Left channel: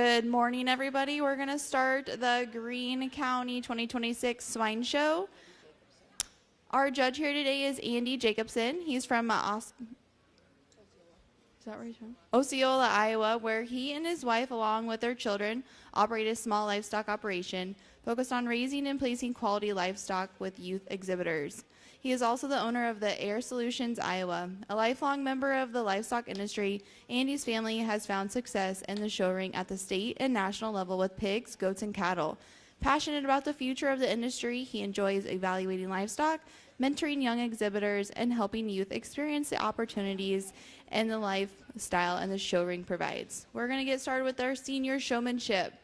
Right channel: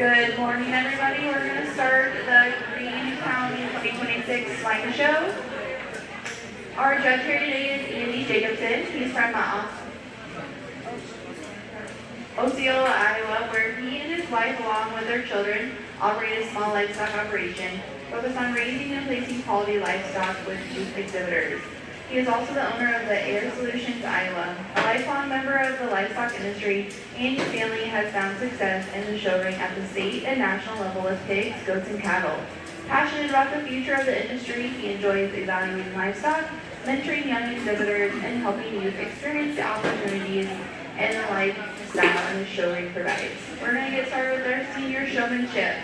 Good morning, everybody. We're going to start the Greene County 2026 Swine Show. Our judge here today is Andy Jacobson. He's from Osceola, Iowa, where he and his wife, along with their children, operate a small livestock operation focused on raising and placing quality livestock with youth exhibitors. He is also the owner of the Air Solutions Iowa. A lifelong member of the livestock industry, Andy's family has found success in the show ring at the state and national level with pigs, goats, and cattle. Passionate about the future of the industry, he enjoys evaluating livestock, mentoring young exhibitors, and helping youth experience the opportunities and the lifestyle the show ring provides. We're going to get started with our senior showmanship.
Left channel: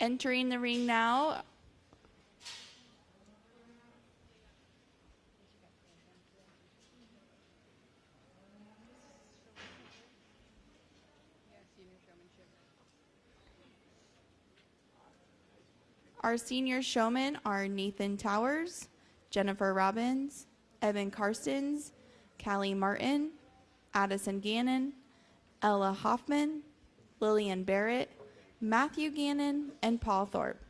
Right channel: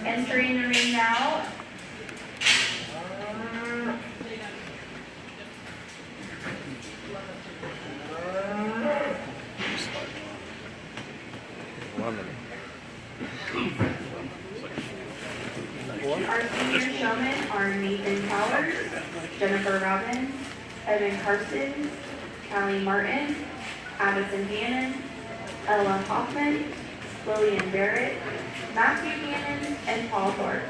Entering the ring now, our senior showmen are Nathan Towers, Jennifer Robbins, Evan Parsons, Callie Martin, Addison Gannon, Ella Hoffman, Lillian Barrett, Matthew Gannon, and Paul Thorpe.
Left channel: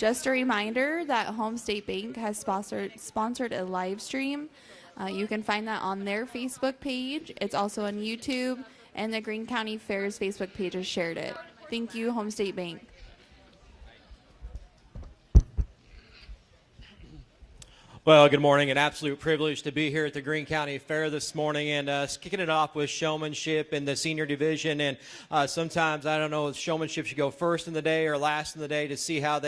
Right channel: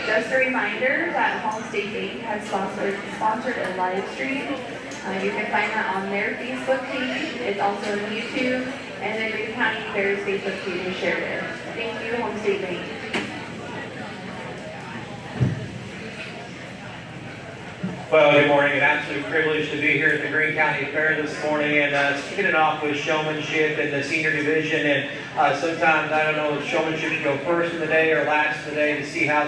Just a reminder that Home State Bank has sponsored a live stream. You can find that on their Facebook page. It's also on YouTube, and the Greene County Fair's Facebook page is shared there. Thank you, Home State Bank. Well, good morning. An absolute privilege to be here at the Greene County Fair this morning and kicking it off with showmanship in the senior division. And sometimes I don't know if showmanship should go first in the day or last in the day to see how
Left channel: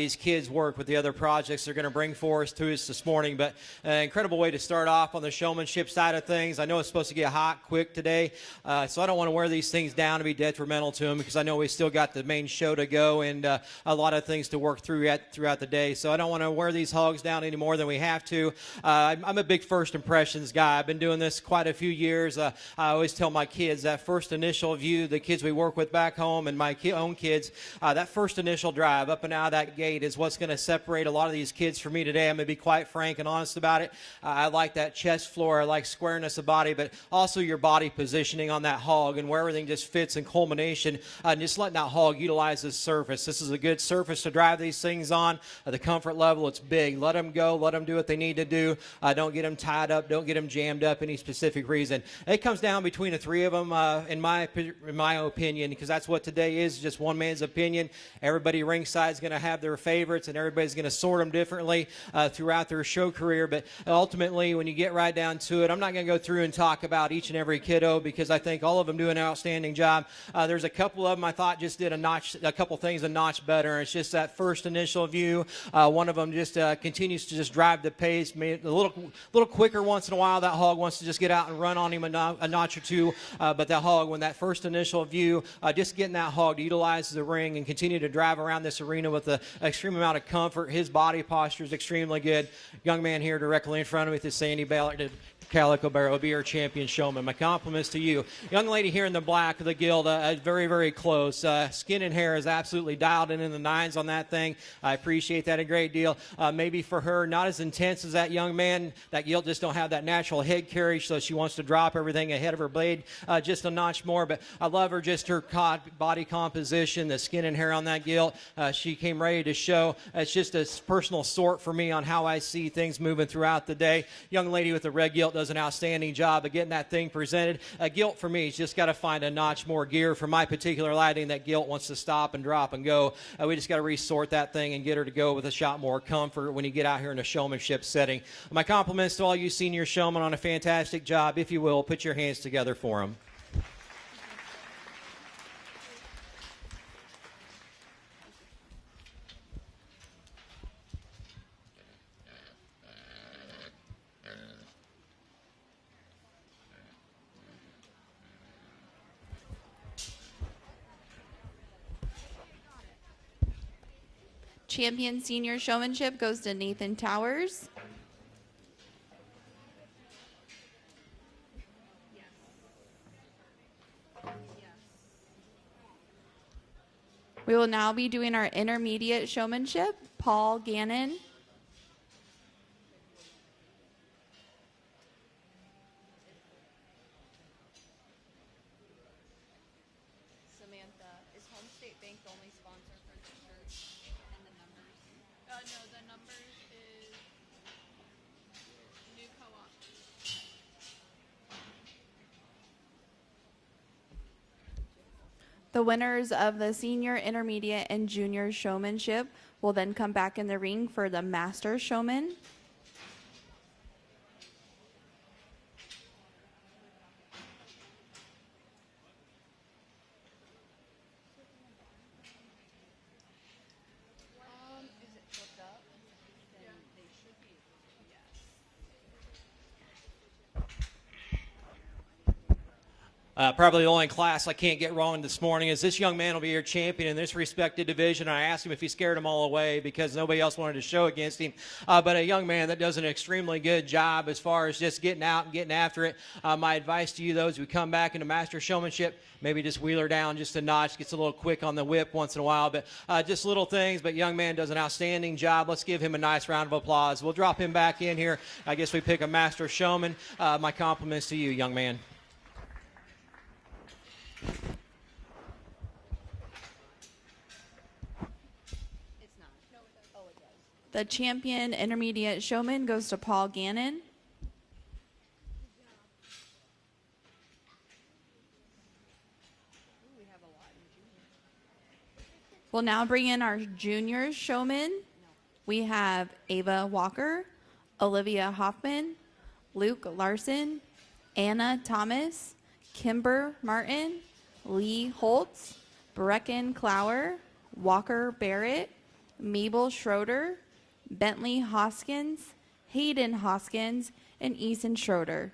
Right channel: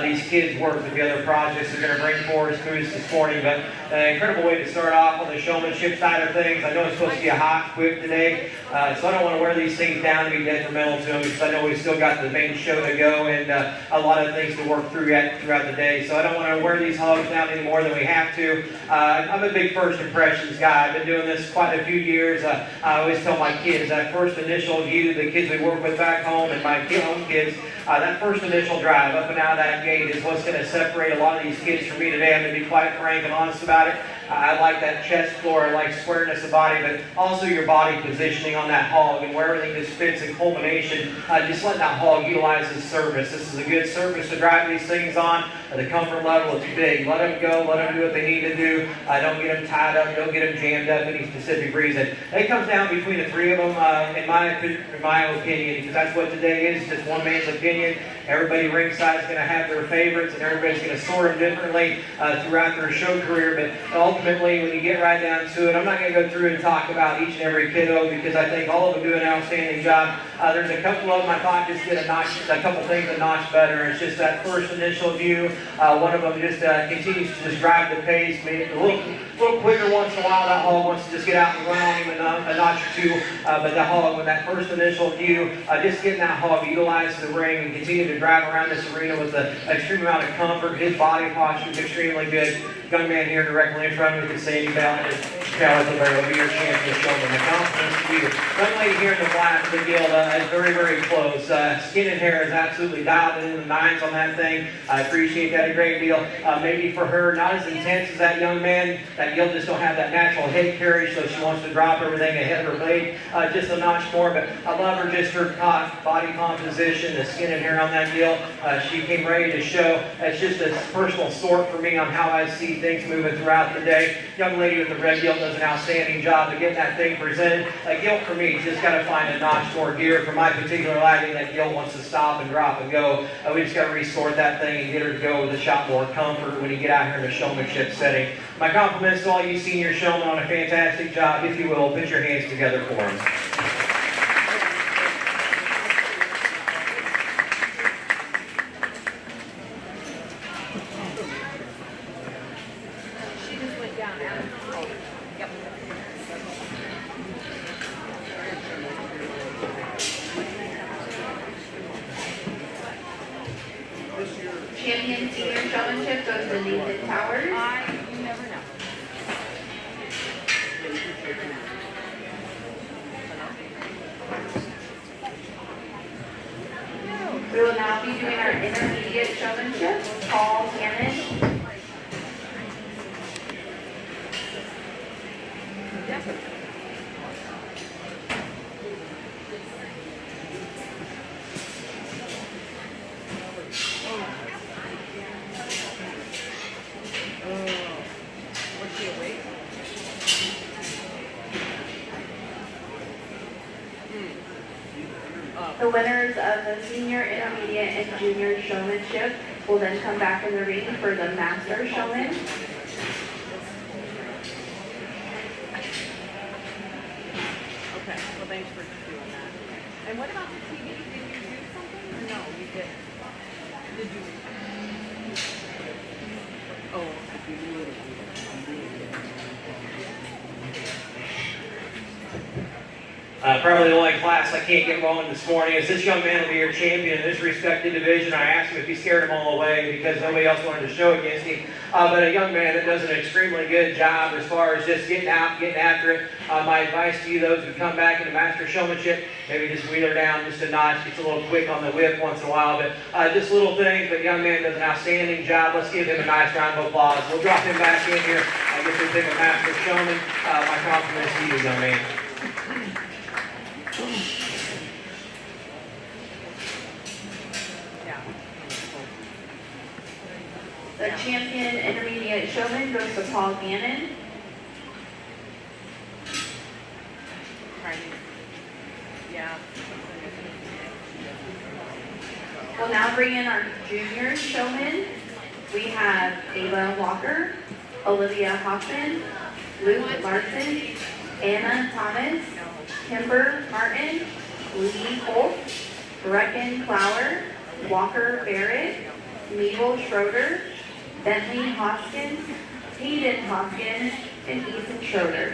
these kids work with the other projects they're going to bring forward to us this morning. But an incredible way to start off on the showmanship side of things. I know it's supposed to be hot, quick today, so I don't want to wear these things down and be detrimental to them because I know we still got the main show to go and a lot of things to work through throughout the day. So I don't want to wear these hogs down any more than we have to. I'm a big first impressions guy. I've been doing this quite a few years. I always tell my kids that first initial view, the kids we work with back home and my own kids, that first initial drive up and out of that gate is what's going to separate a lot of these kids from me today. I'm going to be quite frank and honest about it. I like that chest floor, I like squareness of body, but also your body positioning on that hog and where everything just fits in culmination. Just let that hog utilize its surface. This is a good surface to drive these things on. The comfort level is big. Let them go. Let them do what they need to do. Don't get them tied up. Don't get them jammed up any specific reason. It comes down between the three of them, in my opinion, because that's what today is, just one man's opinion. Everybody ringside is going to have their favorites, and everybody's going to sort differently throughout their show career. But ultimately, when you get right down to it, I'm not going to go through and talk about each and every kiddo because I think all of them do an outstanding job. There's a couple of them I thought just did a couple things a notch better. It's just that first initial view. One of them just continues to just drive the pace, maybe a little quicker once in a while. That hog wants to just get out and run on even a notch or two. But that hog, with that first initial view, just getting that hog utilized the ring and continue to drive around this arena with an extreme amount of comfort. His body posture is extremely good. Young man here directly in front of me, the same belt as Caliber, we are champion showing. Compliments to you. Young lady here in the black, the deal is very, very close. Skin and hair is absolutely dialed in the nines on that thing. I appreciate that a great deal. Maybe for her, not as intense as that young man. That young just don't have that natural head carriage, so she wants to drop everything ahead of her leg just a notch more. But I love her, just her body composition, the skin and hair on that deal. She came ready to show. That's just a personal sword for me on how I see things moving throughout the day. Young lady with the red gilt does an outstanding job of getting that thing presented. A gilt for me, she's got to find a notch more gear. For my particular laddie, that gilt wants to stop and drop and go. We just got to resort that thing and get her to go with a shot more comfort when you get out here in a showmanship setting. My compliments to all you seniors showing on a fantastic job. If you will, put your hands together for them. Champion senior showmanship goes to Nathan Towers. You never know. We will now be doing our intermediate showmanship. Paul Gannon. The winners of the senior, intermediate, and junior showmanship will then come back in the ring for the master showman. Okay, well thanks for doing that. And what about the TV? Did you do something or no? You didn't. Did you? Oh, you do it. Probably the only class I can't get going this morning is this young man will be your champion in this respected division. I asked him if he scared them all away because nobody else wanted to show against him. But a young man that does an extremely good job as far as just getting out, getting after it. My advice to you, those who come back to master showmanship, maybe just reel it down just a notch, just a little quick on the whip once in a while. But just little things, but a young man does an outstanding job. Let's give him a nice round of applause. We'll drop him back in here. I guess we pick a master showman. My compliments to you, young man. The champion intermediate showman goes to Paul Gannon. Yeah. We'll now bring in our junior showman. We have Ava Walker, Olivia Hoffman, Luke Larson, Anna Thomas, Kimber Martin, Lee Holtz, Brecken Flower, Walker Barrett, Mabel Schroeder, Bentley Hoskins, Hayden Hoskins, and Ethan Schroeder.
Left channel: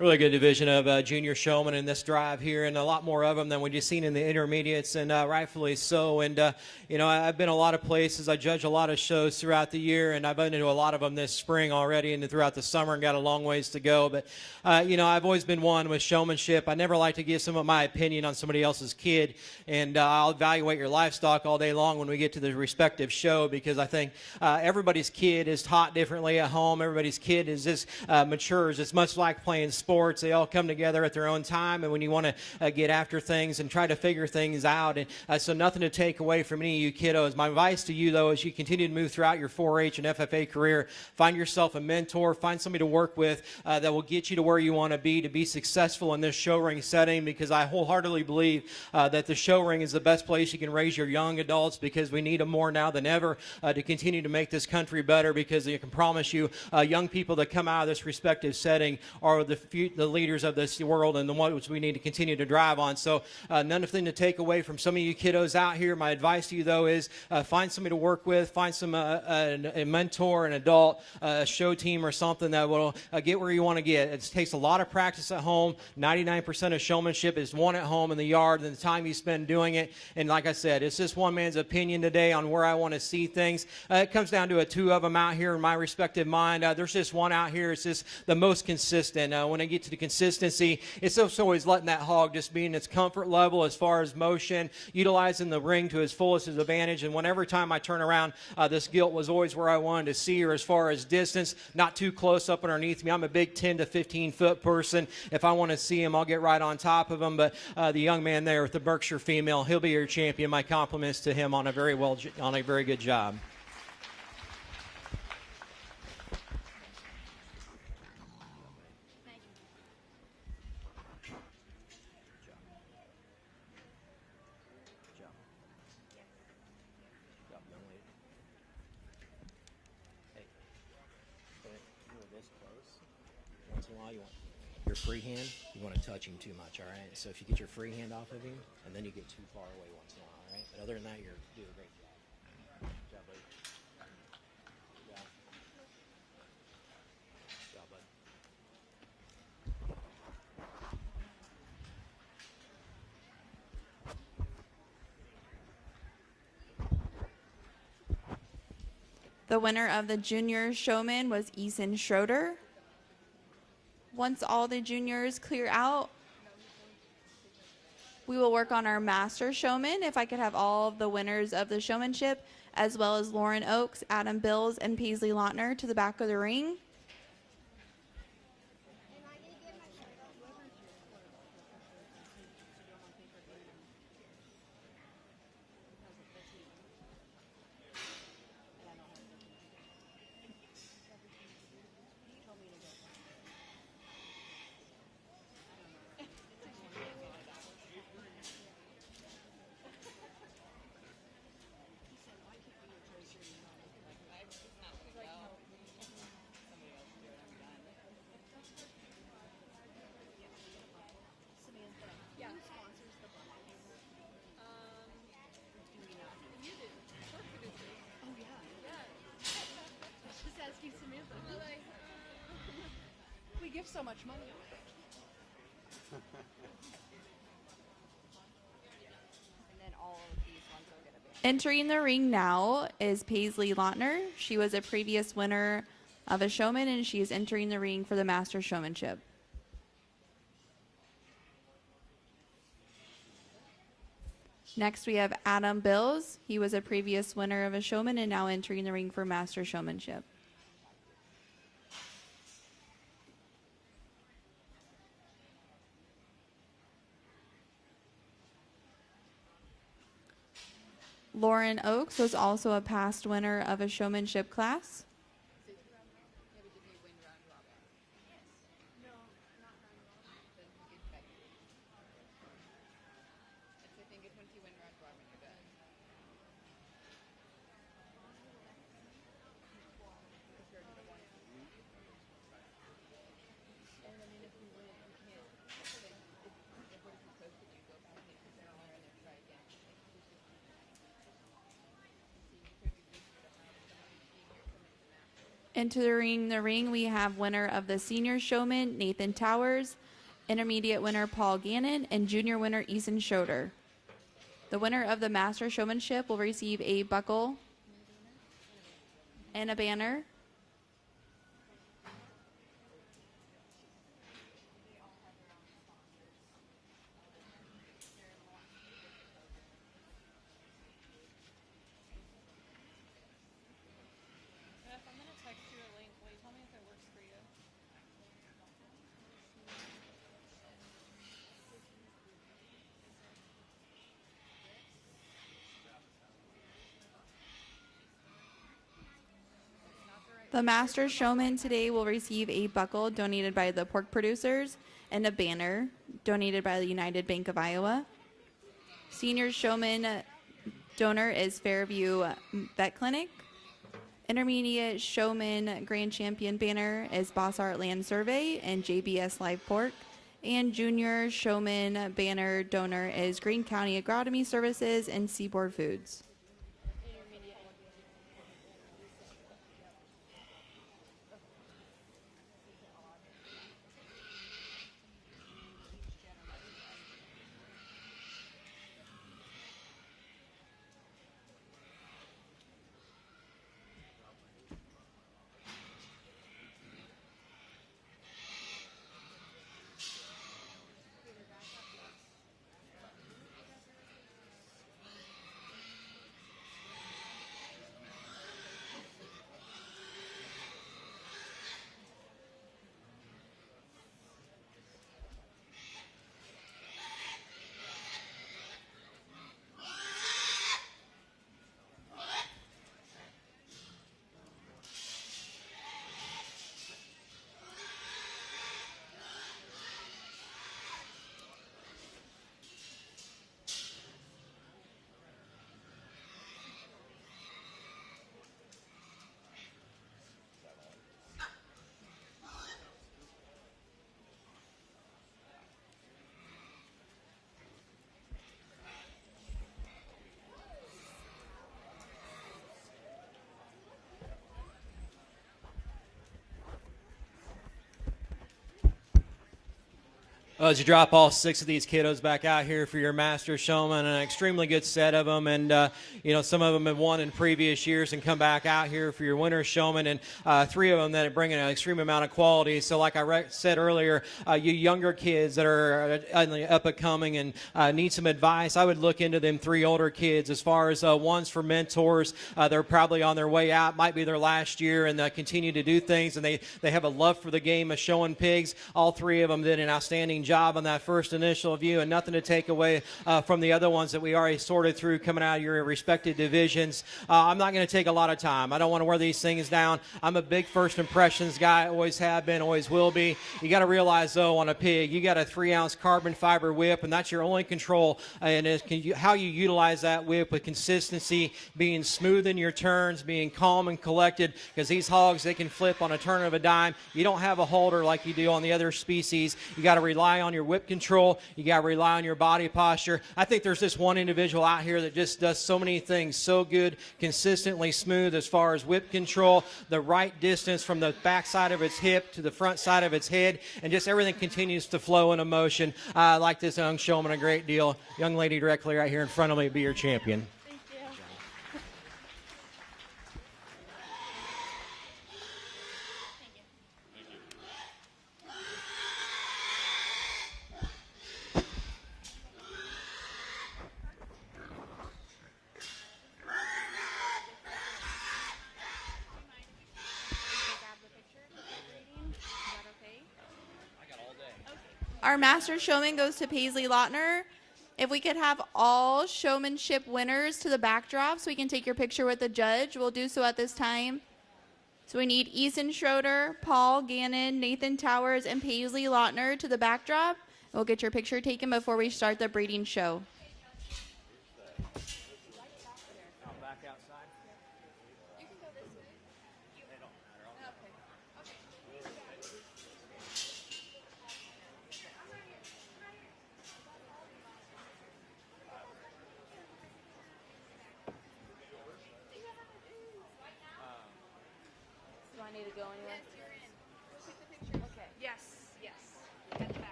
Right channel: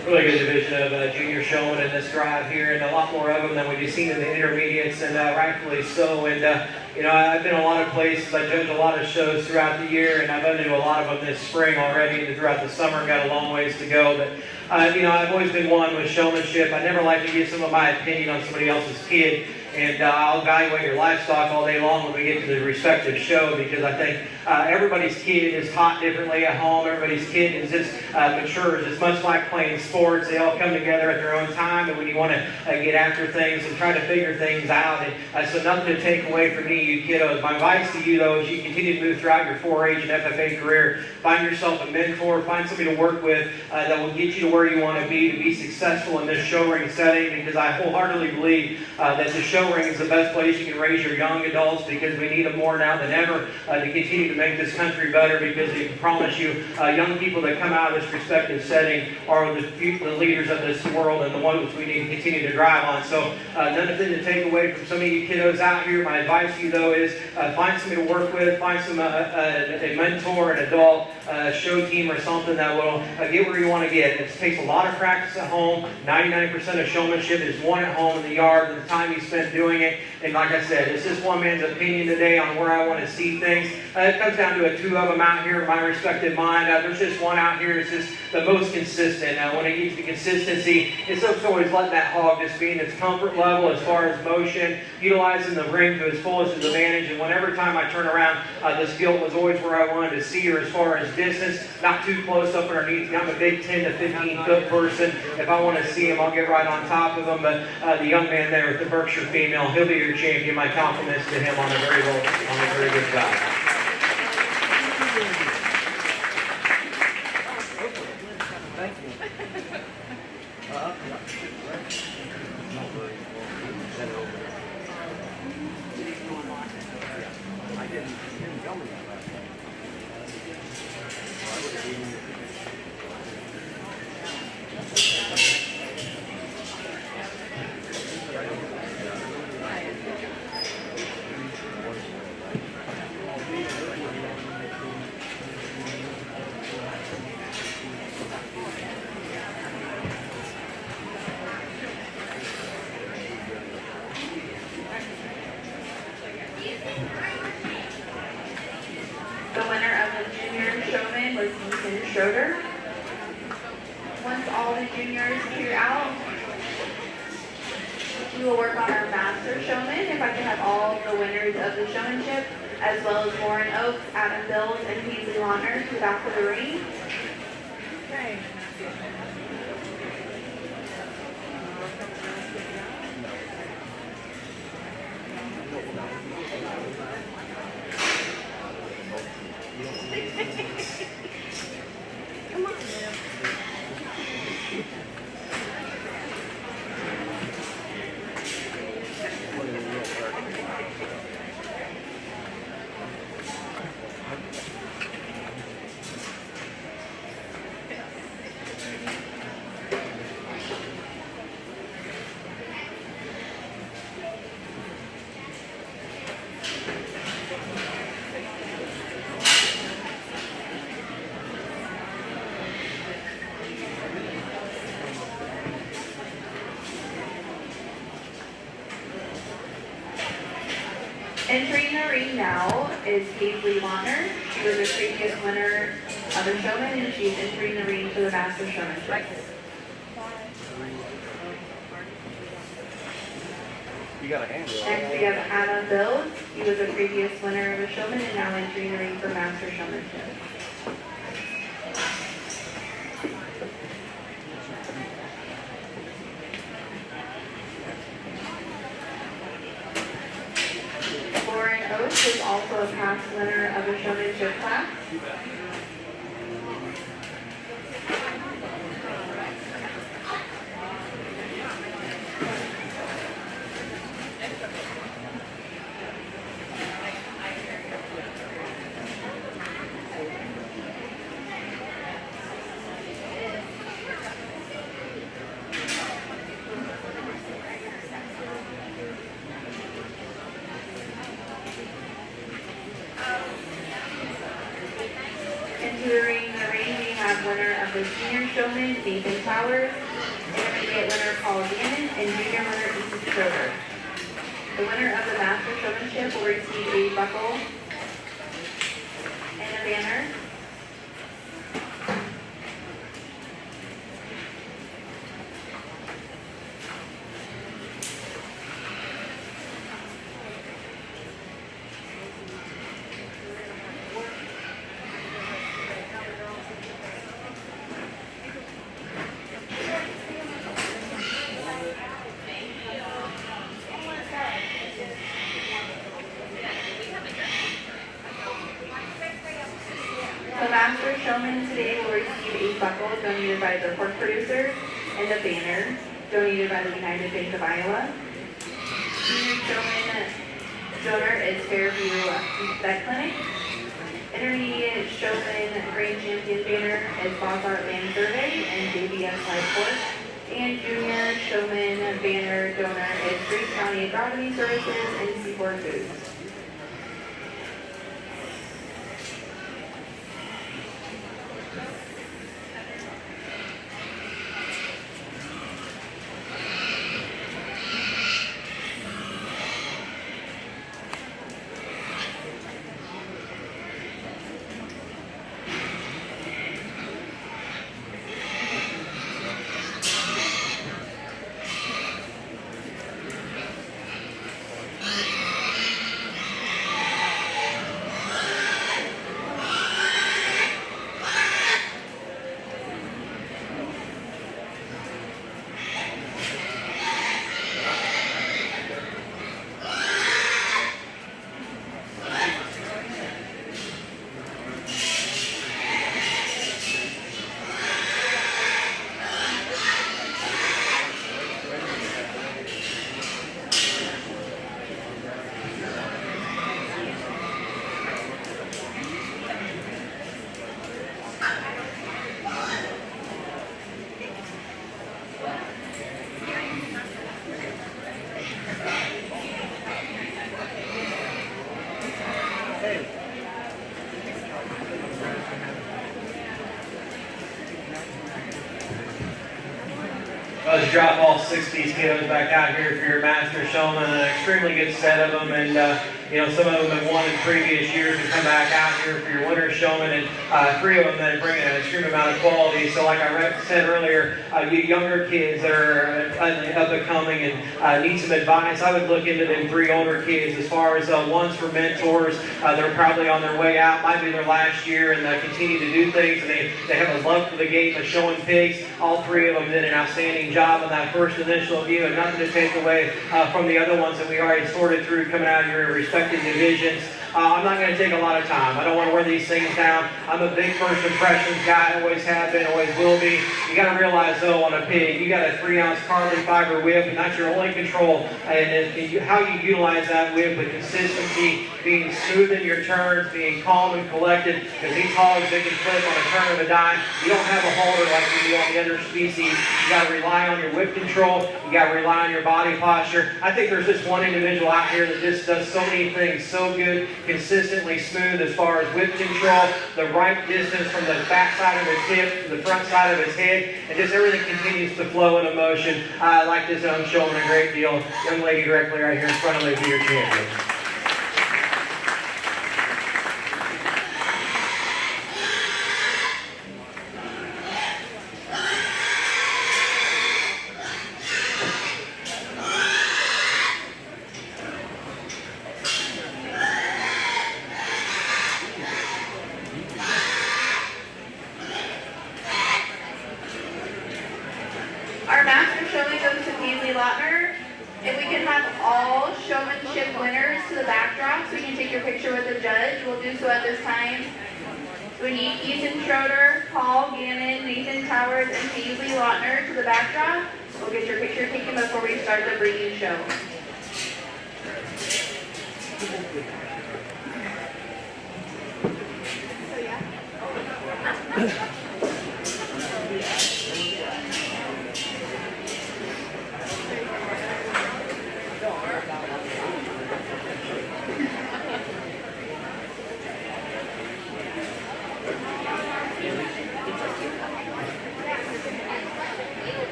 Really good division of junior showing in this drive here, and a lot more of them than we've seen in the intermediates, and rightfully so. And I've been a lot of places. I judge a lot of shows throughout the year, and I've been to a lot of them this spring already. Throughout the summer, got a long ways to go. I've always been one with showmanship. I never like to give some of my opinion on somebody else's kid, and I'll evaluate your livestock all day long when we get to the respective show, because I think everybody's kid is taught differently at home. Everybody's kid is just matures. It's much like playing sports. They all come together at their own time, and when you want to get after things and try to figure things out. So nothing to take away from you kiddos. My advice to you, though, is you continue to move throughout your 4-H and FFA career. Find yourself a mentor. Find somebody to work with that will get you to where you want to be successful in this show ring setting, because I wholeheartedly believe that the show ring is the best place you can raise your young adults, because we need them more now than ever to continue to make this country better, because I can promise you, young people that come out of this respective setting are the leaders of this world, and the ones we need to continue to drive on. So nothing to take away from some of you kiddos out here. My advice to you, though, is find somebody to work with, find a mentor, an adult, show team or something that will get where you want to get. It takes a lot of practice at home. 99% of showmanship is won at home in the yard, and the time you spend doing it. And like I said, it's just one man's opinion today on where I want to see things. It comes down to 2 of them out here in my respective mind. There's just one out here. It's just the most consistent. When it gets to consistency, it's just always letting that hog just be in its comfort level as far as motion, utilizing the ring to its fullest advantage. And whenever time I turn around, this gilt was always where I wanted to see her as far as distance, not too close up underneath. I'm a big 10 to 15 foot person. If I want to see him, I'll get right on top of him. But the young man there with the Berkshire female, he'll be your champion. My compliments to him on a very good job. Thank you. I didn't tell me that last time. The winner of the junior showman was Ethan Schroeder. Once all the juniors clear out, we will work on our master showman. If I could have all the winners of the showmanship, as well as Lauren Oaks, Adam Bills, and Paisley Lonner to the back of the ring. Okay. Come on, man. Entering the ring now is Paisley Lonner. She was the previous winner of the showman, and she's entering the ring for the master showmanship. You got a hand. Next we have Adam Bills. He was the previous winner of the showman and now entering the ring for master showmanship. Lauren Oates is also a past winner of the showmanship class. Entering the ring, we have winner of the senior showman, Nathan Towers, intermediate winner, Paul Gannon, and junior winner, Ethan Schroeder. The winner of the master showmanship will receive a buckle and a banner. showman today will receive a buckle donated by the pork producers and a banner donated by the United Bank of Iowa. Senior showman donor is Fairview Vet Clinic. Intermediate showman grand champion banner is Boss Art Land Survey and JBS Medical. And junior showman banner donor is Greene County Agronomy Services and Seaboard Foods. To drop all 6 of these kiddos back out here for your master showman, an extremely good set of them, and some of them have won in previous years to come back out here for your winter showman, and 3 of them that bring an extreme amount of quality. So like I said earlier, you younger kids that are up and coming and need some advice, I would look into them 3 older kids as far as ones for mentors that are probably on their way out, might be their last year, and continue to do things. And they have a love for the game of showing pigs. All 3 of them did an outstanding job in that first initial view, and nothing to take away from the other ones that we already sorted through coming out of your respective divisions. I'm not going to take a lot of time. I don't want to wear these things down. I'm a big first impressions guy, always have been, always will be. You got to realize though, on a pig, you got a 3-ounce carbon fiber whip, and that's your only control. And how you utilize that whip with consistency, being smooth in your turns, being calm and collected, as these hogs make you flip on a turn of a dime. You don't have a holder like you do on the other species. You got to rely on your whip control. You got to rely on your body posture. I think there's just one individual out here that just does so many things so good, consistently smooth as far as whip control, the right distance from the back side of his hip to the front side of his head, and just everything continues to flow in motion. I like this, and I'm showing a great deal. Young lady directly right here in front of the deer champion. Our master showing goes to Paisley Lautner. If we can have all showmanship winners to the backdrop so we can take your picture with the judge, we'll do so at this time. So we need Ethan Schroeder, Paul Gannon, Nathan Towers, and Paisley Lautner to the backdrop. We'll get your picture taken before we start the breeding show.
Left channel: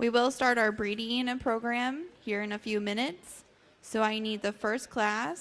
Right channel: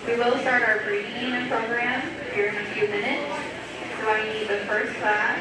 We will start our breeding unit program. here in a few minutes. So I need the first class.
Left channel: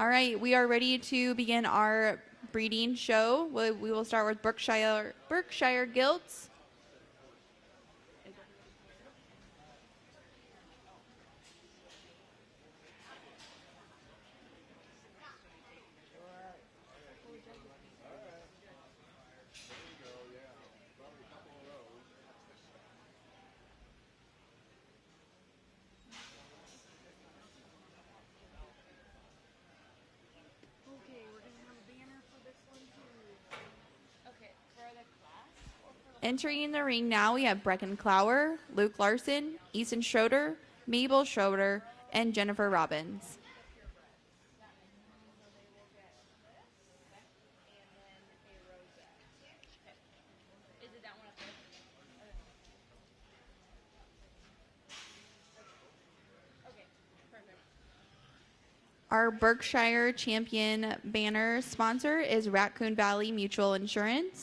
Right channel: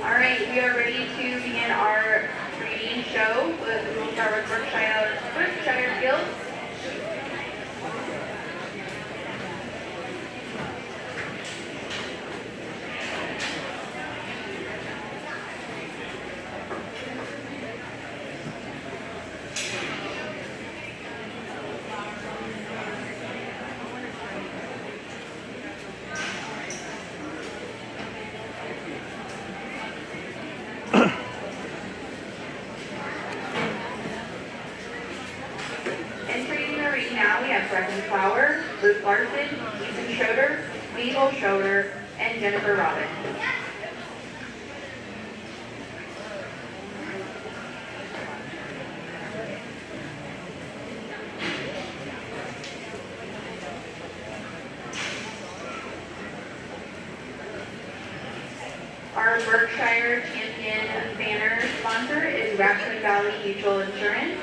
All right, we are ready to begin our breeding show. We'll start with Berkshire Guilds. Now we have Bradley Power, Luke Larson, Ethan Schroeder, Miguel Schroeder, and Jennifer Robbins. Our Berkshire Champion banner sponsor is Raccoon Valley Mutual Insurance.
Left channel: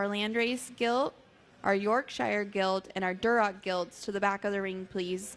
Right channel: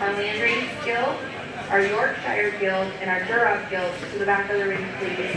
our Landrace Guild, our Yorkshire Guild, and our Duroc Guild to the back of the ring, please.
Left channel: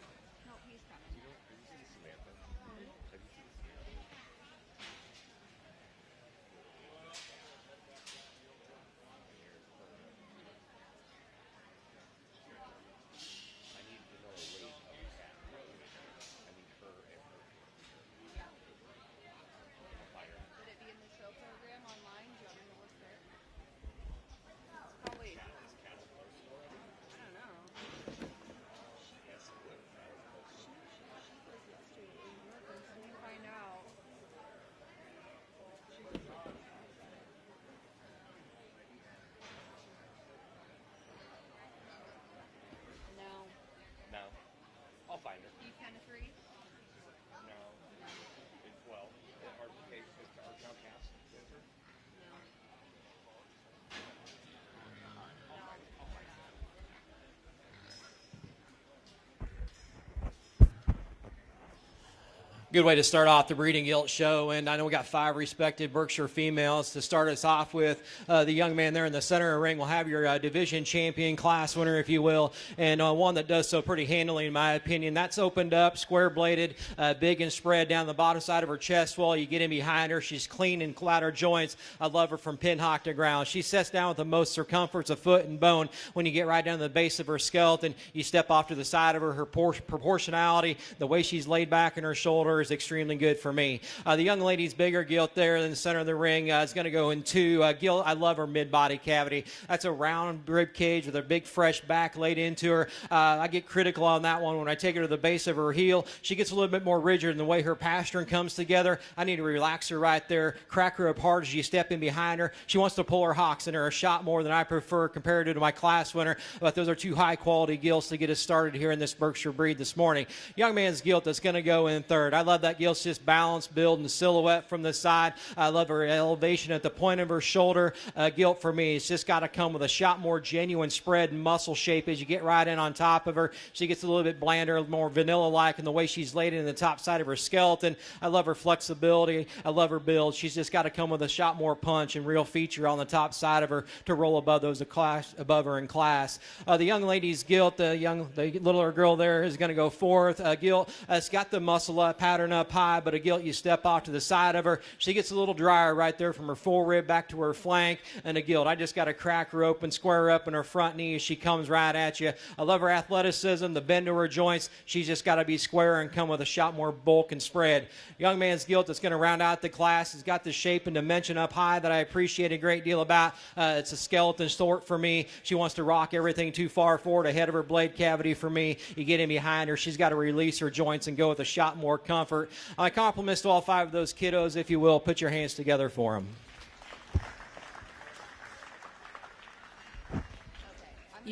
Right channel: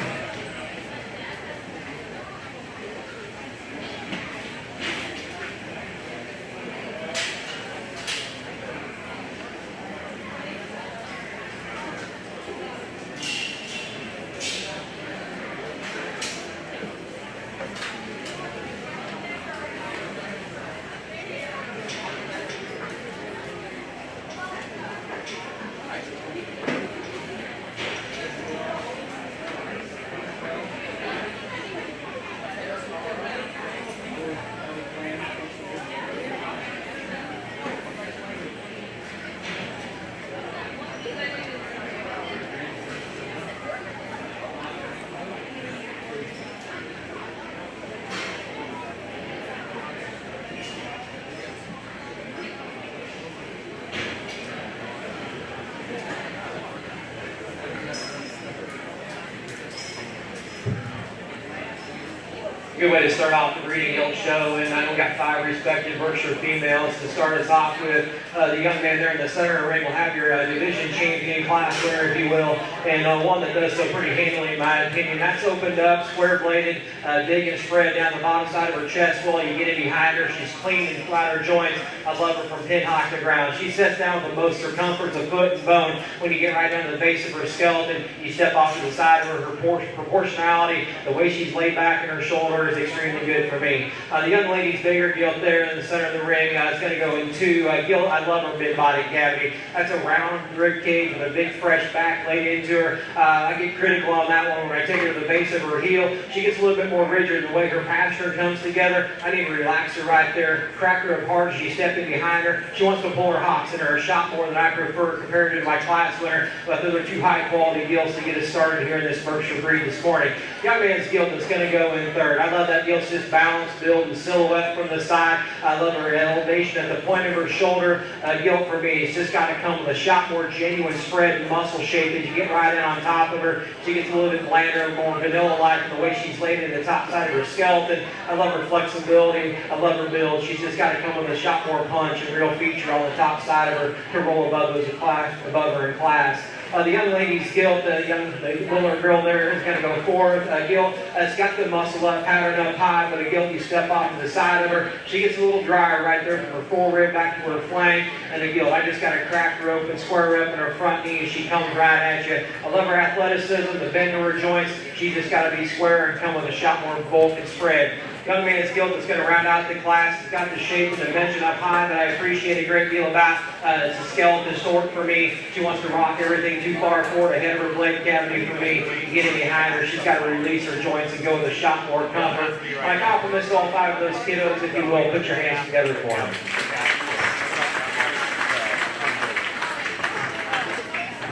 Good way to start off the breeding guild show, and we've got 5 respected Berkshire females. To start us off with the young man there in the center of the ring will have your division champion class winner, if you will, and one that does so pretty handily in my opinion. That's opened up, square-bladed, big and spread down the bottom side of her chest wall. You get in behind her, she's clean and flat her joints. I love her from pin high to ground. She sets down with the most circumference of foot and bone. When you get right down to the base of her skeleton, you step off to the side of her. Proportionality, the way she's laid back in her shoulders, extremely good for me. The young lady's bigger gilt there in the center of the ring. It's going to go in 2 gilt. I love her mid-body cavity. That's a round rib cage with a big fresh back laid into her. I get critical on that one when I take her to the base of her heel. She gets a little bit more rigid in the way her pasture comes together. I need to relax her right there, crack her apart. She's stepping behind her. She wants to pull her hocks in her a shot more than I prefer compared to my class winner. But those are 2 high-quality gilts to get us started here in this Berkshire breed this morning. Young man's gilt is going to go in 3rd. I love that gilt's just balance, build, and silhouette from the side. I love her elevation at the point of her shoulder. Gilt for me, it's just got to come with a shot more genuine spread and muscle shape. As you get right in on top of her, she gets a little bit blander and more vanilla-like the way she's laid in the top side of her skeleton. I love her flexibility. I love her build. She's just got to come with a shot more punch and real feature on the top side of her to roll above her in class. The young lady's gilt, the little girl there is going to go 4th. Gilt, it's got the muscle up, pattern up high, but a gilt you step off to the side of her. She gets a little drier right there from her forward back to her flank, and the gilt, I just got to crack her open, square her up in her front knee. She comes right at you. I love her athleticism, the bend of her joints. She's just got to be square and come with a shot more bolt and spread. Young man's gilt is going to round out the class. It's got the shape and the dimension up high that I appreciate a great deal about. It's a skeleton stored for me. She wants to rock everything too far forward ahead of her blade cavity for me. You get in behind her, she's got to release her joints and go with a shot more comfort. My compliments to all 5 of those kiddos. If you will, put your hands together for them.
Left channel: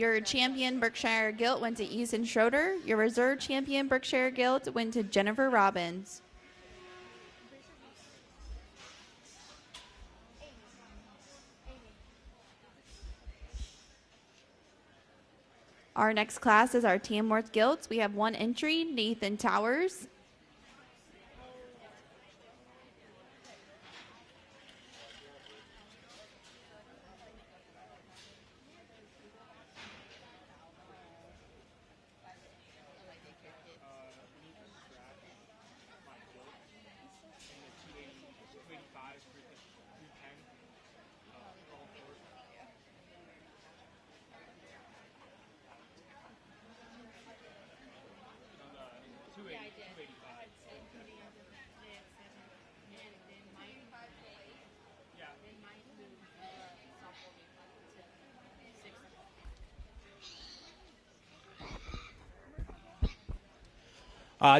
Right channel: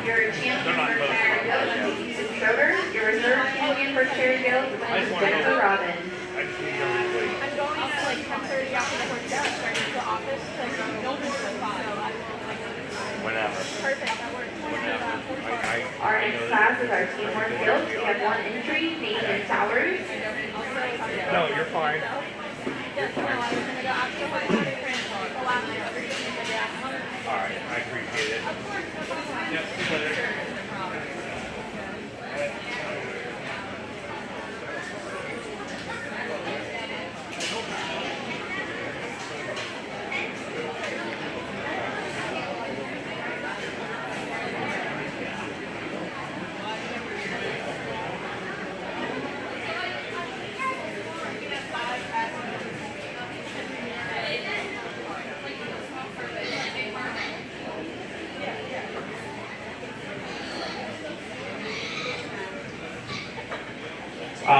Your champion Berkshire Guild went to Ethan Schroeder. Your reserve champion Berkshire Guild went to Jennifer Robbins. I'm going at like 10:30 after the horse down, starting to the office, like no one's so Whenever. perfect, that works. Our next class is our Teamwork Guild. We have 1 entry, Nathan Towers. No, you're fine. Alright, I appreciate it. Yep, pleasure.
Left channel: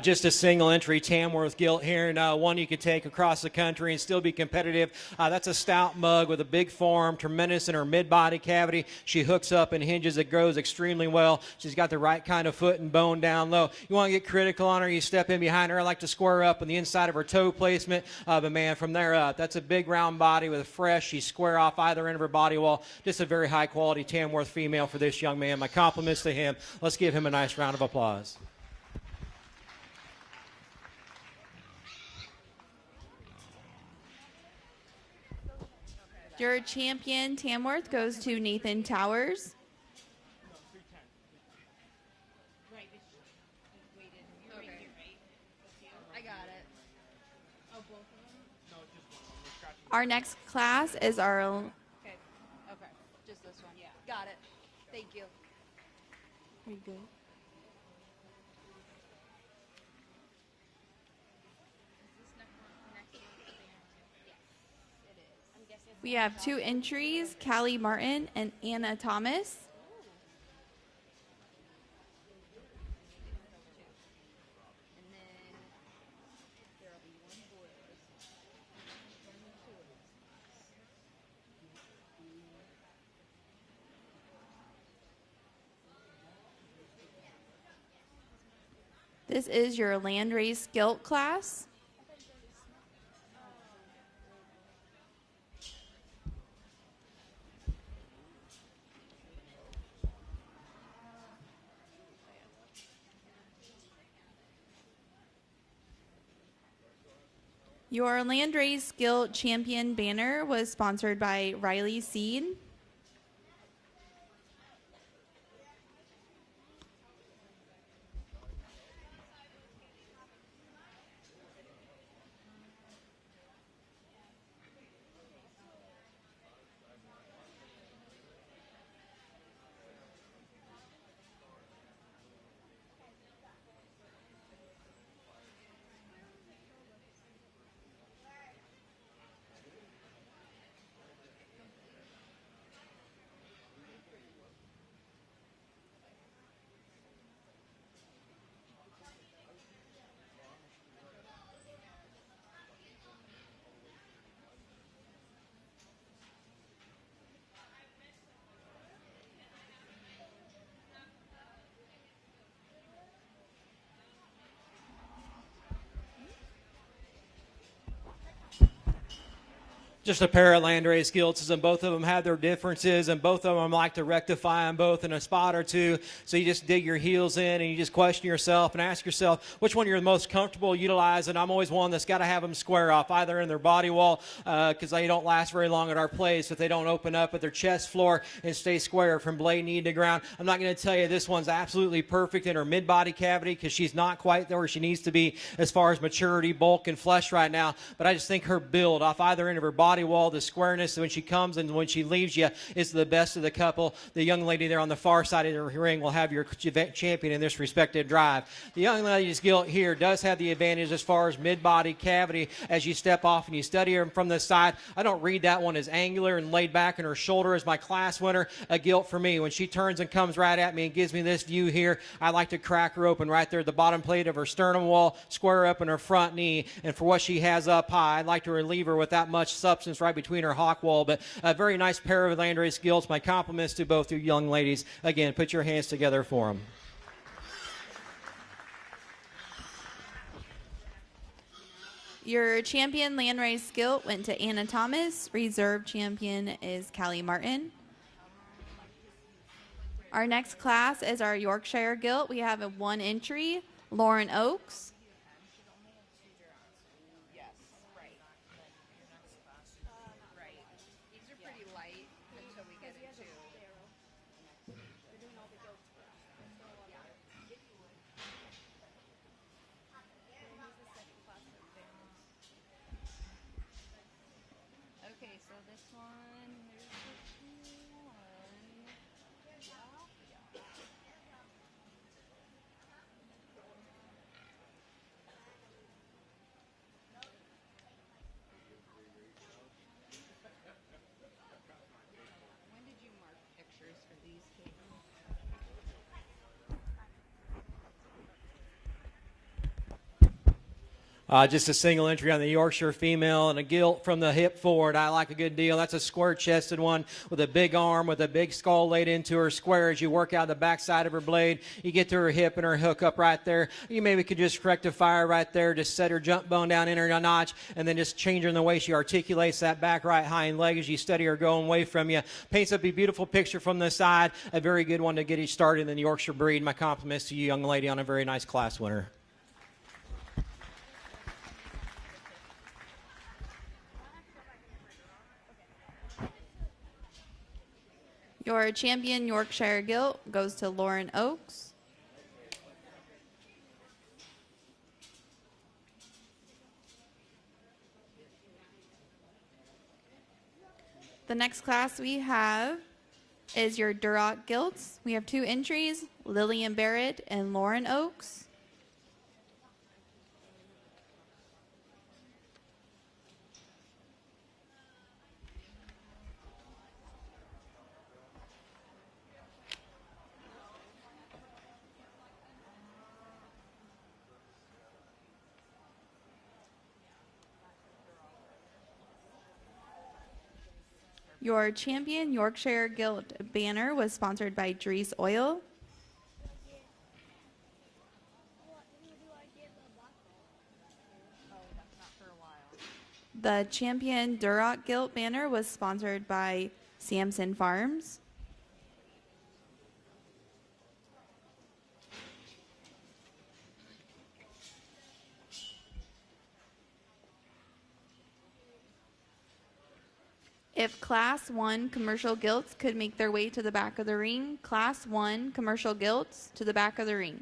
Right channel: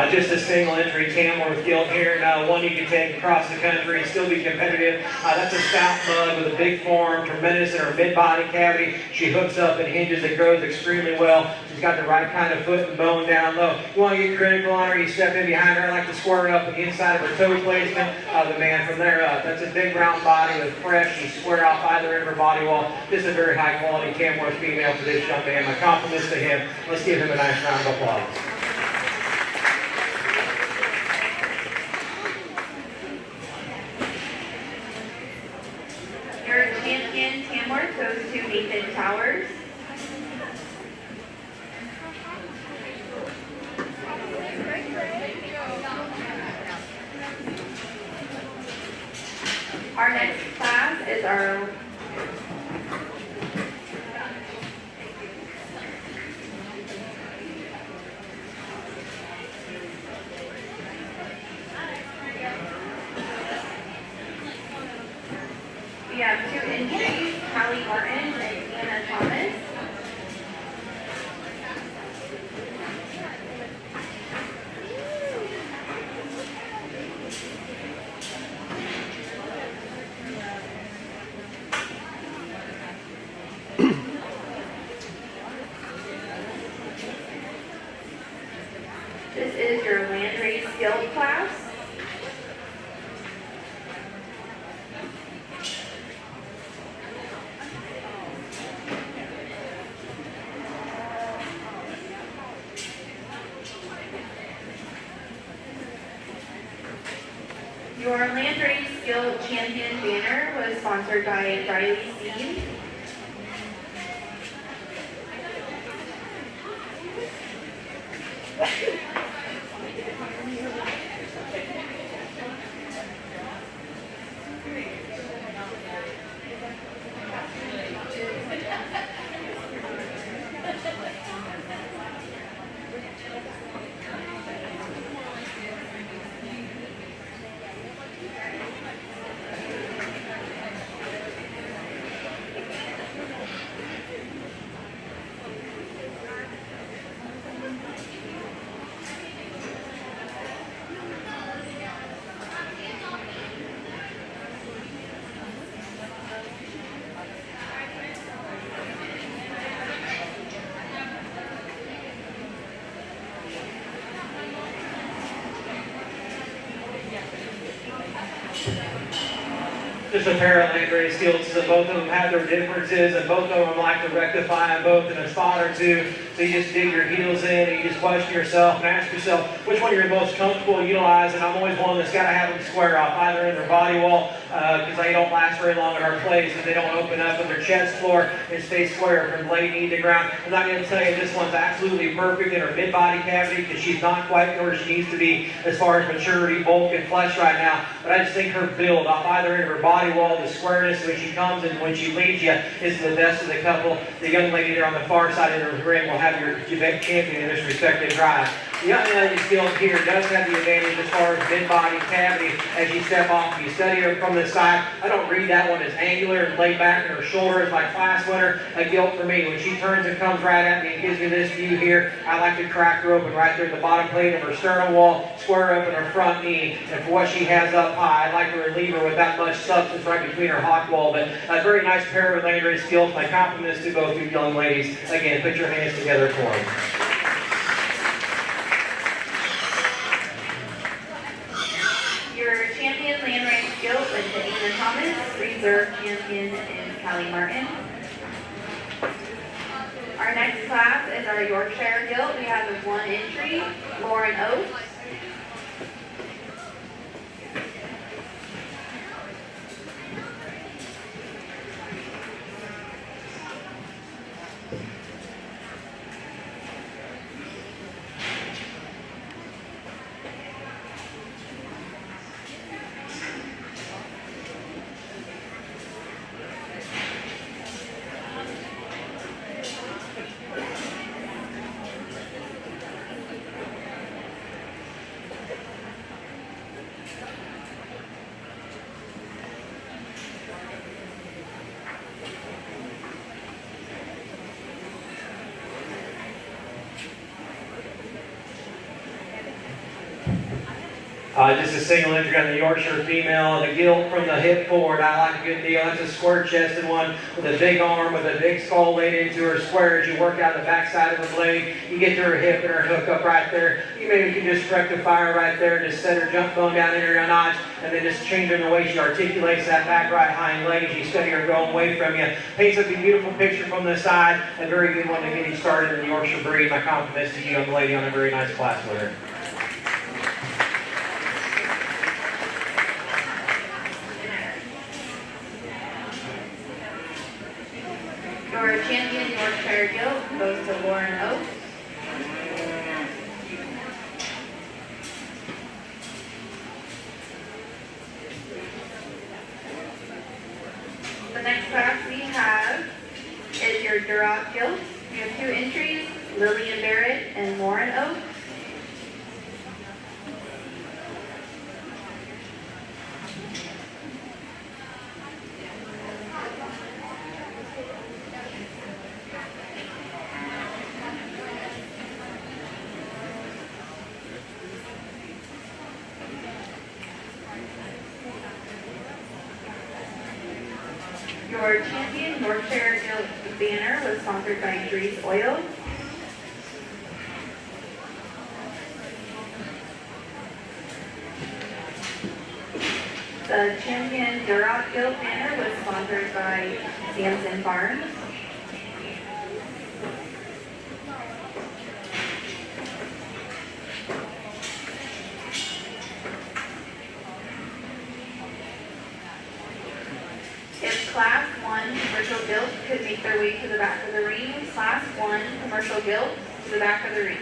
Just a single entry Tamworth Guild here. One you can take across the country, still be competitive. That's a stout mug with a big form, tremendous in her mid-body cavity. She hooks up and hinges and grows extremely well. She's got the right kind of foot and bone down low. You want to get critical on her, you step in behind her. I like to square up the inside of her toe placement. The man from there up. That's a big round body with fresh. You square off either in her body wall. This is a very high quality Tamworth female for this young man. My compliments to him. Let's give him a nice round of applause. Your champion Tamworth goes to Nathan in Towers. Our next class is our we have 2 entries, Callie Martin and Anna Thomas. This is your land race skill class. Your land race skill champion banner was sponsored by Riley Seed. Just a pair of land race skills, and both of them have their differences, and both of them like to rectify both in a spot or two. So you just dig your heels in, you just question yourself, and ask yourself which one you're most comfortable utilizing. I'm always one that's got to have them square off, either in their body wall, because they don't last very long in our place, and they don't open up in their chest floor. They stay square from leg knee to ground. I'm not going to tell you this one's absolutely perfect in her mid-body cavity, because she's not quite where she needs to be as far as maturity, bulk, and flesh right now. But I just think her build off either in her body wall, the squareness when she comes and when she leads you is the best of the couple. The young lady here on the far side of the ring will have your champion in this respective drive. The young lady skill here does have the advantage as far as mid-body cavity as you step off and you study her from the side. I don't read that one as angular and laid back in her shoulders. My class winner, a gilt for me. When she turns and comes right at me and gives me this view here, I like to crack her open right there at the bottom plate of her sternum wall, square up in her front knee. And for what she has up high, I like to relieve her with that much substance right between her hot wall. But a very nice pair of land race skills. My compliments to both you young ladies. Again, put your hands together for them. Your champion land race skill went to Anna Thomas. Reserve champion is Callie Martin. Our next class is our Yorkshire Guild. We have a 1 entry, Lauren Oates. Just a single entry on the Yorkshire female, and a gilt from the hip forward. I like a good deal. That's a square-chested one with a big arm, with a big skull laid into her square. As you work out the backside of her leg, you get to her hip and her hook up right there. You maybe can just rectify her right there, just set her jump bone down here a notch, and then just change her in the way she articulates that back right hind leg as you study her going away from you. Paints up a beautiful picture from the side. A very good one to get you started in the Yorkshire breed. My compliments to the young lady on a very nice class with her. Your champion Yorkshire Guild goes to Lauren Oakes. The next class we have is your Duroc Guilds. We have 2 entries, Lillian Barrett and Lauren Oakes. Your champion Yorkshire Guild banner was sponsored by Therese Oil. The champion Duroc Guild banner was sponsored by Samson Farms. If Class 1 commercial guilds could make their way to the back of the ring, Class 1 commercial guilds to the back of the ring.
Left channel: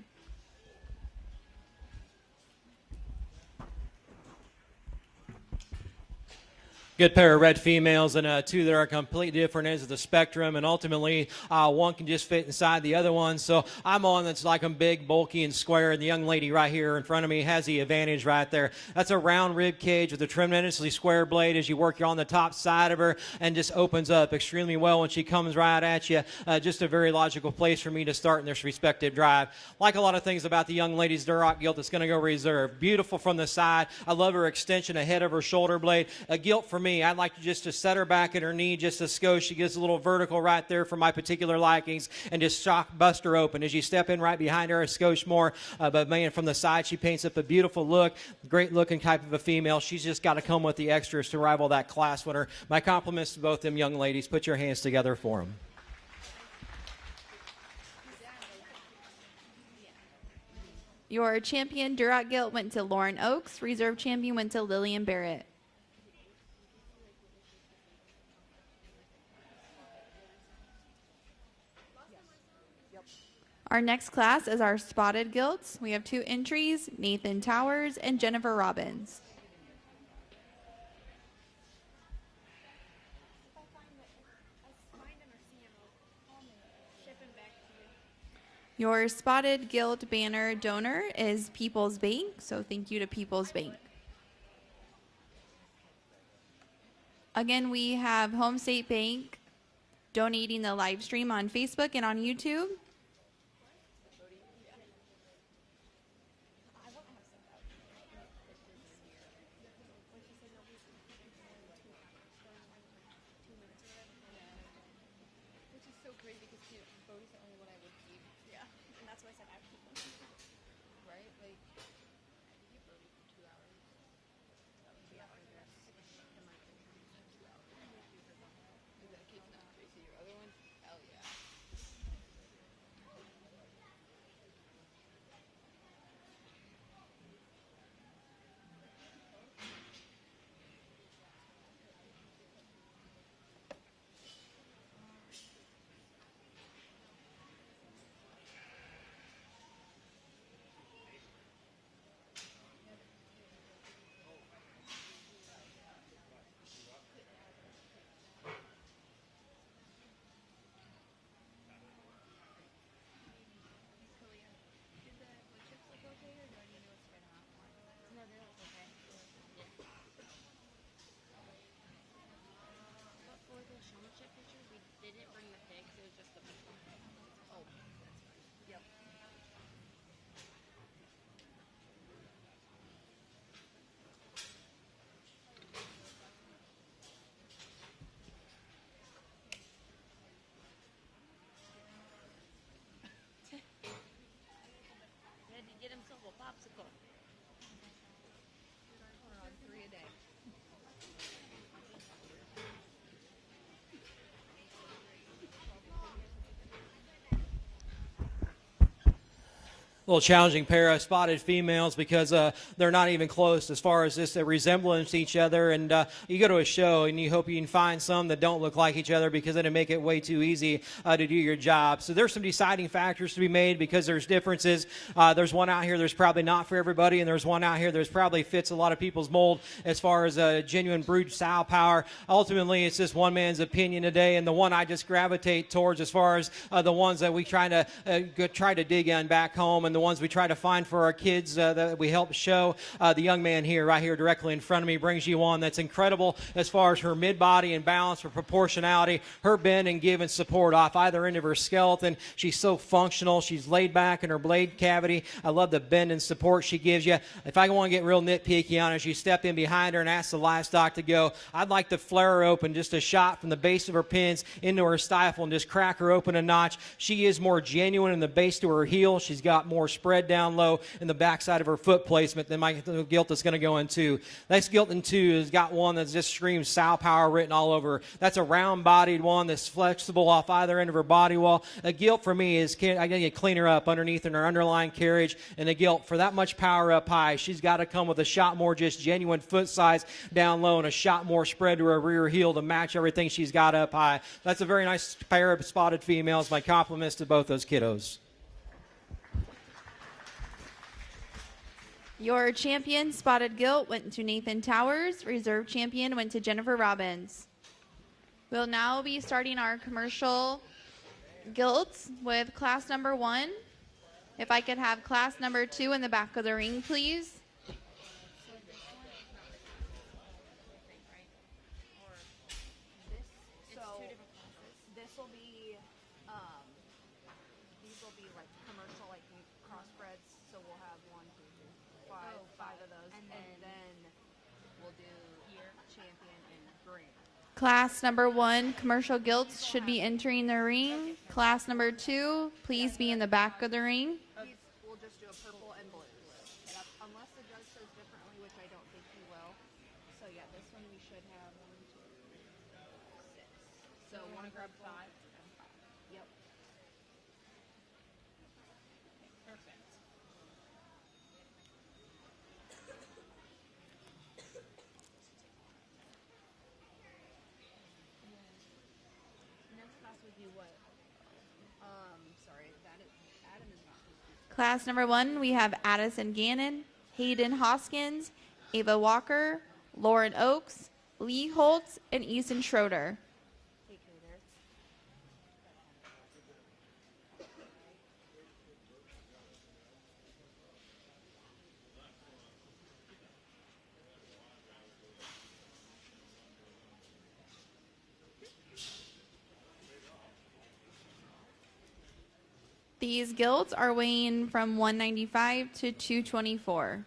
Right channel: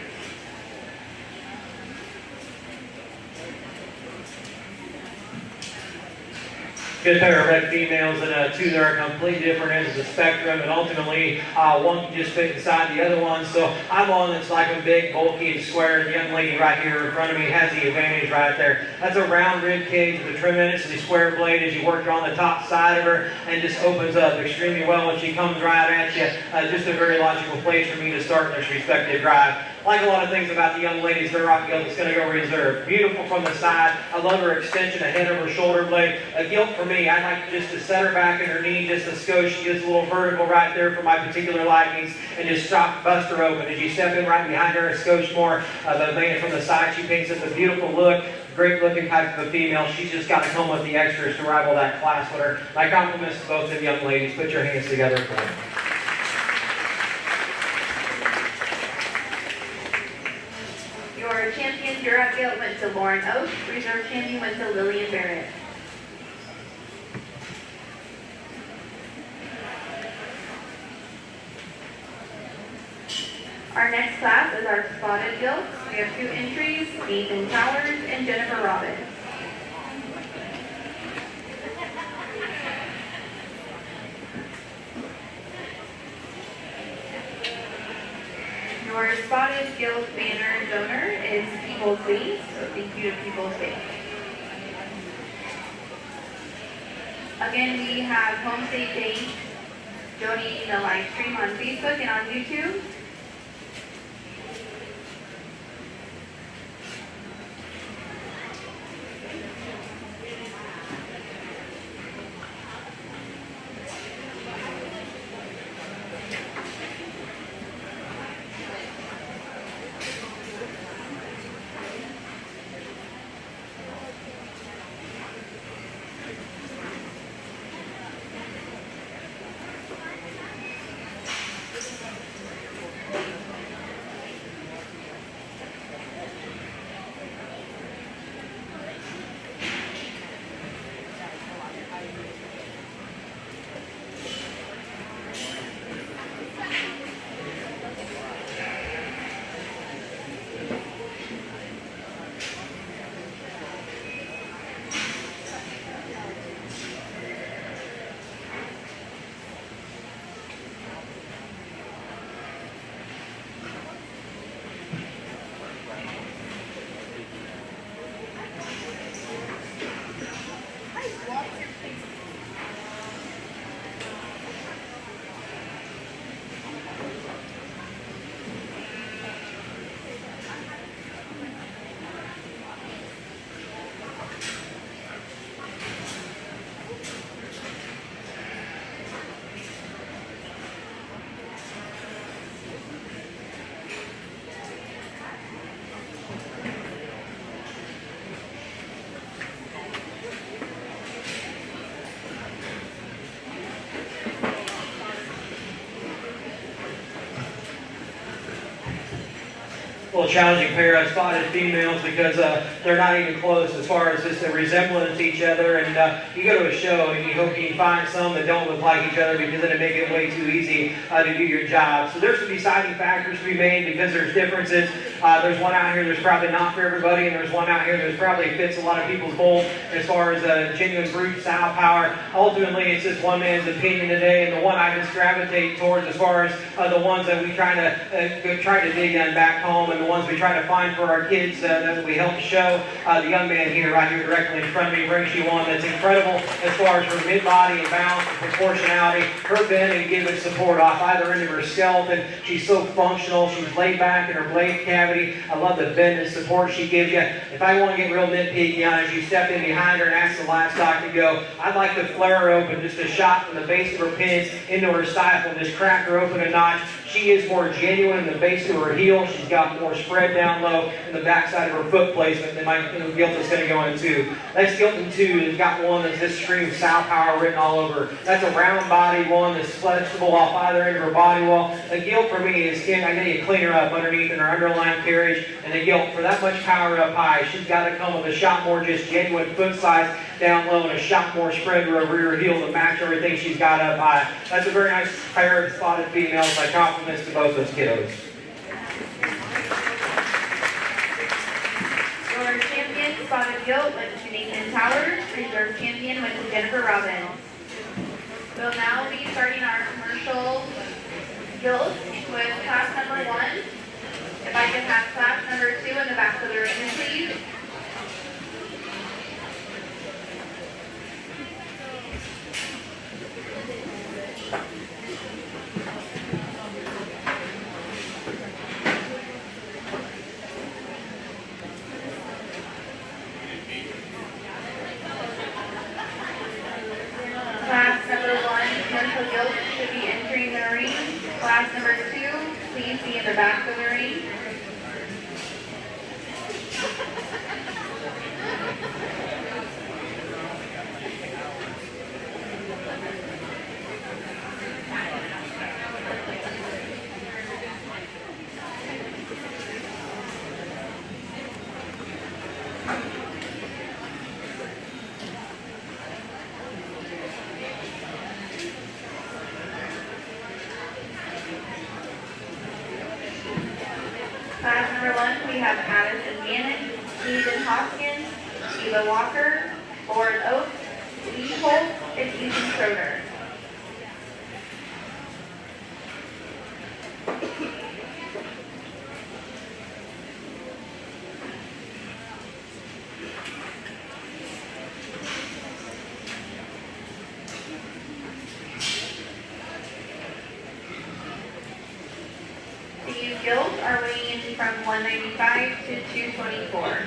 Good pair of red females and 2 that are completely different ends of the spectrum, and ultimately one can just pick aside the other one. So I'm the one that's like a big, bulky, and square. The young lady right here in front of me has the advantage right there. That's a round rib cage with a tremendously square blade as you work on the top side of her, and just opens up extremely well when she comes right at you. Just a very logical place for me to start this respected drive. Like a lot of things about the young lady's Duroc Guild, it's going to go reserved. Beautiful from the side. I love her extension ahead of her shoulder blade. A guilt for me, I like just to set her back in her knee just a skosh. She gets a little vertical right there for my particular likings, and just bust her open as you step in right behind her a skosh more. But man, from the side, she takes up a beautiful look. Great looking type of a female. She's just got home with the extras to rival that class winner. My compliments to both of the young ladies. Put your hands together for them. Your champion Duroc Guild went to Lauren Oakes. Reserve champion went to Lillian Barrett. Our next class is our Spotted Guilds. We have 2 entries, Nathan Towers and Jennifer Robbins. Your Spotted Guild banner donor is People's Bait, so thank you to People's Bait. Again, we have Home State Bank donating a live stream on Facebook and on YouTube. A little challenging pair of spotted females because they're not even close as far as this resemblance to each other. And you go to a show and you hope you can find some that don't look like each other because it'll make it way too easy to do your job. So there's some deciding factors to be made because there's differences. There's one out here that's probably not for everybody, and there's one out here that probably fits a lot of people's mold as far as genuine brute style power. Ultimately, it's just one man's opinion today, and the one I just gravitate towards as far as the ones that we try to dig in back home, and the ones we try to find for our kids that we help show. The young man here, right here directly in front of me, brings you one that's incredible as far as her mid-body and balance, proportionality, her bend and giving support off either end of her skeleton. She's so functional. She's laid back in her leg cavity. I love the bend and support she gives you. If I want to get real nitpicky on it, she stepped in behind her and asked the livestock to go. I'd like to flare her open just a shot from the base of her pins into her stifle, just crack her open a notch. She is more genuine in the base to her heel. She's got more spread down low in the backside of her foot placement than my gilt is going to go into. That's gilt in 2. Has got one that's just extreme sow power written all over. That's a round body one that's flexible off either end of her body wall. The gilt for me is I need to clean her up underneath in her underlying carriage, and the gilt for that much power up high, she's got to come with a shot more just genuine foot size down low and a shot more spread to her rear heel to match everything she's got up high. That's a very nice pair of spotted females. My compliments to both those kiddos. Your champion spotted gilt went to Nathan Towers. Reserve champion went to Jennifer Robbins. We'll now be starting our commercial gilts with class number 1. If I can have class number 2 in the back of the ring, please. Class number 1, commercial gilt, should be entering the ring. Class number 2, please be in the back of the ring. Class number 1, we have Addison Gannon, Stephen Hoskins, Eva Walker, Lauren Oakes, Lee Holtz, and Easy Schroeder. These gilts are weighing from 195 to 224.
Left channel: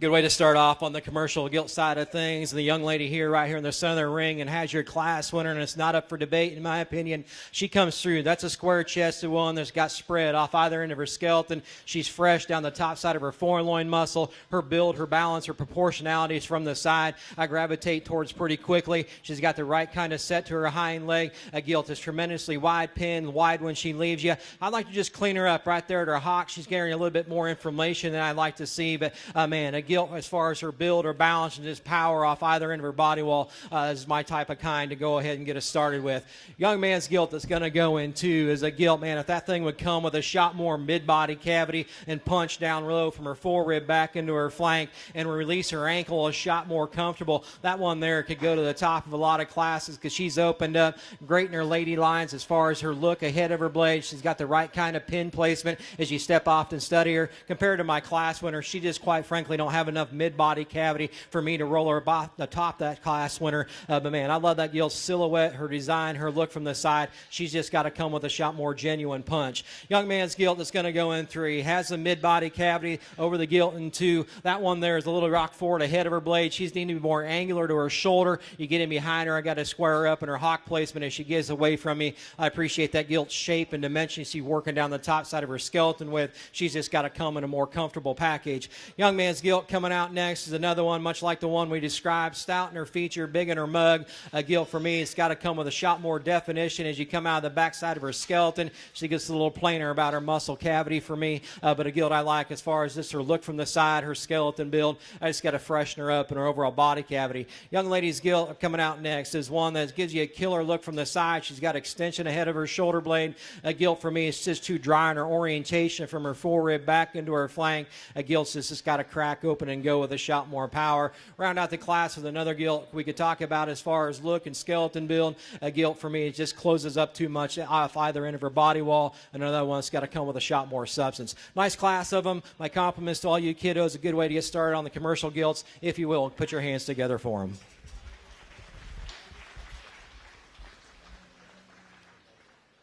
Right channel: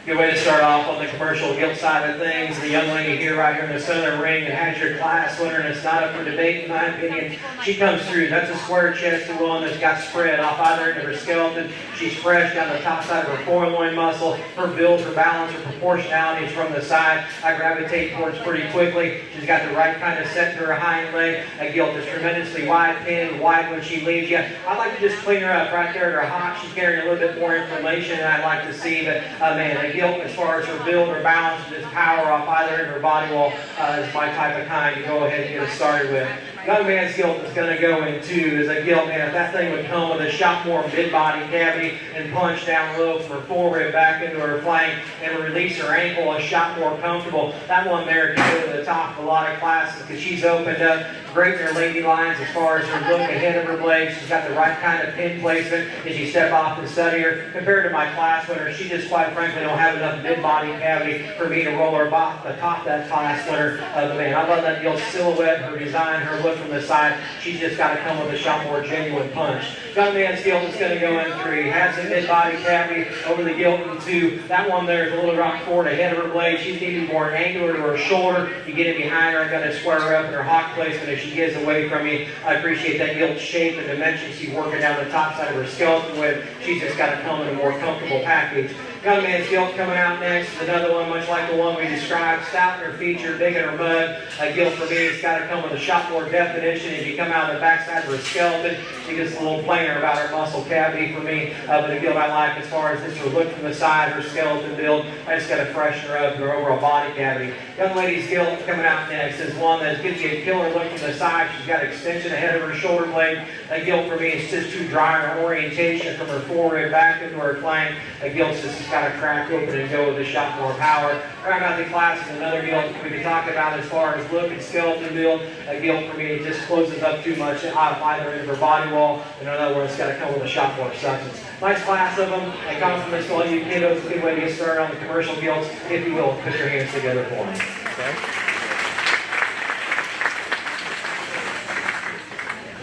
Good way to start off on the commercial gilt side of things. The young lady here right here in the center of the ring and has your class winner, and it's not up for debate in my opinion. She comes through. That's a square chested one that's got spread off either into her skeleton. She's fresh down the top side of her foreloin muscle. Her build, her balance, her proportionality is from the side. I gravitate towards pretty quickly. She's got the right kind of set to her hind leg. A gilt is tremendously wide pinned, wide when she leads you. I like to just clean her up right there at her hock. She's carrying a little bit more information, and I like to see that, man, gilt as far as her build, her balance, and just power off either end of her body wall is my type of kind to go ahead and get us started with. Young man's gilt is going to go into is a gilt, man. That thing would come with a shot more mid-body cavity and punch down low from her forehead back into her flank and to release her ankle a shot more comfortable. That one there can go to the top of a lot of classes because she's opened up great in her lady lines as far as her look ahead of her legs. She's got the right kind of pin placement as you step off and study her. Compared to my class winner, she just quite frankly don't have enough mid-body cavity for me to roll her atop that class winner. Man, I love that gilt silhouette, her design, her look from the side. She's just got to come with a shot more genuine punch. Young man's gilt is going to go in 3. Has a mid-body cavity over the gilt in 2. That one there is a little rock forward ahead of her blade. She's needing more angular to her shoulder. You get in behind her, I've got to square her up in her hot place, but if she gets away from me, I appreciate that gilt shape and dimensions she's working down the top side of her skeleton with. She's just got to come in a more comfortable package. Young man's gilt coming out next is another one much like the one we described. Stout in her feature, big in her mud. A gilt for me, it's got to come with a shot more definition as you come out of the backside of her skeleton. She gets a little plainer about her muscle cavity for me. The gilt I like as far as just her look from the side, her skeleton build. I just got to freshen her up, her overall body cavity. Young lady's gilt coming out next is one that gives you a killer look from the side. She's got extension ahead of her shoulder blade. A gilt for me is just too dry in her orientation from her forehead back into her flank. A gilt just got to crack open and go with a shot more power. Right around the class is another gilt we can talk about as far as look and skeleton build. A gilt for me it just closes up too much off either end of her body wall, and another one's got to come with a shot more substance. Nice class of them. I compliment to all you kiddos. Good way to get started on the commercial gilts. If you will, put your hands together for me. Okay.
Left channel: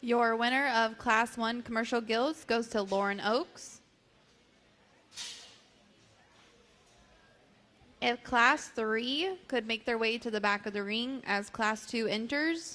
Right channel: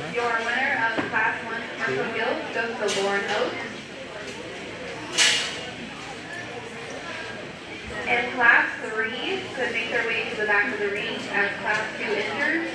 Your winner of Class 1 commercial gilts goes to Lauren Oakes. And Class 3 could make their way to the back of the ring as Class 2 enters.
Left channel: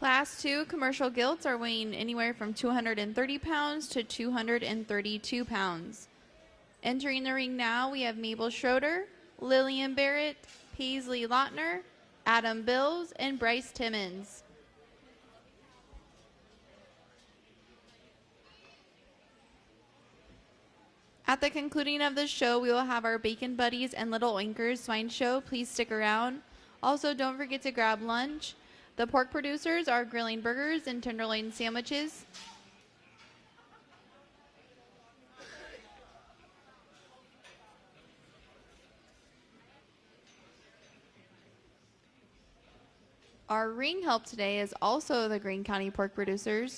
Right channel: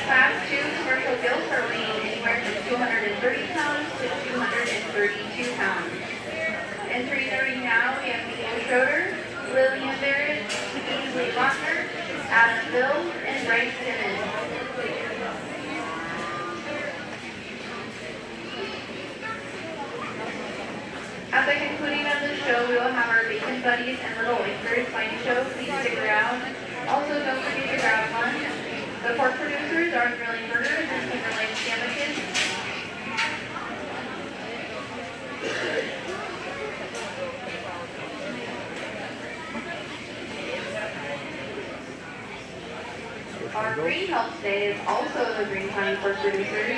Class 2 commercial gilts are weighing anywhere from 230 pounds to 232 pounds. Entering the ring now, we have Nicole Schroeder, Lillian Barrett, Kingsley Locker, Adam Bills, and Bryce Timmons. At the concluding of the show, we will have our Bacon Buddies and Little FFA Swine Show. Please stick around. Also, don't forget to grab lunch. The pork producers are grilling burgers and Timberlake sandwiches. Our greeting help today is also the Greene County pork producers.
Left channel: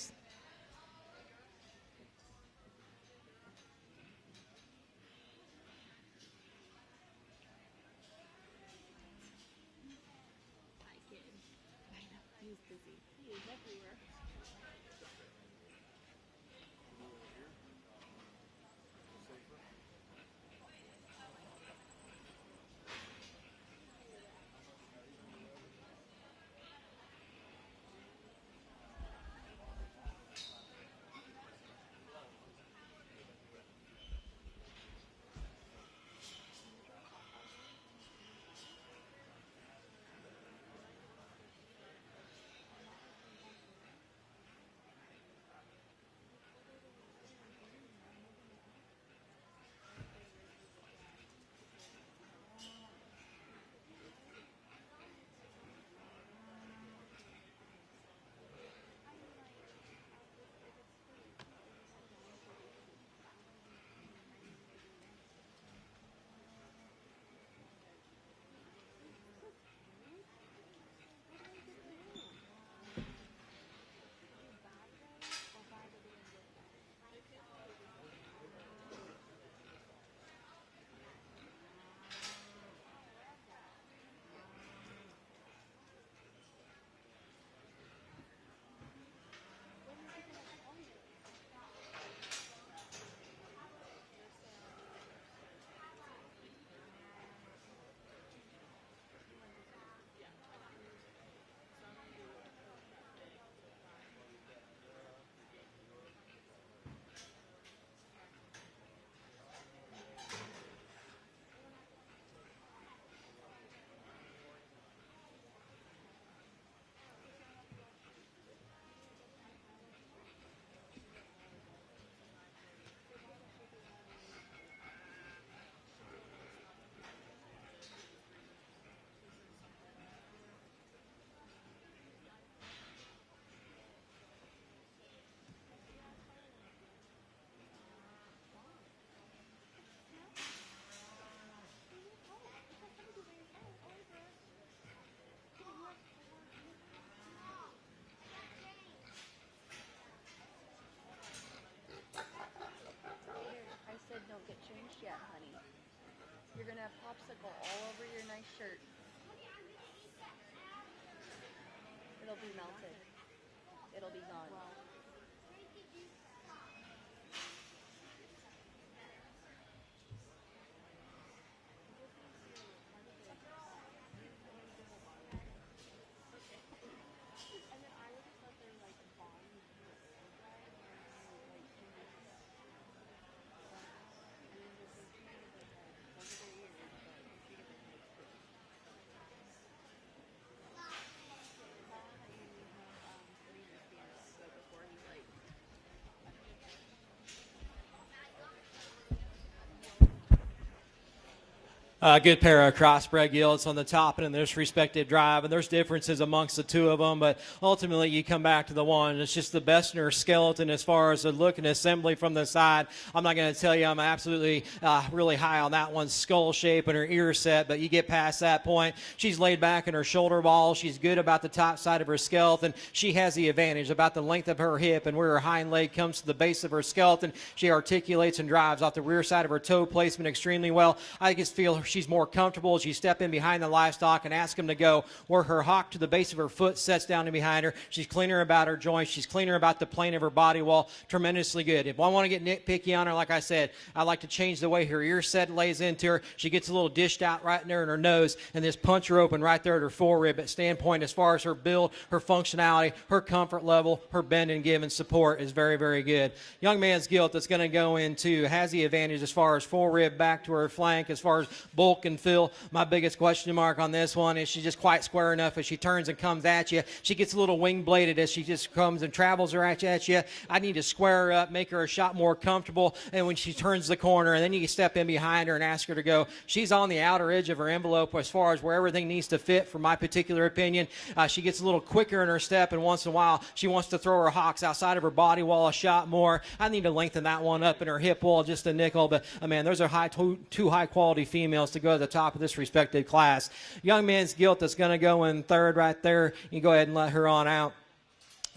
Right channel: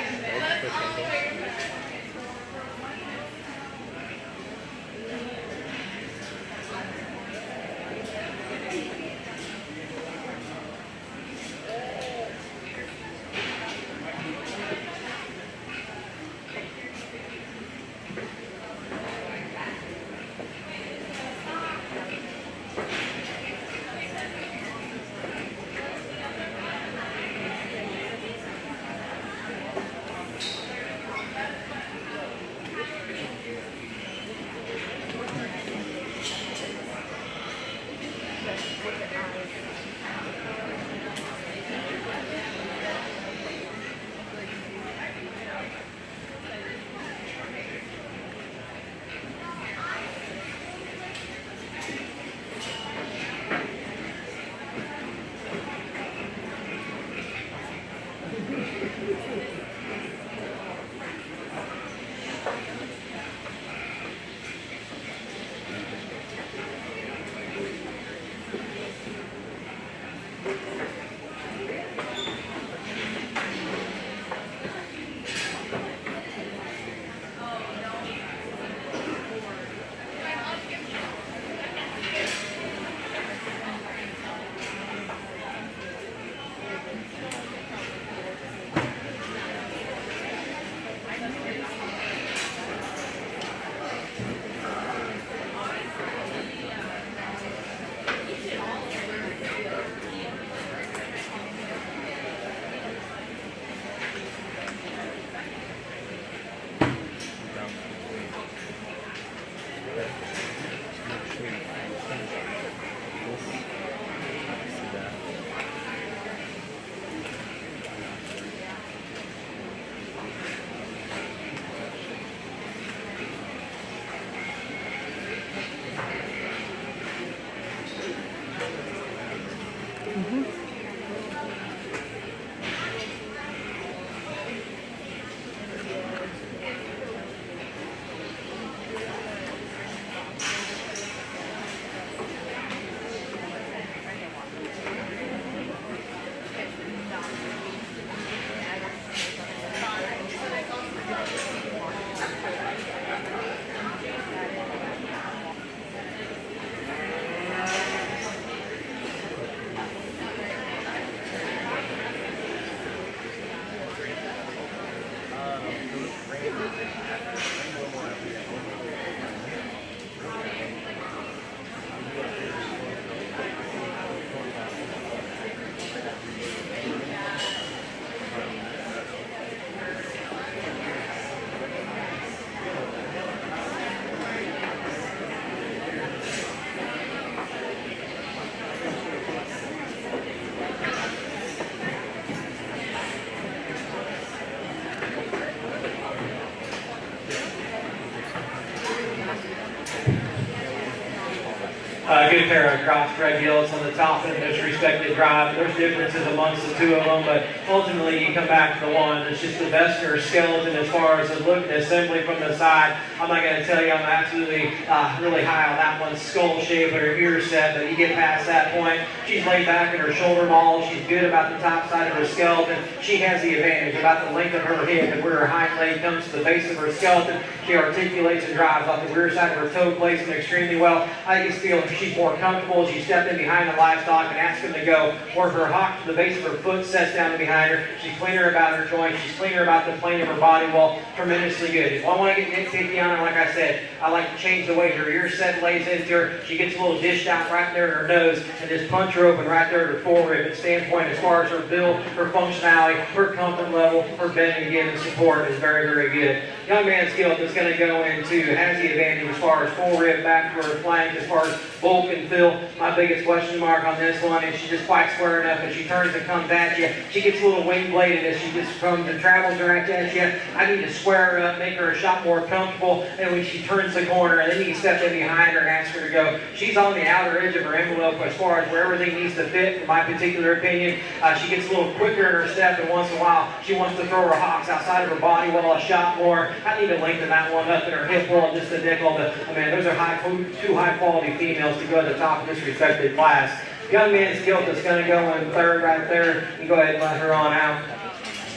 Good pair of crossbred heels on the top of this respective drive. There's differences amongst the two of them, but ultimately you come back to the one that's just the best in her skeleton as far as the look and assembly from the side. I'm not going to tell you I'm absolutely really high on that one. Skull shape and her ear set, but you get past that point, she's laid back in her shoulder ball. She's good about the top side of her skeleton. She has the advantage about the length of her hip and where her hind leg comes to the base of her skeleton. She articulates and drives off the rear side of her toe placement extremely well. I just feel she's more comfortable. She's stepping behind the livestock and asking them to go where her hop to the base of her foot sets down behind her. She's cleaner about her joints. She's cleaner about the plane of her body wall. Tremendously good. If I want to get nitpicky on her, like I said, I like to change the way her ear set lays into her. She gets a little dished out right there in her nose and just punch her open right there at her forward standpoint as far as her build, her functionality, her comfort level, her bending and support is very, very good. Young man's gilt is going to go into has the advantage as far as forward, back to her flank, as far as bulk and feel. My biggest question mark on this one is she just quite square enough as she turns and comes at you. She gets a little wing bladed as she just comes and travels right at you. I need to square her up, make her a shot more comfortable. And when she turns the corner, I need to step in behind her and ask her to go. She's on the outer edge of her envelope as far as where everything needs to fit, in my particular opinion. She gets a little quicker in her step, and once in a while she wants to throw her hocks outside of her body wall a shot more. I need to lengthen that one up, her hip wall just a nickel. But I mean, those are two high quality females to go to the top of this respective class. Young man's gilt is going to go in third right there. You go ahead and let her on out.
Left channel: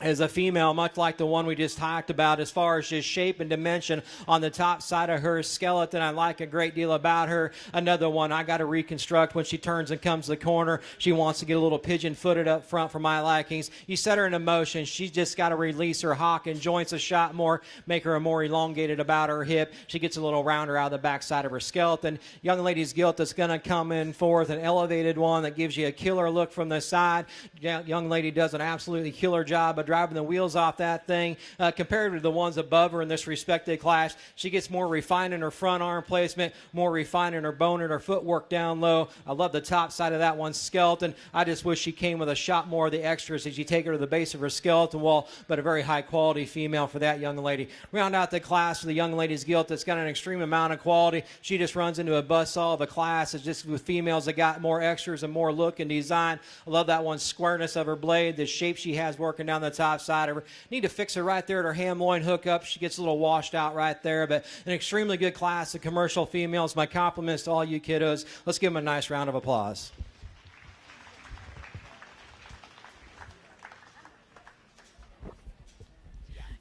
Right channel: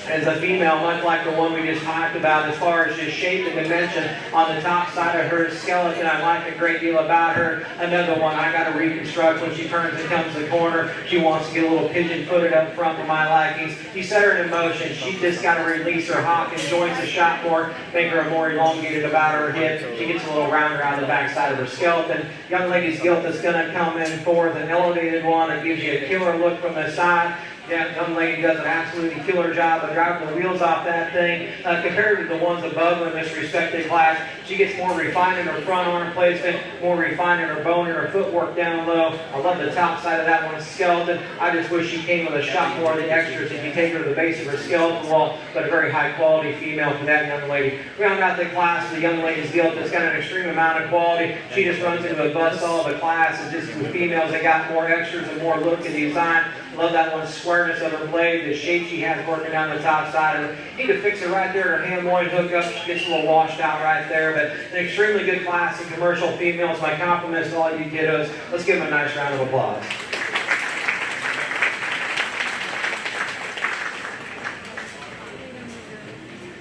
As a female, much like the one we just talked about, as far as just shape and dimension on the top side of her skeleton, I like a great deal about her. Another one I got to reconstruct when she turns and comes to the corner. She wants to get a little pigeon-footed up front for my likings. You set her in motion. She just got to release her hop and joints a shot more, make her more elongated about her hip. She gets a little rounder around the backside of her skeleton. Young lady's gilt is going to come in fourth, an elevated one that gives you a killer look from the side. Yeah, young lady does an absolutely killer job of driving the wheels off that thing. Compared to the ones above her in this respective class, she gets more refined in her front arm placement, more refined in her bone and her footwork down low. I love the top side of that one's skeleton. I just wish she came with a shot more of the extras to take her to the base of her skeleton wall, but a very high quality female with that young lady. Round out the class with the young lady's gilt, it's got an extreme amount of quality. She just runs into a buzzsaw of the class. This is the females that got more extras and more look and design. Love that one's squareness of her blade, the shape she has working down the top side of her. Need to fix her right there. Her hand one hook up, she gets a little washed out right there. But an extremely good class of commercial females. My compliments to all you kiddos. Let's give them a nice round of applause.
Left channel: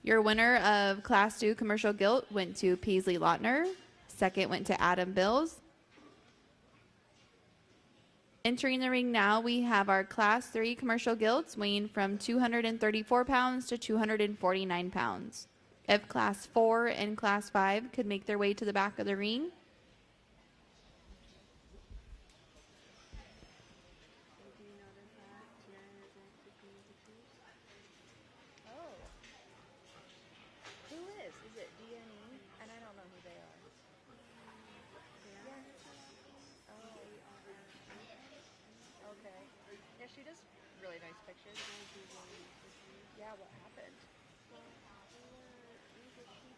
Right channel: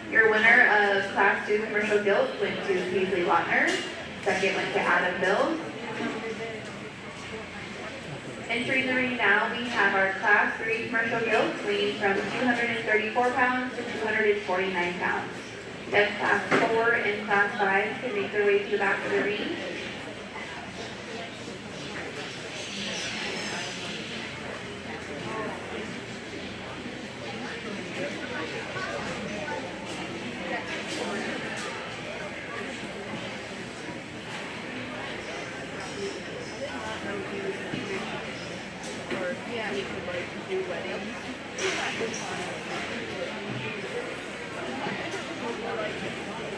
Your winner of Class 2 Commercial Gilt went to Peasley Lautner. Second went to Adam Bills. Entering the ring now, we have our Class 3 Commercial Gilts weighing from 234 pounds to 249 pounds. If Class 4 and Class 5 can make their way to the back of the ring.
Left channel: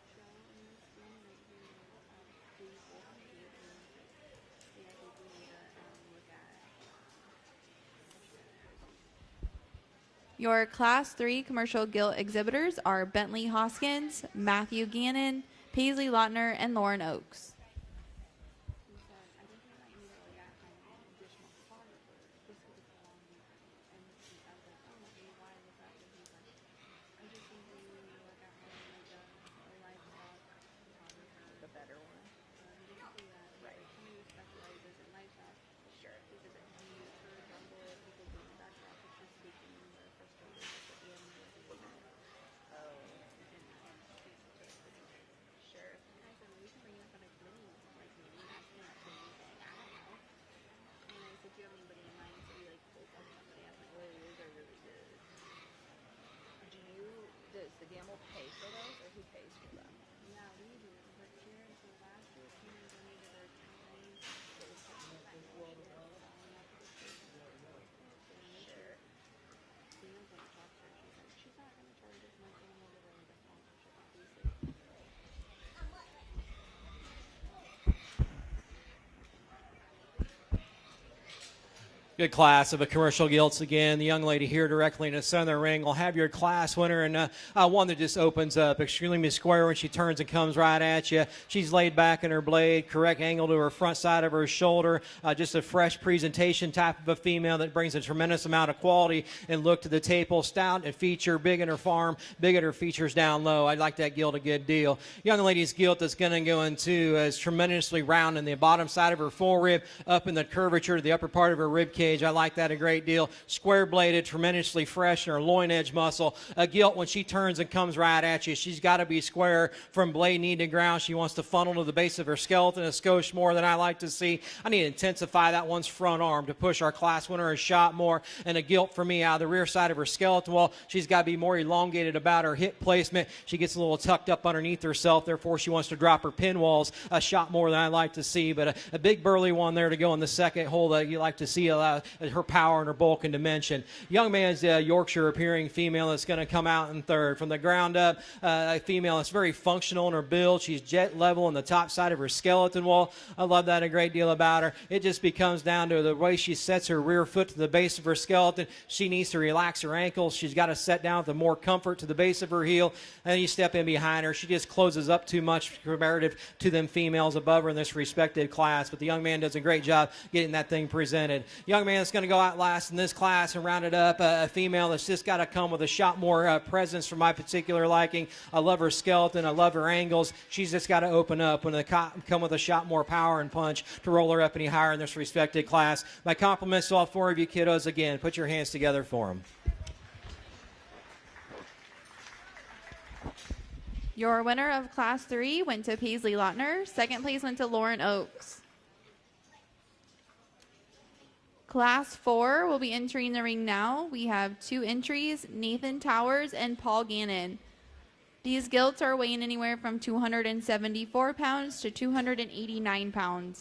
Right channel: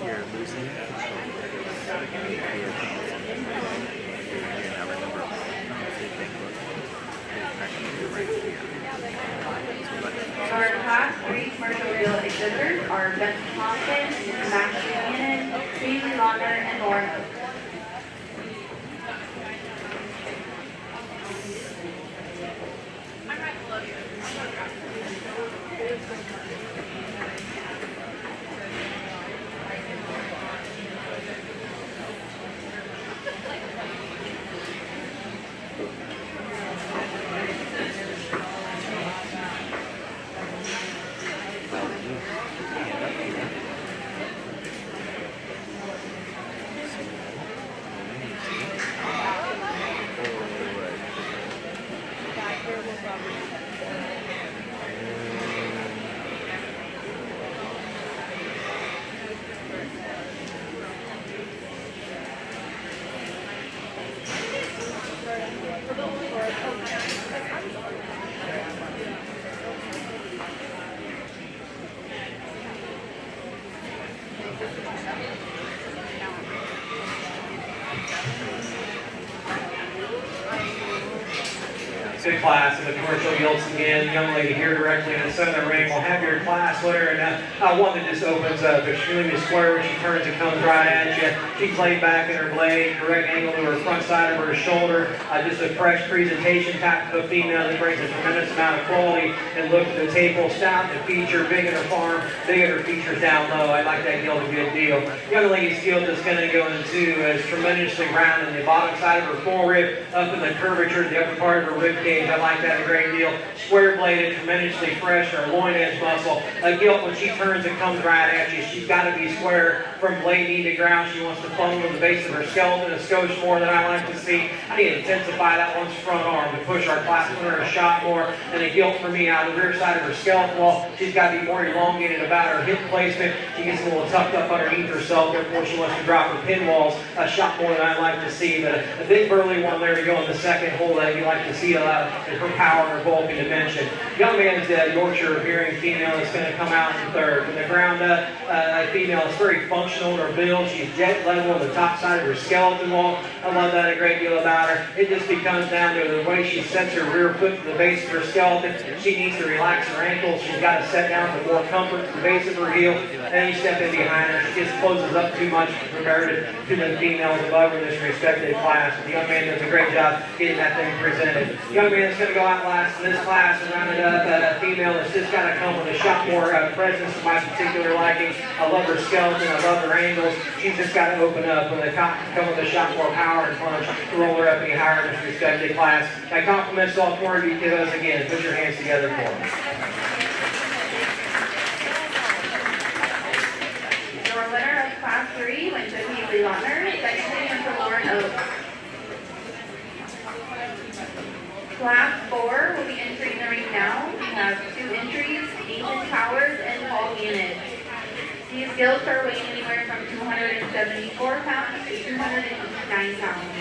You're losing control. the class of the commercial guilds again. The young lady here directly in the center ring will have your class winner. And one that just opens up extremely square. She turns and comes right at you. She's laid back in her leg, correct angle to her front side of her shoulder. Just a fresh presentation type of a female that brings a tremendous amount of quality and look to the table. Stout and feature, big in her farm, big in her features down low. I like that gilt, good deal. Young lady's gilt that's going to go into is tremendously round in the bottom side of her forehead, up in the curvature, the upper part of her rib cage. I like that a great deal. Square bladed, tremendously fresh in her loin edge muscle. Gilt, when she turns and comes right at you, she's got to be square from blade knee to ground. She wants to funnel to the base of her skeleton. A skosh more that I like to see. I need to intensify that one's front arm to push our class winner a shot more. And the gilt for me out of the rear side of her skeleton wall. She's got to be more elongated about her hip placement. She gets a little tucked up underneath herself before she wants to drop her pin walls. A shot more than I like to see. But a big burly one there to go in the second hold that you like to see her power, her bulk, and dimension. Young man's Yorkshire appearing female is going to come out in third. From the ground up, female is very functional in her build. She's jet level on the top side of her skeleton wall. I love that a great deal about her. It just becomes down to the way she sets her rear foot to the base of her skeleton. She needs to relax her ankles. She's got to set down for more comfort to the base of her heel. And then step in behind her. She just closes up too much regarded to the females above her in this respected class. The young man does a great job getting that thing presented. Young man's going to go out last in this class and rounded up a female that's just got to come with a shot more presence to my particular liking. I love her skeleton, I love her angles. She's just got to open up with come with a shot more power and punch to roll her up any higher in this respected class. My compliments to all four of you kiddos again. Put your hands together for them. Your winner of Class 3 went to Beasley Lochner. Second place went to Lauren Oaks. Class 4 will be entering the ring now. We have 2 entries, Nathan Towers and Paul Gannon. These gilts are weighing anywhere from 274 pounds to 289 pounds.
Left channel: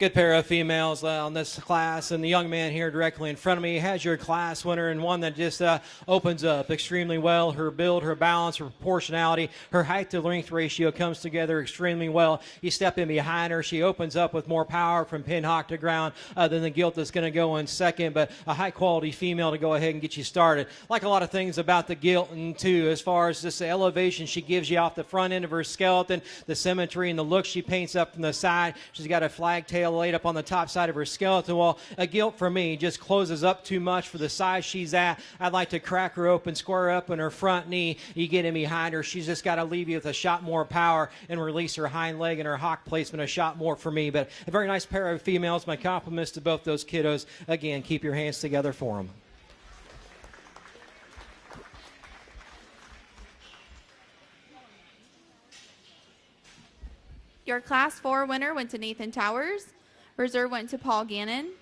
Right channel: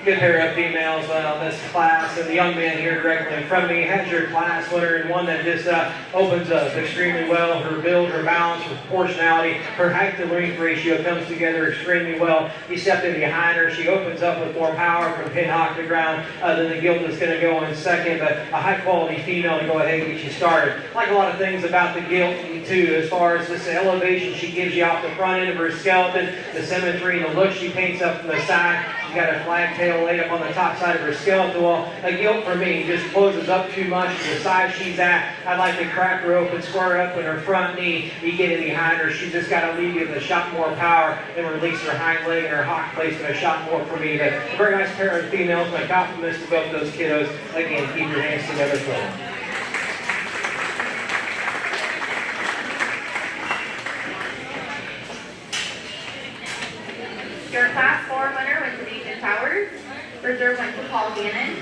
Good pair of females in this class, and the young man here directly in front of me has your class winner, and one that just opens up extremely well. Her build, her balance, her proportionality, her height to length ratio comes together extremely well. You step in behind her, she opens up with more power from pin hockey ground than the gilt is going to go on second, but a high quality female to go ahead and get you started. Like a lot of things about the gilt too, as far as this elevation she gives you off the front end of her skeleton, the symmetry and the look she paints up from the side. She's got a flag tail laid up on the top side of her skeleton wall. A gilt for me just closes up too much the size she's at. I like to crack her open, square up in her front knee. You get it behind her. She's just got to leave you with a shot more power and release her hind leg and her hot placement a shot more for me. But a very nice pair of females. My compliments to both those kiddos. Again, keep your hands together for them. Your Class 4 winner went to Nathan Towers. Reserve went to Paul Gannon.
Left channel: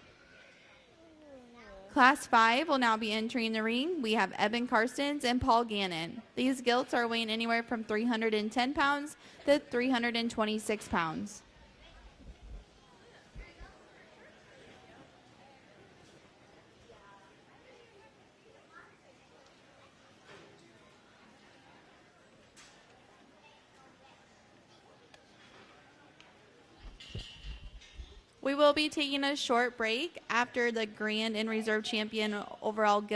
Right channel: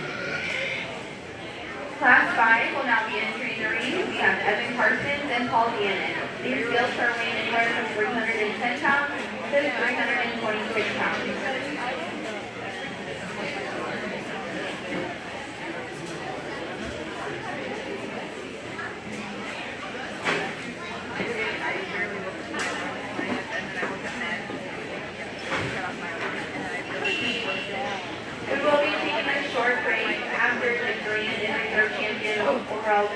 Class 5 will now be entering the ring. We have Evan Parsons and Paul Gannon. These gilts are weighing anywhere from 310 pounds to 326 pounds. We will be taking a short break after the Greene is our champion overall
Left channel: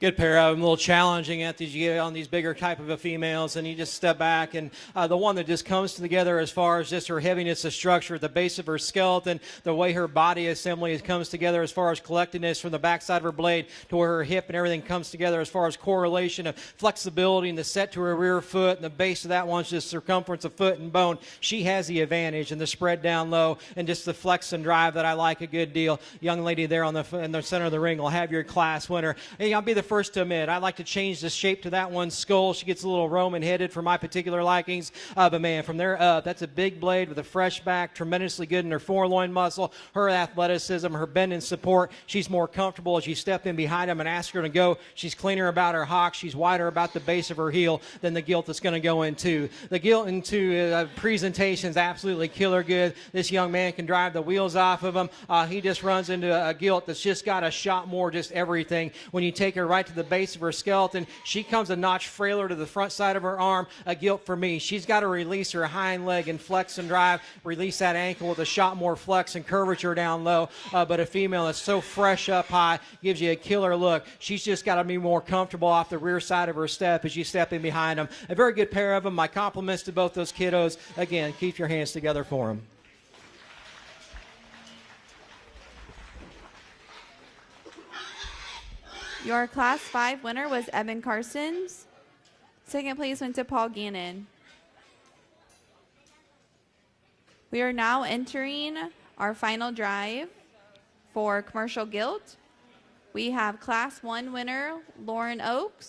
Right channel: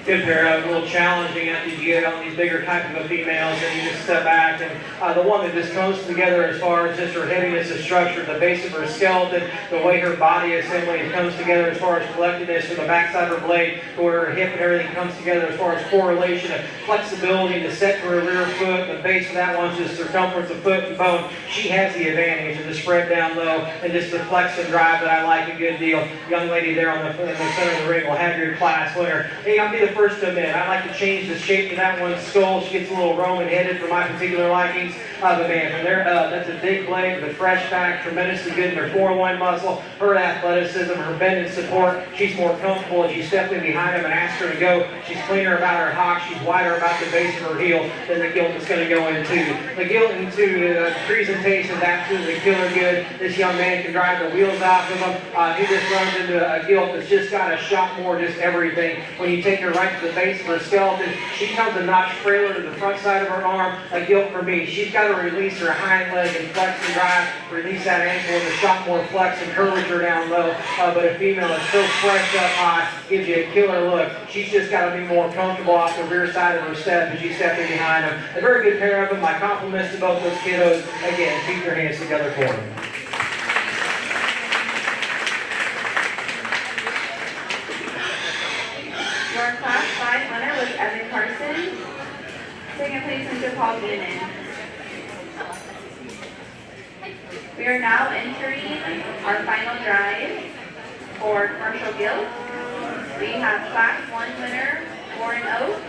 Good pair, a little challenging after you get on these bigger type of females, and you just step back, and the one that just comes together as far as just her heaviness of structure, the base of her skeleton, the way her body assembly comes together as far as collectedness from the backside of her leg to where her hip and everything comes together as far as correlation to flexibility, the set to her rear foot, and the base of that one's just circumference of foot and bone. She has the advantage to spread down low and just the flex and drive that I like a good deal. Young lady there on the center of the ring will have your class winner. Hey, I'll be the first to admit, I like to change the shape of that one's skull. She gets a little Roman-headed for my particular likings. But man, from there, that's a big blade with a fresh back, tremendously good in her foreloin muscle, her athleticism, her bending support. She's more comfortable as you step in behind her and ask her to go. She's cleaner about her hock. She's wider about the base of her heel than the gilt that's going to go into. The gilt into presentation is absolutely killer good. This young man can drive the wheels off of him. He just runs into a gilt that's just got a shot more, just everything. When you take her right to the base of her skeleton, she comes a notch frailer to the front side of her arm. A gilt for me. She's got to release her hind leg and flex and drive, release that ankle with a shot more flex and curves her down low. But a female is so fresh up high, gives you a killer look. She's just got to be more comfortable off the rear side of her step as you step in behind her. A very good pair of them. My compliments to both those kiddos. Again, keep your hands together for them. Your Class 5 winner was Evan Parsons. Second place went to Paul Greene. We are now entering our final drive for commercial gilt. We have Class 1 winner, Lauren Oaks.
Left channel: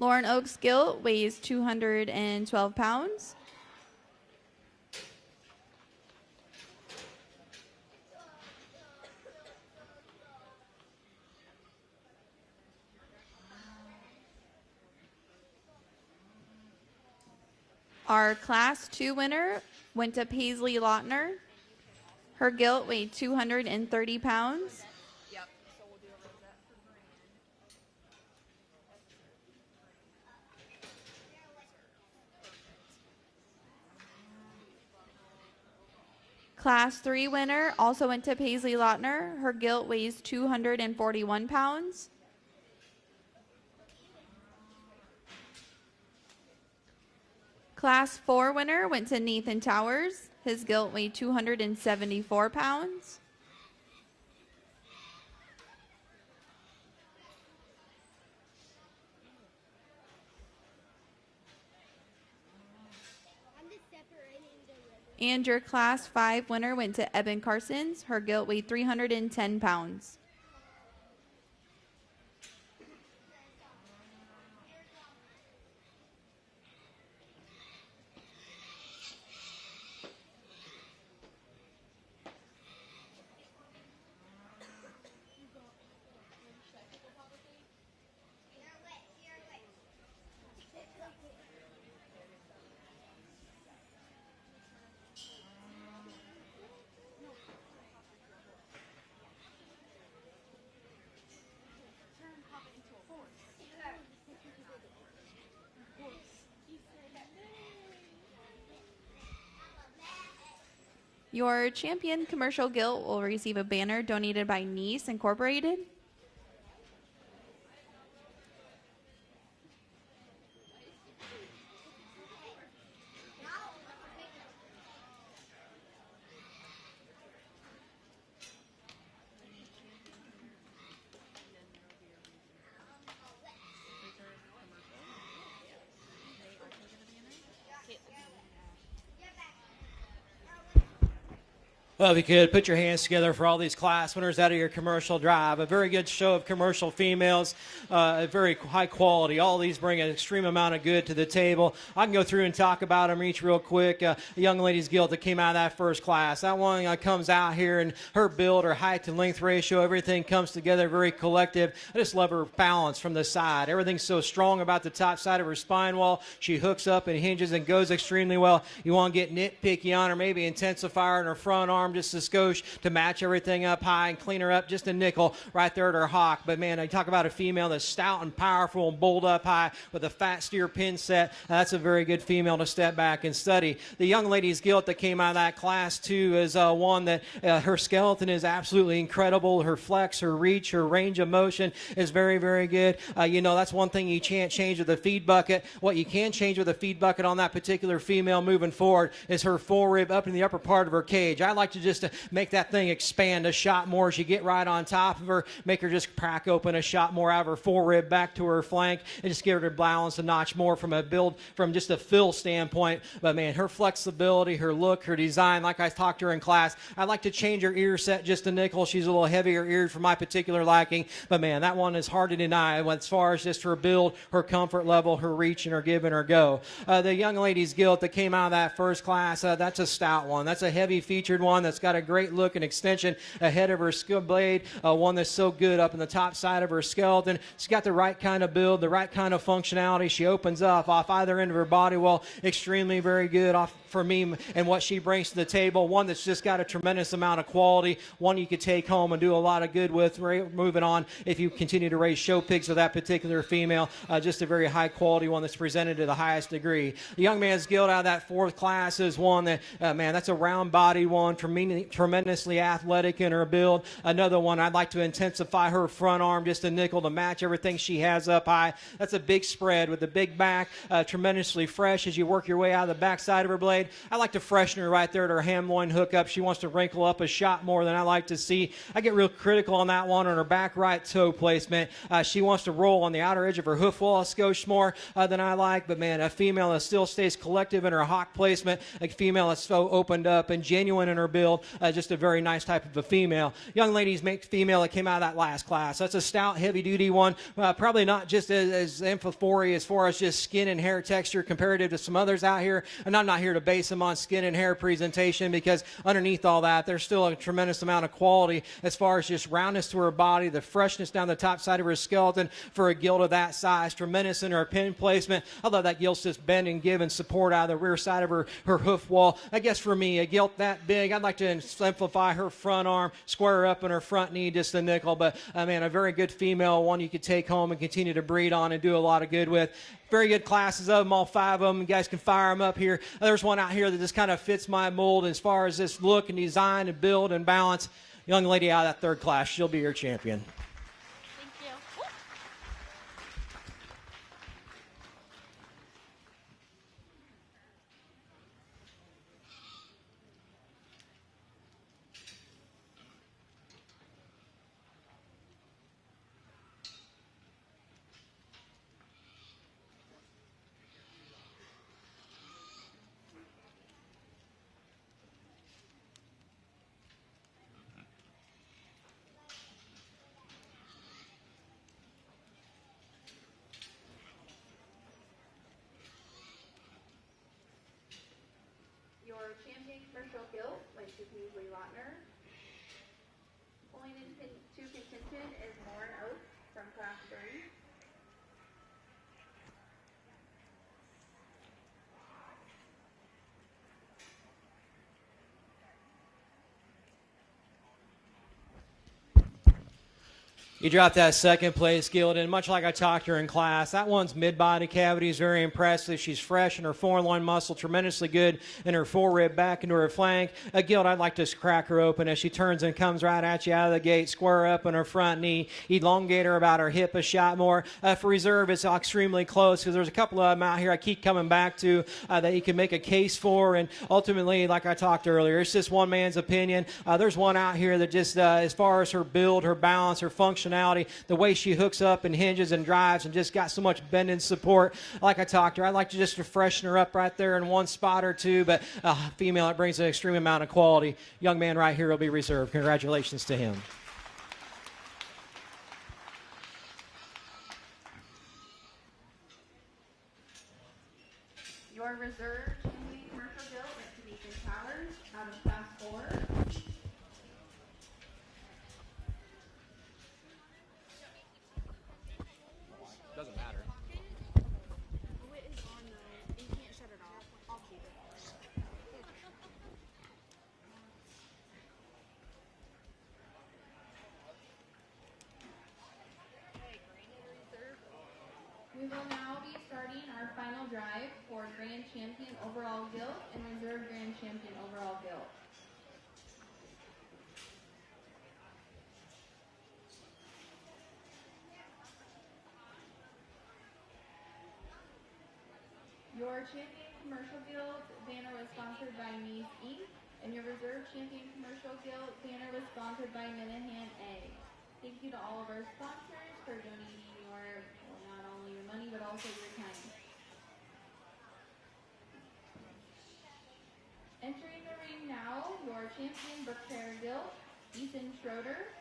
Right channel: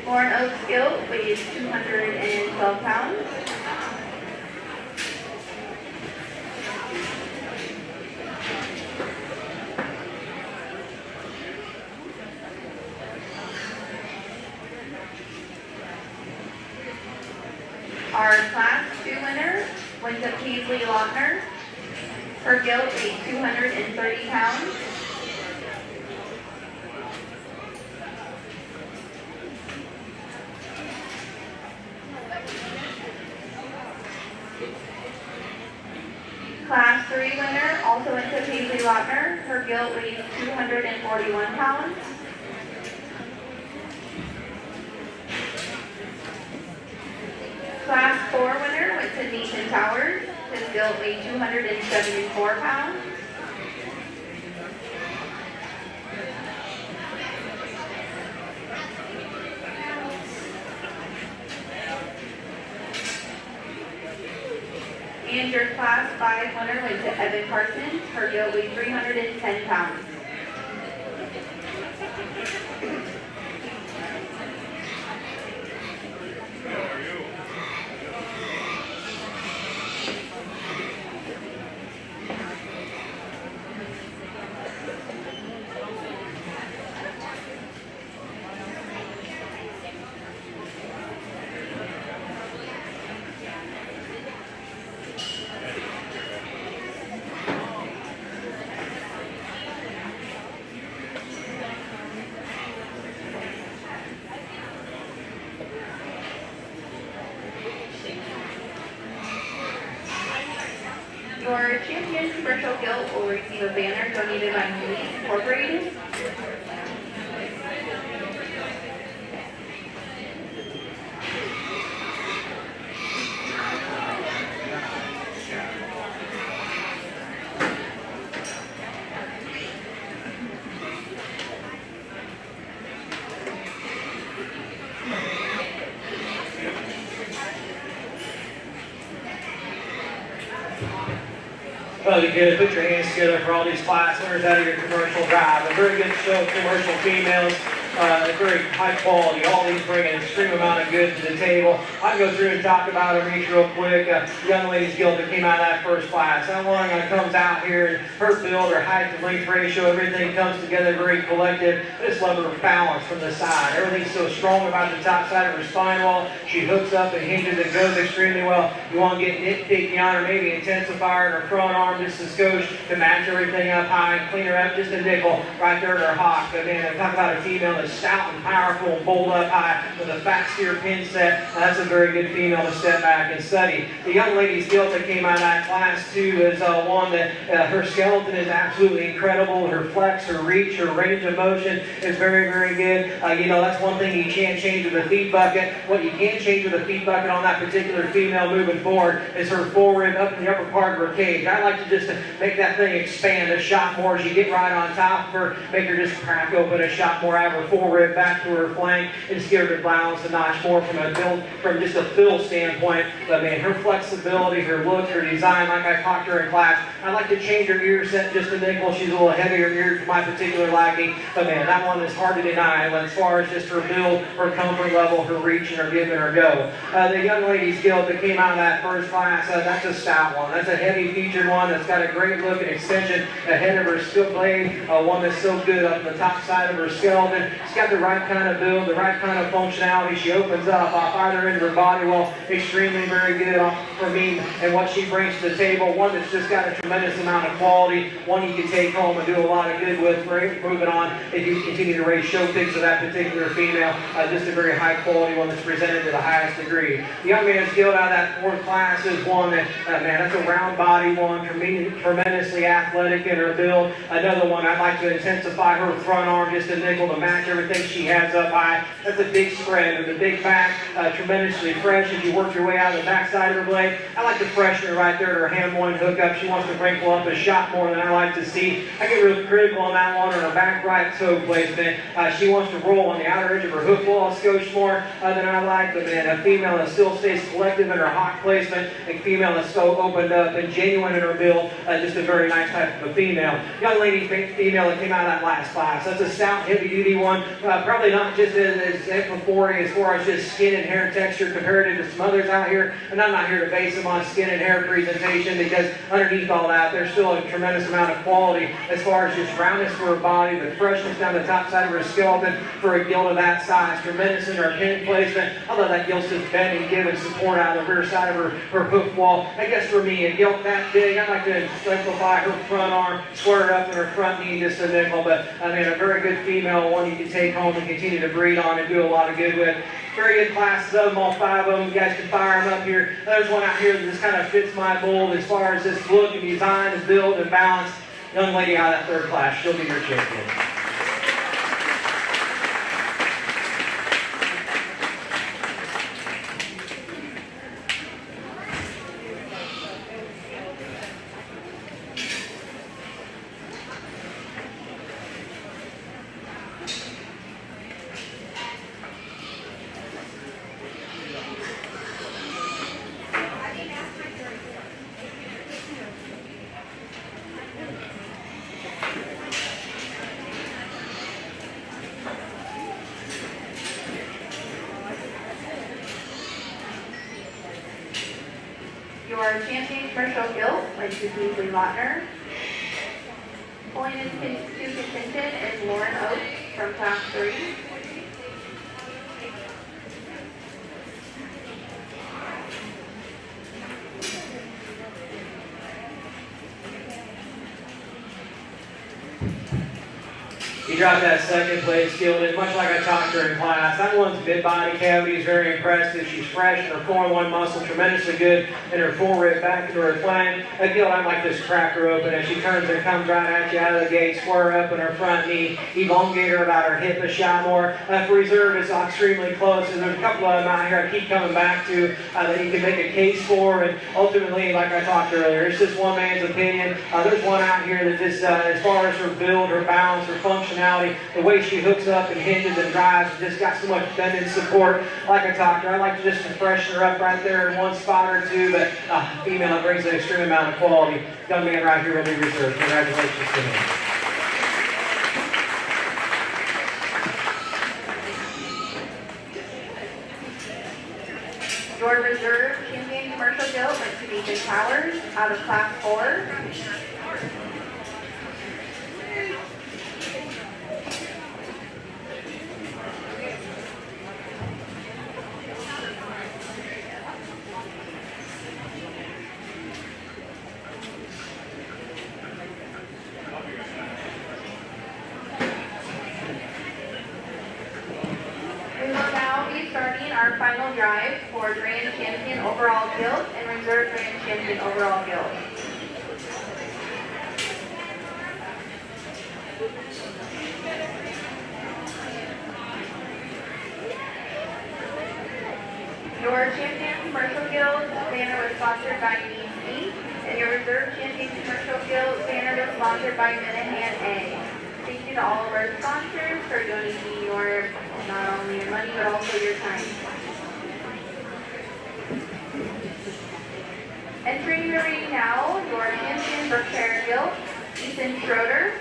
Lauren Oaks gilt weighs 212 pounds. Our Class 2 winner went to Paisley Lautner. Her gilt weighed 230 pounds. Class 3 winner also went to Paisley Lautner. Her gilt weighs 241 pounds. Class 4 winner went to Nathan Towers. His gilt weighed 274 pounds. And your Class 5 winner went to Evan Parsons. Her gilt weighed 310 pounds. Your champion commercial gilt will receive a banner donated by Police Incorporated. Well, you could put your hands together for all these class winners out of your commercial drive. A very good show of commercial females. Very high quality, all these bring an extreme amount of good to the table. I'll go through and talk about it real quick. The young ladies guild that came out of that first class. That one that comes out here, her build, her height and length ratio, everything comes together very collected. Just love her balance from the side. Everything's so strong about the top side of her spine wall. She hooks up and hinges and goes extremely well. You want to get nitpicky on her, maybe intensify her front arm just a scotch to match everything up high and clean her up just a nickel right there at her hop. But again, I'm talking about a female that's stout and powerful and bold up high with a fat steer pin inset. That's a very good female to step back and study. The young lady's guilt that came out of that class too is one that her skeleton is absolutely incredible. Her flex, her reach, her range of motion is very, very good. That's one thing you can't change with a feed bucket. What you can't change with a feed bucket on that particular female moving forward is her forward up in the upper part of her cage. I like to just make that thing expand a shot more as you get right on top of her, make her just crack open a shot more out of her forward back to her flank, and just give her the balance a notch more from just a fill standpoint. But man, her flexibility, her look, her design, like I talked to her in class, I like to change her ear set just a nickel. She's a little heavier ears for my particular liking. But man, that one is hard to deny. As far as just her build, her comfort level, her reach, and her give and her go. The young lady's guild that came out of that first class, that's a stout one. That's a heavy featured one that's got a great look and extension ahead of her skill blade. One that's so good up the top side of her skeleton. She's got the right kind of build, the right kind of functionality. She opens up farther into her body wall. Extremely very good for me and what she brings to the table. One that's just got a tremendous amount of quality. One you can take home and do a lot of good with. Great moving on if you continue to raise show picks of that particular female. Just a very high quality one that's presented to the highest degree. The young man's guild out of that fourth class is one that, man, that's a round body one. For me, tremendously athletic in her build. Another one I'd like to intensify her front arm just a nickel to match everything she has up high. That's a big spread with a big back, tremendously fresh as you work your way out of the backside of her blade. I like to freshen her right there, her hand one hook up. She wants to wrinkle up a shot more than I like to see. I get real critical on that one, her back right toe placement. She wants to roll on the outer edge of her hoof wall a skosh more than I like, but man, a female that still stays collective in her hop placement, a female that's still opened up and genuine in her build, just a very nice type of a female. Young lady's female that came out of that last class. That's a stout, heavy duty one, probably not just as FFA as far as just skin and hair texture compared to some others out here, and I'm not here to base them on skin and hair presentation because underneath all that, there's still a tremendous amount of quality as far as just roundness to her body, the freshness down the top side of her skeleton for a gill of that size, tremendous in her pin placement. I love that gill's just bending and giving support out of the rear side of her hoof wall. I guess for me, a gill that big, I like to simplify her front arm, square her up in her front knee just a nickel, but I mean, a very good female, one you can take home and continue to breed on and do a lot of good with. Very good classes of them, all 5 of them. You guys can fire them up here. There's one out here that just kind of fits my mold as far as this look and design and build and balance. Young lady out of that 3rd class, she'll be here shortly. Your champion commercial guild, like Suzuki Lautner. Pulling into contention is Lauren Oates from Class 3. He dropped that 2nd place guild, and much like I talked to her in class, that one's mid-body cavity is very impressive. She's fresh in her forearm muscle, tremendously good in her forward, back to her flank. That guild, I like to just crack her open as she turns and comes right at you out of the gate, square up in her front knee, elongate her about her hip a shot more. For reserve, it's extremely close because there's a couple of them out here I keep coming back to that you can make a case for, and ultimately, like I talked earlier, it's just one man's opinion. There's one out here that just, as far as her build, her balance, her function, the way she hooks up and hinges and drives, and just got so much bend and support. Like I talked about, I like to just freshen her up right there in one spot or two, but female brings an extreme amount of quality. Young man right here will be reserved. Congratulations to him. Your reserve champion commercial guild went to Nathan Towers out of Class 4. We will now be starting our our final drive for Grand Champion Overall Guild and Reserve Grand Champion Overall Guild. Your Champion Commercial Guild banner was sponsored by BC, and your Reserve Champion Commercial Guild banner was sponsored by Minahan A. Thank you to all of our sponsors for donating your, not only your money, but also your time. Entering the ring now, your Champion Berkshire Guild, Ethan Schroeder.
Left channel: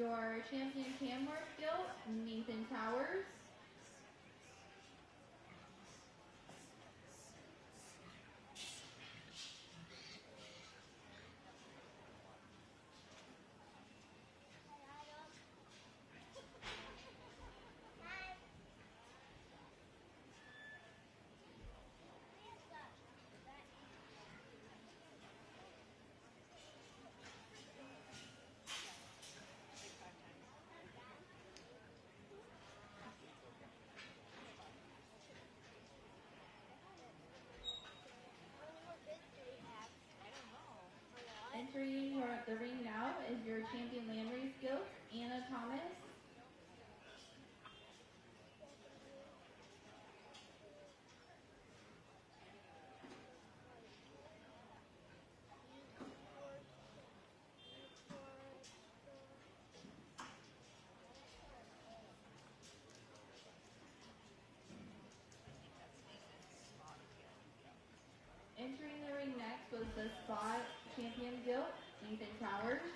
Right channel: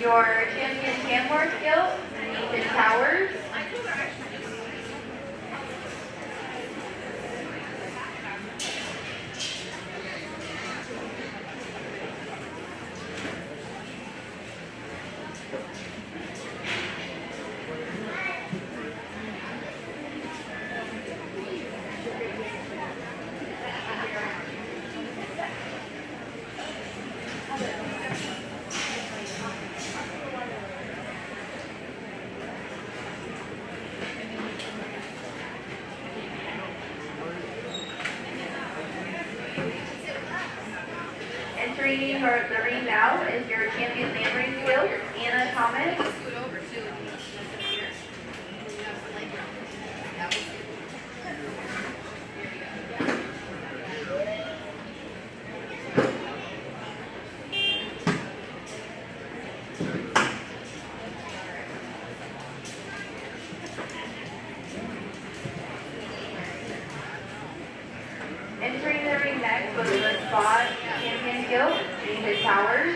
Your Champion Tamworth Guild, Nathan Towers. Entering the ring now is your Champion Landing Guild, Anna Thomas. Entering the ring next was the Spot Champion Guild, David Towers.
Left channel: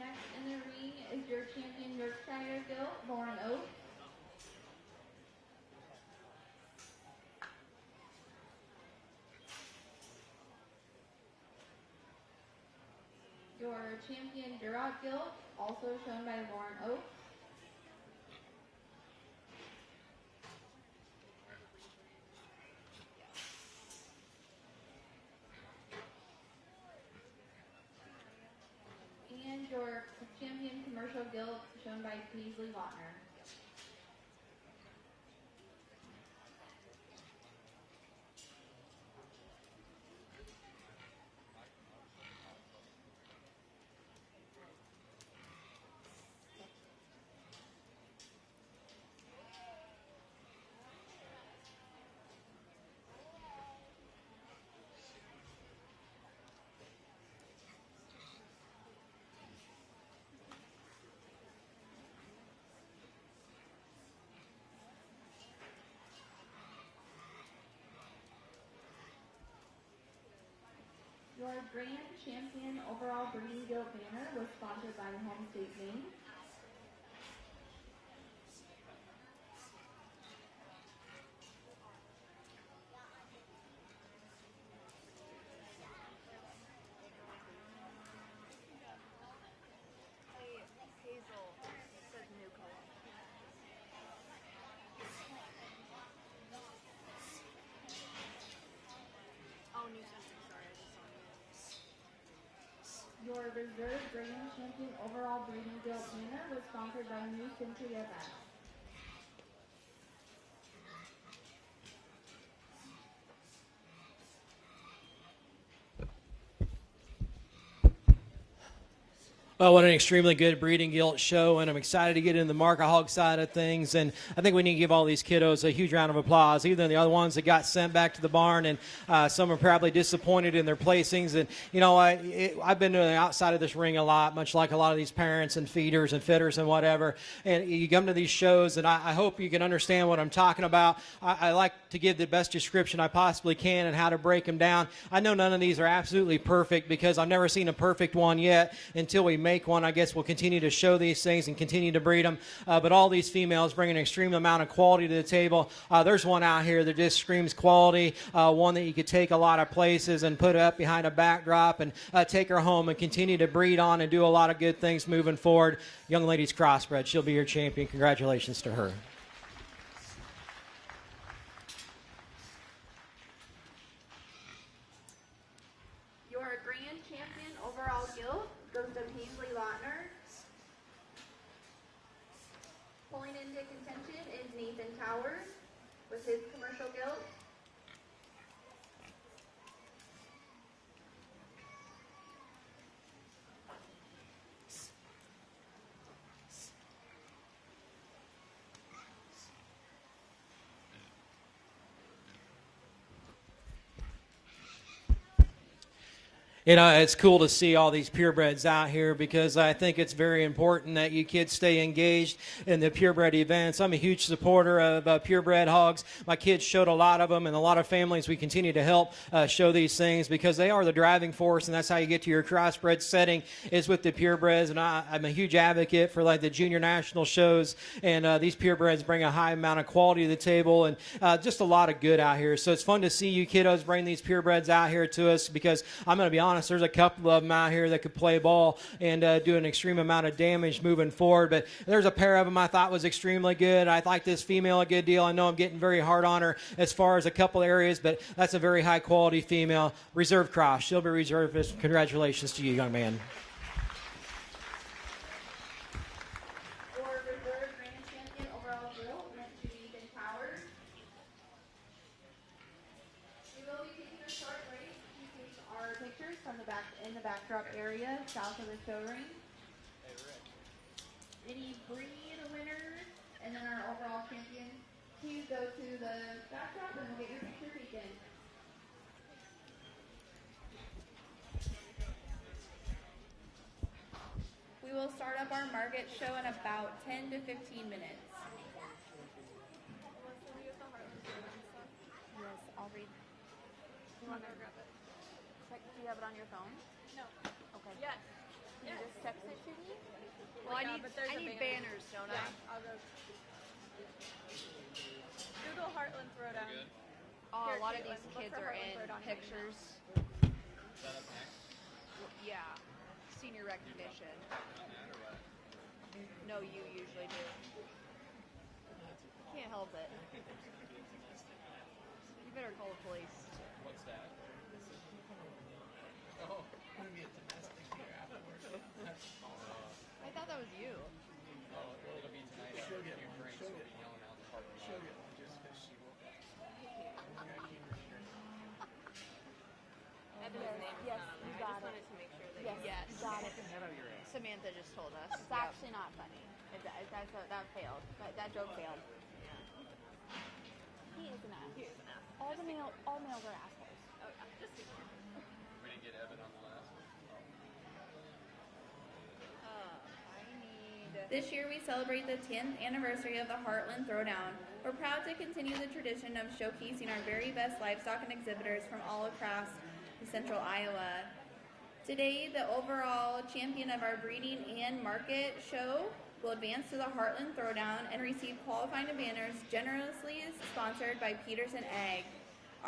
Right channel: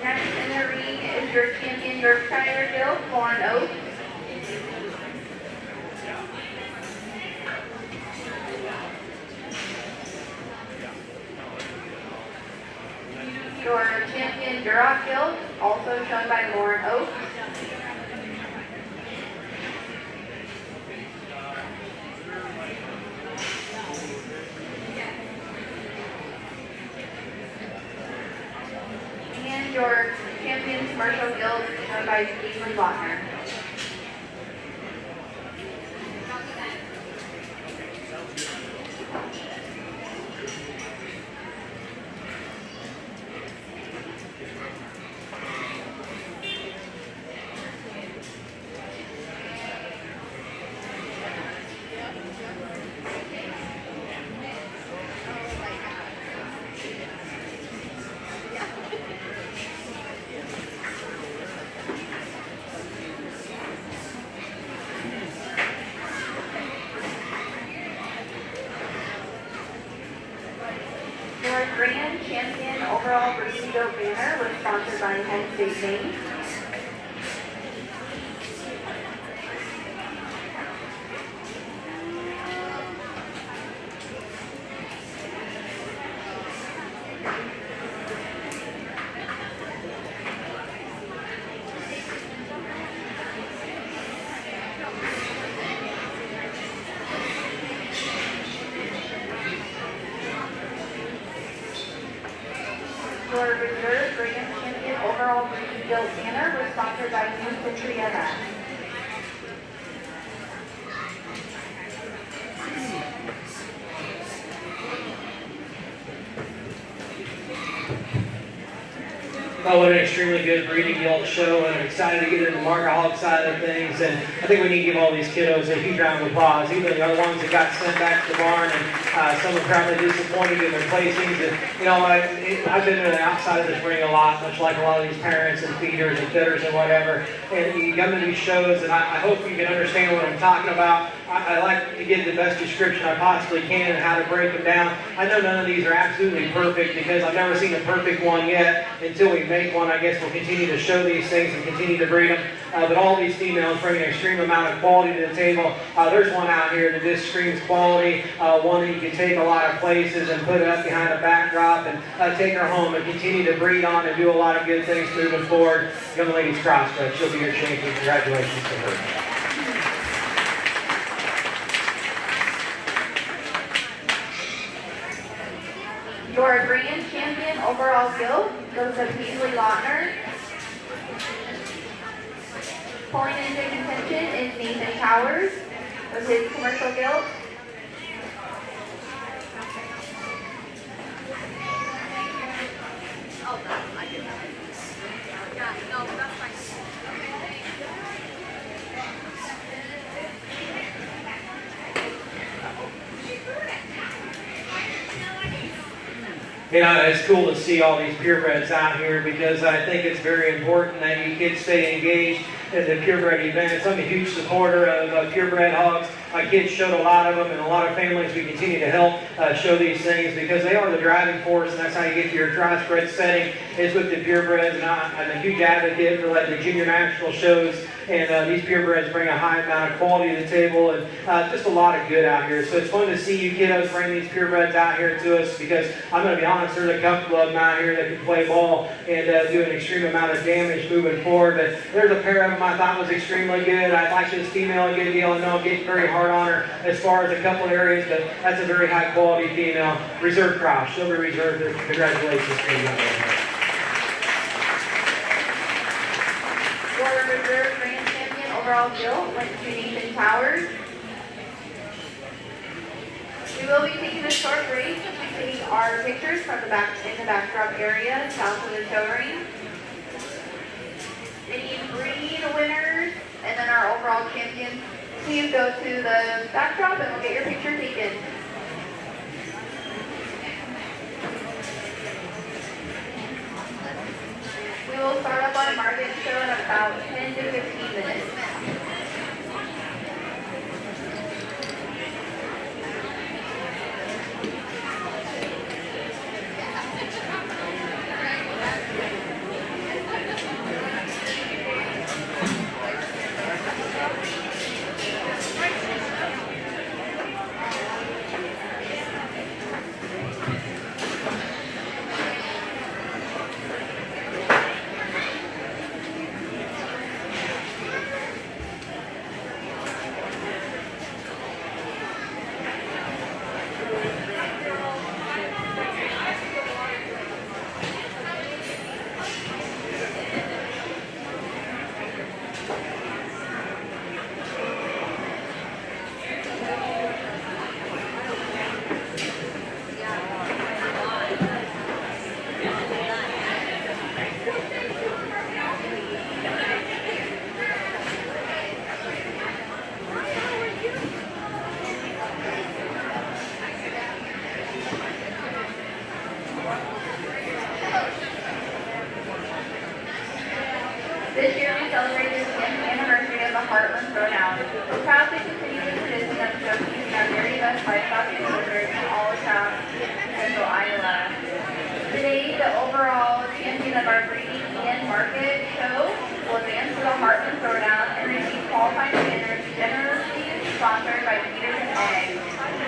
Next in the ring is your Champion Yorkshire Guild, Lauren Oates. Your Champion Duroc Guild, also shown by Lauren Oates. And your Champion Commercial Guild, shown by Steve Lochner. Your Grand Champion Overall Breeding Goat banner was sponsored by Penn State, Maine. Your Reserve Grand Champion Overall Breeding Guild banner was sponsored by New Century MS. Oh, what an extremely good breeding guild show, and I'm excited to get into the market hog side of things. And I think we need to give all these kiddos a huge round of applause, even the other ones that got sent back to the barn, and some were probably disappointed in their placings. And, you know, I've been outside of this ring a lot, much like a lot of these parents and feeders and fitters and whatever. And you go to these shows, and I hope you can understand what I'm talking about. I like to give the best description I possibly can and how to break them down. I know none of these are absolutely perfect because I've never seen a perfect one yet. Until we make one, I guess we'll continue to show these things and continue to bring them. But all these females bring an extreme amount of quality to the table. There's one out here that just screams quality, one that you can take a lot of places and put it up behind a backdrop and take her home and continue to breed on and do a lot of good things moving forward. Young lady's crossbred. She'll be a champion. Congratulations to her. Your Greene champion overall guild goes to Beasley Lautner. Pulling into contention is Nathan Towers with his commercial guild. You know, it's cool to see all these purebreds out here because I think it's very important that you kids stay engaged in the purebred events. I'm a huge supporter of purebred hogs. My kids show a lot of them, and a lot of families we continue to help show these things because they are the driving force, and that's how you get to your crossbred setting. It's with the purebreds, and I'm a huge advocate for like the junior national shows, and these purebreds bring a high amount of quality to the table, and just a lot of good out here. So it's fun to see you kiddos bring these purebreds out here to us because I'm going to be honest, there's a couple of them out here that can play ball and do an extreme amount of damage moving forward. But there's a pair of them I thought was extremely good. I like this female, give you all know, getting very hard on her as far as a couple areas, but that's a very high quality female. Reserve cross, she'll be reserved. Congratulations to you. Your reserve grand champion overall guild went to Nathan Towers. We will be taking a short break to take our pictures from the backdrop area south of the show ring. Any Greene winners and then our overall champion, please go to the backdrop and we'll get your picture taken. We will start up on a market show in about 10 to 15 minutes. This year we celebrated the 10th anniversary of the Heartland Throwdown. We proudly continue the tradition of showcasing our very best livestock exhibitors from all across Central Iowa. Today, the overall champion of our breeding and market show will advance to the Heartland Throwdown and receive qualifying standards generously sponsored by Feeders and Eggs.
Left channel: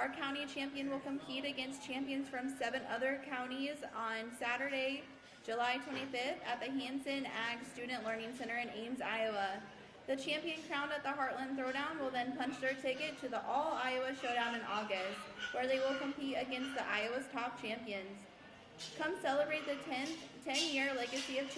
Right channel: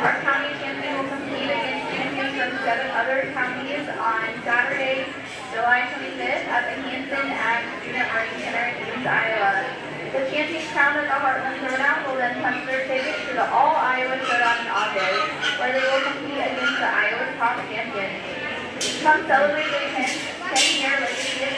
Our county champion will compete against champions from 7 other counties on Saturday, July 25th at the Hanson Ag Student Learning Center in East Iowa. The champions crowned at the Heartland Throwdown will then punch their ticket to the All Iowa Showdown in August, where they will compete against the Iowa top champions. Come celebrate the 10th year legacy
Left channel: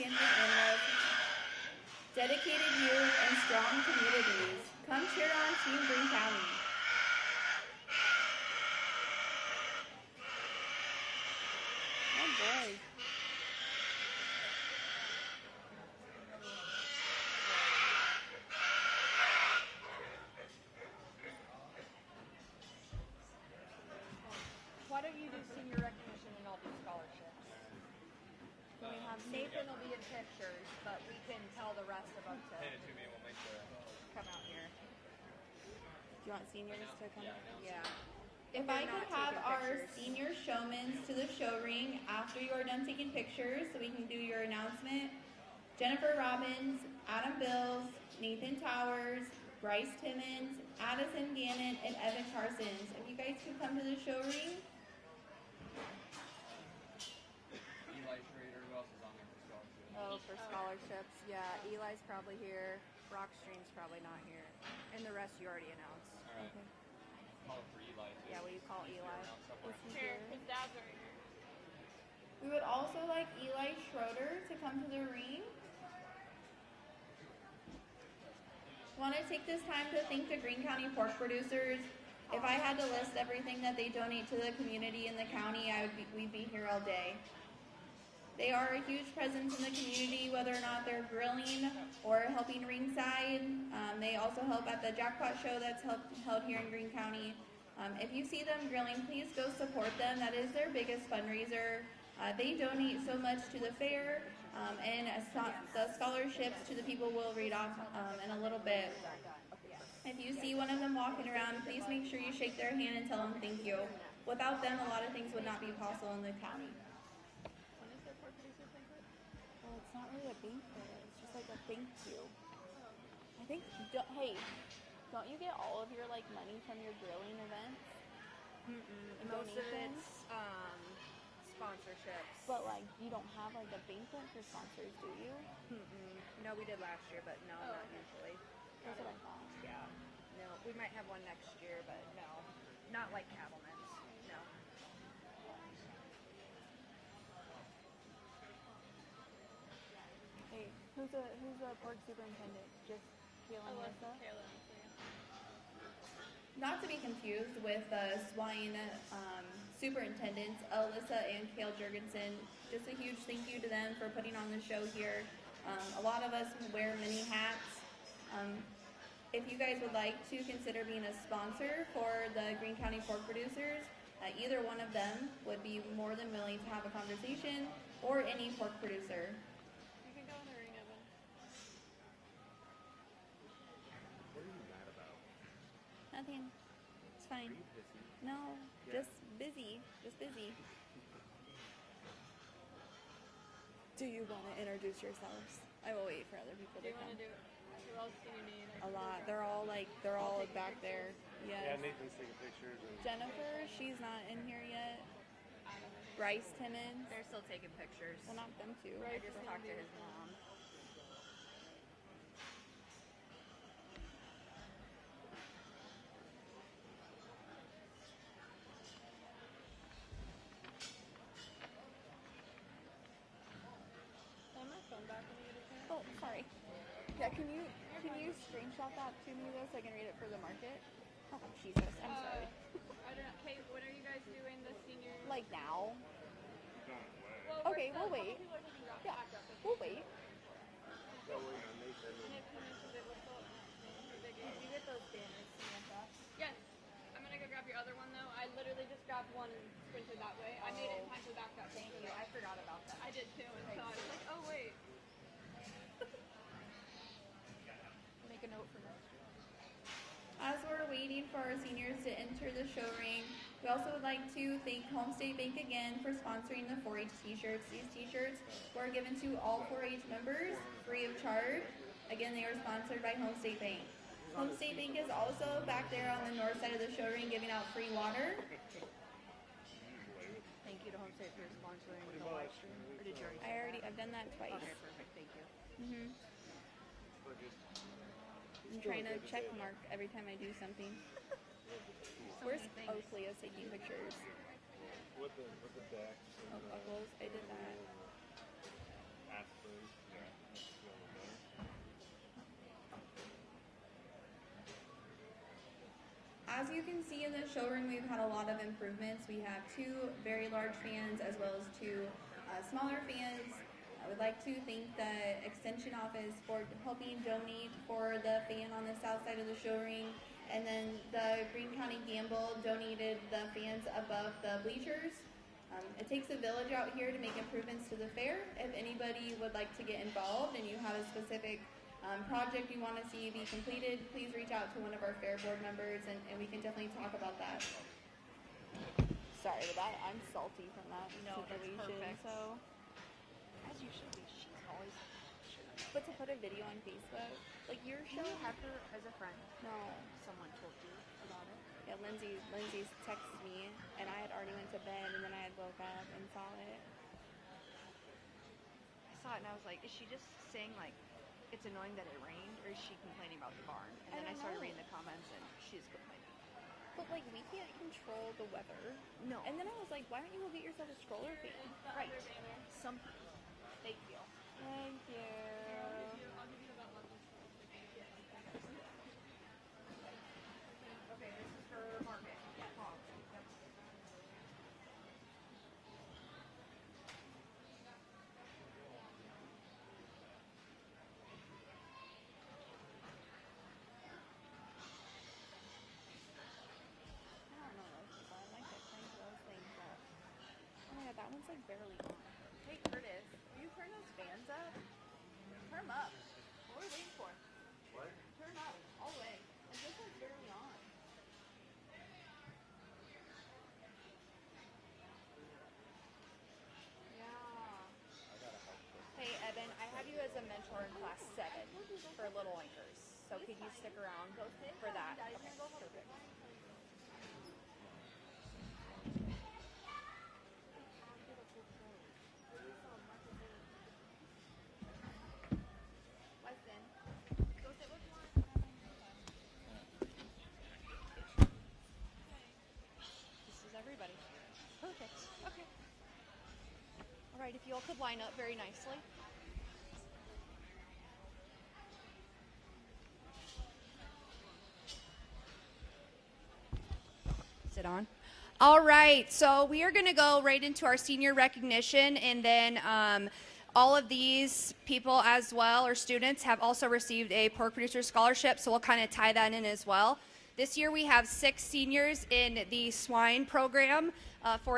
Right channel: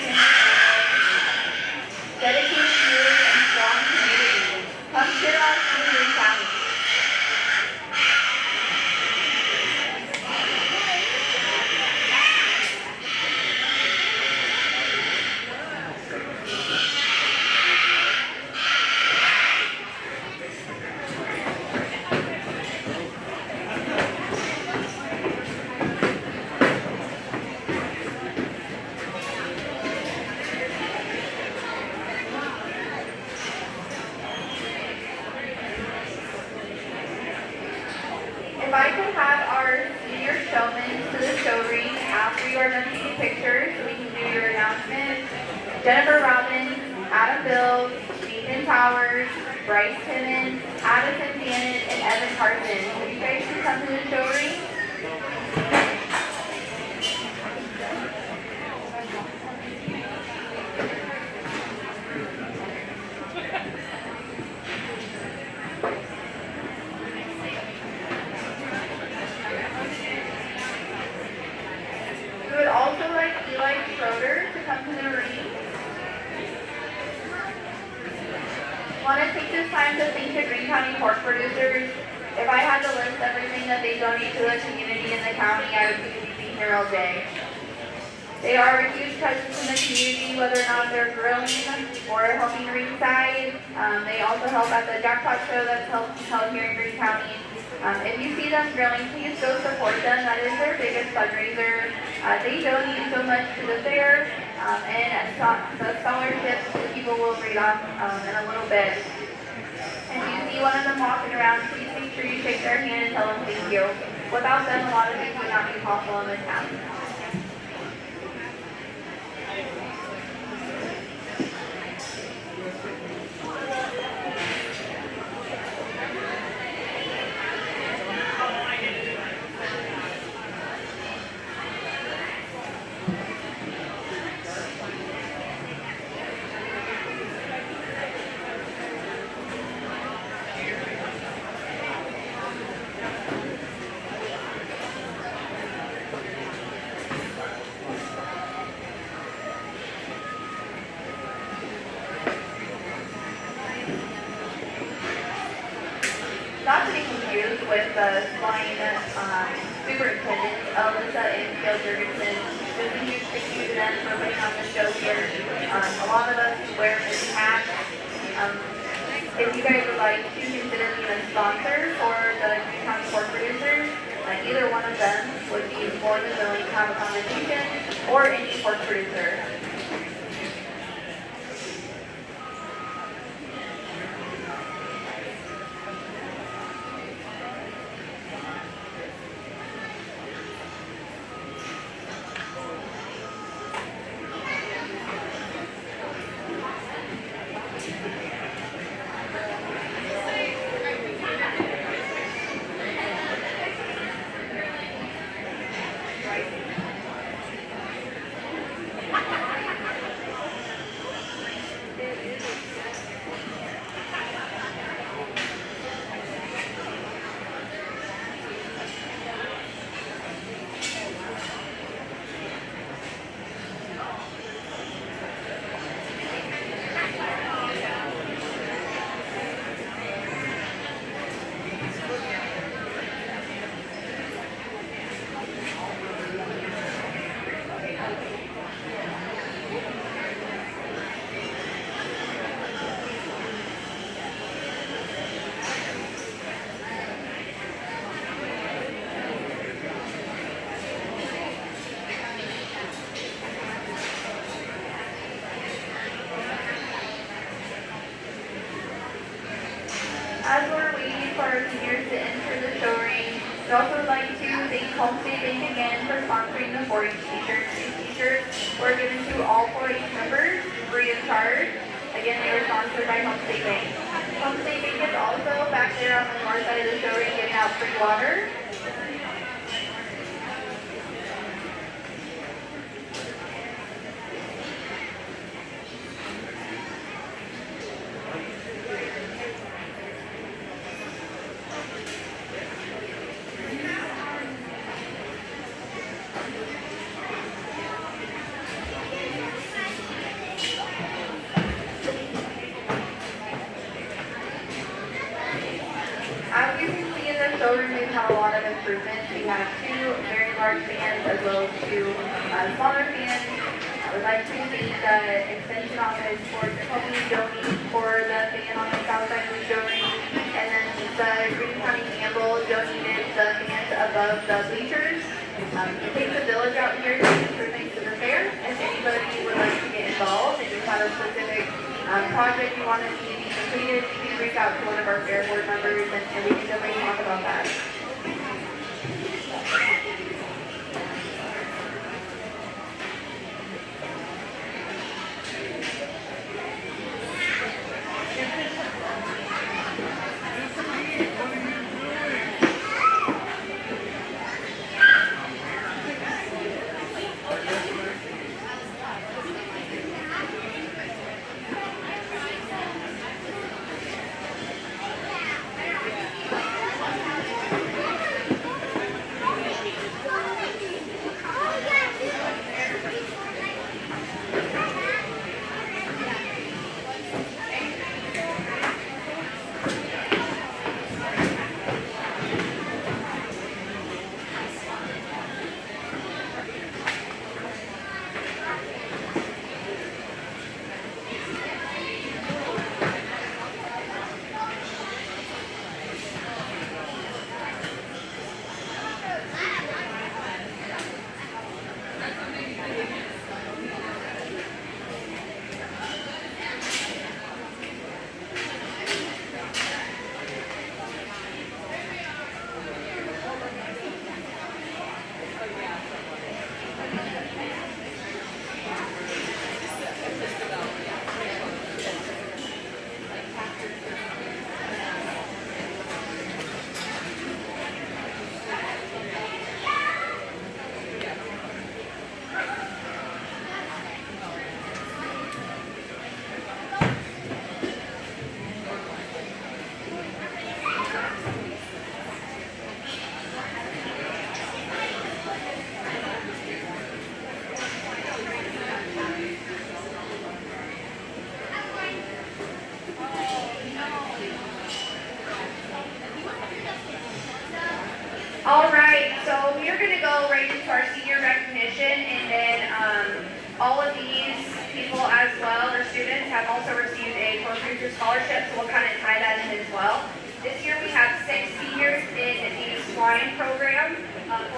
Jennifer Robbins, Adam Bills, Nathan Powers, Bryce Timmons, Addison Bannon, and Evan Carson. Would you guys please come to the show ring? We would also like Eli Schroeder to come to the ring. Want to take this time to thank the Greene County pork producers. If I had to list everything that they donate to the community and the county, I would be here all day. They are a huge presence in the community, whether or not they're grilling or helping ringside. They also help at the Jackpot Show that's held here in Greene County. If you see them grilling, please go support them. That is their biggest fundraiser. They donate so much to the fair, and the scholarships people will read on in a little bit. If you see one of them walking around, please make sure you shake their hand and tell them thank you. Without them, a lot of things would not be possible in this town. Not to be confused with the swine superintendent, Alyssa and Gail Jurgensen. Just a huge thank you to them for putting on the show here. A lot of us wear many hats. If you guys would like to consider being a sponsor for the Greene County pork producers, either one of them would be more than willing to have a conversation, or any pork producer. As we're waiting for our seniors to enter the show ring, we'd also like to thank Homestay Bank again for sponsoring the 4-H t-shirts. These t-shirts were given to all 4-H members free of charge. Again, they were sponsored by Homestay Bank. Homestay Bank is also back there on the north side of the show ring giving out free water. As you can see in the showroom, we've had a lot of improvements. We have 2 very large fans as well as 2 smaller fans. I would like to thank the extension office for helping donate for the fan on the south side of the showroom. And then the Greene County Gamble donated the fans above the bleachers. It takes a village out here to make improvements to the fair. If anybody would like to get involved and you have a specific project you want to see completed, please reach out to one of our fair board members and we can definitely talk about that.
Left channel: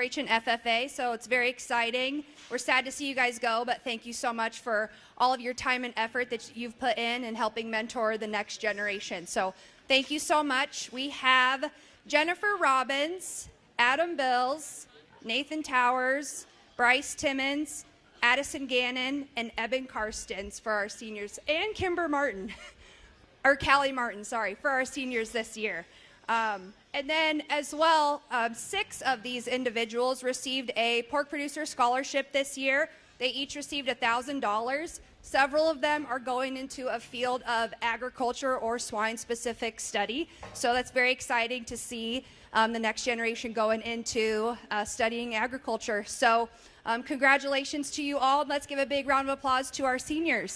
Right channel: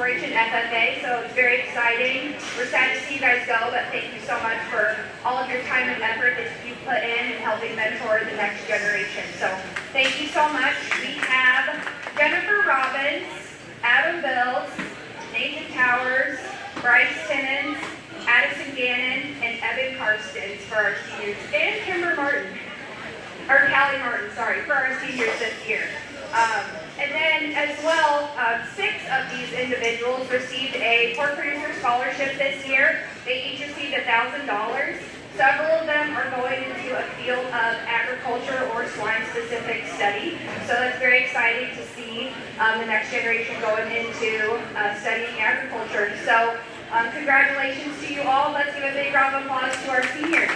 Operation FFA, so it's very exciting. We're sad to see you guys go, but thank you so much for all of your time and effort that you've put in helping mentor the next generation. So thank you so much. We have Jennifer Robbins, Adam Bills, Nathan Towers, Bryce Timmons, Addison Gannon, and Evan Karstens for our seniors, and Kimber Martin, or Callie Martin, sorry, for our seniors this year. And then as well, 6 of these individuals received a pork producer scholarship this year. They each received $1,000. Several of them are going into a field of agriculture or swine-specific study. So that's very exciting to see the next generation going into studying agriculture. So congratulations to you all. Let's give a big round of applause to our seniors.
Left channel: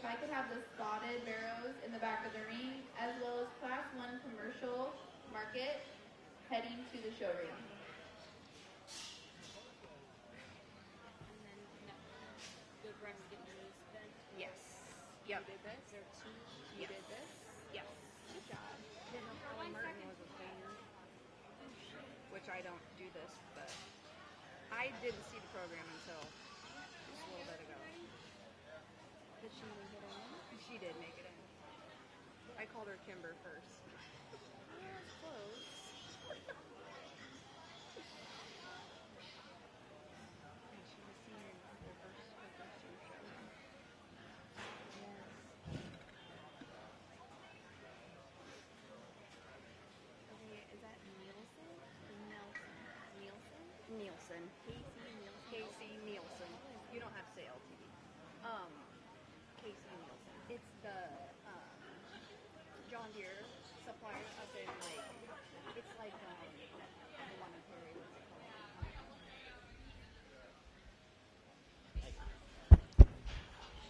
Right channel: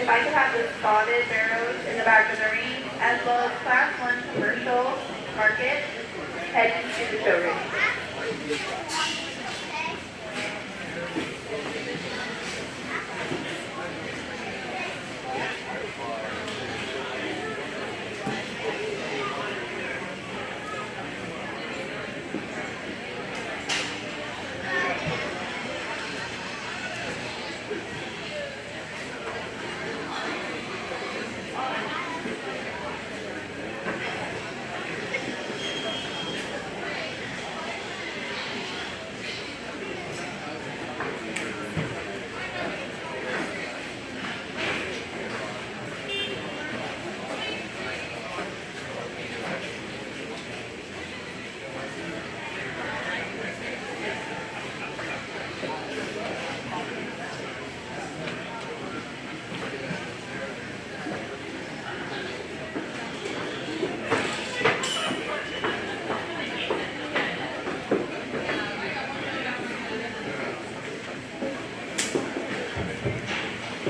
If I could have the spotted barrows in the back of the ring, as well as Class 1 commercial market heading to the showroom.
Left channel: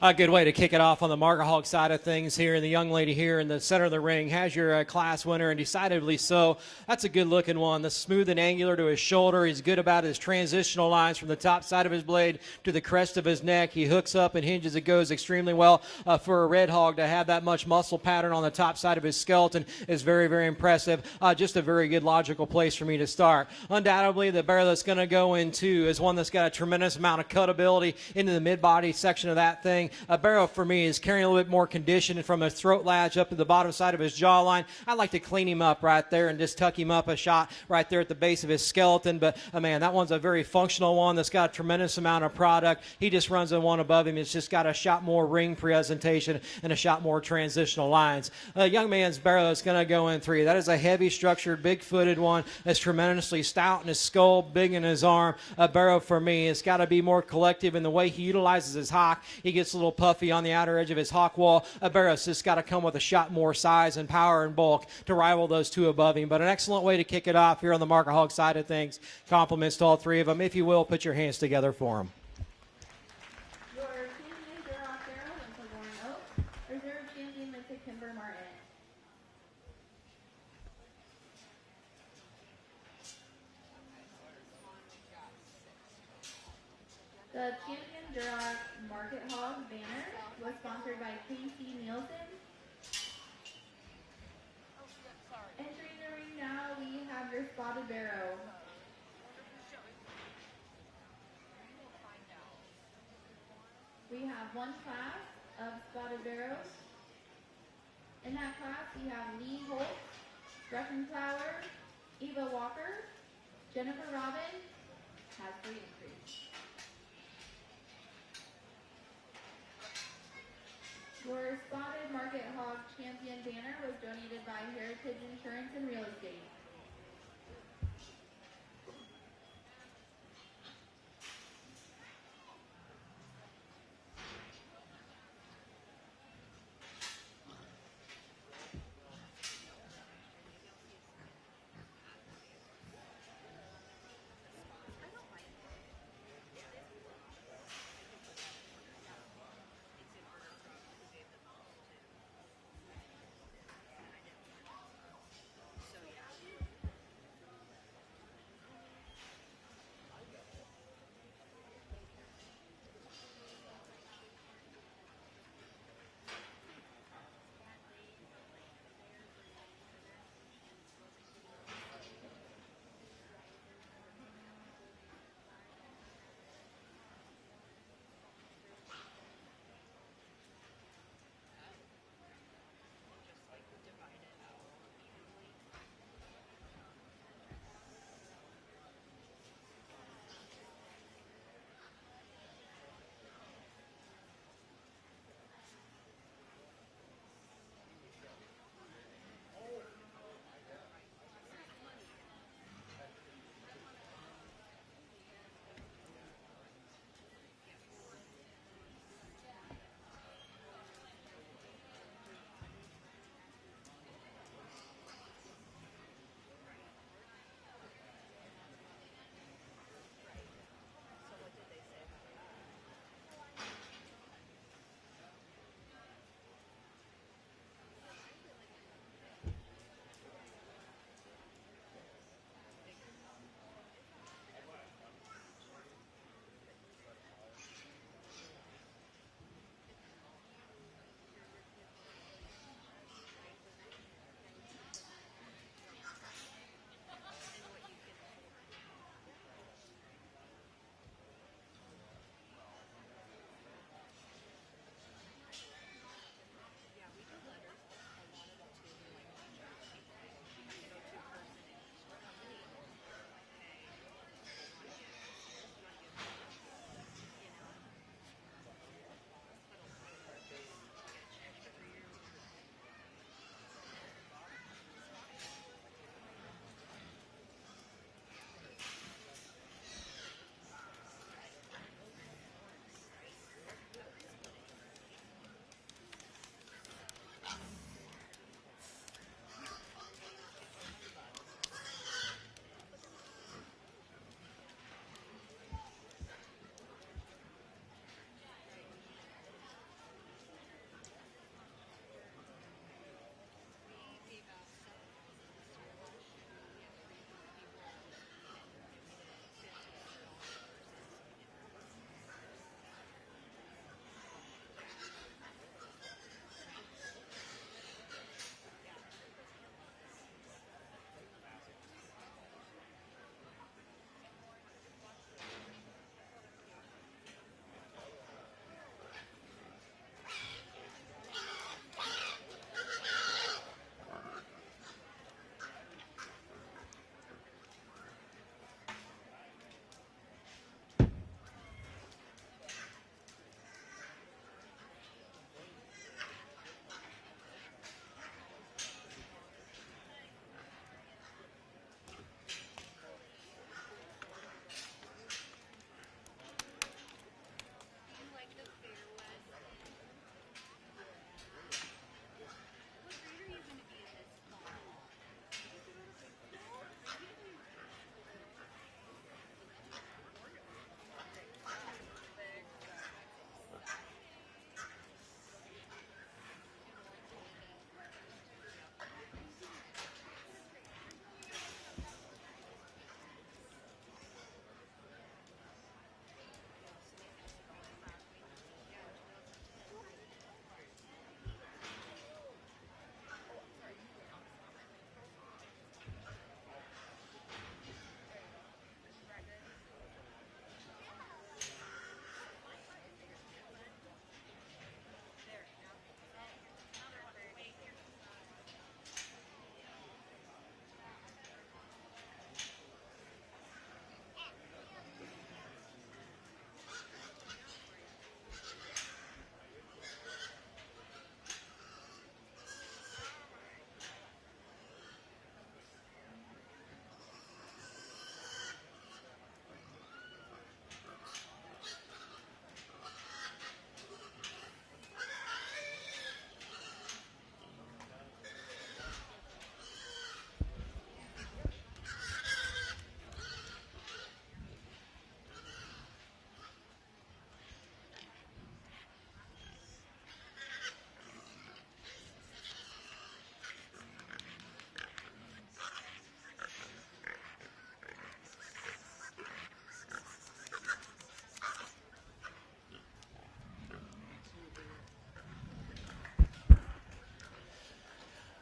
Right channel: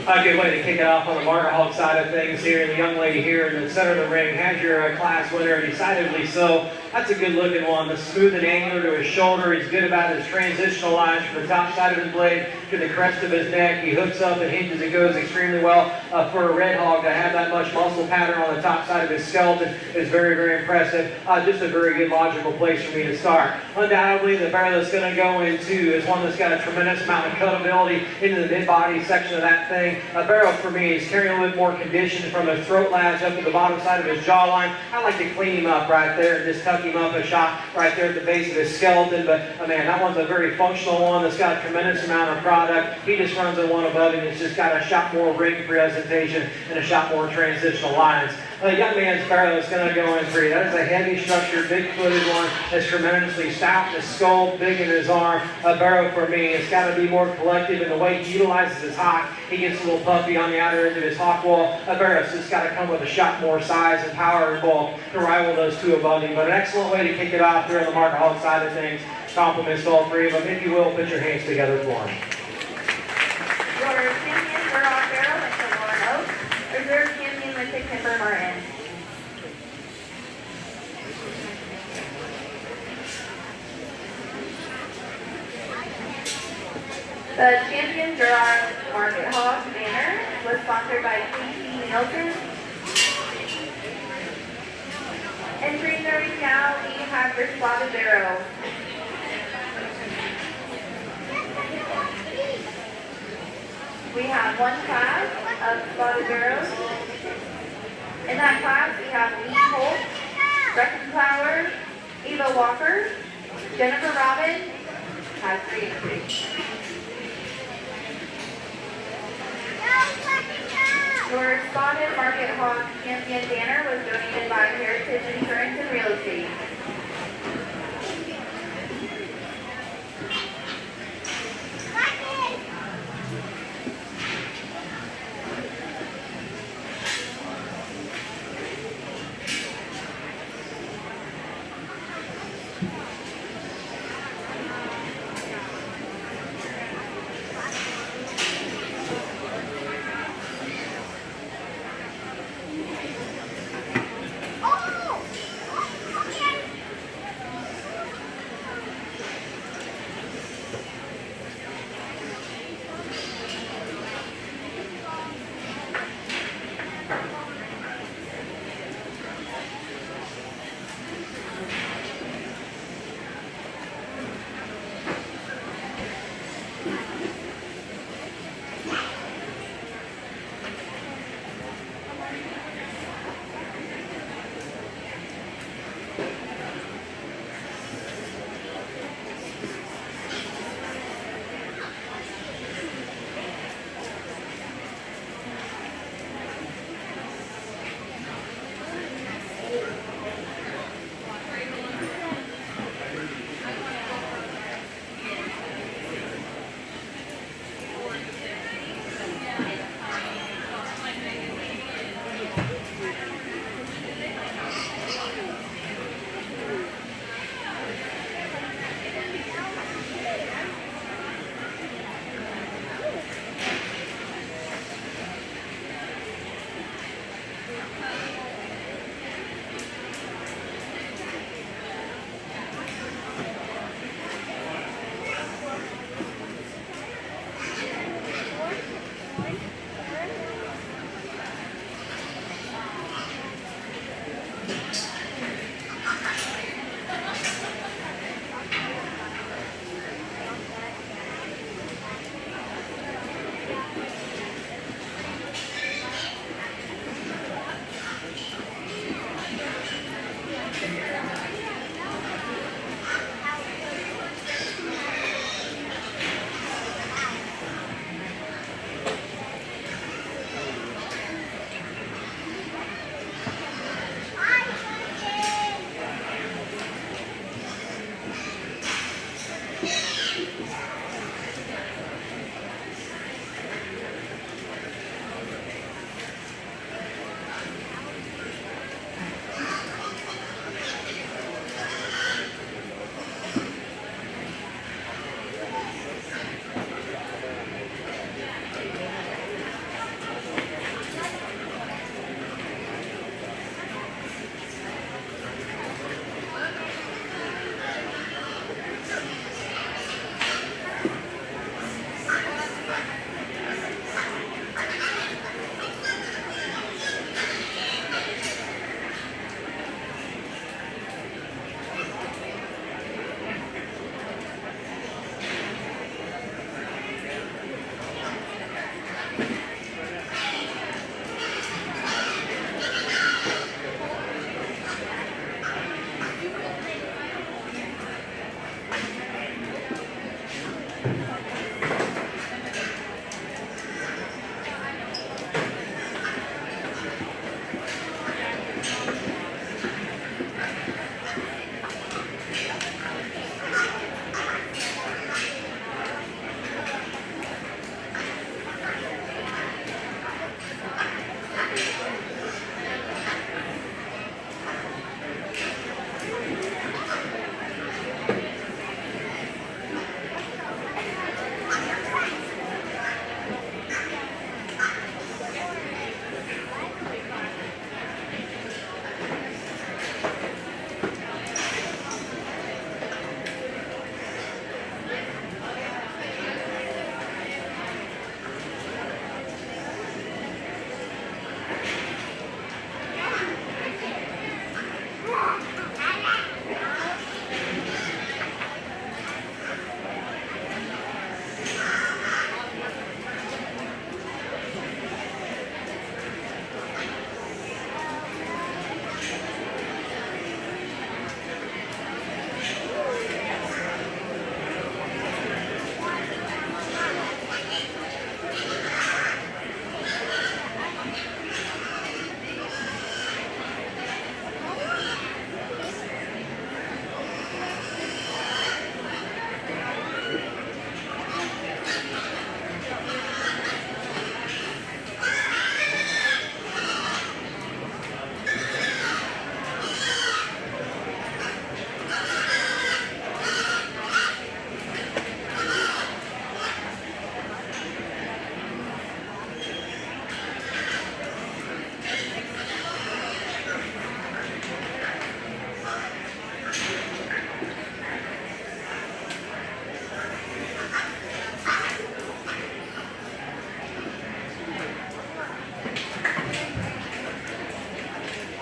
I'd be way to kick it off on the Martin Hall side of things here. The young lady here in the center of the ring has your class winner, decidedly so. That's a good looking one. The smooth and angular to his shoulder. He's good about his transitional lines from the top side of his blade to the crest of his neck. He hooks up and hinges. It goes extremely well for a red hog to have that much muscle pattern on the top side of his skeleton is very, very impressive. Just a very good logical place for me to start. Undoubtedly, the barrel that's going to go into is one that's got a tremendous amount of cutability into the mid-body section of that thing. A barrel for me is carrying a little more condition from his throat latch up to the bottom side of his jawline. I like to clean him up right there and just tuck tucked him up a shot right there at the base of his skeleton. But I mean, that one's a very functional one. It's got a tremendous amount of product. He just runs the one above it. It's just got a shot more ring presentation and a shot more transitional lines. The young man's barrel is going to go in 3. That is a heavy structure, big footed one. That's tremendously stout in his skull, big in his arm. A barrel for me. It's got to be more collective in the way he utilizes his hock. He gets a little puffy on the outer edge of his hock wall. A barrel's just got to come with a shot more size and power involved to rival those two above him. But an excellent way to kick it off here on the Mark Hawk side of things. Compliments to all 3 of them. If you will, put your hands together for him. Your champion Burdock Barrel went to Lauren Oak. Reserve champion went to Kimber Martin. The champion Durham Market Hawk banner was sponsored by K.C. Nielsen. Entering the ring now, we have your spotted barrel. We have 1 class of spotted barrels. In that class, we have Lee Holt, Brecken Flower, Eva Walker, Jennifer Robin, has 3 entries. Your spotted Market Hawk champion banner was donated by Heritage Insurance and Real Estate.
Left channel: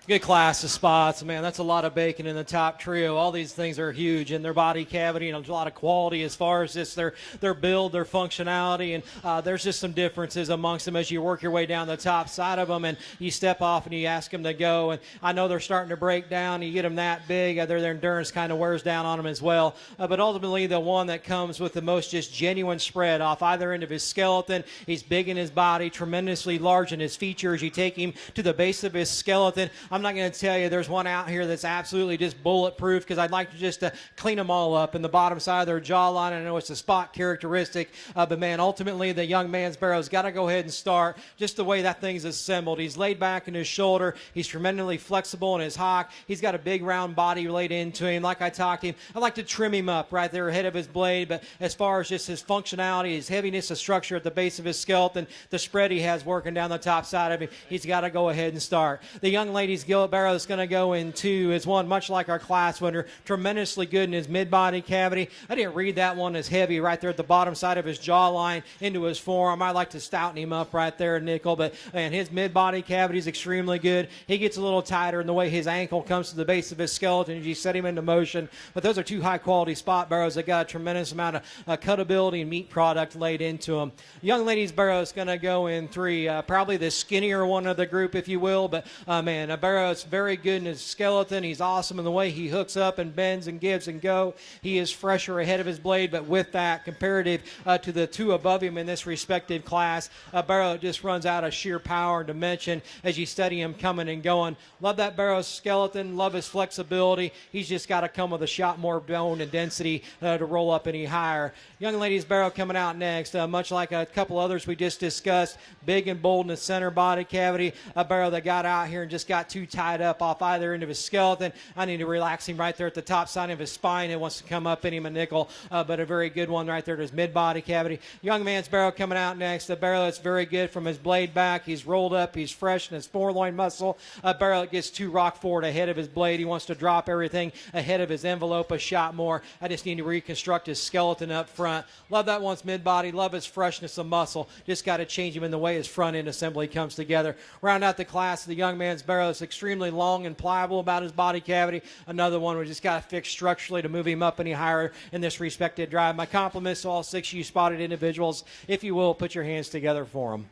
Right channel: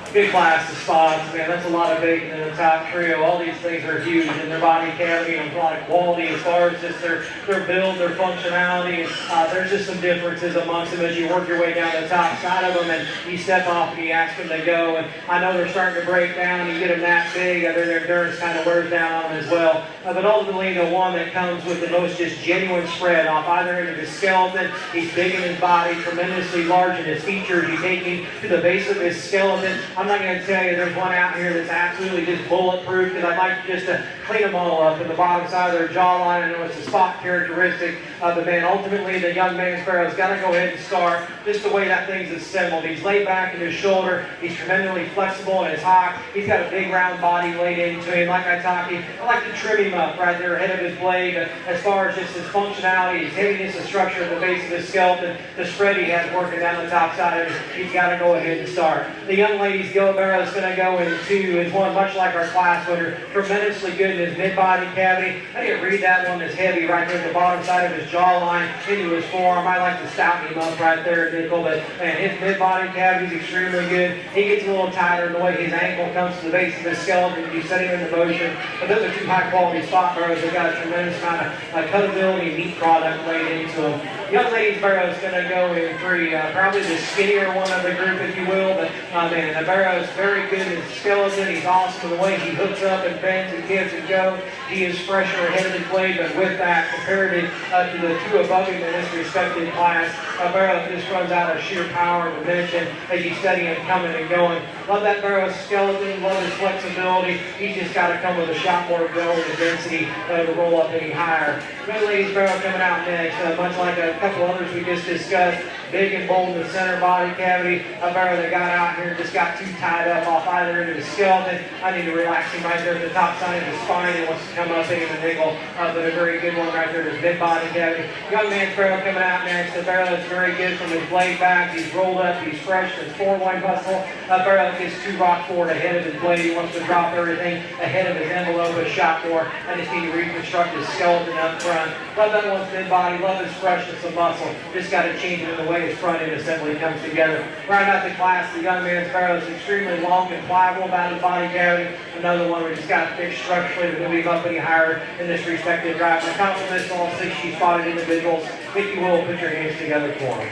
Good class of spots, man. That's a lot of bacon in the top trio. All these things are huge in the body cavity and a lot of quality as far as just their build, their functionality. There's just some differences amongst them as you work your way down the top side of them and you step off and you ask them to go. And I know they're starting to break down. You get them that big and their endurance kind of wears down on them as well. But ultimately, the one that comes with the most just genuine spread off either end of his skeleton. He's big in his body, tremendously large in his features. He's taking to the base of his skeleton. I'm not going to tell you there's one out here that's absolutely just bulletproof because I'd like just to clean them all up in the bottom side of their jawline. I know it's a spot characteristic of the man. Ultimately, the young man Sparrow's got to go ahead and start just the way that thing's assembled. He's laid back in his shoulder. He's tremendously flexible in his hop. He's got a big round body laid into him. Like I talked to you, I'd like to trim him up right there ahead of his blade. But as far as just his functionality, his heaviness, the structure at the base of his skeleton, the spread he has working down the top side of it, he's got to go ahead and start. The young lady's gill barrel is going to go into is one much like our class winner, tremendously good in his mid-body cavity. I didn't read that one that's heavy right there at the bottom side of his jawline into his forearm. I like to stout him up right there, Nickel, but man, his mid-body cavity is extremely good. He gets a little tighter in the way his ankle comes to the base of his skeleton to be setting in motion. But those are two high-quality spot barrels. They've got a tremendous amount of cutability and neat product laid into them. Young lady's barrel is going to go in three, probably the skinnier one of the group, if you will. But man, the barrel is very good in his skeleton. He's awesome in the way he hooks up and bends and gives and go. He is fresh in the head of his blade, but with that, compared to the two above him in this respective class, a barrel just runs out of sheer power and dimension as he's steady and coming and going. Love that barrel's skeleton, love his flexibility. He's just got to come with a shot more going and density to roll up any higher. Young lady's barrel coming out next, much like a couple others we just discussed. Big and bold in the center body cavity. A barrel that got out here and just got too tied up off either end of his skeleton. I need to relax him right there at the top side of his spine. He wants to come up in and nibble. But a very good one right there in his mid-body cavity. Young man's barrel coming out next. The barrel is very good from his blade back. He's rolled up. He's fresh in his forward muscle. A barrel gets too rock forward ahead of his blade. He wants to drop everything ahead of his envelope or shot more. I just need to reconstruct his skeleton up front. Love that one's mid-body. Love his freshness of muscle. Just got to change in the way his front end assembly comes together. Round out the class, the young man's barrel is extremely long and pliable about his body cavity. Another one where he's got fixed structurally to move up any higher in this respective route. Compliments to all 60 spotted individuals. If you will, put your hands together for them.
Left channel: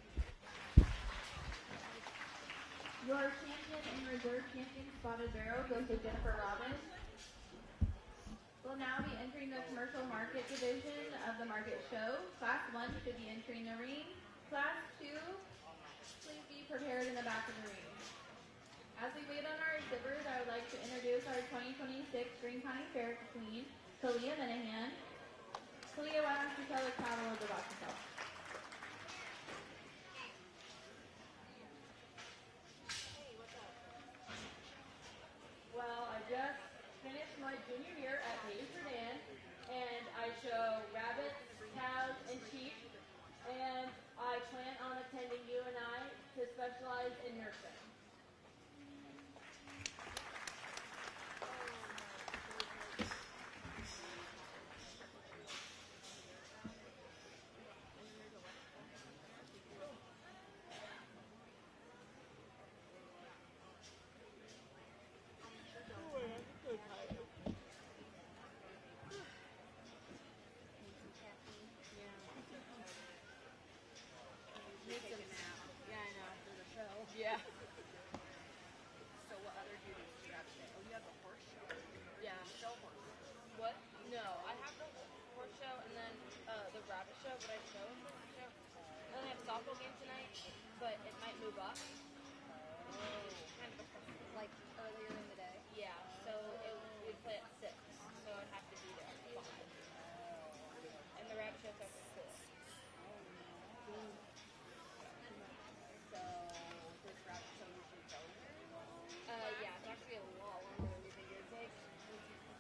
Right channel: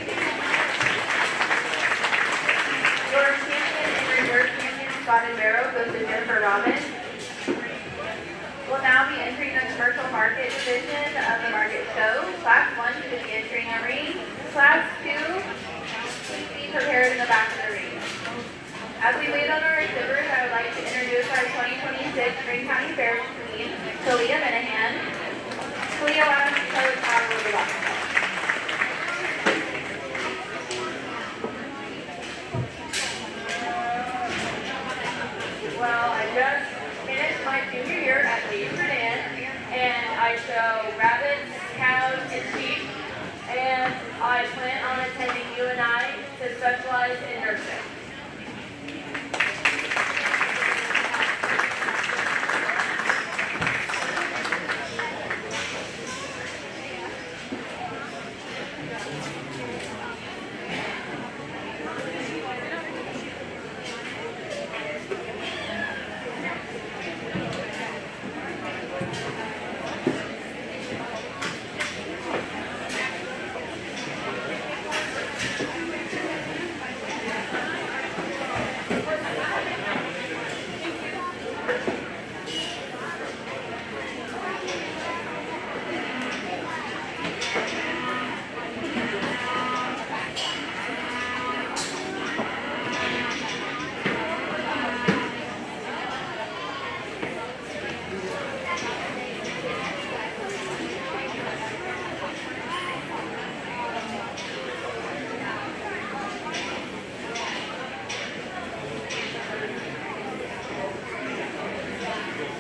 Your champion and reserve champion spotted barrel goes to Jennifer Robbins. We'll now be entering the commercial market division of the market show. Class 1 should be entering a ring. Class 2, please be prepared in the back of the ring. As we wait on our exhibitors, I would like to introduce our 2026 Greene County Fair Queen, Kalia Minahan. Kalia, why don't you tell us how we'll be watching? Well, I just finished my junior year at Greene, and I show rabbits, cows, and sheep, and I plan on attending UNI to specialize in nursing.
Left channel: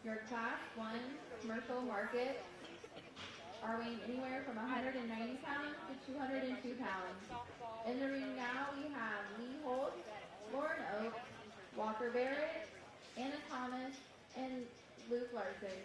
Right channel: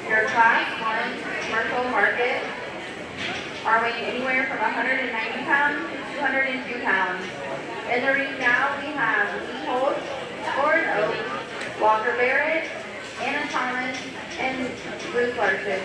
Your class 1 commercial market are weighing anywhere from 190 pounds to 202 pounds. In the ring now we have Lee Holt, Gordon Oak, Walker Barrett, Anna Thomas, and Bruce Larson.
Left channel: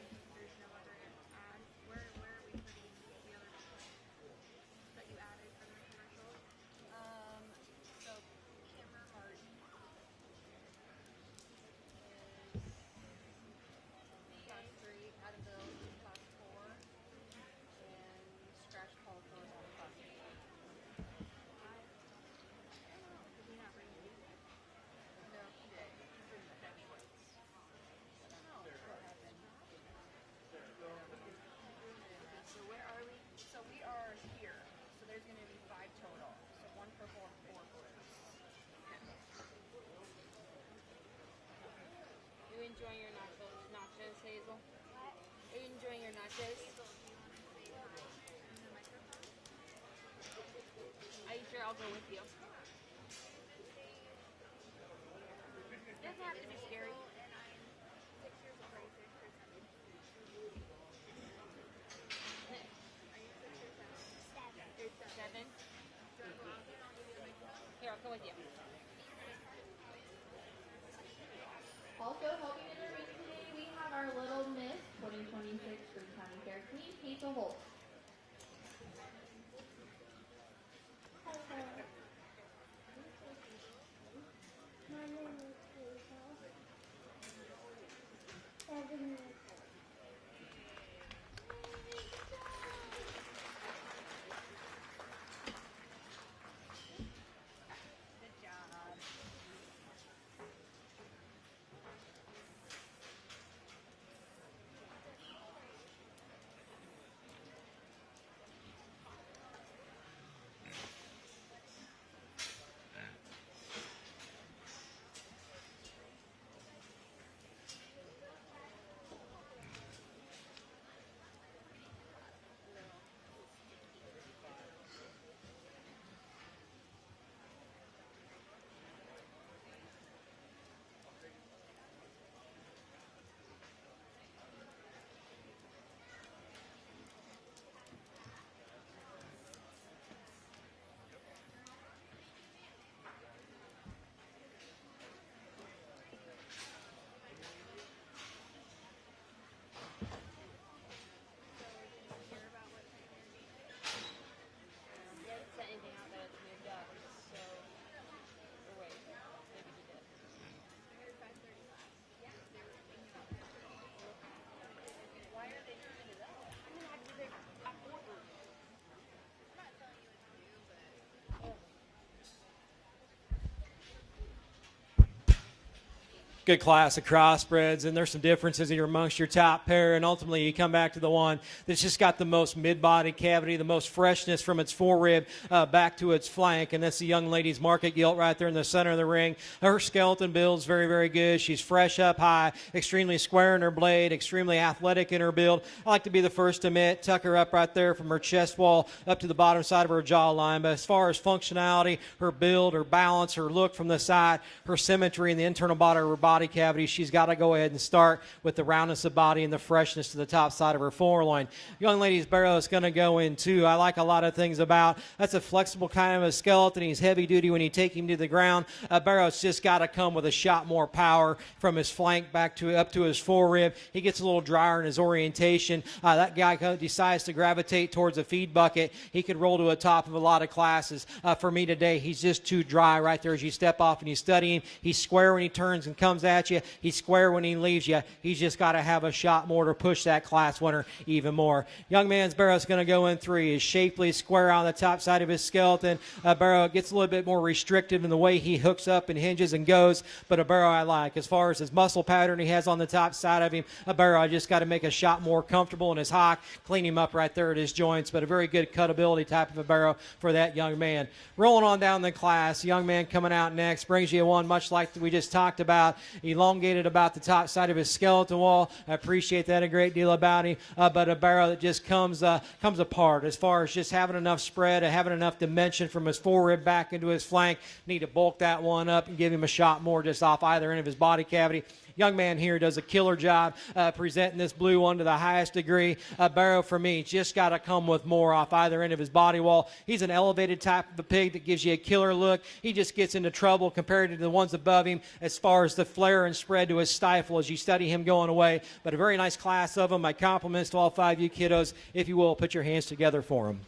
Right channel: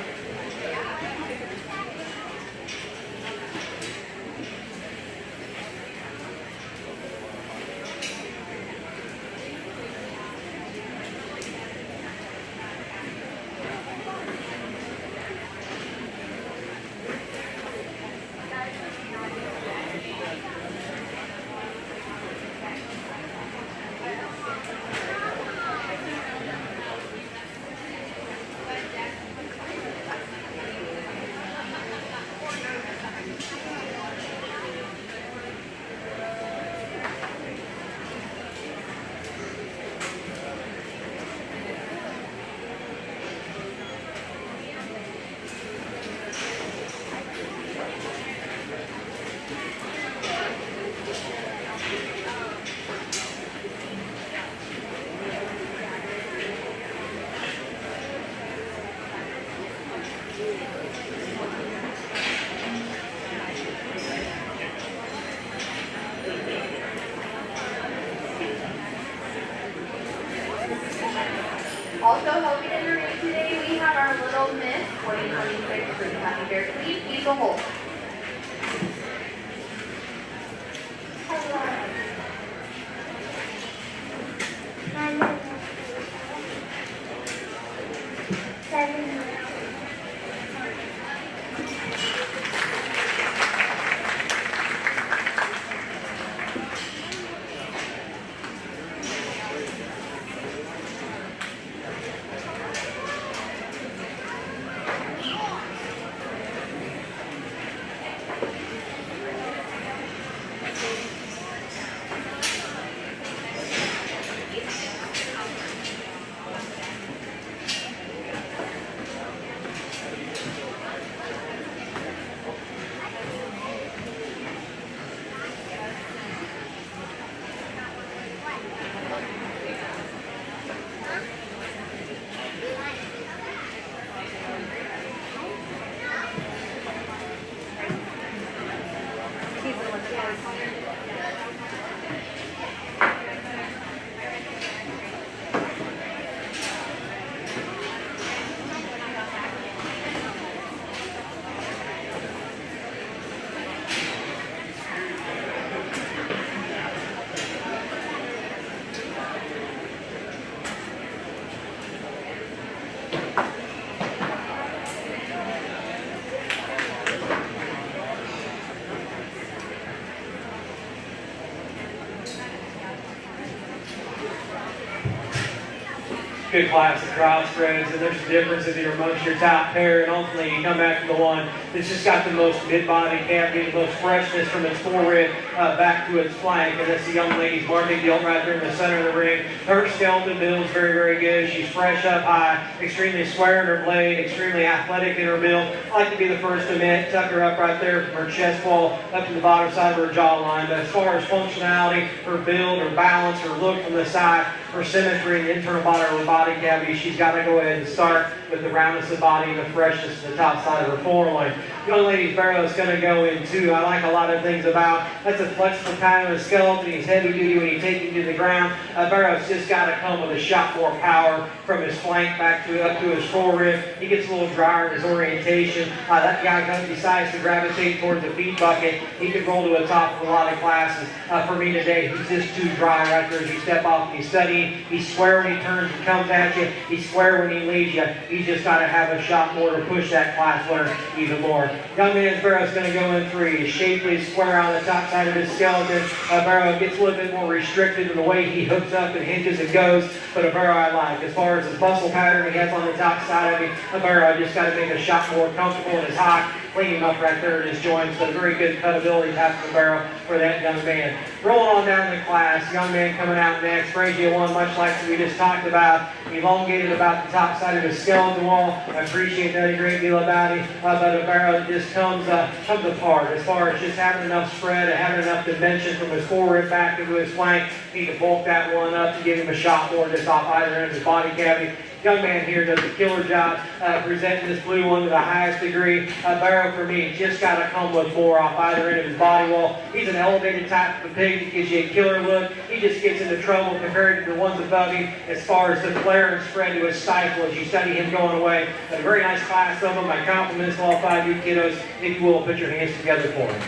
Good class of crossbreds, and there's some differences here amongst your top pair, and ultimately you come back to the one that's just got the most mid-body cavity, the most freshness from its forehead back to its flank, and that's the young lady's Market Yell right there in the center of the ring. Her skeleton build is very, very good. She's fresh up high, extremely square in her blade, extremely athletic in her build. I like to be the first to admit, tuck her up right there from her chest wall up to the bottom side of her jawline. But as far as functionality, her build, her balance, her look from the side, her symmetry, the internal body of her body cavity, she's got to go ahead and start with the roundness of body and the freshness to the top side of her foreloin. Young lady's barrel is going to go into, I like a lot of things about, that's a flexible kind of a skeleton. He's heavy duty when you take him to the ground. Barrow's just got to come with a shot more power from his flank back to up to his forehead. He gets a little drier in his orientation. That guy decides to gravitate towards the feed bucket. He can roll to the top of a lot of classes. For me today, he's just too dry right there as you step off and you study. He's square when he turns and comes at you. He's square when he leaves you. He's just got to have a shot more to push that class winner even more. Young man's barrow's going to go in three. He's shapely, square on the top side of his skeleton. Barrow gets a little bit more restricted in the way he hooks up and hinges and goes, but a barrow I like. As far as the muscle pattern he has on the top side of him, a barrow just got to make a shot more comfortable in his hot, clean him up right there in his joints, but a very good cutability type of barrow for that young man. Rolling on down the class, young man coming out next, brings you one much like we just talked about, elongated about the top side of his skeleton wall. I appreciate that a great deal about him, but the barrow just comes apart as far as just having enough spread and having enough dimension from his forward back into his flank. Need to bulk that one up to give him a shot more just off either end of his body cavity. Young man here does a killer job presenting this blue one to the highest degree. Barrow for me just got to come with more off either end of his body wall. He's an elevated type of pig. He gives you a killer look. He just gets into trouble compared to the ones above him as far as the flare and spread to his stifle as you study him going away. But a very nice class of them. My compliments to all 5 of you kiddos. If you will, put your hands together for them.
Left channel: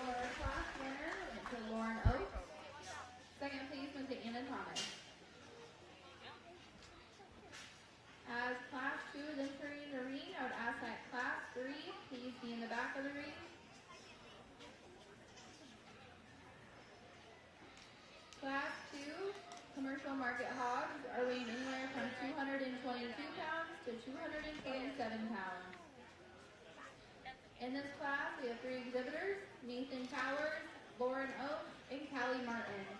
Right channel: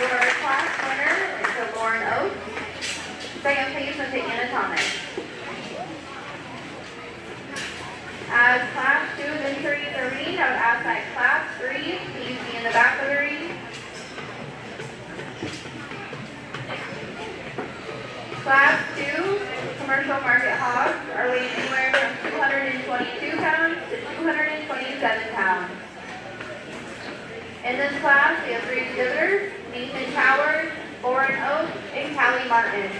Your class winner is the Lauren Oak. Second place went to Anatomic. As class 2 is entering the ring, I would ask that class 3 please be in the back of the ring. Class 2 commercial market hogs are weighing anywhere from 222 pounds to 227 pounds. In this class, we have 3 exhibitors, Nathan Towers, Lauren Oak, and Callie Martin.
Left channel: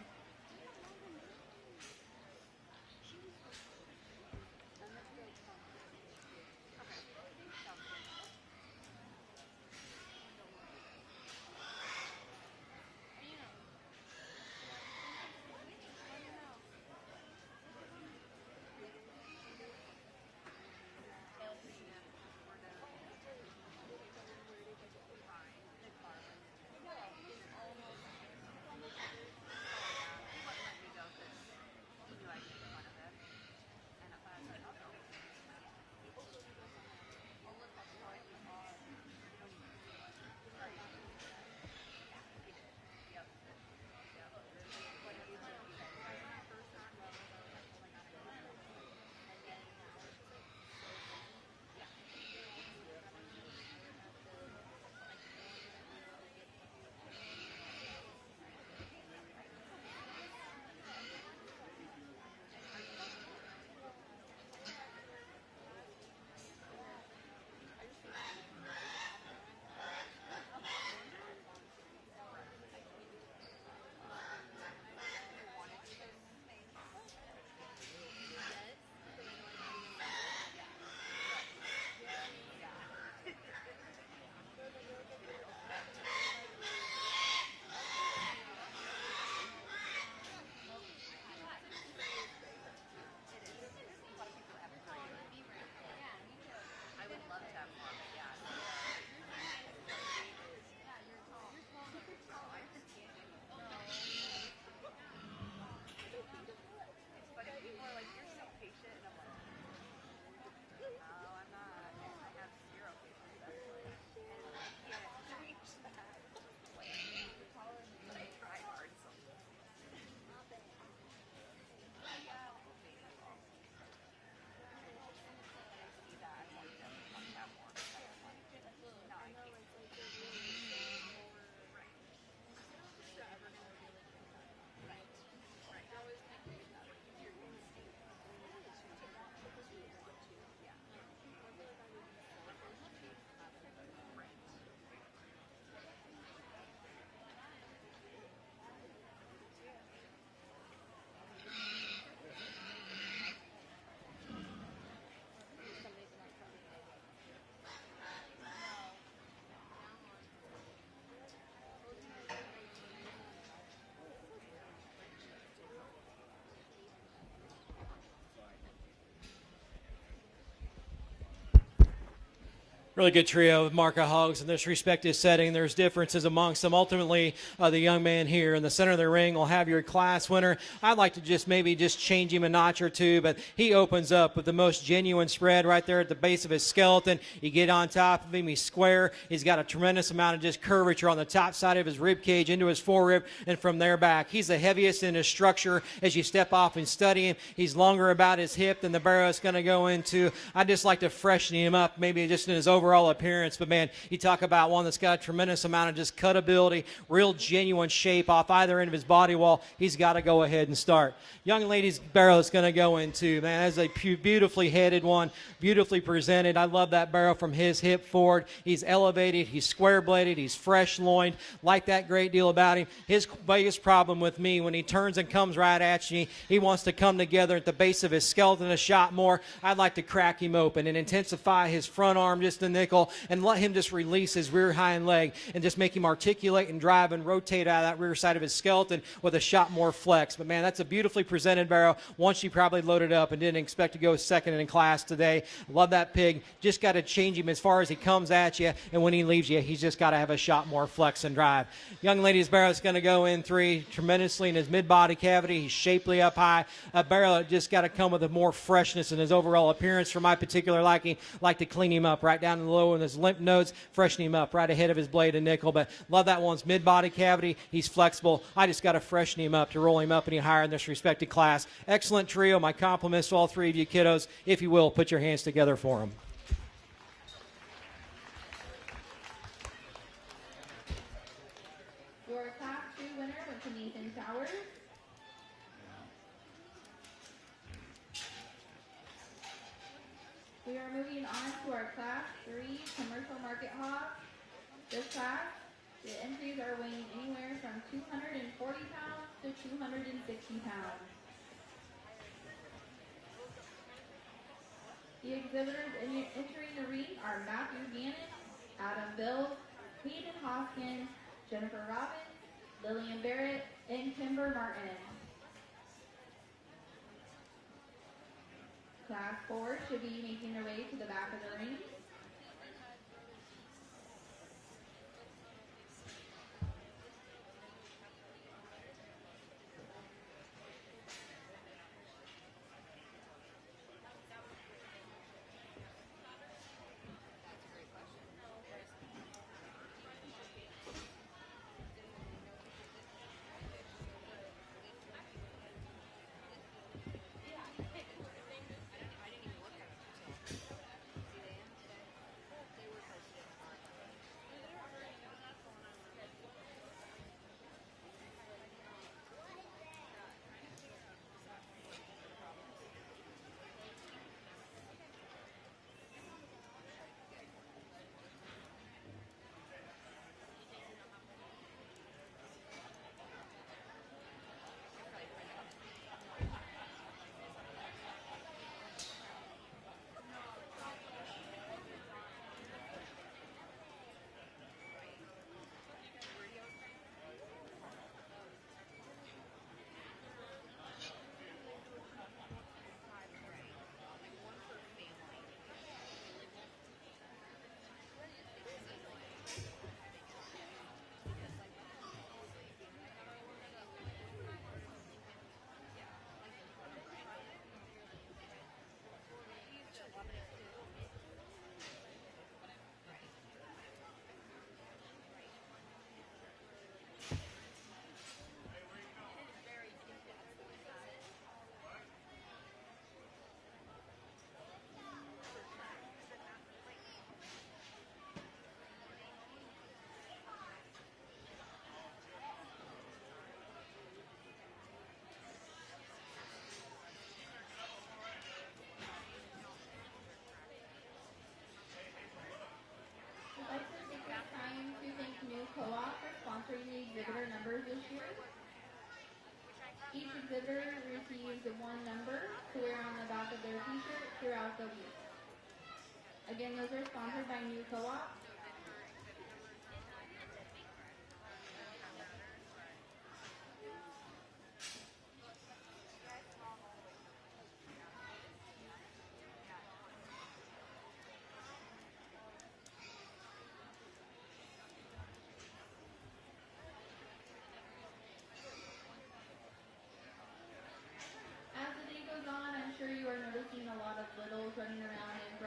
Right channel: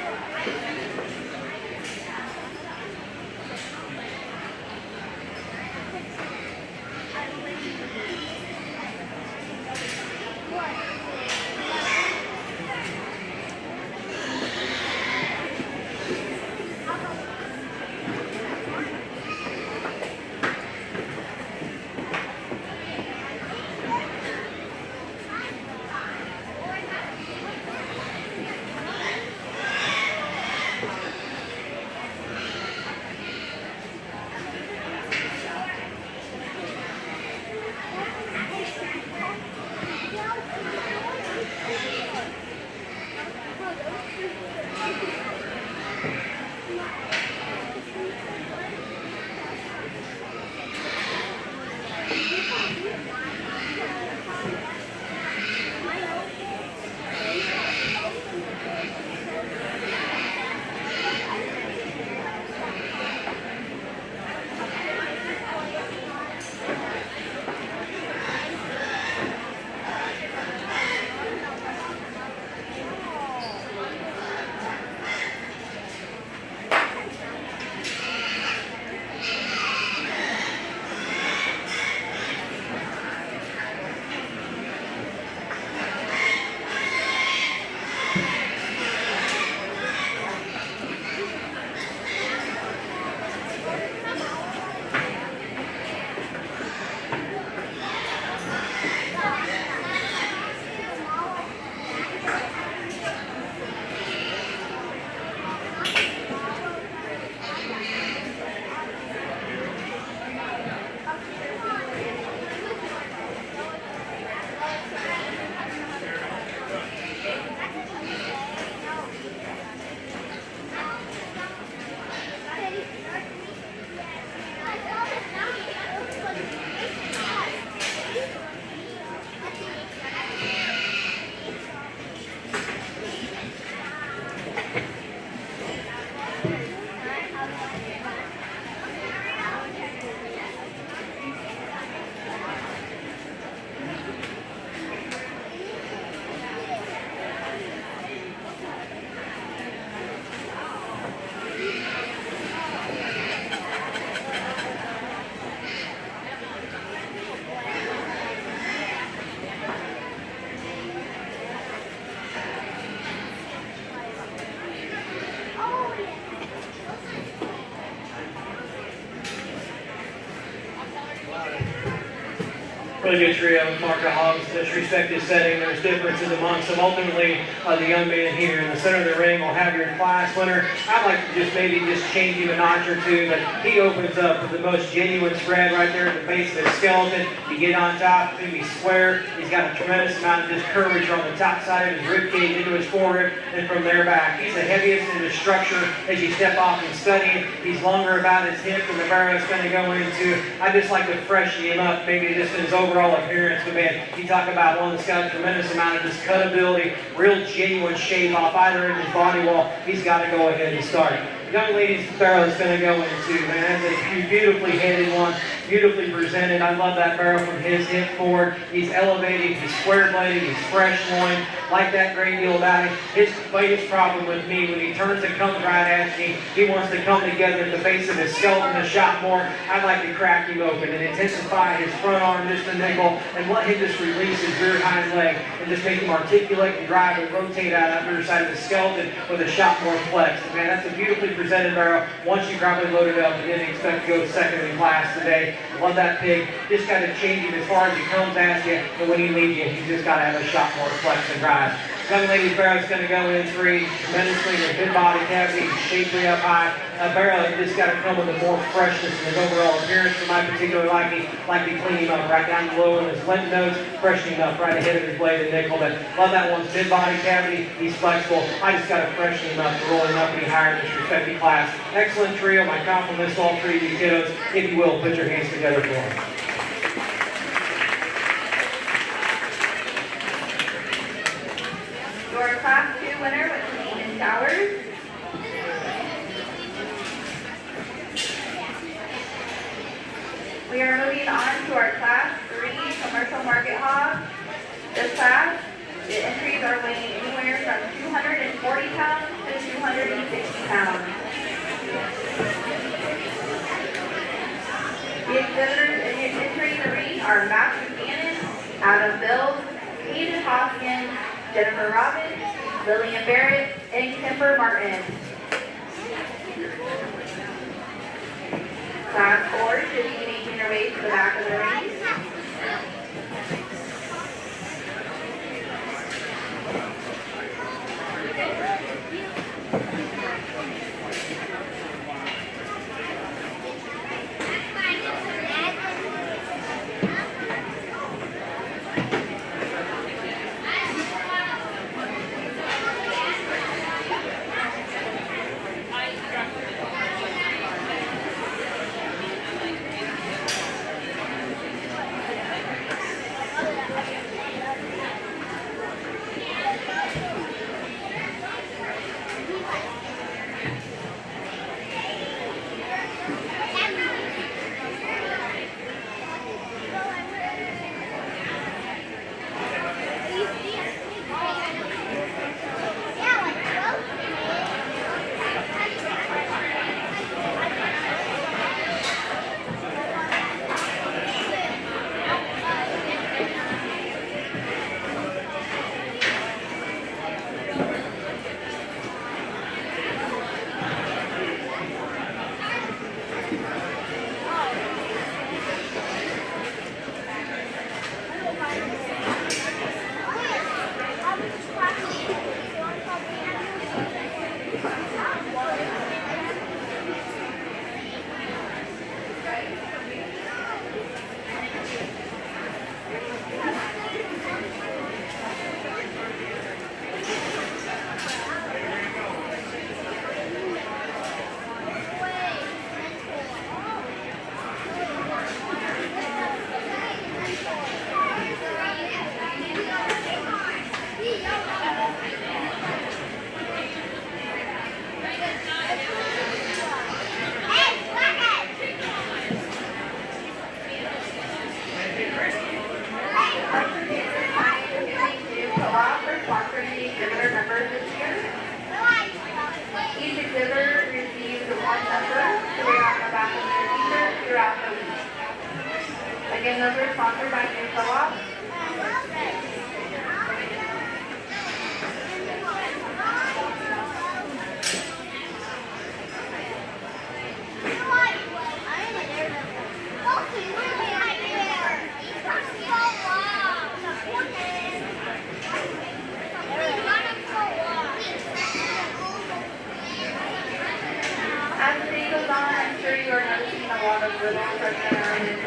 really good trio. Market Hogs, this respective setting. There's differences amongst them. Ultimately, the young man here in the center of the ring will have your class winner. I like to just maybe just changing a notch or two, but he opens up with the most genuine spread right there at the base of his skeleton. You get on top of him, he's square. He's got a tremendous amount of just courage on the top side of his rib cage into his forward, and from there back. He's the heaviest in his structure as you step off and study. He's longer about his hip than the barrow's going to go into. I just like to freshen him up, maybe just in his overall appearance. But man, you talk about one that's got a tremendous amount of his cutability, real genuine shape off either end of his body wall. He's got to go ahead and start. Young lady's barrel is going to go into, man, that's a beautifully headed one, beautifully presented. I love that barrel from his hip forward. He's elevated, he's square-bladed, he's fresh loin. Like that great deal about it. His biggest problem with me, when he turns and comes right at me, he wants to come together at the base of his skeleton a shot more. I like to crack him open and intensify his front arm just a nickel and let him just release his rear hind leg and just make him articulate and drive and rotate that underside of the skeleton with a shot more flex. Man, that's a beautifully presented barrel. Once you probably load it up and didn't expect to go second in class today. Love that pig. Just got to change him as far as he comes at you, and when he leaves you, he's just got to have a shot more flex and drive. Young lady's barrel's going to go in 3 tremendously in his mid-body cavity, shapely up high. That barrel just got to come with more freshness in his overall appearance. For my particular liking, like to clean him up right down below with his lymph nodes, freshen him up right ahead of his blade and nickel. But love that one's mid-body cavity. He's flexible. I just got to freshen him up and roll him up and higher in this respective class. Excellent trio. My compliments to all 3 of you kiddos. If you will, put your hands together for them. Your Class 2 winner was Greene Towers. We are moving on to our Class 3 Commercial Market Hog. This class, the entries are weighing anywhere from 240 pounds to 260 pounds. The exhibitors entering the ring are Matt Buchanan, Adam Bills, Hayden Hoskins, Jennifer Robbins, Lillian Barrett, and Kimber Martin. Class 4 should be making their way to the back of the ring.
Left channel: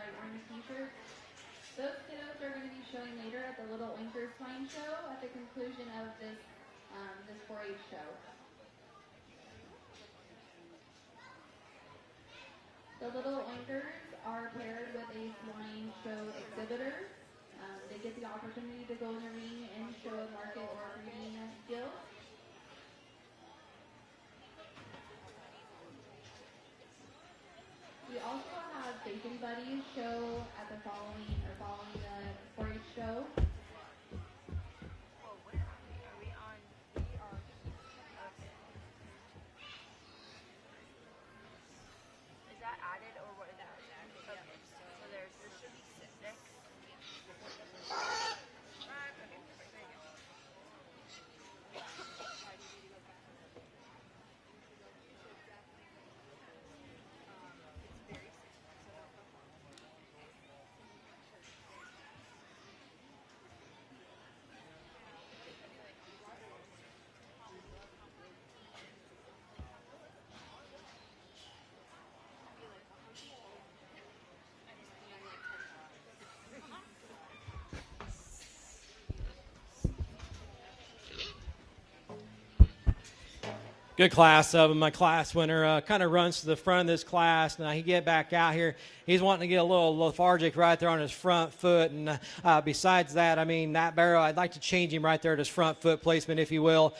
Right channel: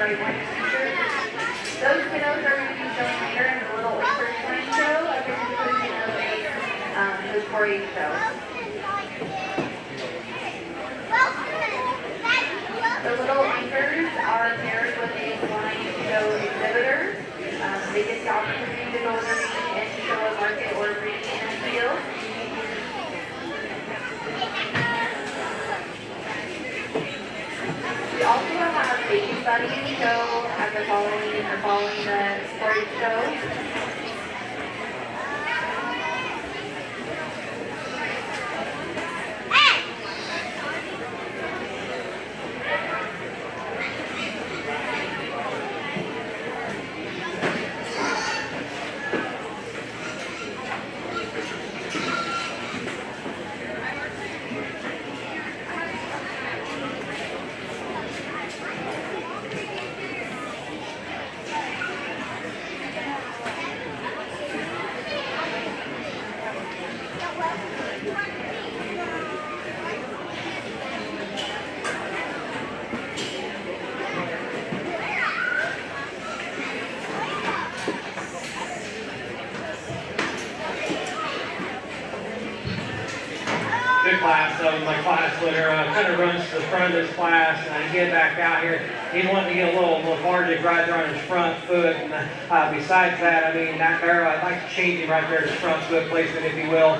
white wine t-shirts. Those kiddos are going to be shown later in the Little FFA Swine Show, a presentation of the 4-H show. The little anchors are paired with a swine show exhibitor. They get the opportunity to go to the range and show a market or breeding in the field. We also have baby buddies show at the following the 4-H show. Good class of them. My class winner kind of runs to the front of this class, and I get back out here. He's wanting to be a little lethargic right there on his front foot. And besides that, I mean, that barrel, I'd like to change him right there at his front foot placement, if you will.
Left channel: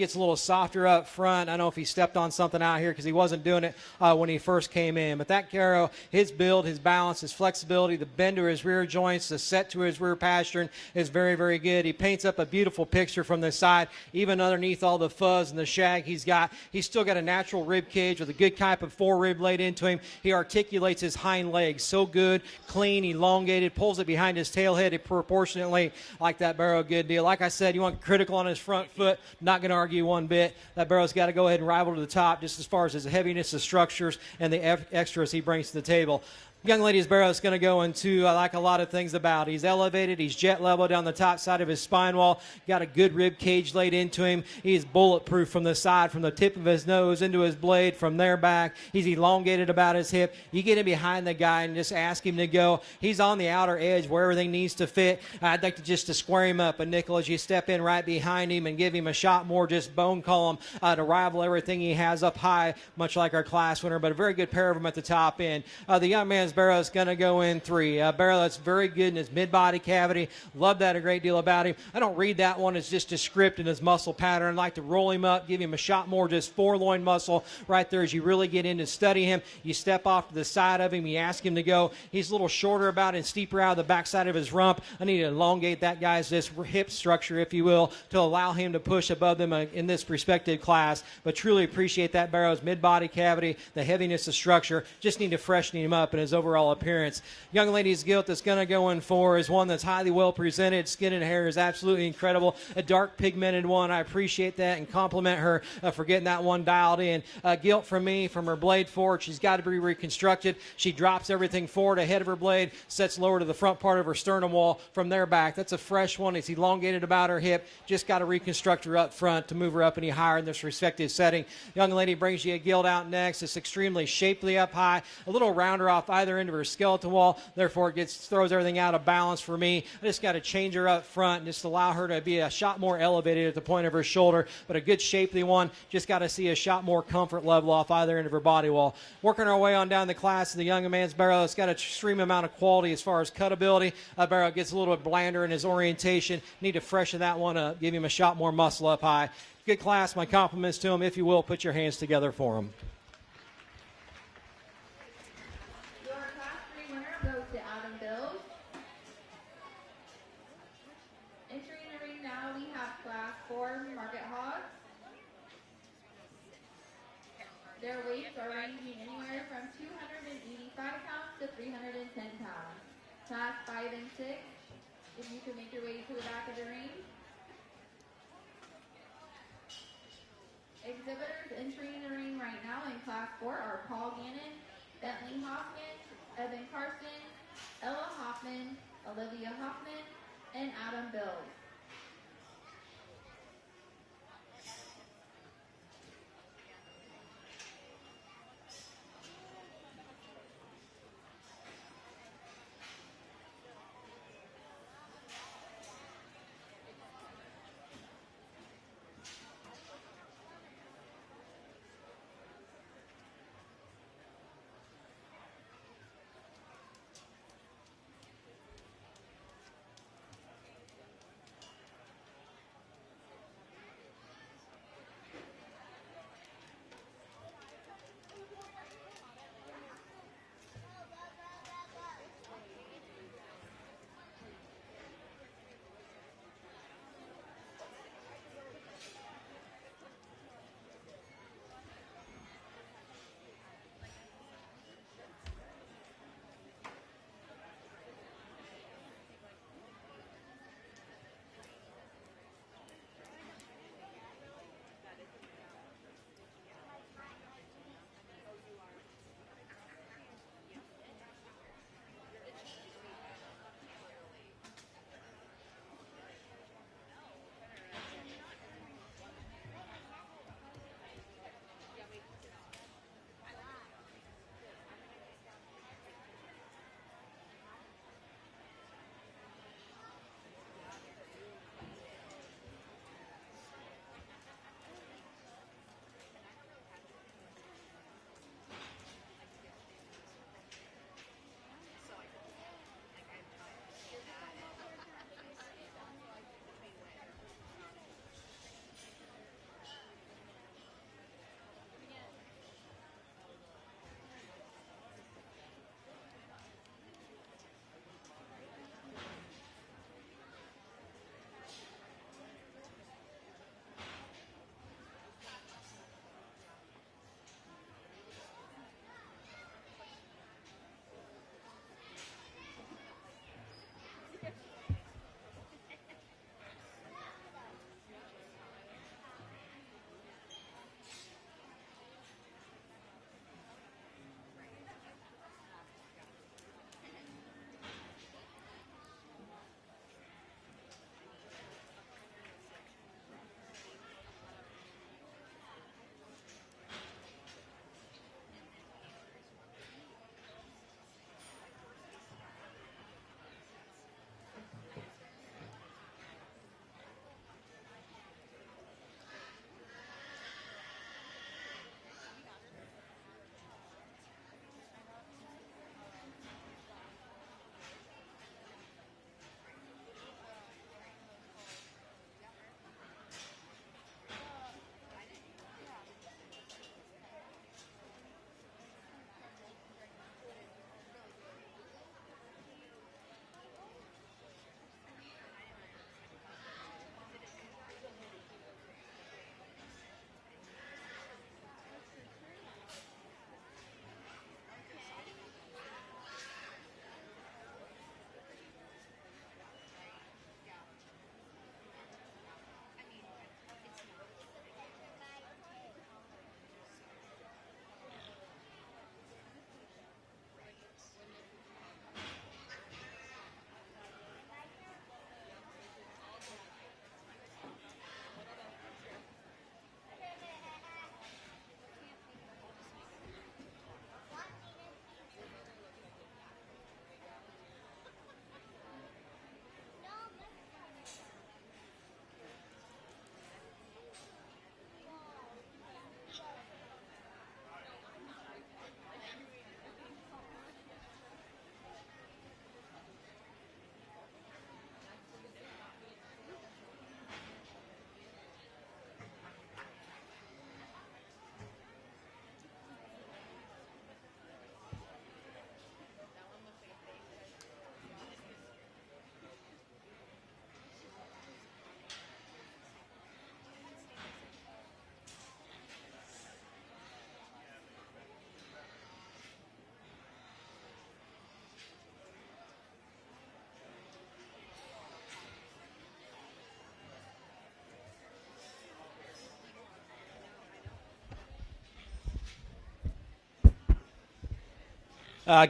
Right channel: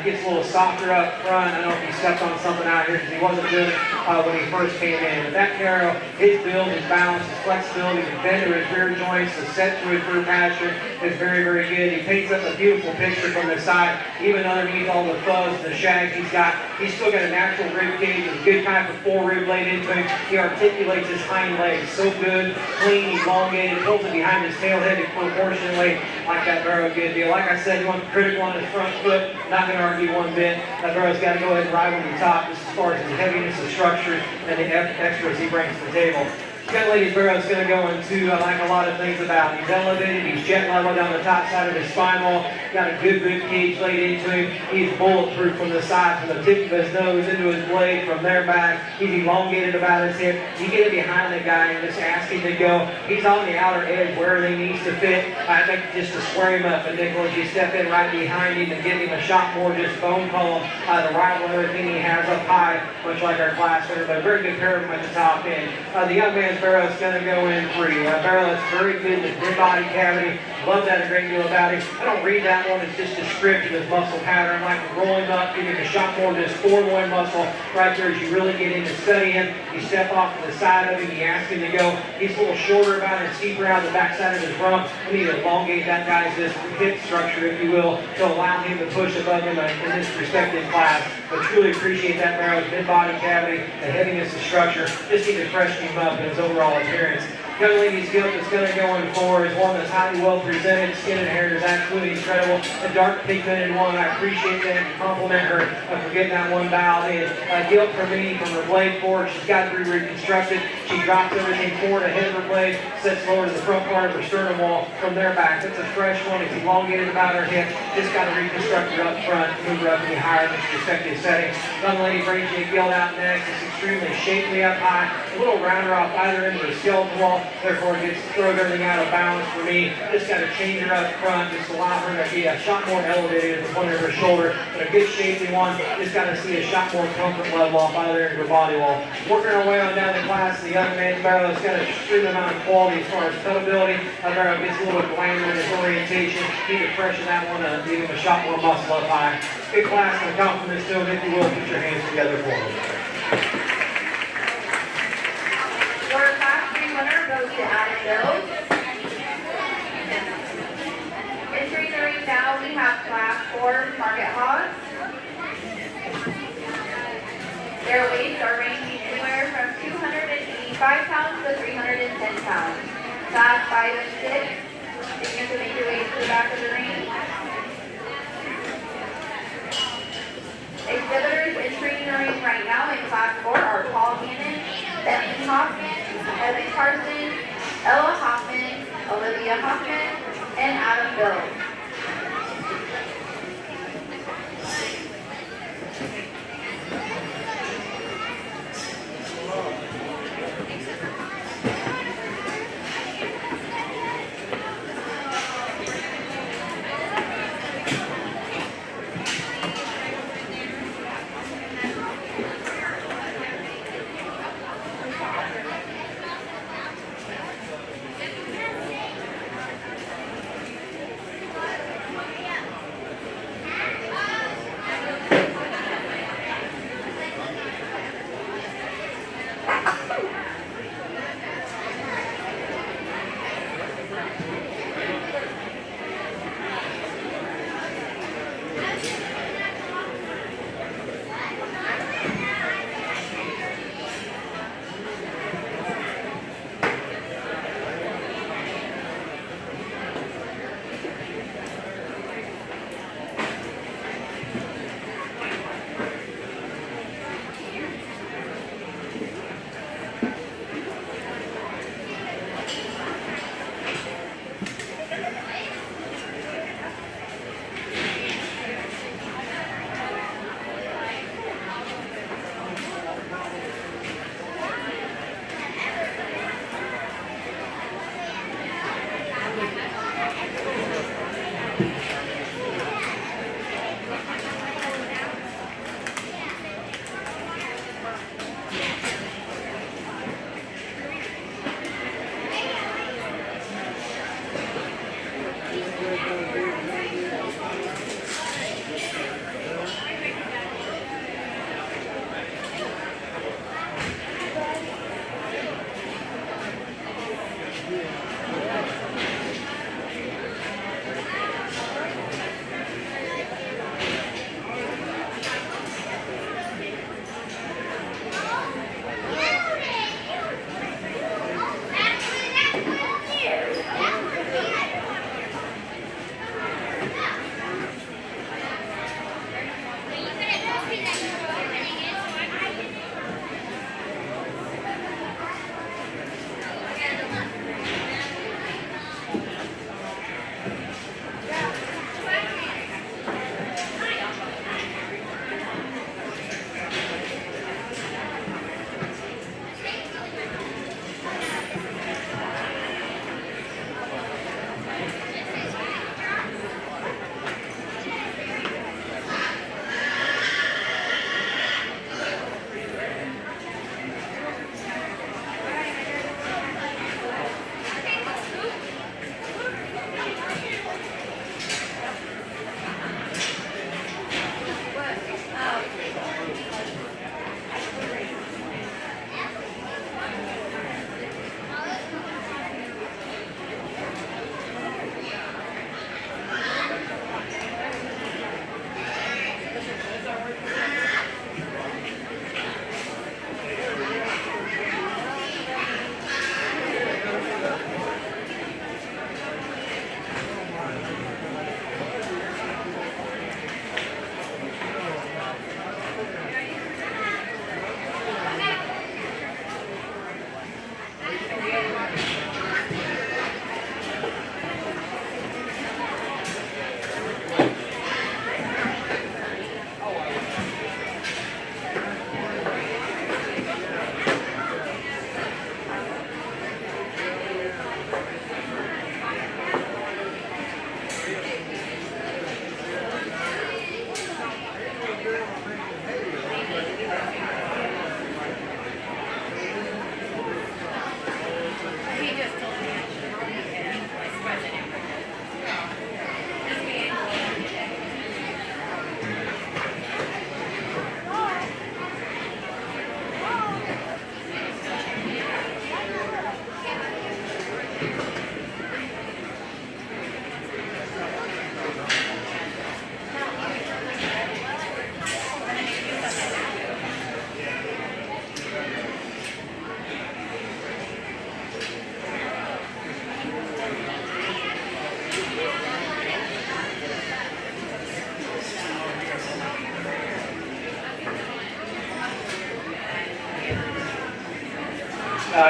Gets a little softer up front. I don't know if he stepped on something out here because he wasn't doing it when he first came in. But that barrel, his build, his balance, his flexibility, his bend to his rear joints, his set to his rear pasture is very, very good. He paints up a beautiful picture from the side, even underneath all the fuzz and the shag he's got. He's still got a natural rib cage with a good type of full rib leg into him. He articulates his hind legs so good, clean, elongated, pulls it behind his tail head proportionally like that barrel did. Like I said, one critical on his front foot, not going to argue one bit. That barrel's got to go ahead and ride over the top just as far as his heaviness, his structure, and the extras he brings to the table. Young lady's barrel's going to go into, I like a lot of things about. He's elevated, he's jet level down the top side of his spine wall, got a good cage laid into him. He's bulletproof from the side, from the tip of his nose into his blade, from there back. He's elongated about his hip. You get it behind the guy and just ask him to go. He's on the outer edge where he needs to fit. I think just to square him up, and then once you step in right behind him and give him a shot more just bone calm, the rifle and everything he has up high, much like our class winner, but a very good pair of them at the top end. The young man's barrel is going to go in free. That barrel is very good with his body cavity. Love that irregularity. I don't read that one as just descriptive of his muscle pattern. I can roll him up, give him a shot more of this forearm muscle right there as you really get into studying. You step off to the side of him, you ask him to go. He's a little shorter, kind of steeper out the backside of his rump. I need to elongate that guy's just hip structure, if you will, to allow him to push above him in this respective class. But truly appreciate that barrel's mid body cavity, the heaviness of structure, just need to freshen him up in his overall appearance. Young lady's gift is going to go on forward is one that's highly well presented. Skin and hair is absolutely incredible. A dark pigmented one. I appreciate that and compliment her for getting that one dialed in. Guilt from me from her blade forward. She's got to be reconstructed. She drops everything forward ahead of her blade, sets lower the front part of her sternum wall from there back. It's a fresh one. It's elongated about her hip. Just got to reconstruct her up front to move her up to be higher in this respective setting. Young lady brings you gill out next. It's extremely shapely up high. A little rounder off either into the skeleton wall. Therefore, it gets thrown everything out of balance for me. Just got to change her up front, just allow her to be a shot more elevated at the point of her shoulder, but a good shapely one. Just got to see a shot more comfort level off either end of her body wall. Working our way on down the class of the young man's barrel, it's got an extreme amount of quality as far as cutability. That barrel gets a little bit lighter in its orientation. Need to freshen that one up, give him a shot more muscle up high. Good class, my compliments to him. If you will, put your hands together for him. Entering the ring now, we have class 4 market hogs. Their weights are ranging anywhere from 285 pounds to 310 pounds. Class 5 and 6, you can make your way to the back of the ring. Exhibitors entering the ring right now in class 4 are Paul Hannon, Bentley Hoffman, Evan Carson, Ella Hoffman, Olivia Hoffman, and Adam Bill.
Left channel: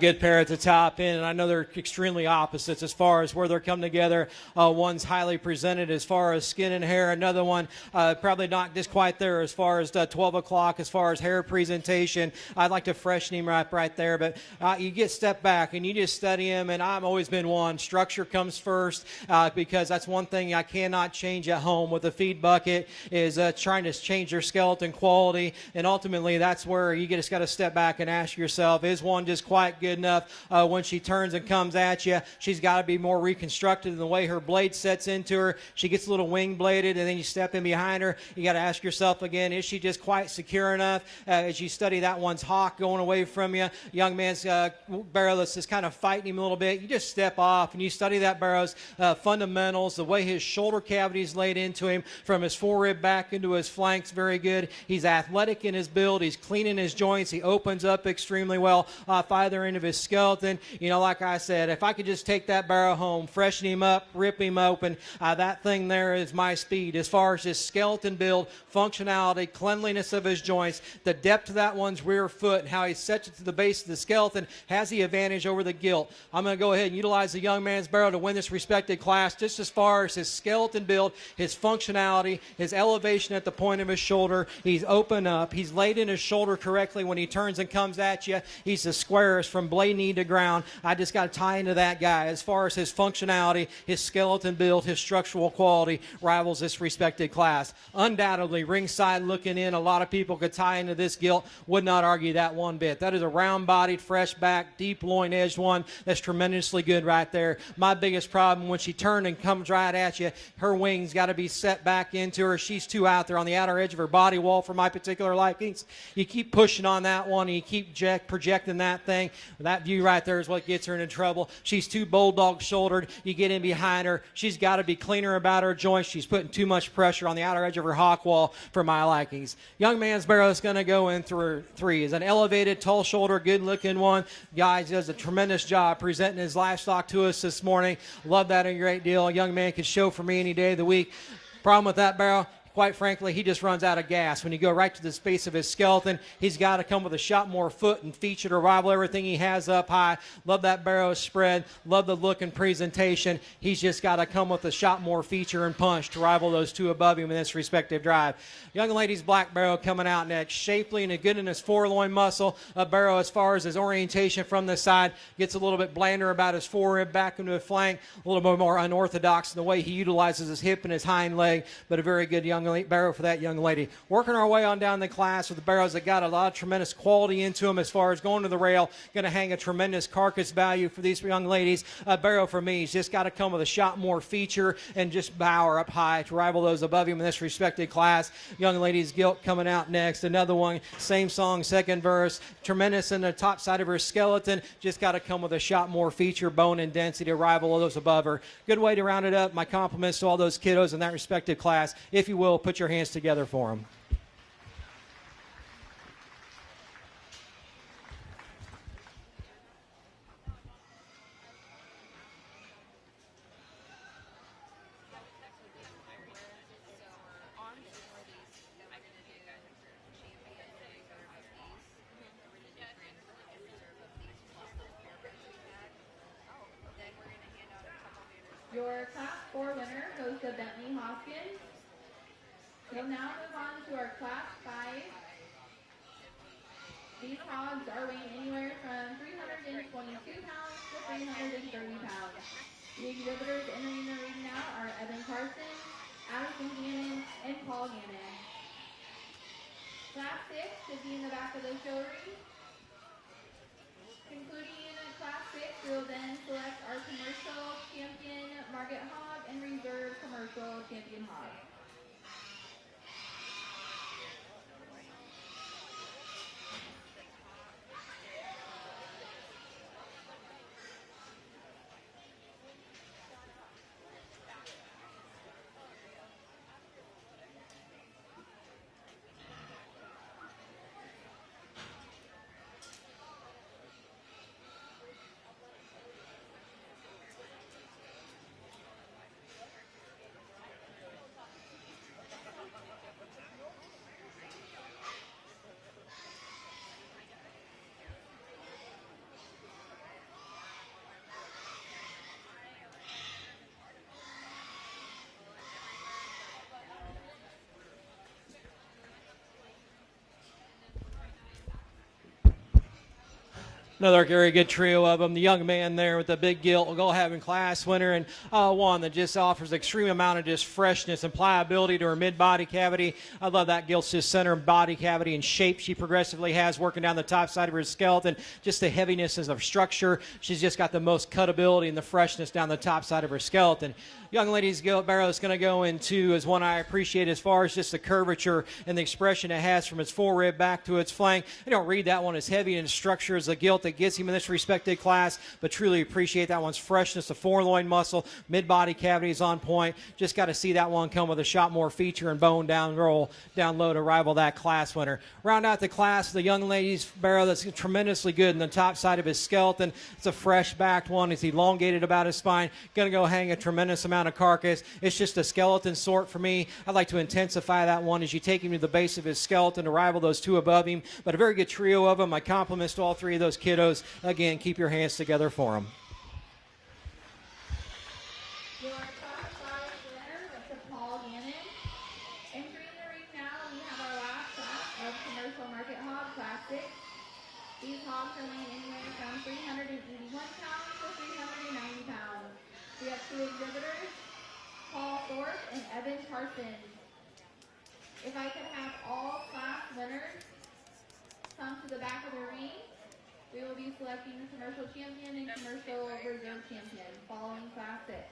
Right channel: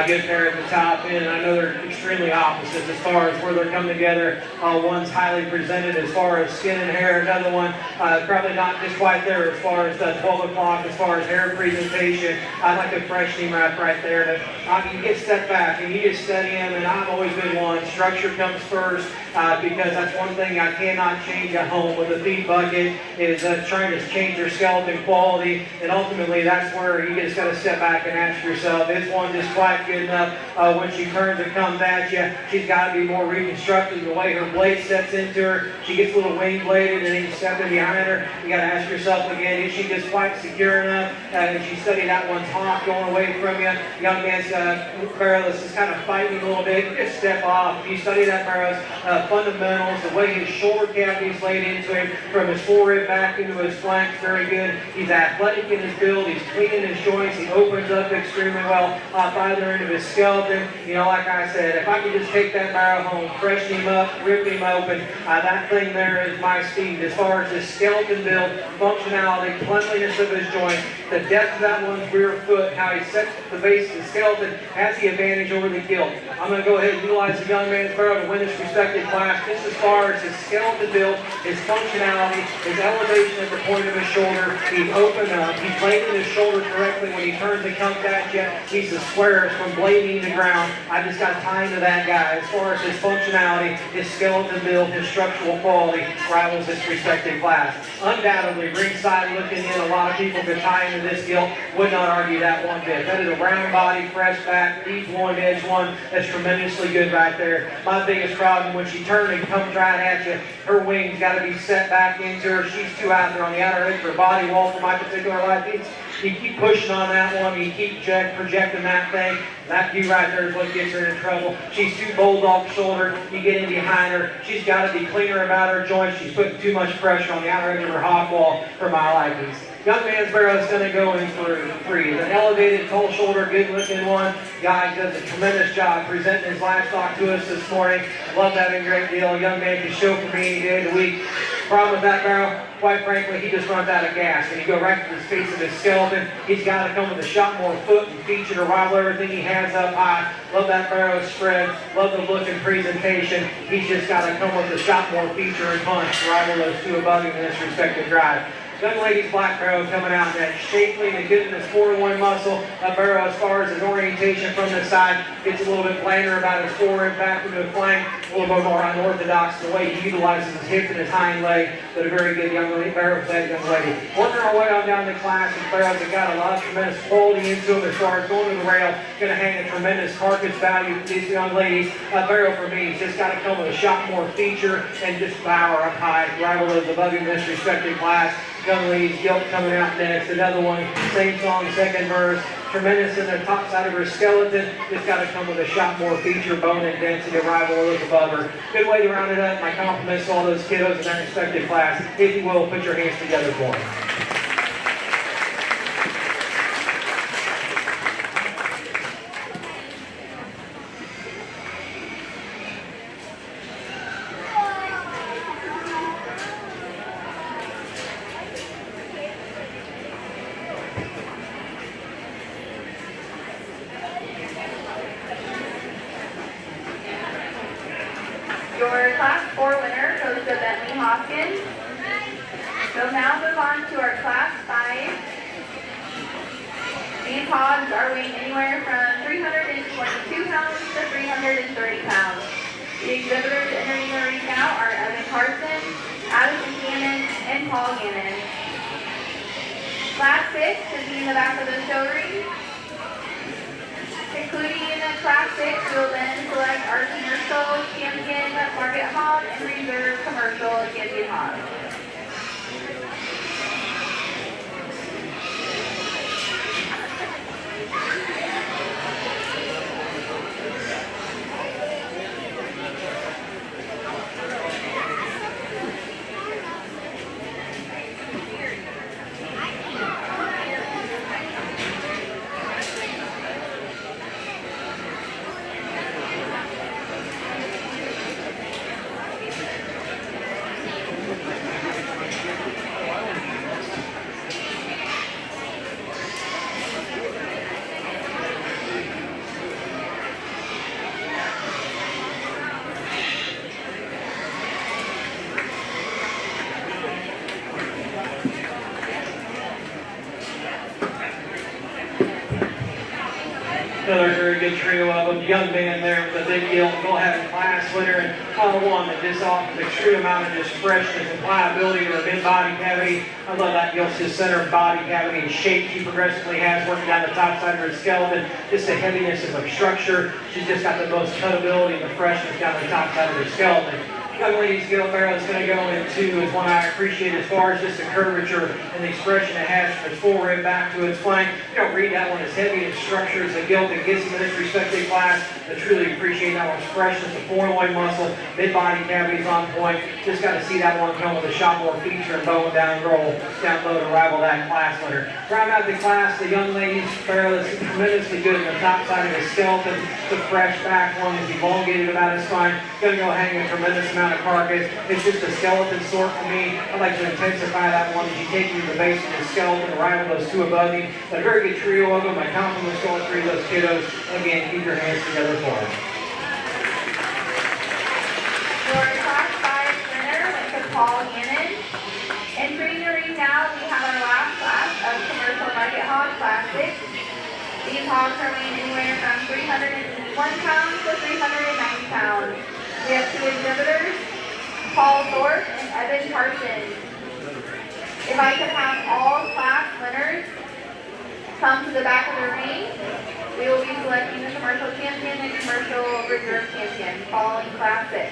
Good pair at the top end, and I know they're extremely opposites as far as where they're coming together. One's highly presented as far as skin and hair, another one probably not just quite there as far as 12 o'clock, as far as hair presentation. I like a freshman right there, but you get step back and you just study them, and I've always been one. Structure comes first because that's one thing I cannot change at home with the feed bucket is trying to change your skeleton quality, and ultimately that's where you just got to step back and ask yourself, is one just quite good enough when she turns and comes at you? She's got to be more reconstructed in the way her blade sets into her. She gets a little wing bladed, and then you step in behind her. You got to ask yourself again, is she just quite secure enough? As you study that one's hop going away from you, young man's barreless is kind of fighting a little bit. You just step off, and you study that barrel's fundamentals, the way his shoulder cavity's laid into him, from his forehead back into his flanks, very good. He's athletic in his build. He's clean in his joints. He opens up extremely well. Either into his skeleton, you know, like I said, if I could just take that barrel home, freshen him up, rip him open, that thing there is my speed. As far as his skeleton build, functionality, cleanliness of his joints, the depth of that one's rear foot, how he sets to the base of the skeleton, has the advantage over the gill. I'm going to go ahead and utilize the young man's barrel to win this respected class just as far as as his skeleton build, his functionality, his elevation at the point of his shoulder, he opened up, he bladed his shoulder correctly when he turns and comes at you. He's the squarest from blading to ground. I just got time to that guy. As far as his functionality, his skeleton build, his structural quality, rivals his respected class. Undoubtedly, ringside looking in, a lot of people to tie into this deal would not argue that one bit. That is a round body, fresh back, deep loin edge one. That's tremendously good right there. My biggest problem, when she turns and comes right at you, her wings got to be set back into her. She's too out there on the outer edge of her body wall for my particular liking. You keep pushing on that one, you keep projecting that thing. That view right there is what gets her in trouble. She's too bulldog shoulder. You get in behind her. She's got to be cleaner about her joints. She's putting too much pressure on the outer edge of her hog wall for my likings. Young man's barrel is going to go in for threes. An elevated, tall shoulder, good looking one. Guy does a tremendous job presenting his livestock to us this morning. Love that a great deal. Young man can show for me any day of the week. Problem with that barrel, quite frankly, he just runs out of gas. When you go right to the space of his skeleton, he's got to come with a shot more foot and feature to rival everything he has up high. Love that barrel spread. Love the look and presentation. He's just got to come with a shot more feature and punch to rival those two above him in this respected drive. Young lady's black barrel coming out in that shapely and good in his foreloin muscle. A barrel as far as his orientation from the side gets a little bit plainer about his forward and back to the flank. A little bit more unorthodox in the way he utilizes his hip and his hind leg, but a very good young lady barrel for that young lady. Working our way on down the class with barrels that got a lot of tremendous quality into them as far as going to the rail. Going to hang a tremendous carcass value for these young ladies. A barrel for me, he's just got to come with a shot more feature and just power up high to rival those above him in this respected class. Young ladies, Guilt coming out next. Another one, same song, second verse. Tremendous in the top side of her skeleton. Just got to come with a shot more feature, bone and density, arrival of those above her. Good way to round it up. My compliments to all those kiddos in that respected class. If you will, put your hands together for them. Your Class 4 winner goes to Bentley Hopkins. We'll now move on to our Class 5. These hogs are weighing anywhere from 322 pounds to 330 pounds. The exhibitors entering the recount are Evan Carson, Adam Buchanan, and Paul Gannon. Class 6 should be in the back of the show ring. Concluding in the Class 6, we will then select our commercial champion market hog and reserve commercial champion hog. Another very good trio of them. Young man there with the big deal. We'll have a class winner. One that just offers extreme amount of just freshness and pliability or mid-body cavity. I love that Gilt's center body cavity and shape she progressively has working out the top side of her skeleton. Just the heaviness of her structure. She's just got the most cutability and freshness down the top side of her skeleton. Young lady's Guilt barrel is going to go in two is one I appreciate as far as just the curvature and the expression it has from its forward back to its flank. You don't read that one as heavy and structure as a Guilt that gets in this respected class, but truly appreciate that one's freshness, the foreloin muscle, mid-body cavities on point. Just got to see that one come with a shot more feature and bone down and roll down low to rival that class winner. Round out the class, the young lady's barrel is tremendously good on the top side of his skeleton. It's a fresh back one. It's elongated about his spine. Going to go hang a tremendous amount of carcass. It's just a skeleton sort for me. I like to intensify that one as you take you to the base of the skeleton and rival those two above you. But a very good trio of them. My compliments to all three of those kiddos. Again, keep your hands together for them. Your Class 5 381 pounds to 390 pounds. We have two exhibitors, Paul Thorpe and Evan Carson. If I could have all class winners come to the back of the ring, we will be selecting the commercial champion and commercial reserve champion following class 6.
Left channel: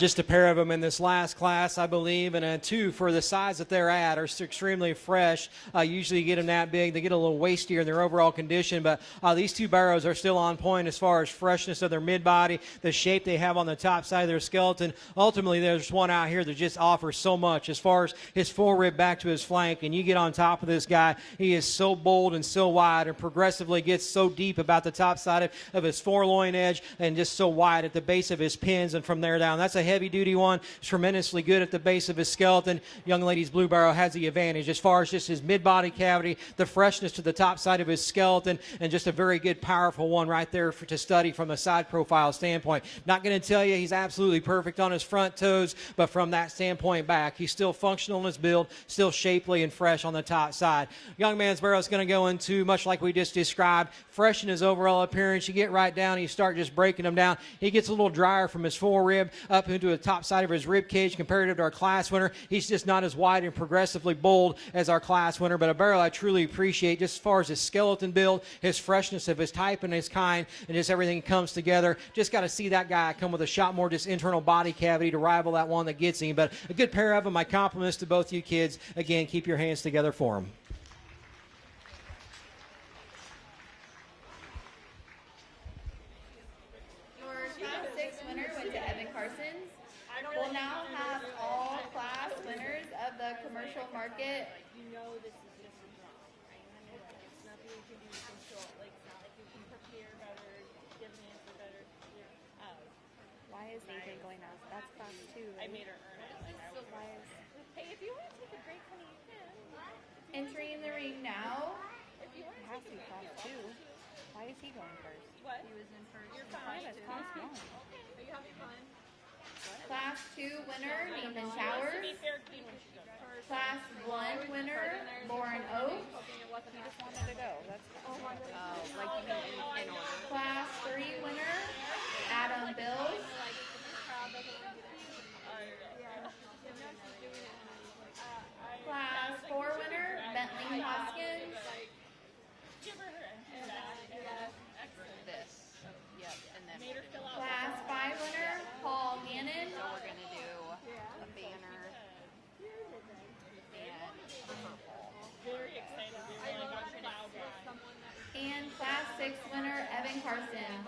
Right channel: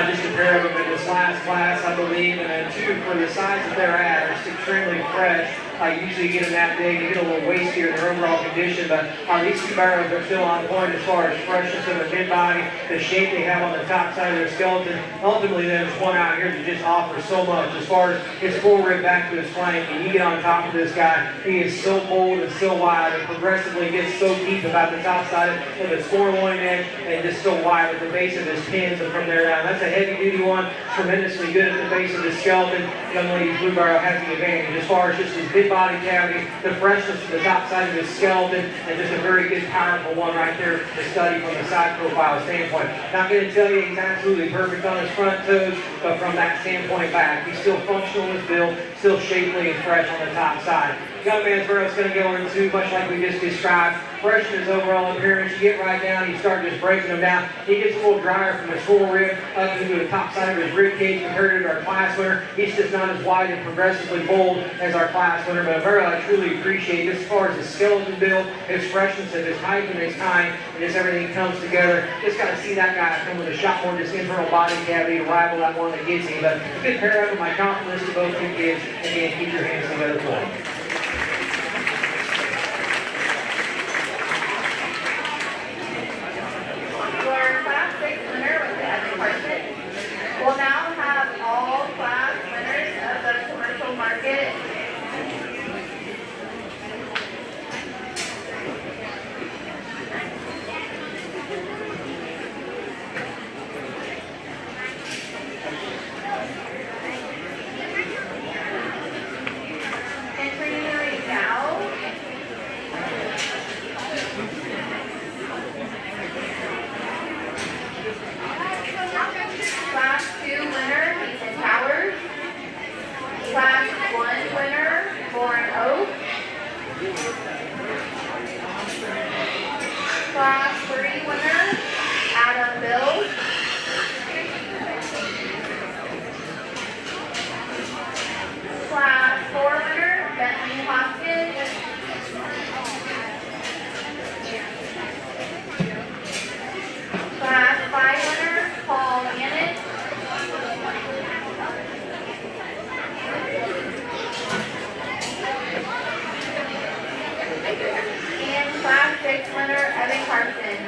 Just a pair of them in this last class, I believe, and two for the size of their ass, extremely fresh. Usually you get them that big, you get a little wastier in overall condition, but these two barrels are still on point as far as freshness of their mid-body, the shape they have on the top side of their skeleton. Ultimately, there's one out here that just offers so much as far as his forward back to his flank, and you get on top of this guy, he is so bold and so wide, it progressively gets so deep about the top side of his foreloin edge, and it is so wide at the base of his pins and from there down. That's a heavy-duty one, tremendously good at the base of the skeleton. Young lady's blue barrel has the advantage as far as just his mid-body cavity, the freshness to the top side of his skeleton, and just a very good, powerful one right there to study from a side profile standpoint. Not going to tell you he's absolutely perfect on his front toes, but from that standpoint back, he's still functional in his build, still shapely and fresh on the top side. Young man's where it's going to go into, much like we just described, fresh in his overall appearance. You get right down, you start just breaking them down. He gets a little drier from his forerib up into the top side of his rib cage compared to our class winner. He's just not as wide and progressively bold as our class winner, but I truly appreciate this as far as his skeleton build, his freshness of his height and his kind, and just everything comes together. Just got to see that guy come with a shot more of his internal body cavity to rival that one that gets him. But a good pair of them. My compliments to both the kids. Again, keep your hands together for them. We'll now have all class winners of the commercial market Class 3 winner, Adam Bill. Class 4 winner, Bethany Hoskins. Class 5 winner, Paul Gannon. And Class 6 winner, Evan Carson.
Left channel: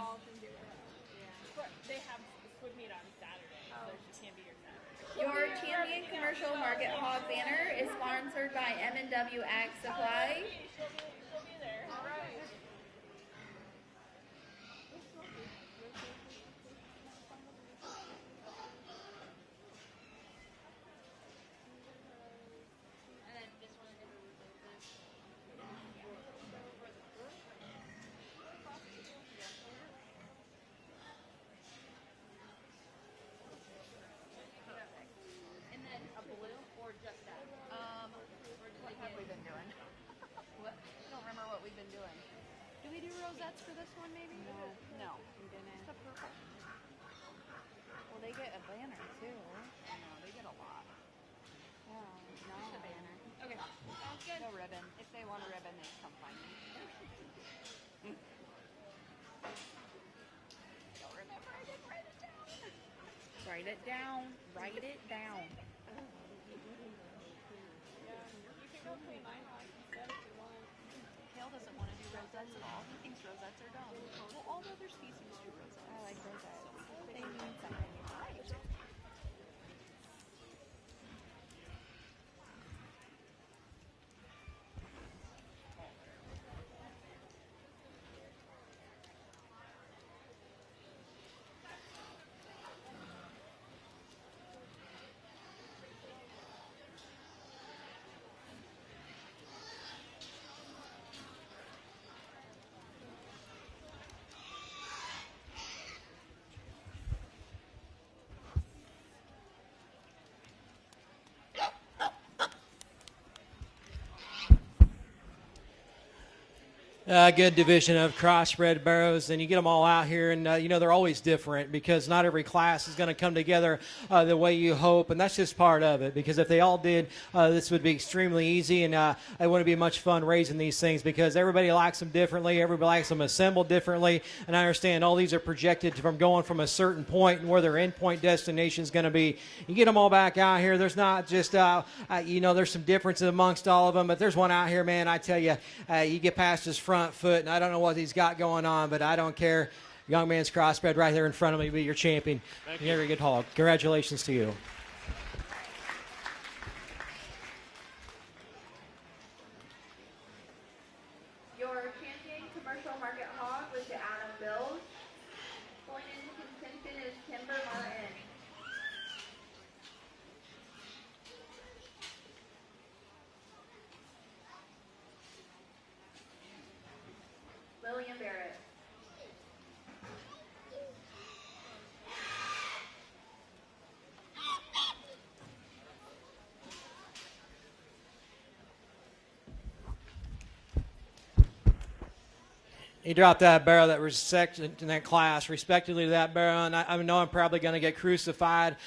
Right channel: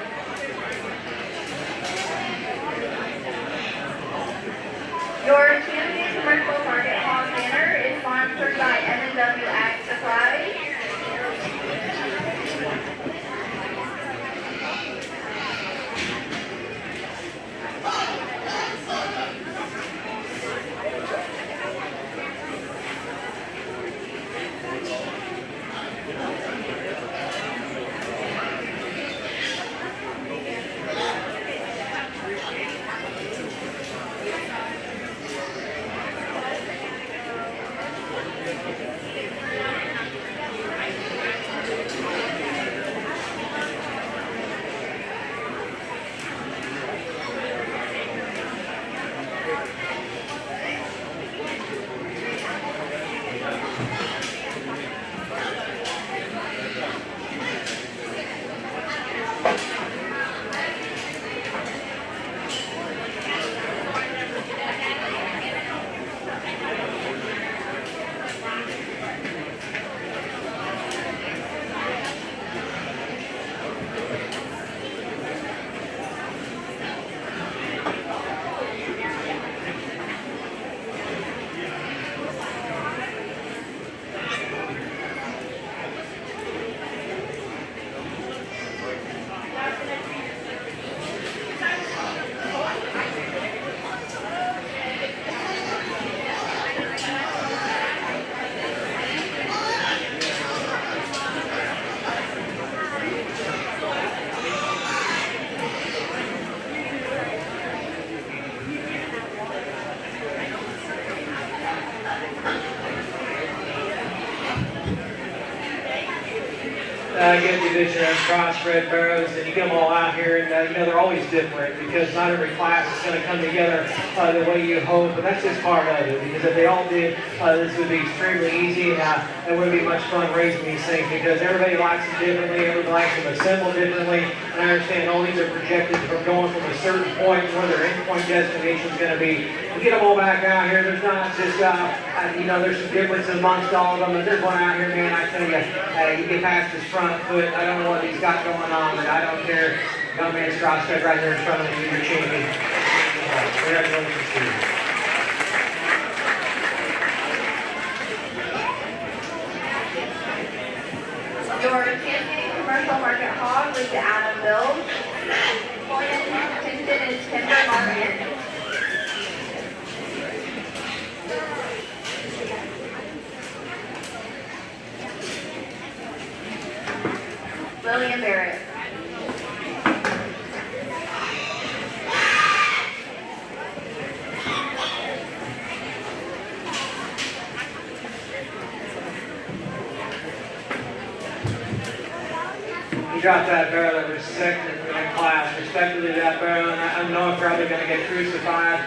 Your Champion Commercial Market Hall banner is sponsored by M&W Ag Supply. Good division of crossbred barrows, and you get them all out here, and they're always different because not every class is going to come together the way you hope, and that's just part of it. Because if they all did, this would be extremely easy, and it would be much fun raising these things because everybody likes them differently, everybody likes them assembled differently, and I understand all these are projected from going from a certain point where their endpoint destination is going to be. You get them all back out here. There's not just, there's some difference amongst all of them. But there's one out here, man, I tell you, you get past his front foot. I don't know what he's got going on, but I don't care. Young race prospect right here in front of you, your champion. Congratulations to you. Your champion commercial market hog was the Adam Bill. Hinton is Timber Martin. William Barrett. You dropped that barrel that was second in that class, respectively that barrel, and I know I'm probably going to get crucified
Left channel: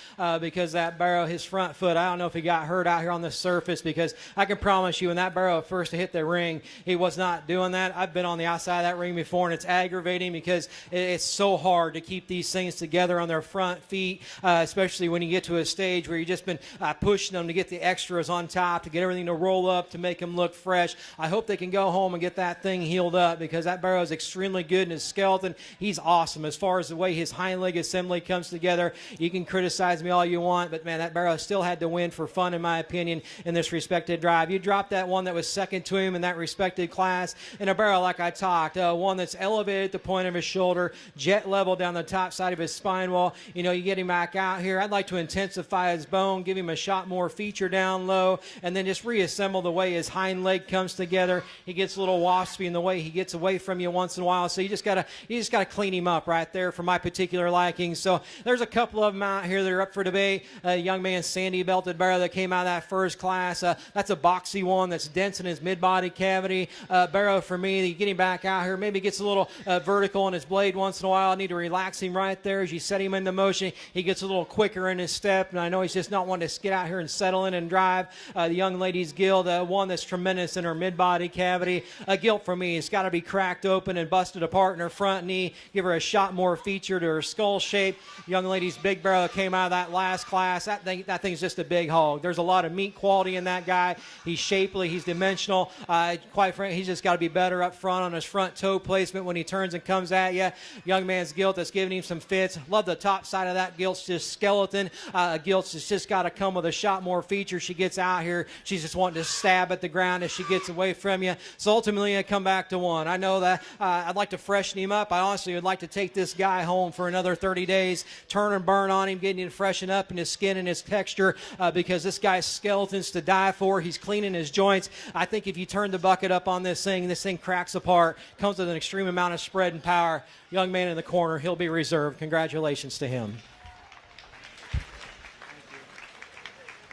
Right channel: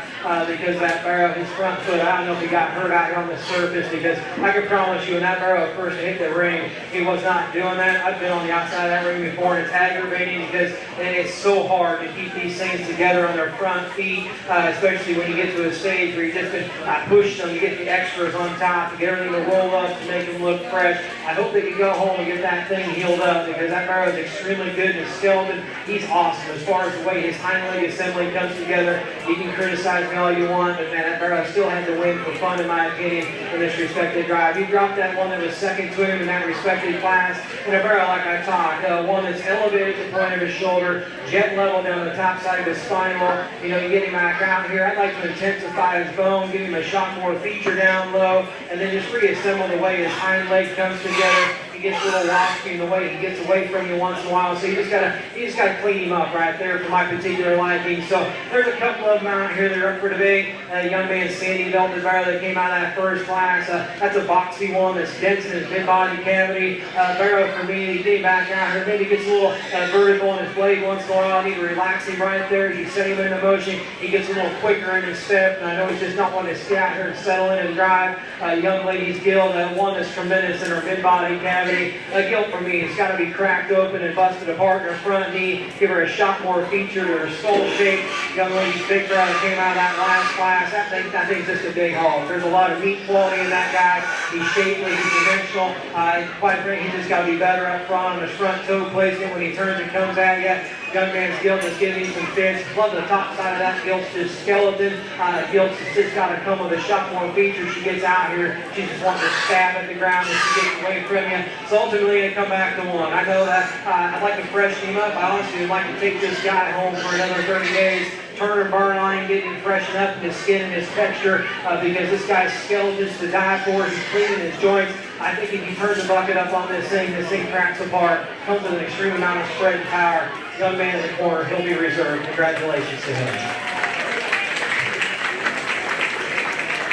because that barrel, his front foot, I don't know if he got hurt out on the surface because I can promise you when that barrel first hit the ring, he was not doing that. I've been on the outside of that ring before, and it's aggravating because it's so hard to keep these things together on their front feet, especially when you get to a stage where you've just been pushing them to get the extras on top, get everything to roll up to make it look fresh. I hope they can go home and get that thing healed up because that barrel is extremely good and skeleton. He's awesome as far as the way his hind leg assembly comes together. You can criticize me all you want, and that barrel still had to wait for fun, in my opinion, in this respected drive. He dropped that one that was second to him in that respected class in a barrel like I talked, one that's elevated at the point of his shoulder, jet level down the top. top side of his spinal, get him back out here. I'd like to intensify his bone, give him a shot more feature down low, and then just reassemble the way his hind leg comes together. He gets a little wospy in the way he gets away from you once in a while, so you just gotta clean him up right there for my particular liking. So there's a couple of them out here that are up for debate. Young man Sandy Belton Barrow that came out of that first class. That's a boxy one that's dense in his mid-body cavity. Barrow for me, get him back out here. Maybe he gets a little vertical in his blade once in a while. I need to relax him right there. As you set him into motion, he gets a little quicker in his step. And I know he's just not want to get out here and settle in and drive. Young lady's Gil, that one that's tremendous in her mid-body cavity. Gil for me, it's got to be cracked open and busted apart in her front knee. Give her a shot more feature to her skull shape. Young lady's big girl came out of that last class. That thing's just a big haul. There's a lot of meat quality in that guy. He's shapely, he's dimensional. Quite frankly, he's just got to be better up front on his front toe placement when he turns and comes at you. Young man's Gil just giving you some fits. Love the top side of that Gil's just skeleton. Gil's just got to come with a shot more feature. She gets out here. She's just wanting to stab at the ground as she gets away from you. So ultimately, you come back to one. I know that I'd like to freshen him up. I honestly would like to take this guy home for another 30 days. Turn or burn on him, get him freshened up in his skin and his texture, because this guy's skeleton's to die for. He's clean in his joints. I think if you turn the bucket up on this thing cracks apart. Comes with an extreme amount of spread and power. Young man in the corner, he'll be reserved. Congratulations to him.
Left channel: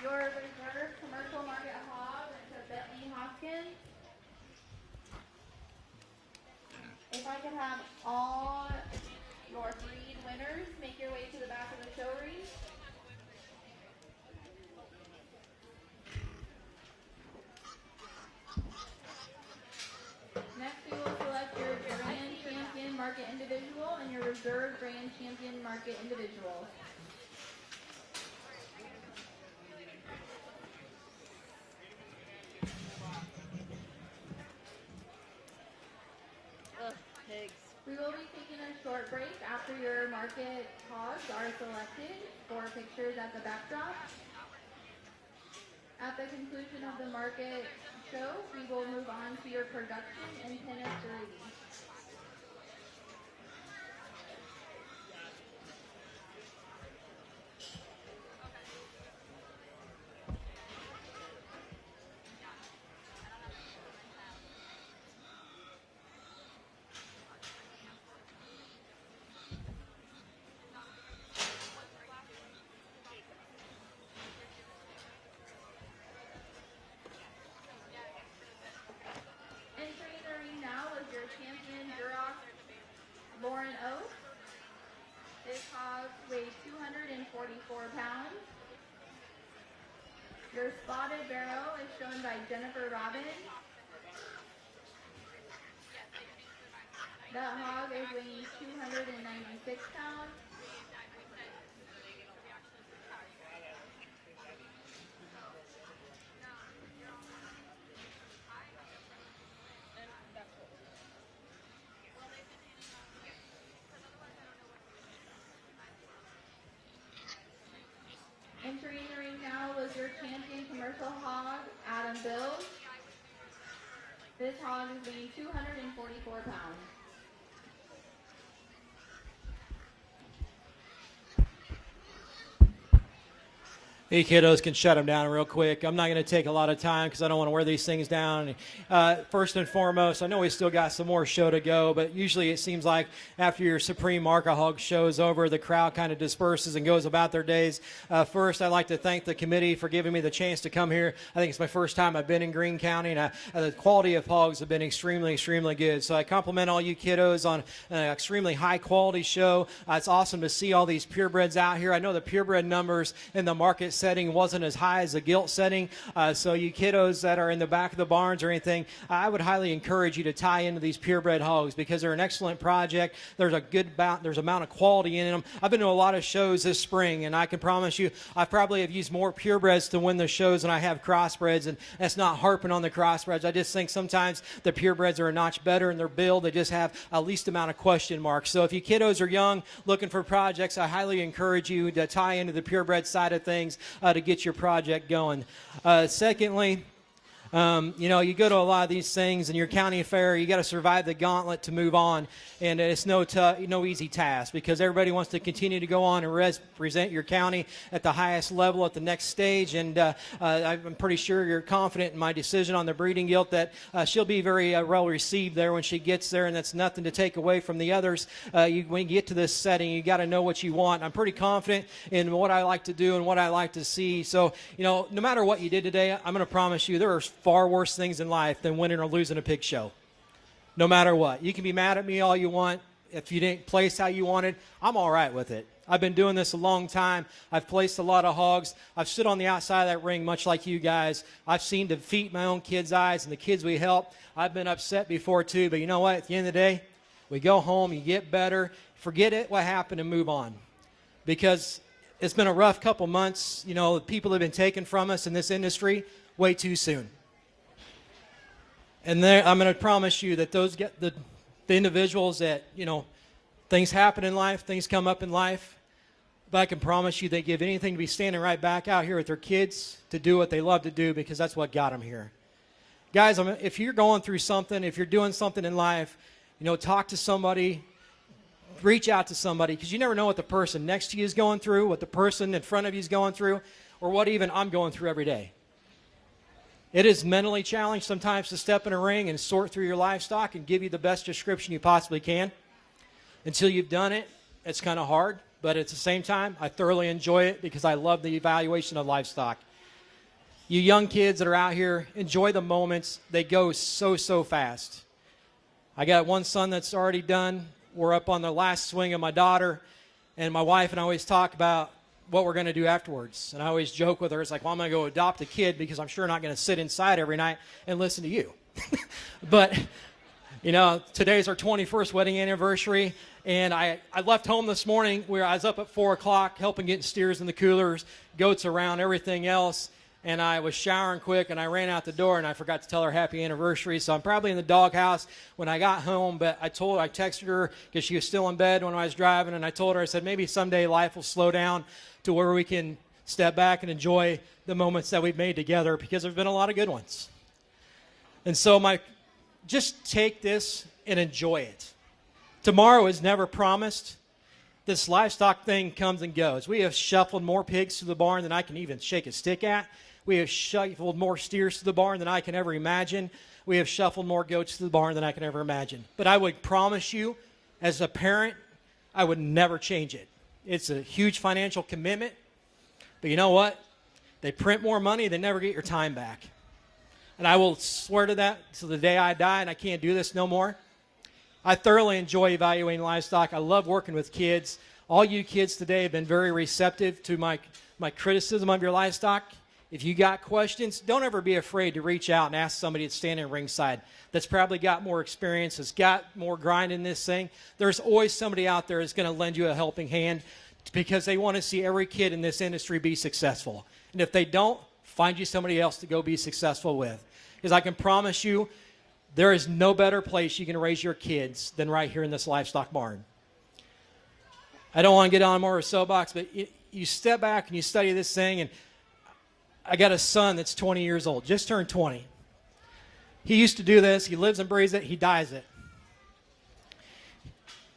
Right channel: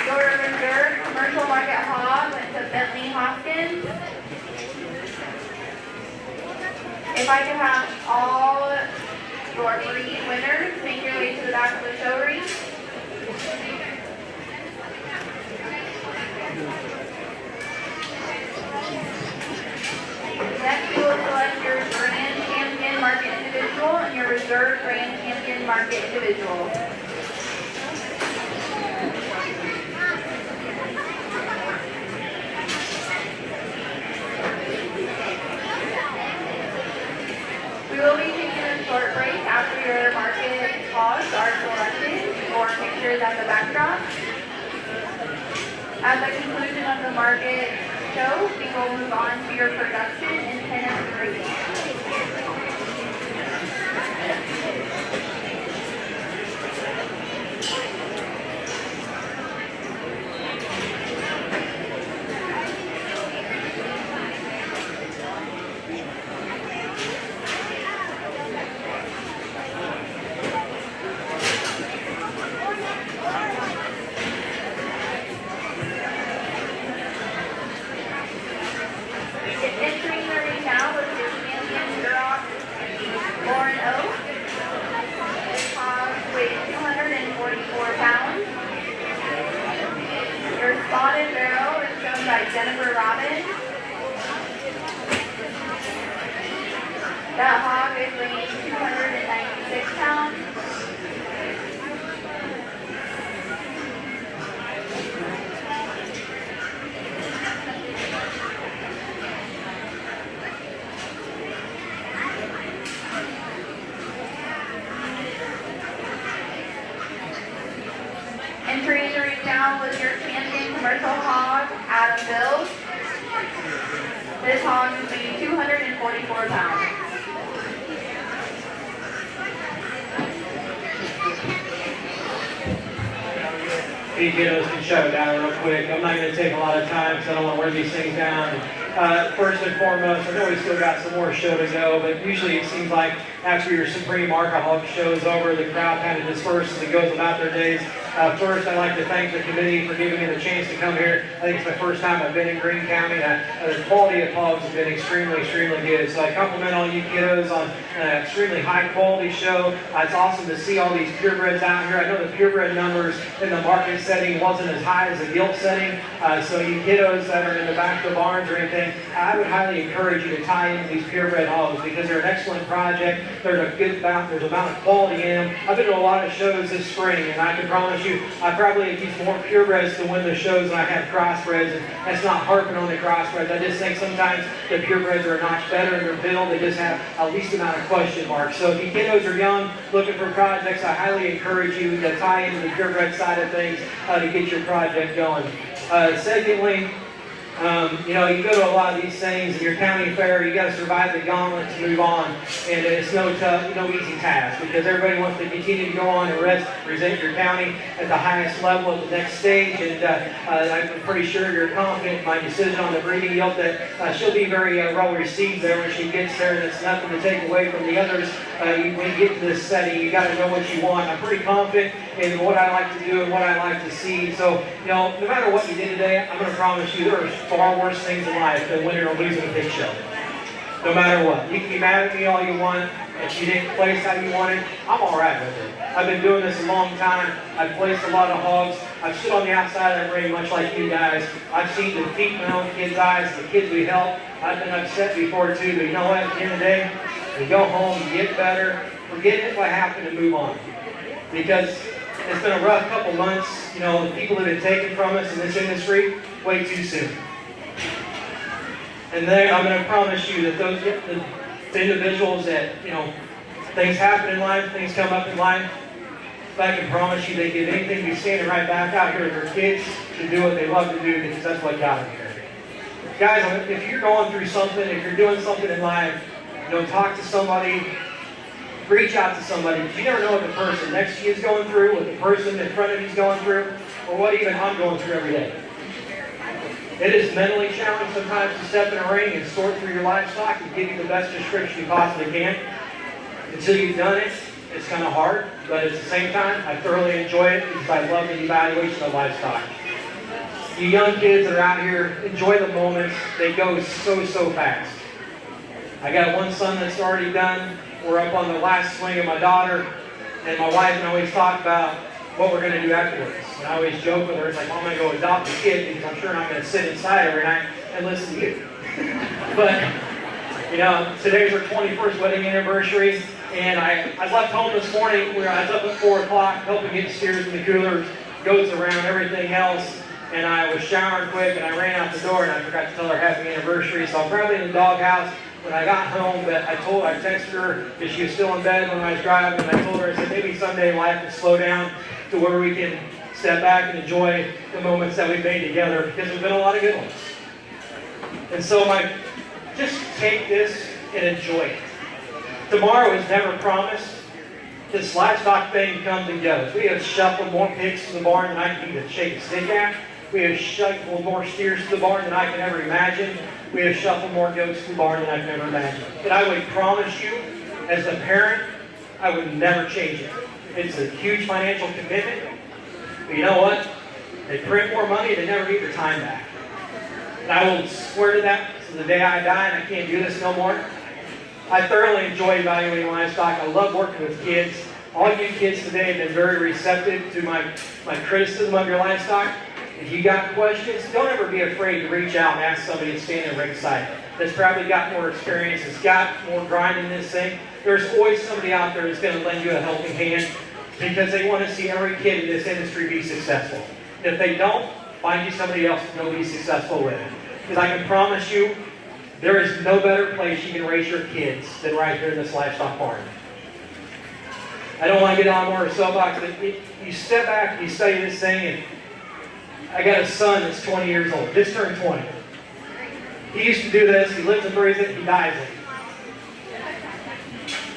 Your reserve commercial market hog went to Bentley Hoskins. If I could have all your breed winners make your way to the back of the show ring. Next, we will select your Grand Champion Market Individual and your Reserve Grand Champion Market Individual. We will be taking a short break after your market hogs are selected for pictures at the backdrop. At the conclusion of the market show, we will move on to your production and tennis grading. Entering the ring now with your champion girl, Lauren Oak. This hog weighs 244 pounds. Your spotted barrel is shown by Jennifer Robbins. That hog is weighing 296 pounds. Entering the ring now was your champion commercial hog, Adam Bills. This hog is weighing 244 pounds. Hey kiddos, can shut it down real quick. I'm not going to take a lot of time, so I don't want to wear these things down. First and foremost, I know we still got some more show to go, but usually it seems like after your Supreme Market Hog show's over, the crowd kind of disperses and goes about their days. First, I'd like to thank the committee for giving me the chance to come here. I think it's the first time I've been in Greene County, and the quality of hogs has been extremely good. So I compliment all you kiddos on an extremely high quality show. It's awesome to see all these purebreds out here. I know the purebred numbers in the market setting wasn't as high as the gilt setting. So you kiddos that are in the back of the barns or anything, I would highly encourage you to tie into these purebred hogs because they're an excellent project. They're a good amount, there's a amount of quality in them. I've been to a lot of shows this spring, and I can promise you, I probably have used more purebreds to win the shows than I have crossbreds. And that's not harping on the crossbreds. I just think sometimes the purebreds are a notch better in their build. They just have a least amount of question marks. So if you kiddos are young, looking for projects, I highly encourage you to tie into the purebred side of things to get your project going. Secondly, You know, you go to a lot of these things, and your county fair, you got to survive the gauntlet to move on, and it's no easy task, because everybody wants to continue to go on and represent your county at the highest level at the next stage, and I'm pretty sure you're confident in my decision on the Greene deal that she'll be very well received there when she gets there, and it's nothing to take away from the others. When you get to this setting, you got to know what you want. I'm pretty confident in what I like to do and what I like to see. So, you know, no matter what you did today, I'm going to promise you there are far worse things in life than winning or losing a big show. No matter what. You can be mad at me all you want. If you didn't place how you wanted, I'm all right with it. I've been doing this a long time. I've placed a lot of hogs. I've stood on the outside of the ring much like you guys. I've seen the defeat in my own kids' eyes, and the kids we help. I've been upset before too. But you know what? At the end of the day, you go home, you get better, forget it, what happened, and move on. Because it's been a rough couple of months. You know, the people that have been taken from us in this industry way too soon. And then I'm going to promise you that those the individuals that, you know, things happen in life, things come up in life, but I can promise you that if anything, you stand right back out here with your kids to do what they love to do, because that's what got them here. Guys, if you're going through something, if you're doing something in life, you know, talk to somebody, reach out to somebody, because you never know what the person next to you is going through, what the person in front of you is going through, or what even I'm going through every day. It is mentally challenging sometimes to step in the ring and sort through your livestock and give you the best description you possibly can. Until you've done it, it's kind of hard, but at the same time, I thoroughly enjoy it because I love the evaluation of livestock. You young kids that are out here, enjoy the moments. They go so fast. I got one son that's already done. We're up on the last swing of my daughter, and my wife and I always talk about what we're going to do afterwards. And I always joke with her, it's like, I'm going to go adopt a kid because I'm sure I'm going to sit inside every night and listen to you. But, you know, today's our 21st wedding anniversary, and I left home this morning where I was up at 4 o'clock helping get steers in the coolers, goats around, everything else, and I was showering quick, and I ran out the door, and I forgot to tell her happy anniversary, so I'm probably in the doghouse when I got home, but I texted her if she was still in bed when I was driving, and I told her, I said, maybe someday life will slow down to where we can step back and enjoy the moments that we've made together, because there's been a lot of good ones. And so just take this and enjoy it. Tomorrow was never promised. This livestock thing comes and goes. We have shuffled more pigs to the barn than I can even shake a stick at. We have shuffled more steers to the barn than I can ever imagine. We have shuffled more goats to the barn than I can ever imagine. But I would promise you, as a parent, I would never change it. It's a huge financial commitment. But you know what? They print more money, they never get your time back. And I will swear to that to the day I die. I can't do this no more. I thoroughly enjoy evaluating livestock. I love working with kids. All you kids today have been very receptive to my criticism of your livestock. If you got questions, don't ever be afraid to reach out and ask somebody standing at the ringside that's probably got more experience, has got more grind in this thing. There's always somebody out there that's going to lend you a helping hand because they want to see every kid in this industry be successful. And if they don't, find you somebody else to go be successful with. Because I can promise you, there is no better place you can raise your kids than right here in this livestock barn. I don't want to get on more soapbox, but you step back and you study this thing, and I got a son that's 20 years old, just turned 20. He used to do this, he lives and breathes it, he died with it.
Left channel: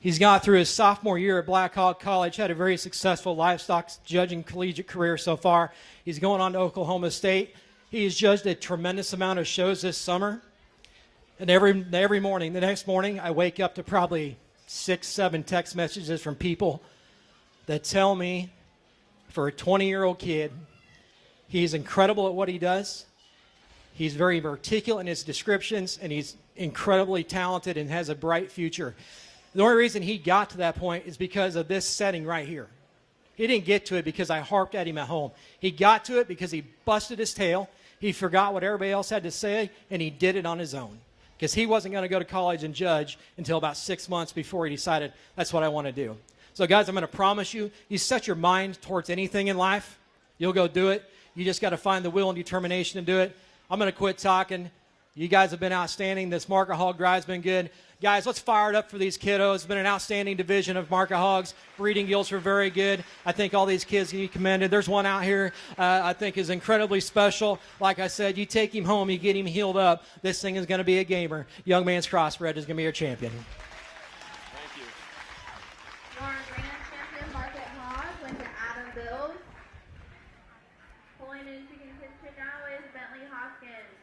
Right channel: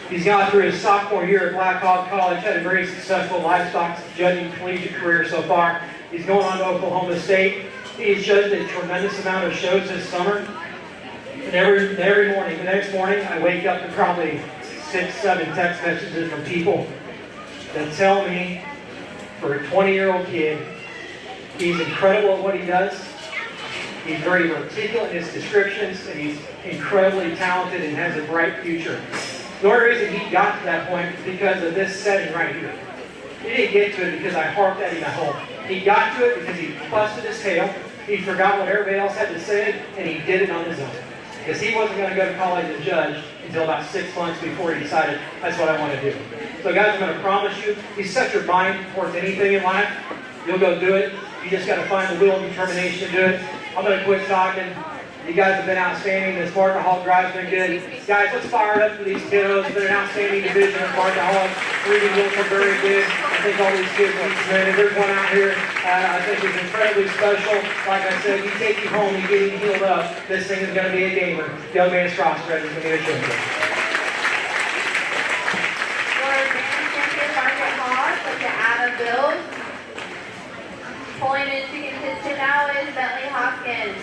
He's gone through his sophomore year at Black Hawk College, had a very successful livestock judging collegiate career so far. He's going on to Oklahoma State. He's judged a tremendous amount of shows this summer. And every morning, the next morning, I wake up to probably 6, 7 text messages from people that tell me, for a 20-year-old kid, he's incredible at what he does. He's very articulate in his descriptions, and he's incredibly talented and has a bright future. The only reason he got to that point is because of this setting right here. He didn't get to it because I harped at him at home. He got to it because he busted his tail, he forgot what everybody else had to say, and he did it on his own. Because he wasn't going to go to college and judge until about 6 months before he decided that's what I want to do. So guys, I'm going to promise you, you set your mind towards anything in life, you'll go do it. You just got to find the will and determination to do it. I'm going to quit talking. You guys have been outstanding. This Martin Hall drive's been good. Guys, let's fire it up for these kiddos. It's been an outstanding division of Martin Halls. Reading books were very good. I think all these kids will commend it. There's one out here I think is incredibly special. Like I said, you take him home, you get him healed up. This thing is going to be a gamer. Young Man's Crossbred is going to be a champion. For Grand Champion Market Hog, like the Adam Bills. Pulling into contention now is Bentley Hopkins.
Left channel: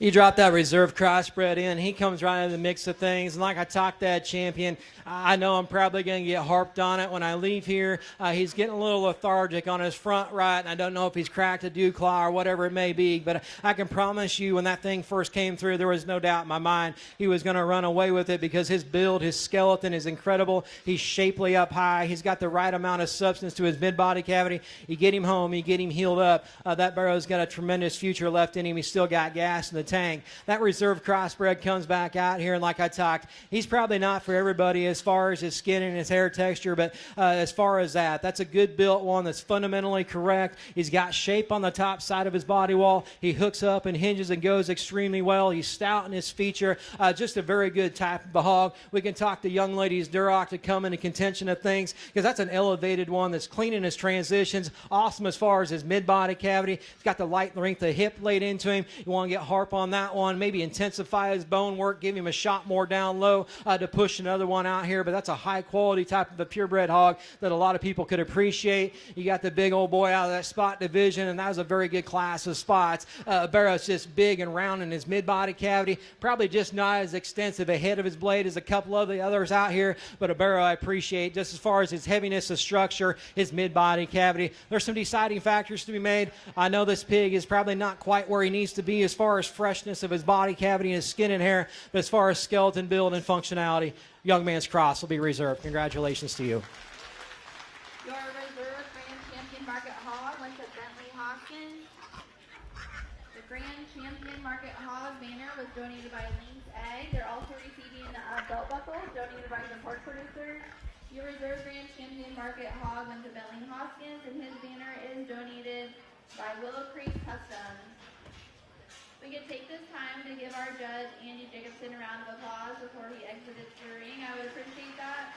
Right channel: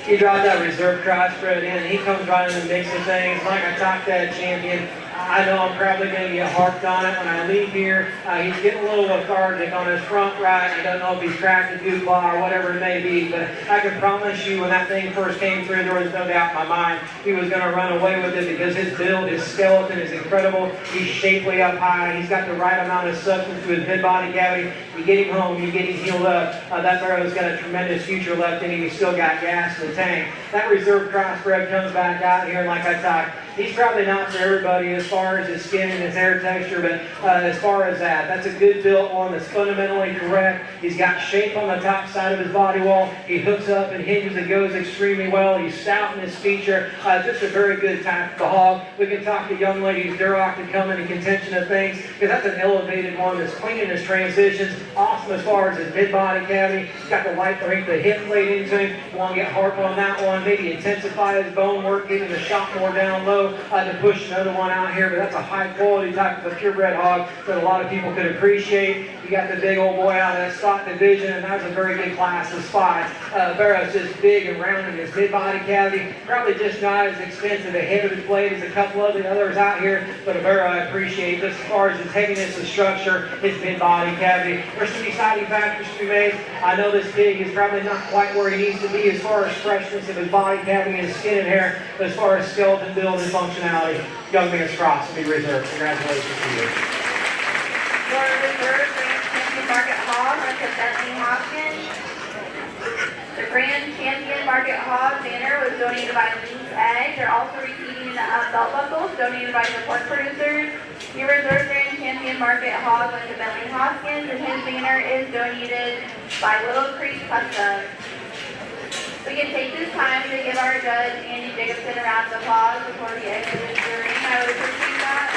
He dropped that reserve crossbred in. He comes right in the mix of things. Like a top dad champion, I know I'm probably going to get harped on it when I leave here. He's getting a little lethargic on his front right. I don't know if he's cracked a dewclaw or whatever it may be, but I can promise you when that thing first came through, there was no doubt in my mind he was going to run away with it because his build, his skeleton is incredible. He's shapely up high. He's got the right amount of substance to his mid-body cavity. You get him home, you get him healed up. That barrow's got a tremendous future left in him. He's still got gas in the tank. That reserve crossbred comes back out here like I talked. He's probably not for everybody as far as his skin and his hair texture, but as far as that's a good built one that's fundamentally correct. He's got shape on the top side of his body wall. He hooks up and hinges and goes extremely well. He's stout in this feature. Just a very good type of hog. We can talk to young ladies. Duroc can come into contention of things because that's an elevated one that's clean in his transitions. Awesome as far as his mid-body cavity. He's got the light break, the hip plate into him. You want to get hard on that one. Maybe intensify his bone work, give him a shot more down low to push another one out here. That's a high quality type of purebred hog that a lot of people could appreciate. You got the big old boy out of that stock division, and that's a very good class of spots. Barrow's just big and round in his mid-body cavity. Probably just not as extensive a head of his blade as a couple of the others out here, but a barrow I appreciate just as far as his heaviness of structure, his mid-body cavity. There's some exciting factors to be made. I know this pig is probably not quite where he needs to be as far as freshness of his body cavity and skin and hair, but as far as skeleton build and functionality, Young Man's Cross will be reserved. Congratulations to you. Your reserve Grand Champion Market Hog went to Bentley Hopkins. The Grand Champion Market Hog banner was donated by Lee's Egg. They're also receiving belt buckles donated by the pork producers. Your reserve Grand Champion Market Hog went to Bentley Hopkins, and his banner is donated by Little Creek Customs. We can take this time to give our judge, Andy Jacobson, a round of applause before he exits the ring. I would appreciate that.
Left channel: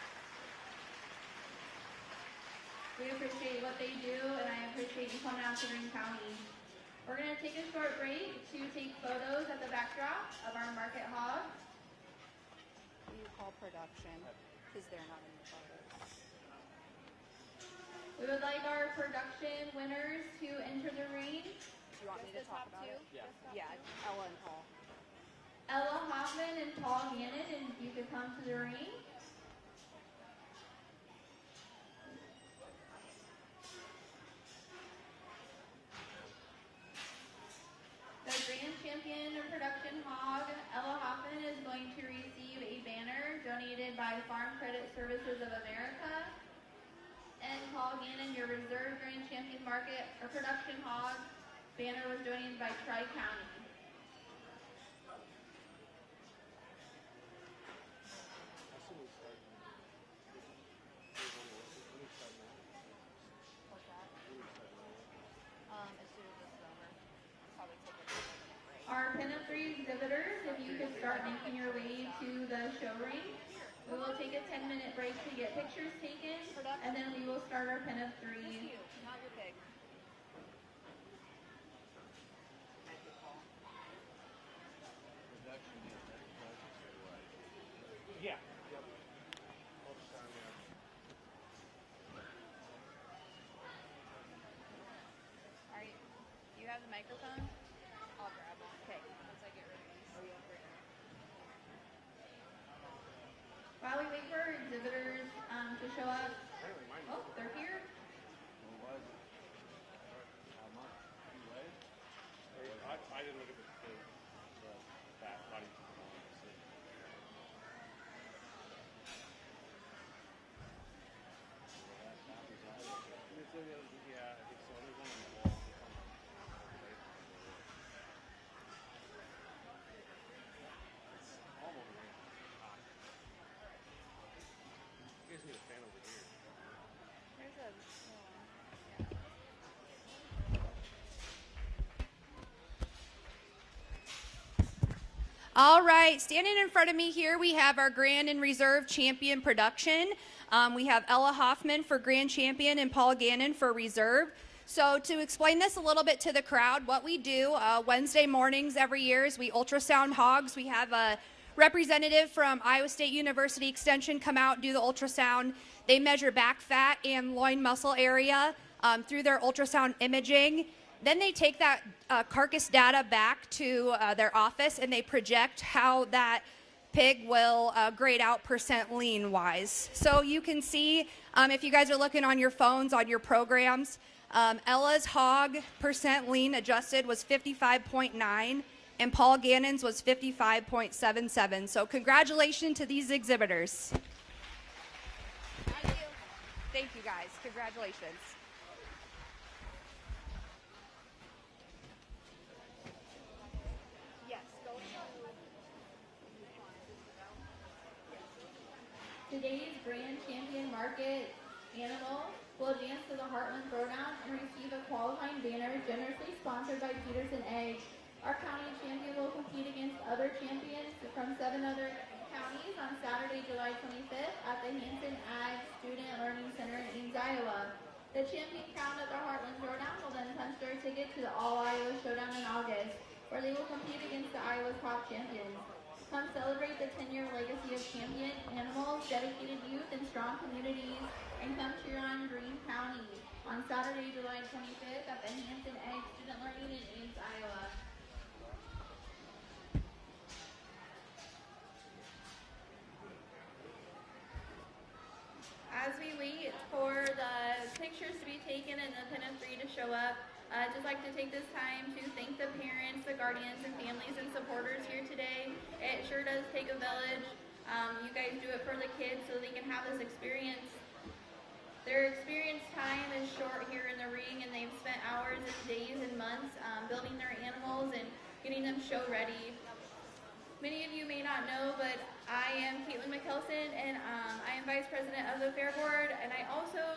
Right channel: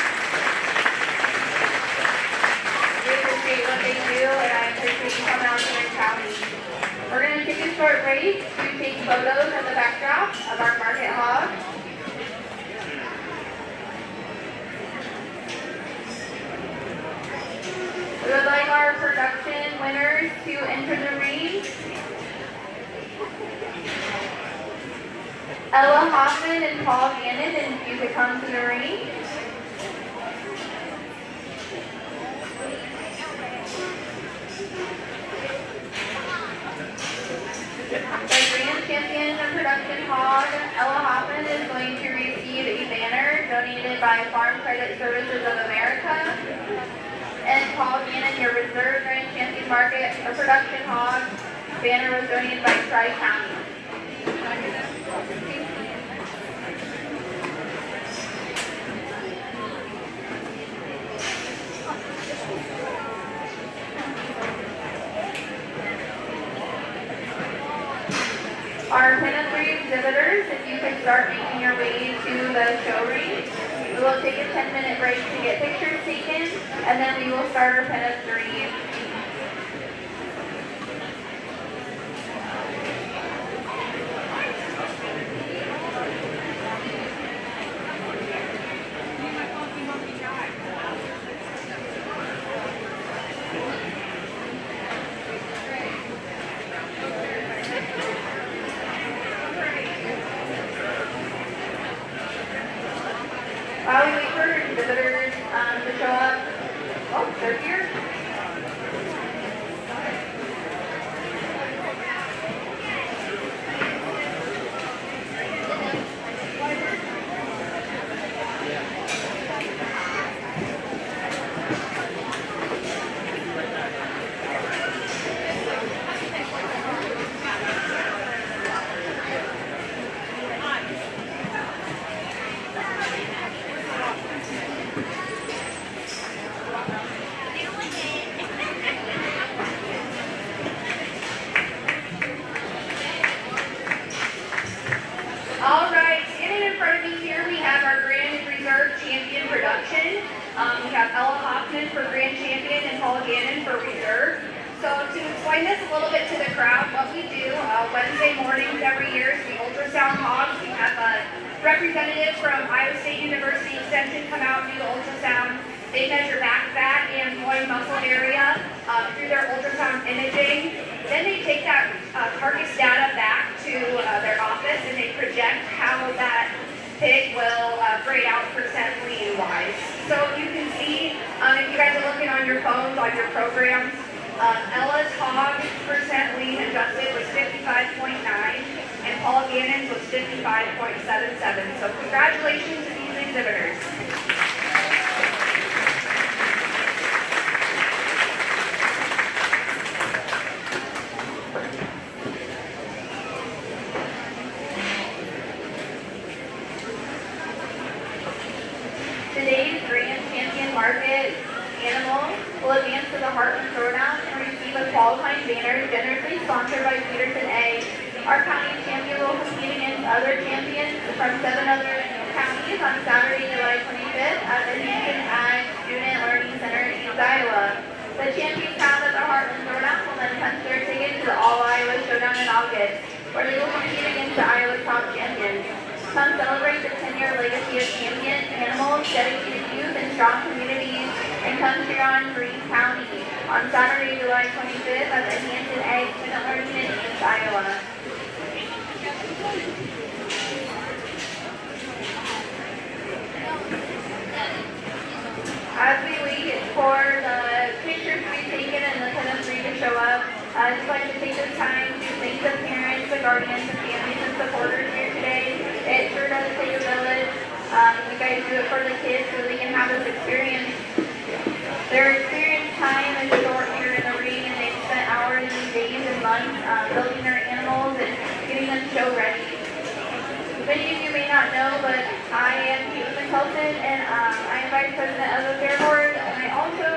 We appreciate what they do, and I appreciate you coming out to the county. We're going to take a short break to take photos at the backdrop of our market hog. We would like our production winners to enter the ring. Ella Hoffman and Paul Gannon, and if you could come to the ring. The Grand Champion of Production Hog, Ella Hoffman, is going to receive a banner donated by Farm Credit Services of America. And Paul Gannon, your reserve Grand Champion Market of Production Hog, banner was donated by Tri-County. Our Pin 3 exhibitors, if you could start making your way to the show ring. We will take a 10-minute break to get pictures taken, and then we will start our Pin 3. While we wait for visitors to show up, oh, they're here. imaging. Then they take that carcass data back to their office and they project how that pig will grade out percent lean wise. So you can see, if you guys are looking on your phones, on your programs, Ella's hog percent lean adjusted was 55.9 and Paul Gannon's was 55.77. So congratulations to these exhibitors. Today's Grand Champion Market animal will advance to the Heartland Throwdown and receive a qualifying banner generously sponsored by Peterson A. Our county champion will compete against other champions from 7 other counties on Saturday, July 25th at the Hampton Ag Student Learning Center in East Iowa. The champions found at the Heartland Throwdown will then punch their ticket to the All Iowa Showdown in August, where they will compete against the Iowa top champions. Come celebrate the 10-year legacy of champion animals, dedicated youth, and strong communities, and come cheer on Greene County on Saturday, July 25th at the Hampton Ag Student Learning in East Iowa. As we wait for the pictures to be taken and the chemistry to show up, I'd just like to take this time to thank the parents, the guardians, the families, and supporters here today. It sure does take a village. You guys do it for the kids so they can have this experience. Their experience time is short here in the ring, and they've spent hours and days and months building their animals and getting them show ready. Many of you may not know, but I am Kate McCulton, and I am Vice President of the Fair Board, and I also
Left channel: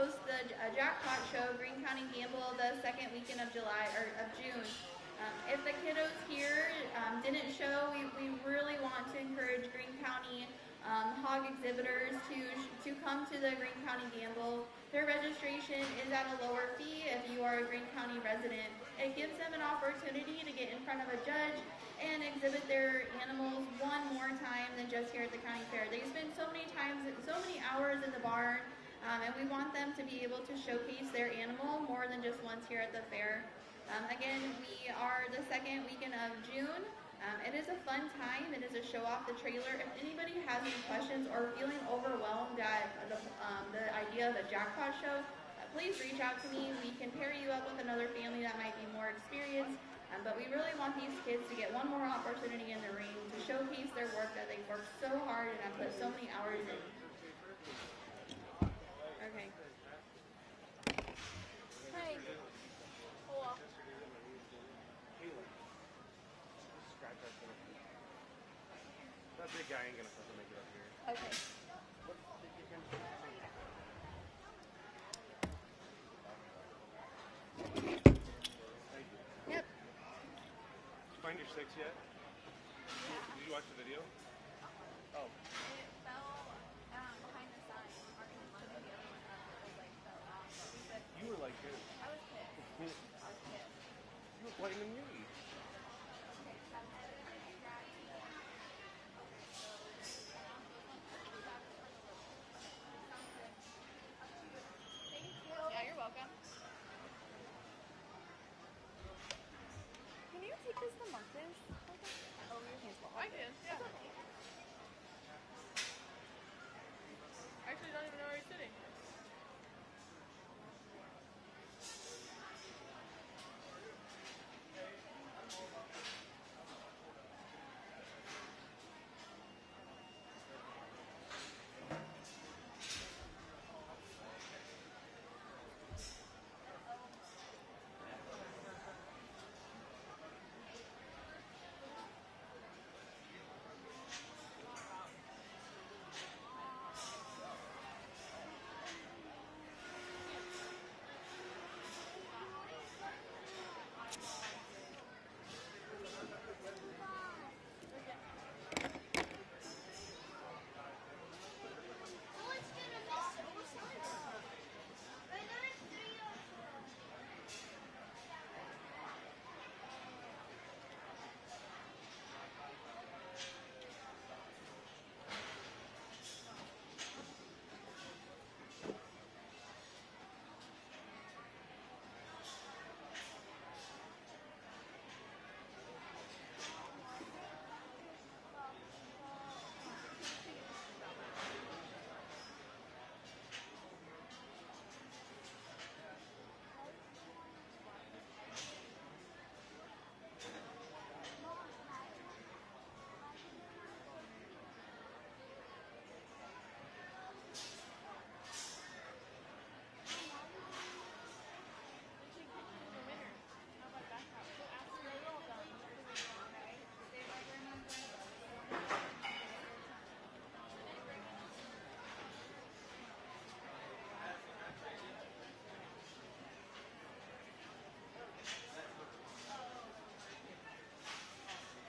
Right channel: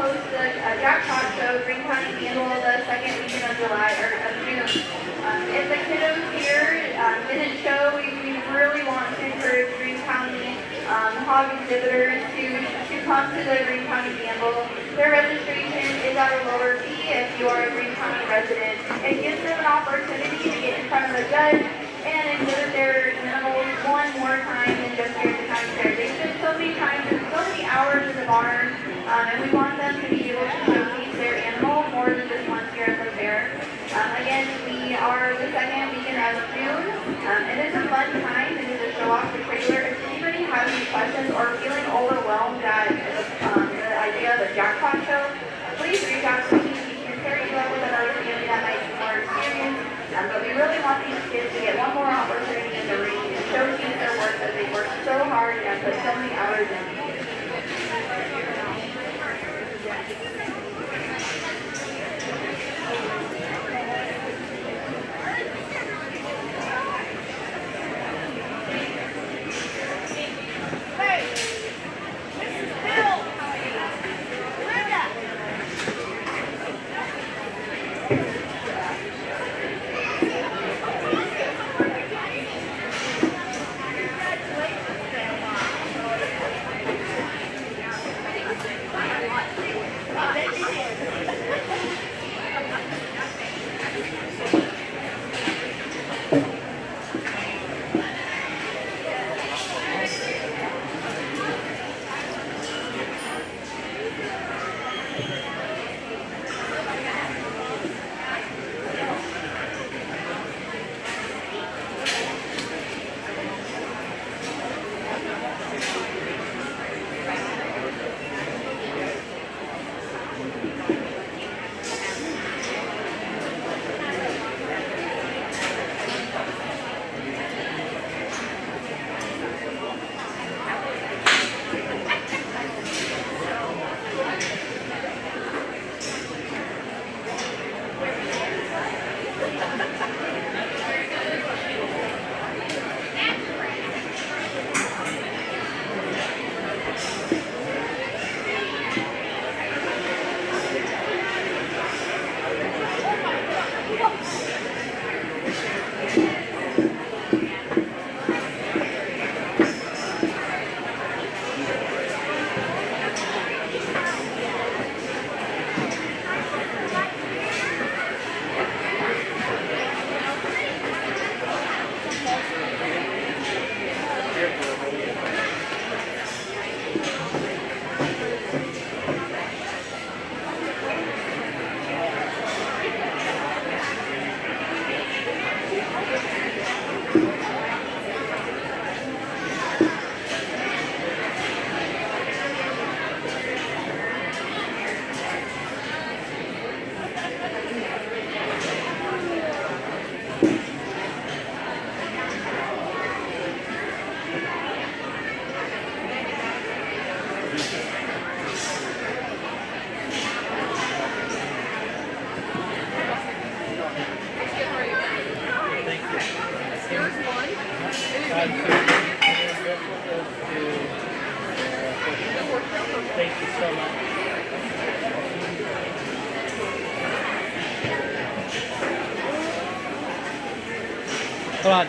host the Jackpot Show, Greene County Handle, the second weekend of June. If the kiddos here didn't show, we really want to encourage Greene County hog exhibitors to come to the Greene County Gamble. Their registration is at a lower fee if you are a Greene County resident. It gives them an opportunity to get in front of a judge and exhibit their animals one more time than just here at the county fair. They spend so many times and so many hours in the barn, and we want them to be able to showcase their animal more than just once here at the fair. Again, we are the second weekend of June. It is a fun time to do the show off the trailer. If anybody has any questions or feeling overwhelmed at the idea of the jackpot show, please reach out to me. We can pair you up with another family that might be more experienced. But we really want these kids to get one more opportunity in the ring and showcase their work that they worked so hard and put so many hours in. Thank you so much. Hold on.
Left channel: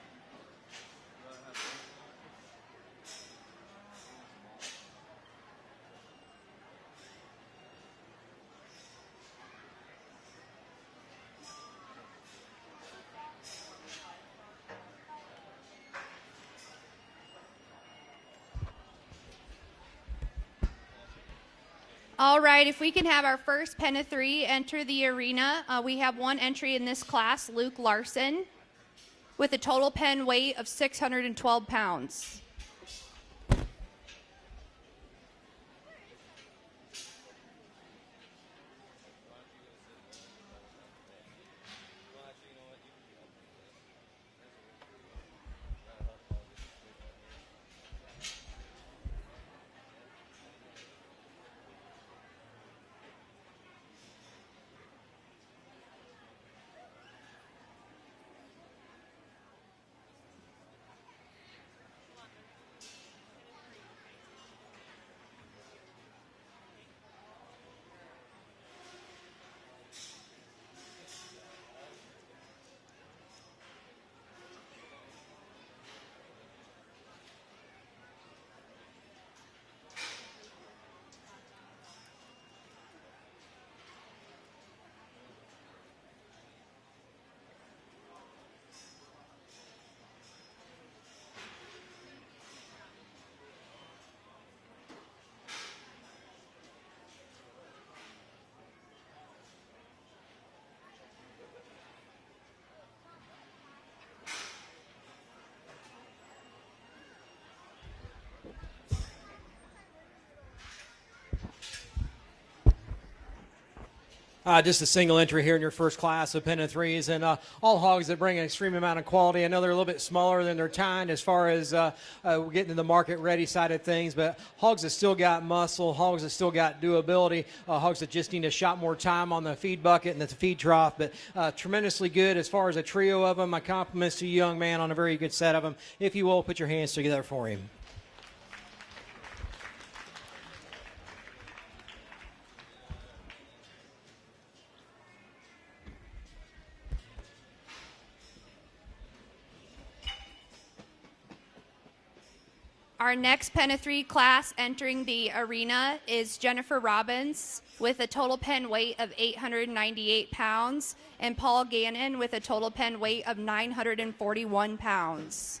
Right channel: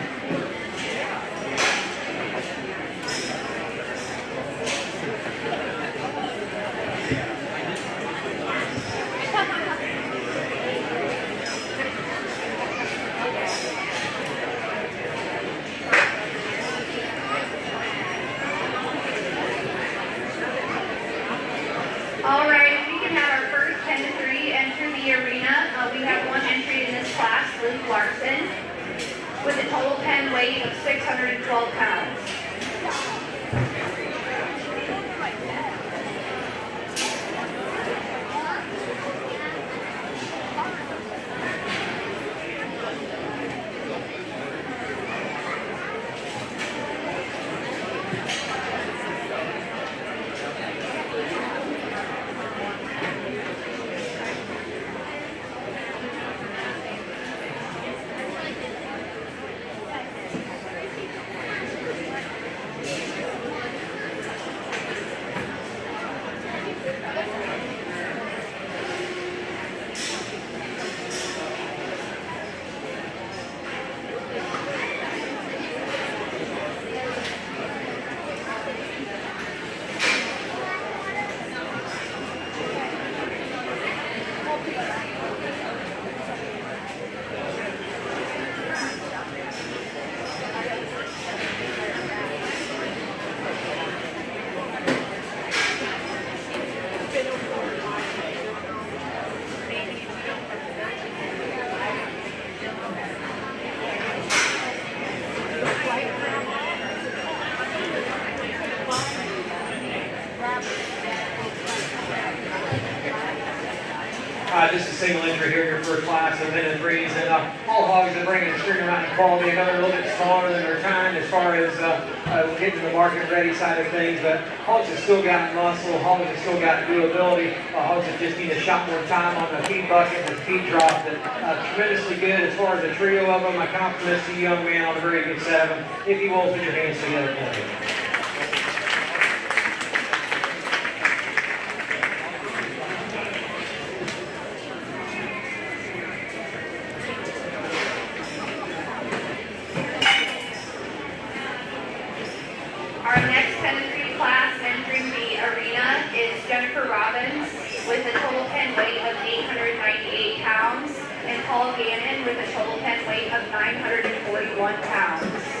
All right, if we can have our first pen of 3 enter the arena. We have one entry in this class, Luke Larson, with a total pen weight of 612 pounds. Just a single entry here for the class of pen and 3s, and all hogs that bring extreme amount of quality. They're a little bit smaller than their time as far as getting the market ready side of things, but hogs have still got muscle, hogs have still got durability, hogs that just need a shot more time on the feed bucket and the feed drop. But tremendously good as far as the trio of them. My compliments to you, young man, on a very good set of them. If you will, put your hands together for me. Our next pen of 3 class entering the arena is Jennifer Robbins with a total pen weight of 898 pounds and Paul Gannon with a total pen weight of 941 pounds.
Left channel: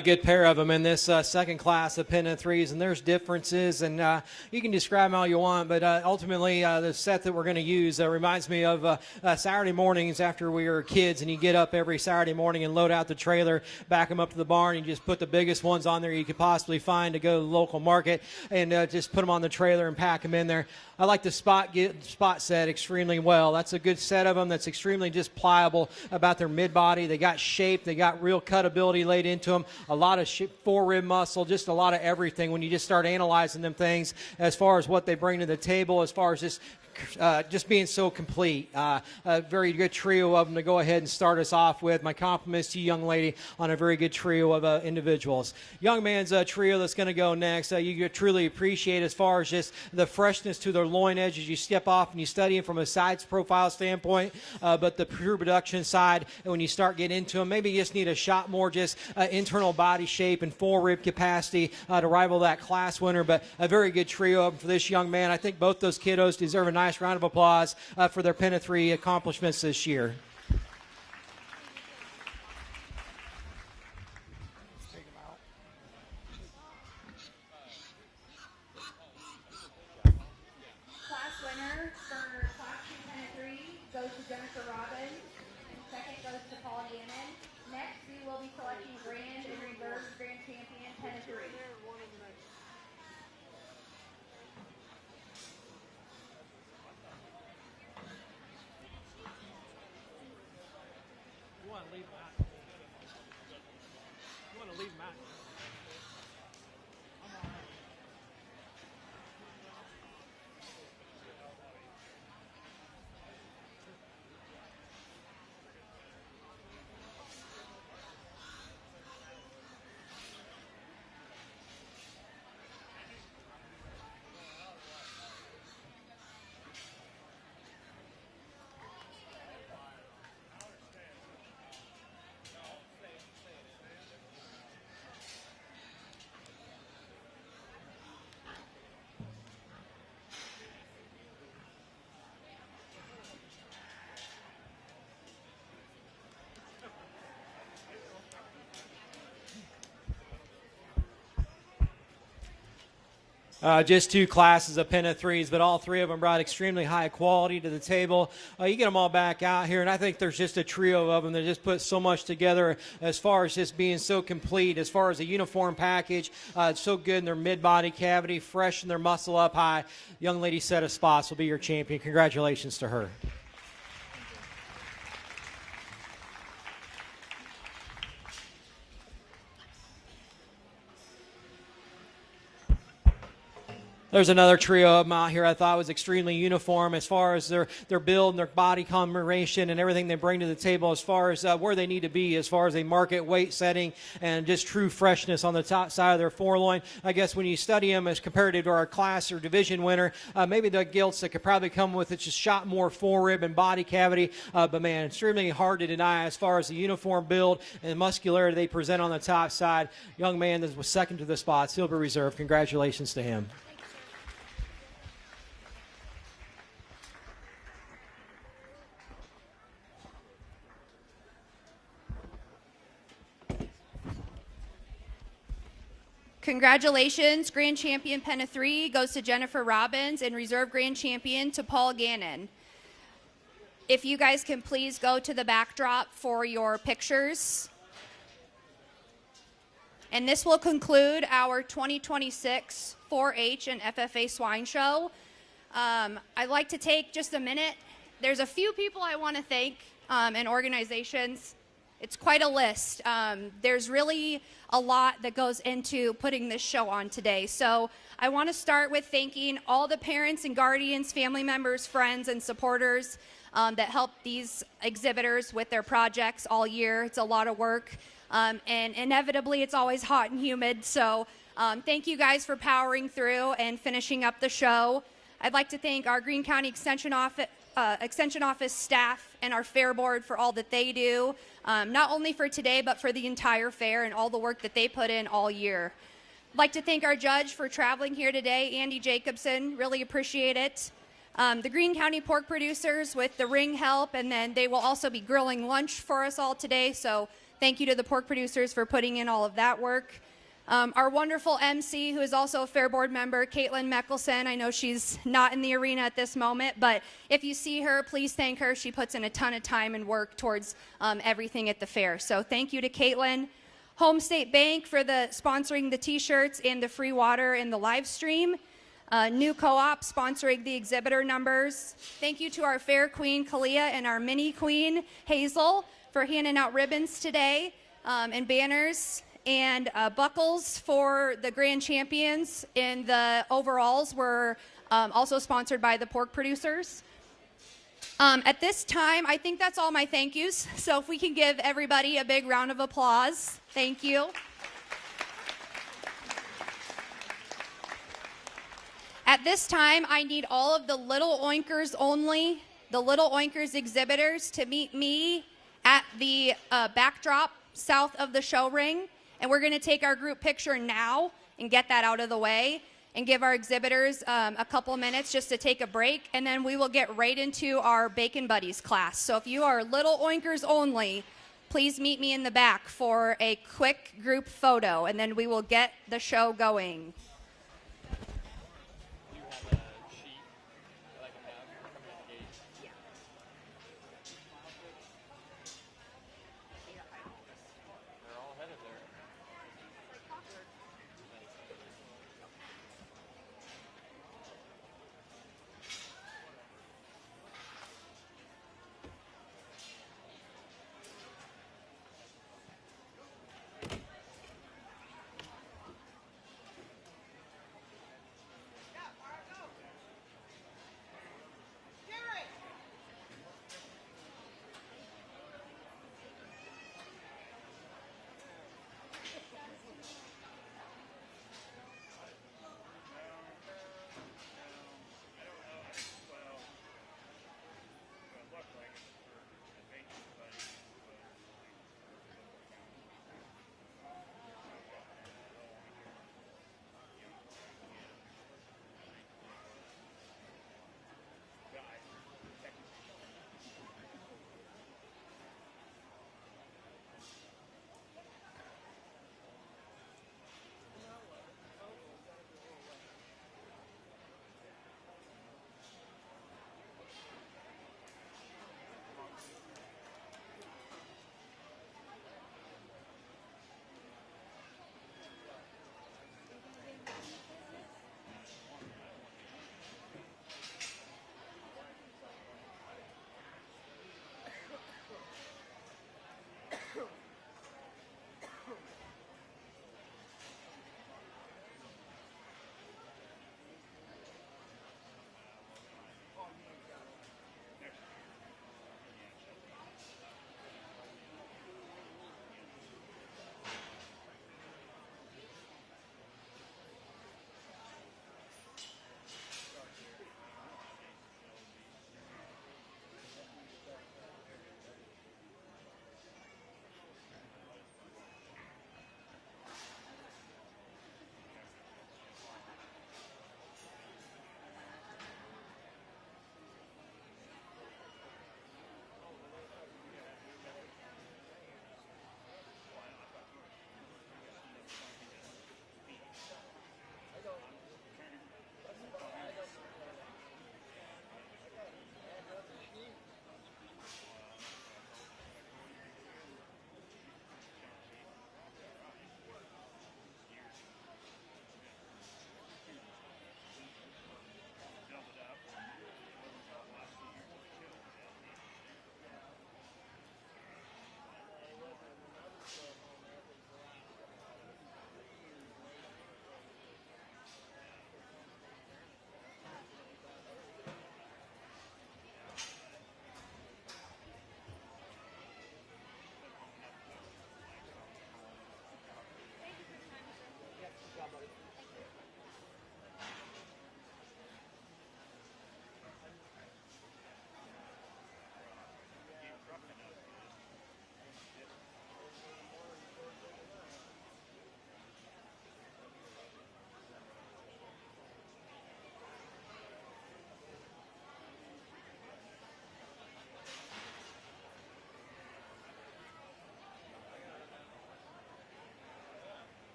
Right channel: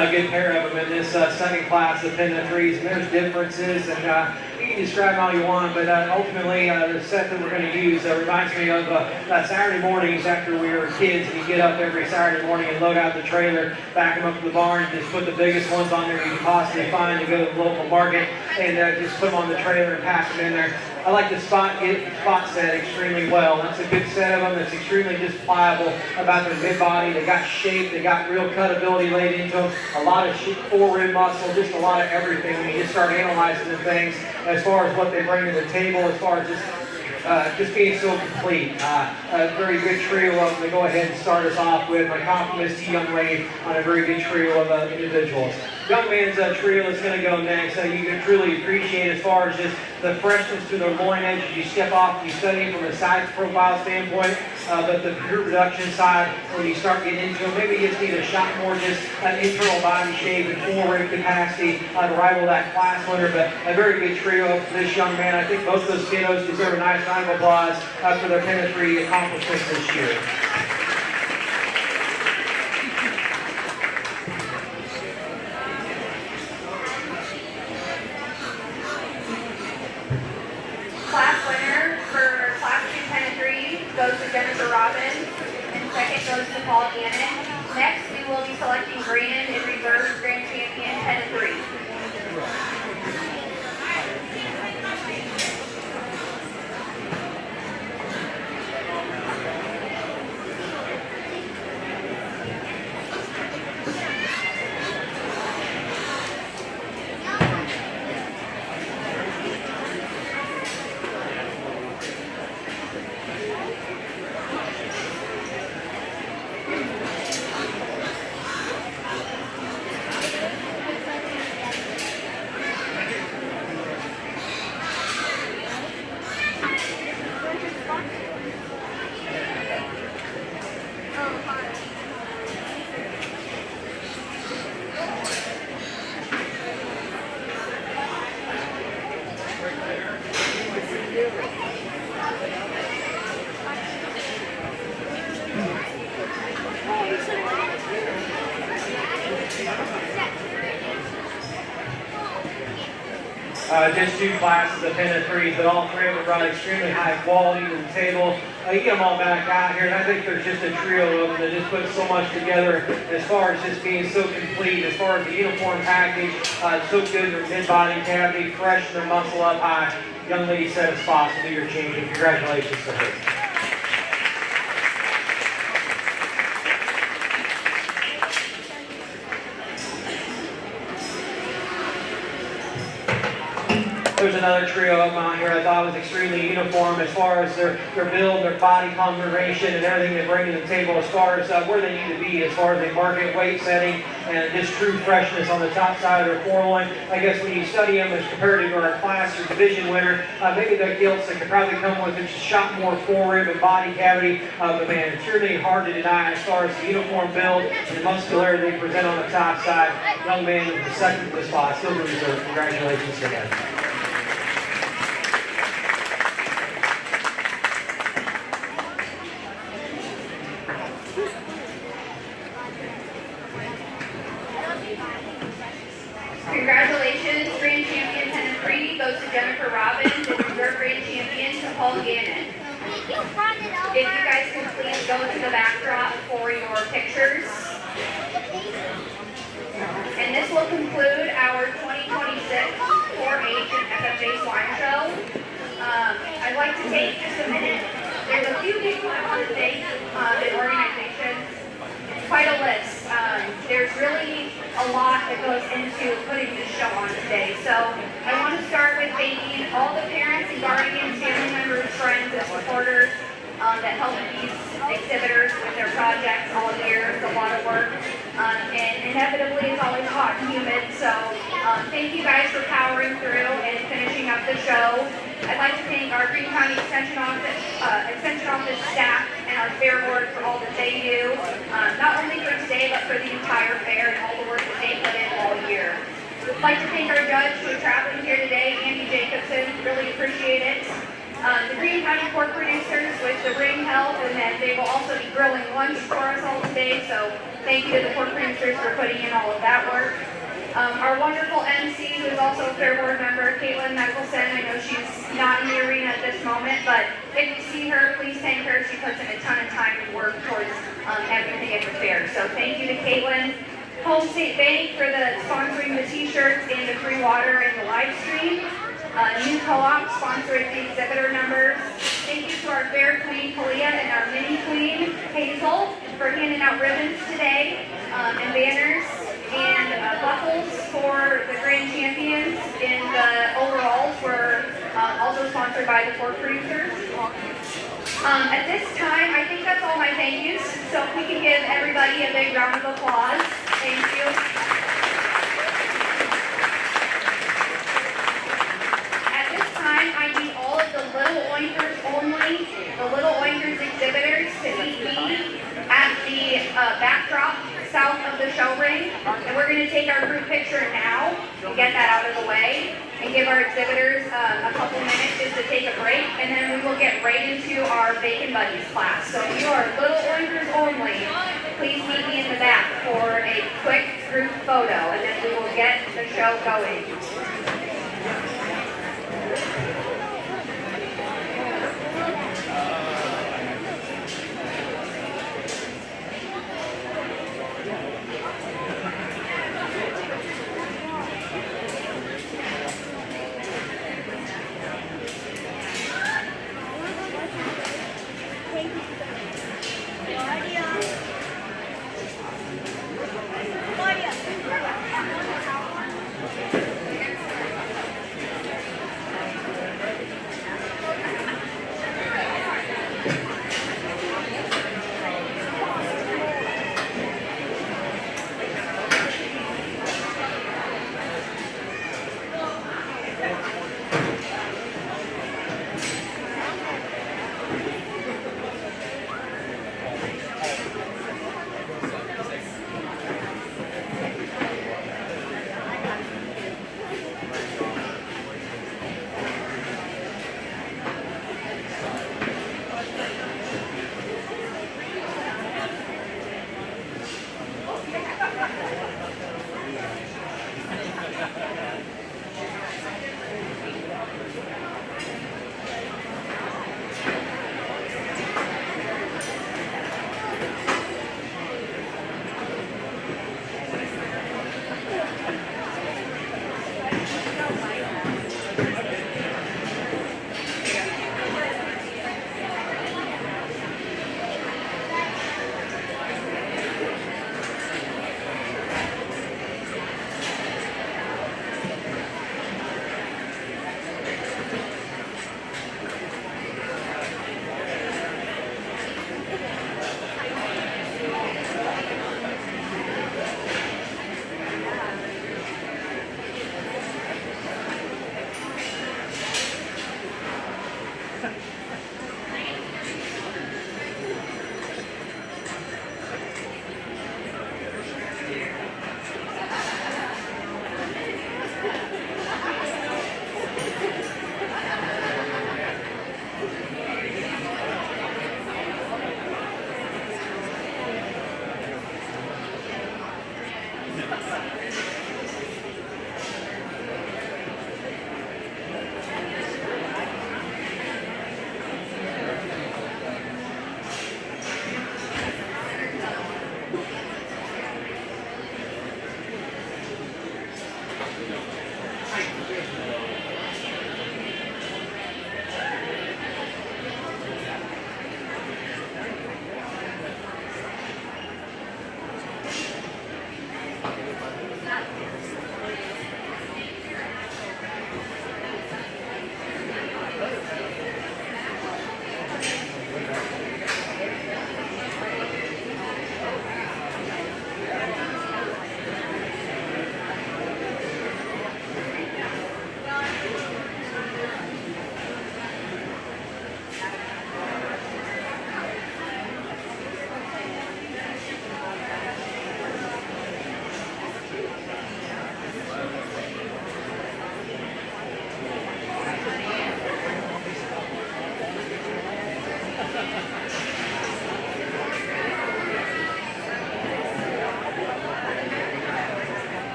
good pair of them in this second class of Pennant threes. There's differences, and you can describe them all you want, but ultimately the set that we're going to use reminds me of Saturday mornings after we were kids, and you get up every Saturday morning and load out the trailer, back them up to the barn, and just put the biggest ones on there you can possibly find, and go to the local market, and just put them on the trailer and pack them in there. I like the spot set extremely well. It's a good set of them. It's extremely just pliable about their mid-body. They got shape. They got real cutability laid into them. A lot of forearm muscle, just a lot of everything. When you just start analyzing the things as far as what they bring to the table, as far as just being so complete. A very good trio of them to go ahead and start us off with. My compliments to you, young lady, on a very good trio of individuals. Young man's trio that's going to go next that you truly appreciate as far as just the freshness to their loin edge. You step off, you study from a size profile standpoint, but the production side, when you start getting into it, maybe you just need a shot more just an internal body shape and forward capacity to rival that class winner. But a very good trio for this young man. I think both those kiddos deserve a nice round of applause for their Pennant 3 accomplishments this year. Class winner for Class 2 Pennant 3 goes to Jennifer Robbins, and second goes to Paul Gannon. Next, we will be selecting Greene in reserve grand champion Pennant 3. Just two classes of Pennant 3s, but all three of them brought extremely high quality to the table. You get them all back out here, and I think there's just a trio of them that just put so much together as far as just being so complete, as far as the uniform package, so good, their mid-body cavity, fresh, their muscle up high. Young lady set a spot to be your champion. Congratulations to her. There's another trio of them out here I thought was extremely uniform as far as their build, their body configuration, and everything they bring to the table as far as where they need to be as far as their market weight setting and just true freshness on the top side of their foreloin. I guess when you study them as compared to our class or division winner, maybe the gilts that could probably come with just a shot more forward and body cavity, but man, it's really hard to deny as far as the uniform build and muscularity they present on the top side. Young man was second to the spot, still reserve. Congratulations to him. Congratulations, grand champion Pennant 3 goes to Jennifer Robbins and reserve grand champion to Paul Gannon. If you guys can please go to the backdrop for your pictures. And this will conclude our 2026 4-H and FFA Swine Show. I'd like to take just a minute. There's a few people I want to thank in organizations. It's quite a list. There's really a lot that goes into putting this show on today. So I want to start with thanking all the parents and guardians, family members, friends, and supporters that help these exhibitors with their projects all year. It's a lot of work. And inevitably it's always hot and humid. So thank you guys for powering through and finishing up the show. I'd like to thank our Greene County Extension Office staff and our Fair Board for all that they do, not only for today, but for the entire fair and all the work that they put in all year. I'd like to thank our judge for traveling here today, Andy Jacobson, really appreciate it. The Greene County pork producers with the ring help, and then they will also be grilling lunch for us all today, so Thank you to the pork producers for putting in all of that work. Our wonderful MC, who's also a Fair Board member, Caitlin Mickelson. I know she's not in the arena at this moment, but if you see her, please thank her. She puts in a ton of time and work towards everything at the fair. So thank you to Caitlin. Home State Bank for the sponsoring the t-shirts and the free water and the live stream. New Co-op sponsoring the exhibitor numbers. Thank you to our Fair Queen, Kalia, and our Mini Queen, Hazel, for handing out ribbons today, and banners, and buckles for the grand champions. In the overalls were also sponsored by the pork producers. At this time, I think that's all my thank yous. So if we can give everybody a big round of applause. Thank you. At this time, I need all of the Little Oinkers only, the Little Oinkers exhibitors to meet me at the backdrop south of the show ring. And we're going to take our group picture now, get that out of the way, and give our exhibitors a couple minutes just to take a break, and then we will get right into our Bacon Buddies class. So if you are Little Oinkers only, please meet me in the back for a quick group photo, and then we will get the show going.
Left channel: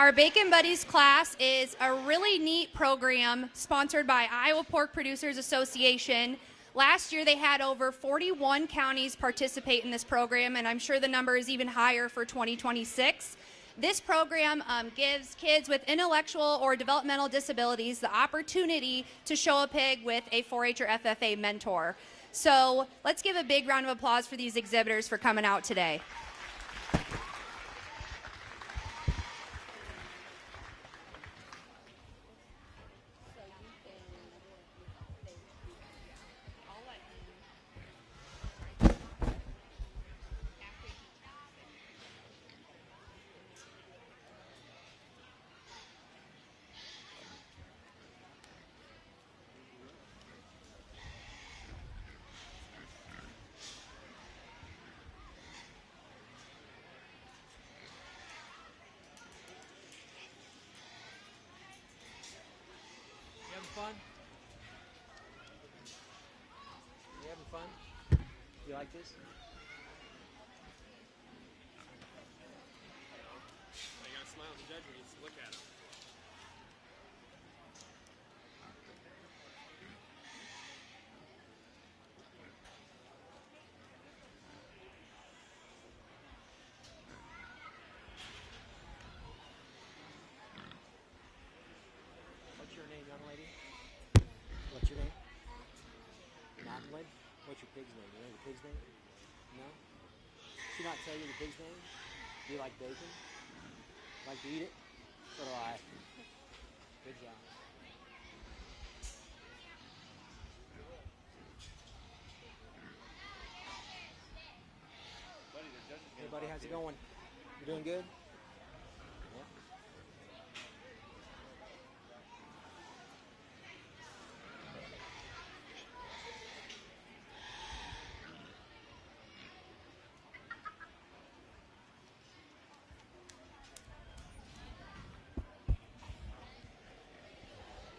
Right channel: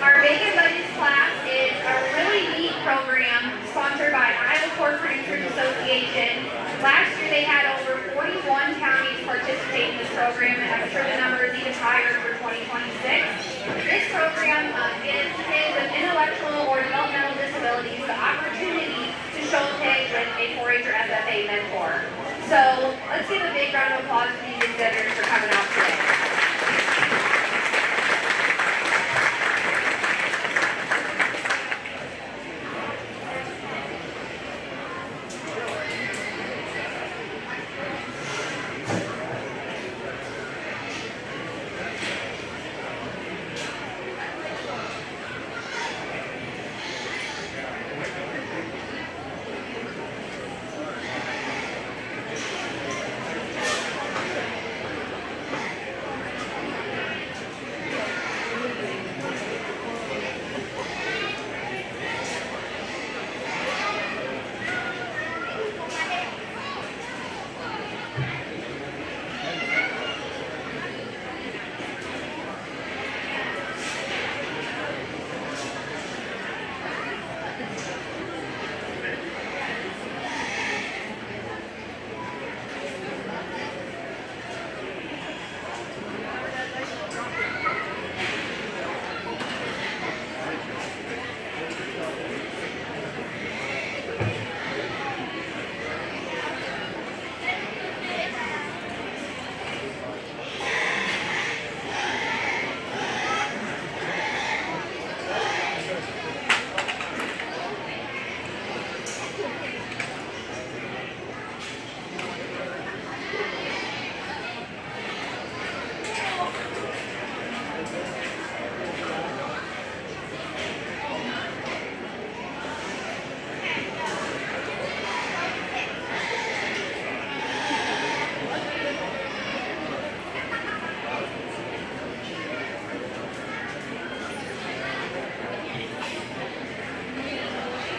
Our Bacon Buddies class is a really neat program sponsored by Iowa Pork Producers Association. Last year they had over 41 counties participate in this program, and I'm sure the number is even higher for 2026. This program gives kids with intellectual or developmental disabilities the opportunity to show a pig with a 4-H or FFA mentor. So let's give a big round of applause for these exhibitors for coming out today.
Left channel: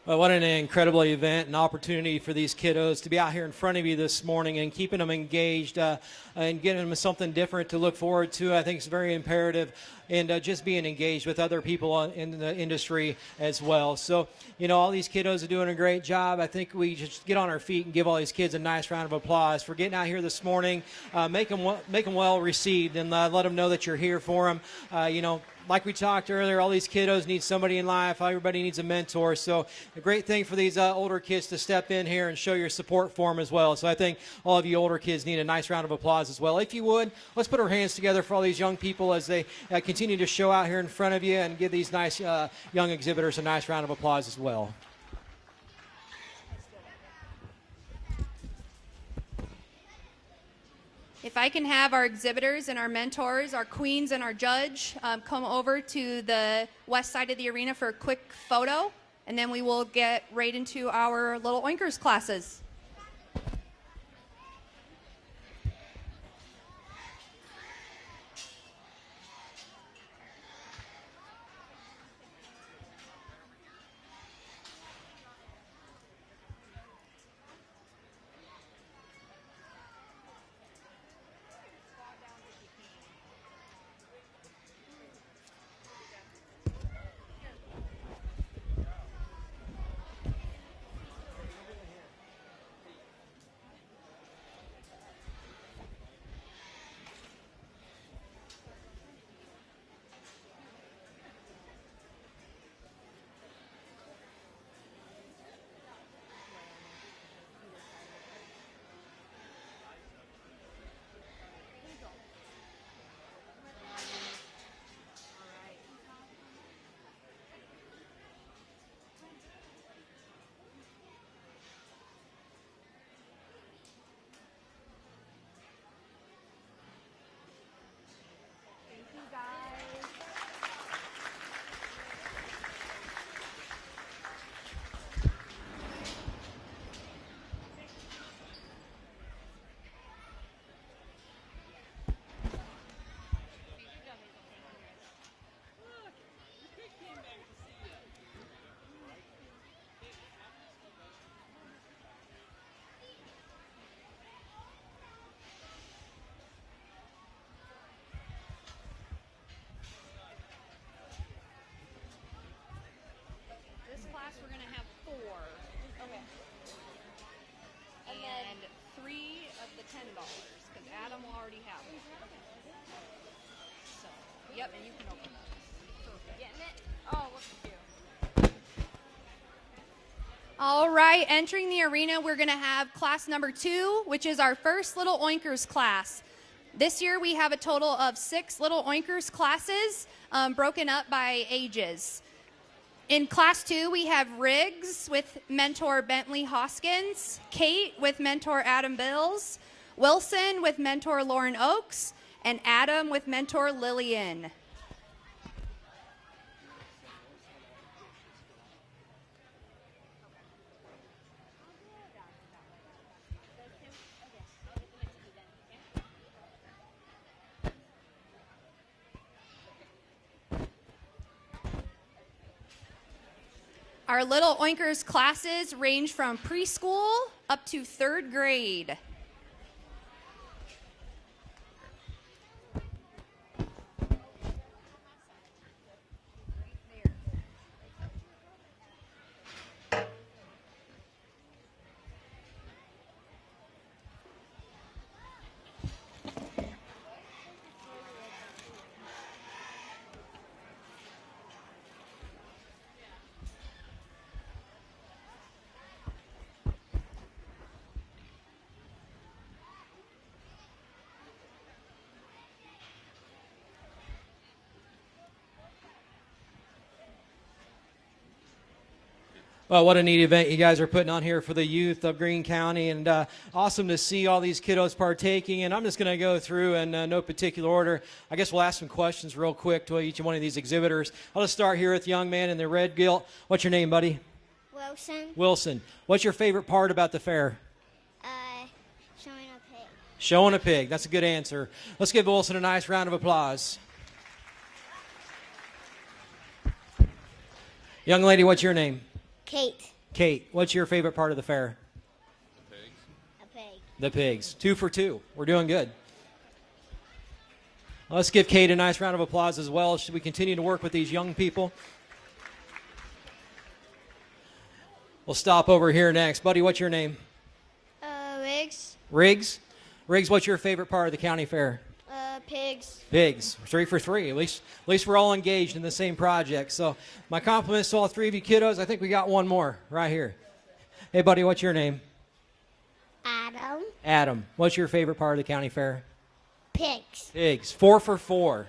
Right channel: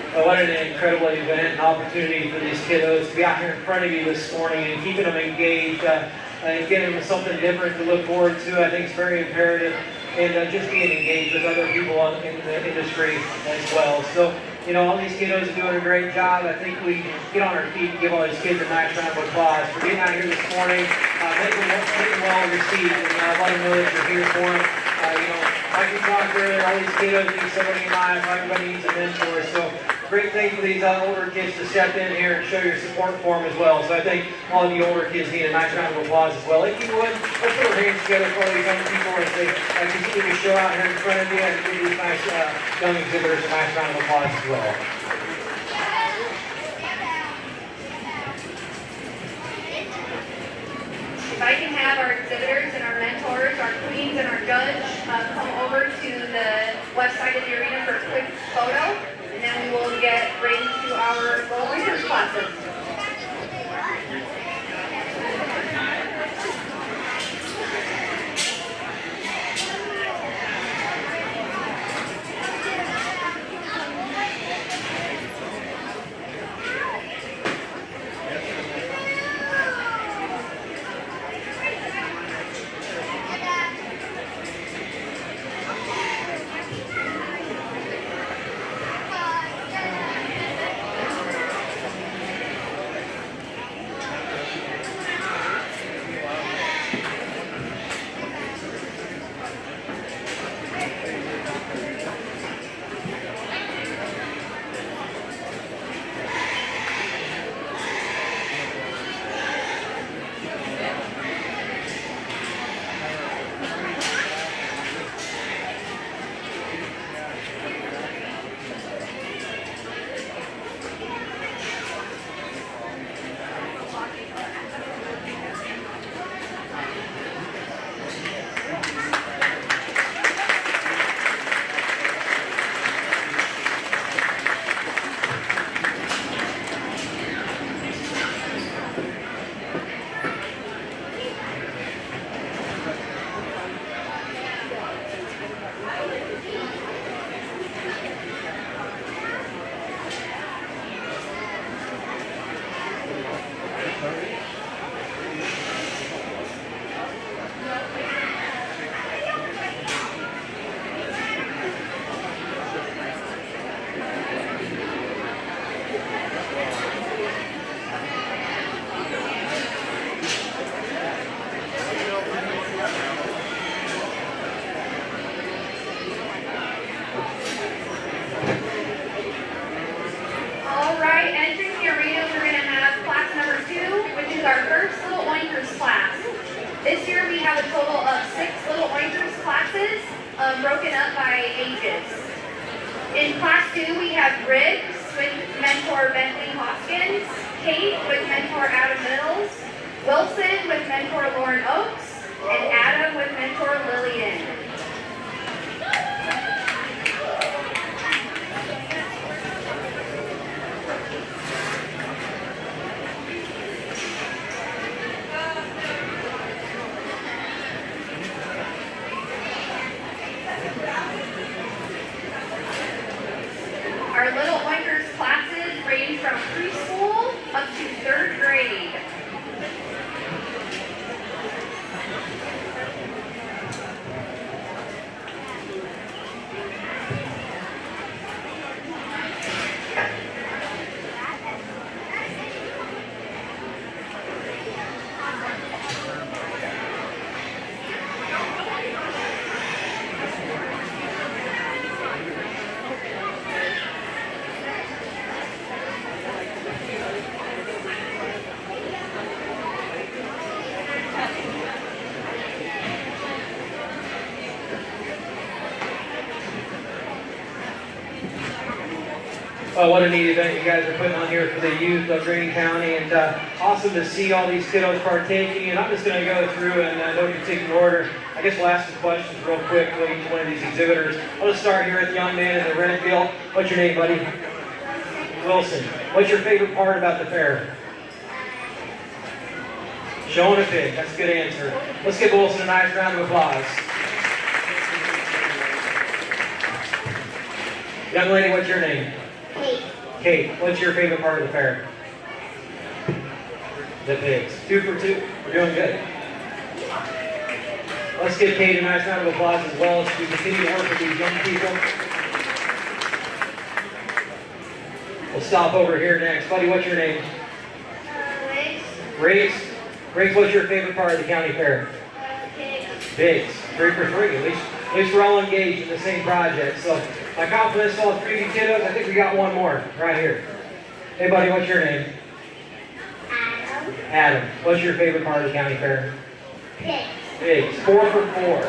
Well, what an incredible event and opportunity for these kiddos to be out here in front of you this morning and keep them engaged and give them something different to look forward to. I think it's very imperative, and just being engaged with other people in the industry as well. So, you know, all these kiddos are doing a great job. I think we should get on our feet and give all these kids a nice round of applause for being out here this morning, getting well received, and let them know that you're here for them. You know, like we talked earlier, all these kiddos need somebody in life. Everybody needs a mentor. So, great thing for these older kids to step in here and show your support for them as well. So I think all of you older kids need a nice round of applause as well. If you would, let's put a race together for all these young people as they continue to show out here in front of you and give these nice young exhibitors a nice round of applause as well. If I can have our exhibitors and our mentors, our queens and our judge come over to the west side of the arena for a quick photo, and then we will get right into our little learners classes. What a neat event you guys are putting on here for the youth of Greene County, and awesome to see all these kiddos partaking. And I'm just going to go through in no particular order. I guess we'll ask some questions real quick to each one of these exhibitors. Let's start here with the young man in the red gill. What's your name, buddy? Wilson. What's your favorite part about the fair? Showing a pig. That's a good answer. Let's give Wilson a nice round of applause. Young lady, what's your name? Kate. Kate, what's your favorite part of the fair? The pigs. 2 for 2. We're doing good. Let's give Kate a nice round of applause as well as we continue to work with these young people. We'll stop over here next. Buddy, what's your name? Riggs. Riggs? Riggs, what's your favorite part of the county fair? Pigs. Pigs. 3 for 3. At least we're all engaged in the same project. So my compliments to all 3 of you kiddos. I think we got one more right here. Hey buddy, what's your name? Adam. Adam. What's your favorite part of the county fair? Pigs. Pigs. 4 for 4.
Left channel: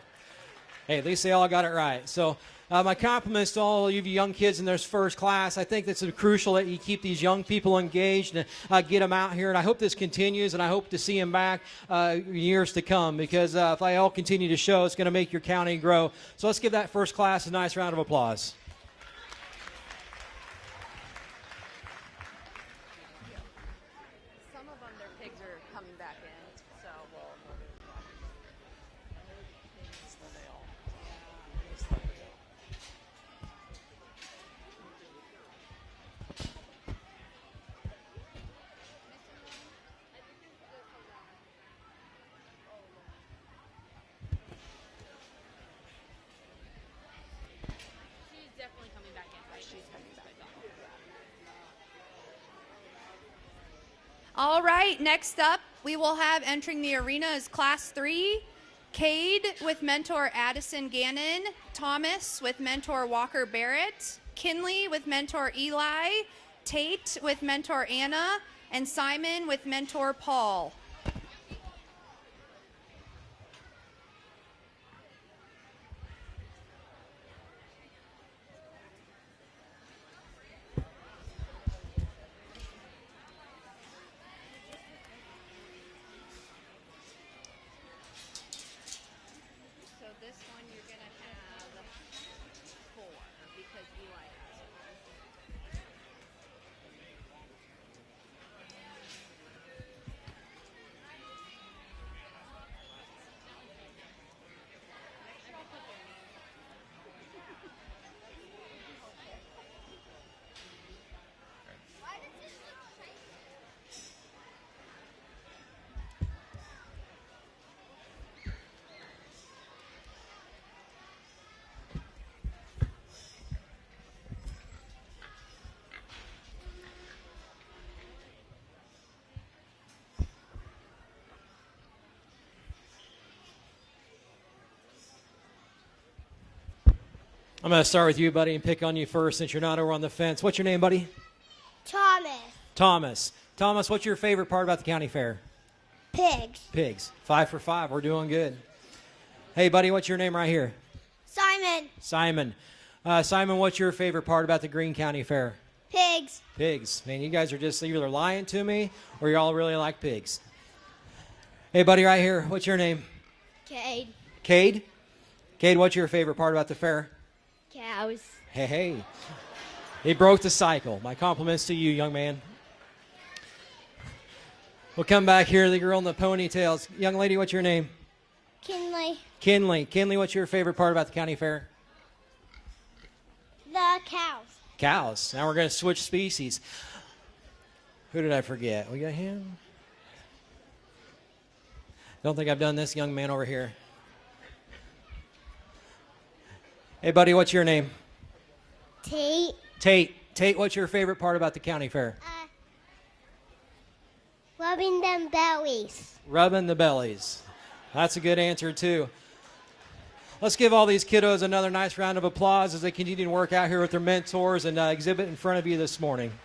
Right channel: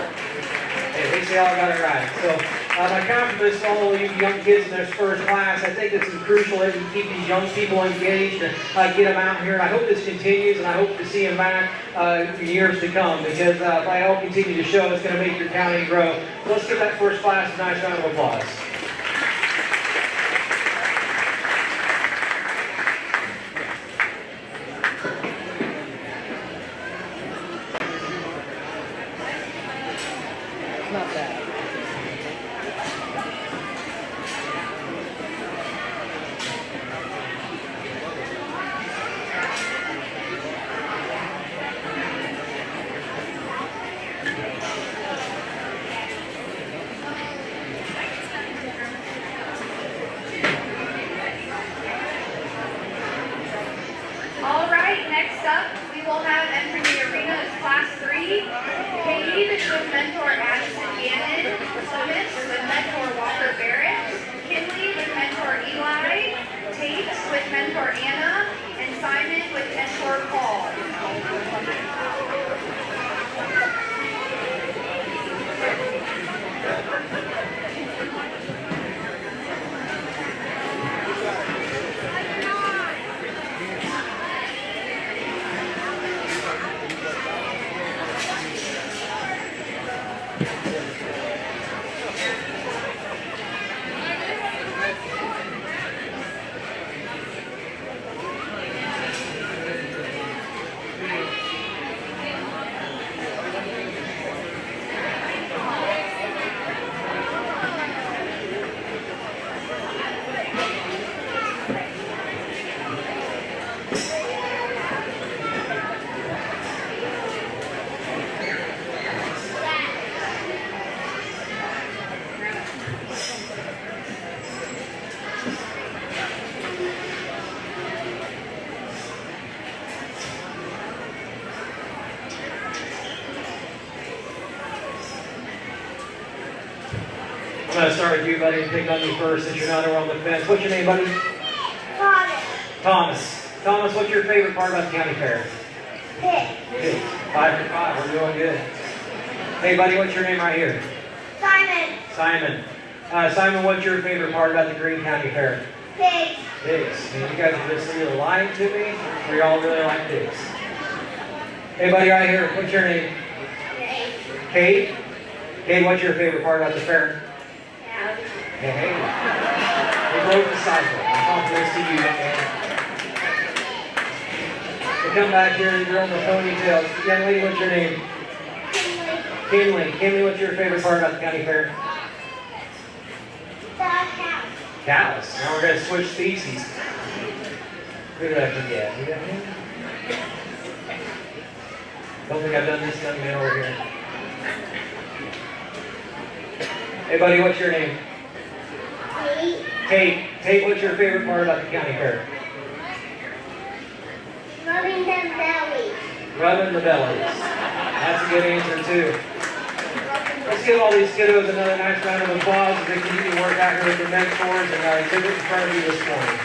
Hey, this is all about it right. So my compliments to all of you young kids in this first class. I think it's crucial that we keep these young people engaged and get them out here. I hope this continues, and I hope to see them back years to come, because if they all continue to show, it's going to make your county grow. So let's give that first class a nice round of applause. Not bad. All right, next up, we will have entering the arena is Class 3, Cade with mentor Addison Gannon, Thomas with mentor Walker Barrett, Kinley with mentor Eli, Tate with mentor Anna, and Simon with mentor Paul. I'm going to start with you, buddy. Pick on you first since you're out there on the fence. What's your name, buddy? Thomas. Thomas. Thomas, what's your favorite part of the county fair? Pigs. Pigs. 5 for 5. We're doing good. Hey, buddy, what's your name right here? Simon. Simon. Simon, what's your favorite part about the Greene County Fair? Pigs. Pigs. And you guys are just either lying to me or you're all really like pigs. Hey, buddy, right here. What's your name? Kate. Kate. Kate, what's your favorite part about the fair? House. Hey. We broke the cycle. Compliments to you, young man. We'll come back here and run the ponytails. Yeah, lady, what's your name? Kinley. Kinley, what's your favorite part about the county fair? The house. Cows. Now we're going to switch species. Who did I forget? You know? Don't think I've done this young man over here. Hey, buddy, what's your name? Tate. Tate, what's your favorite part about the county fair? Rubbing them bellies. Rubbing the bellies. That's a good answer, too. Let's give all these kiddos another nice round of applause as we continue to work out here with the mentors and exhibit in front of you this morning.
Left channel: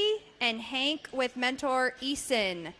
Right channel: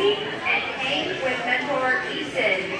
Lindsay, and Hank with mentor Easton.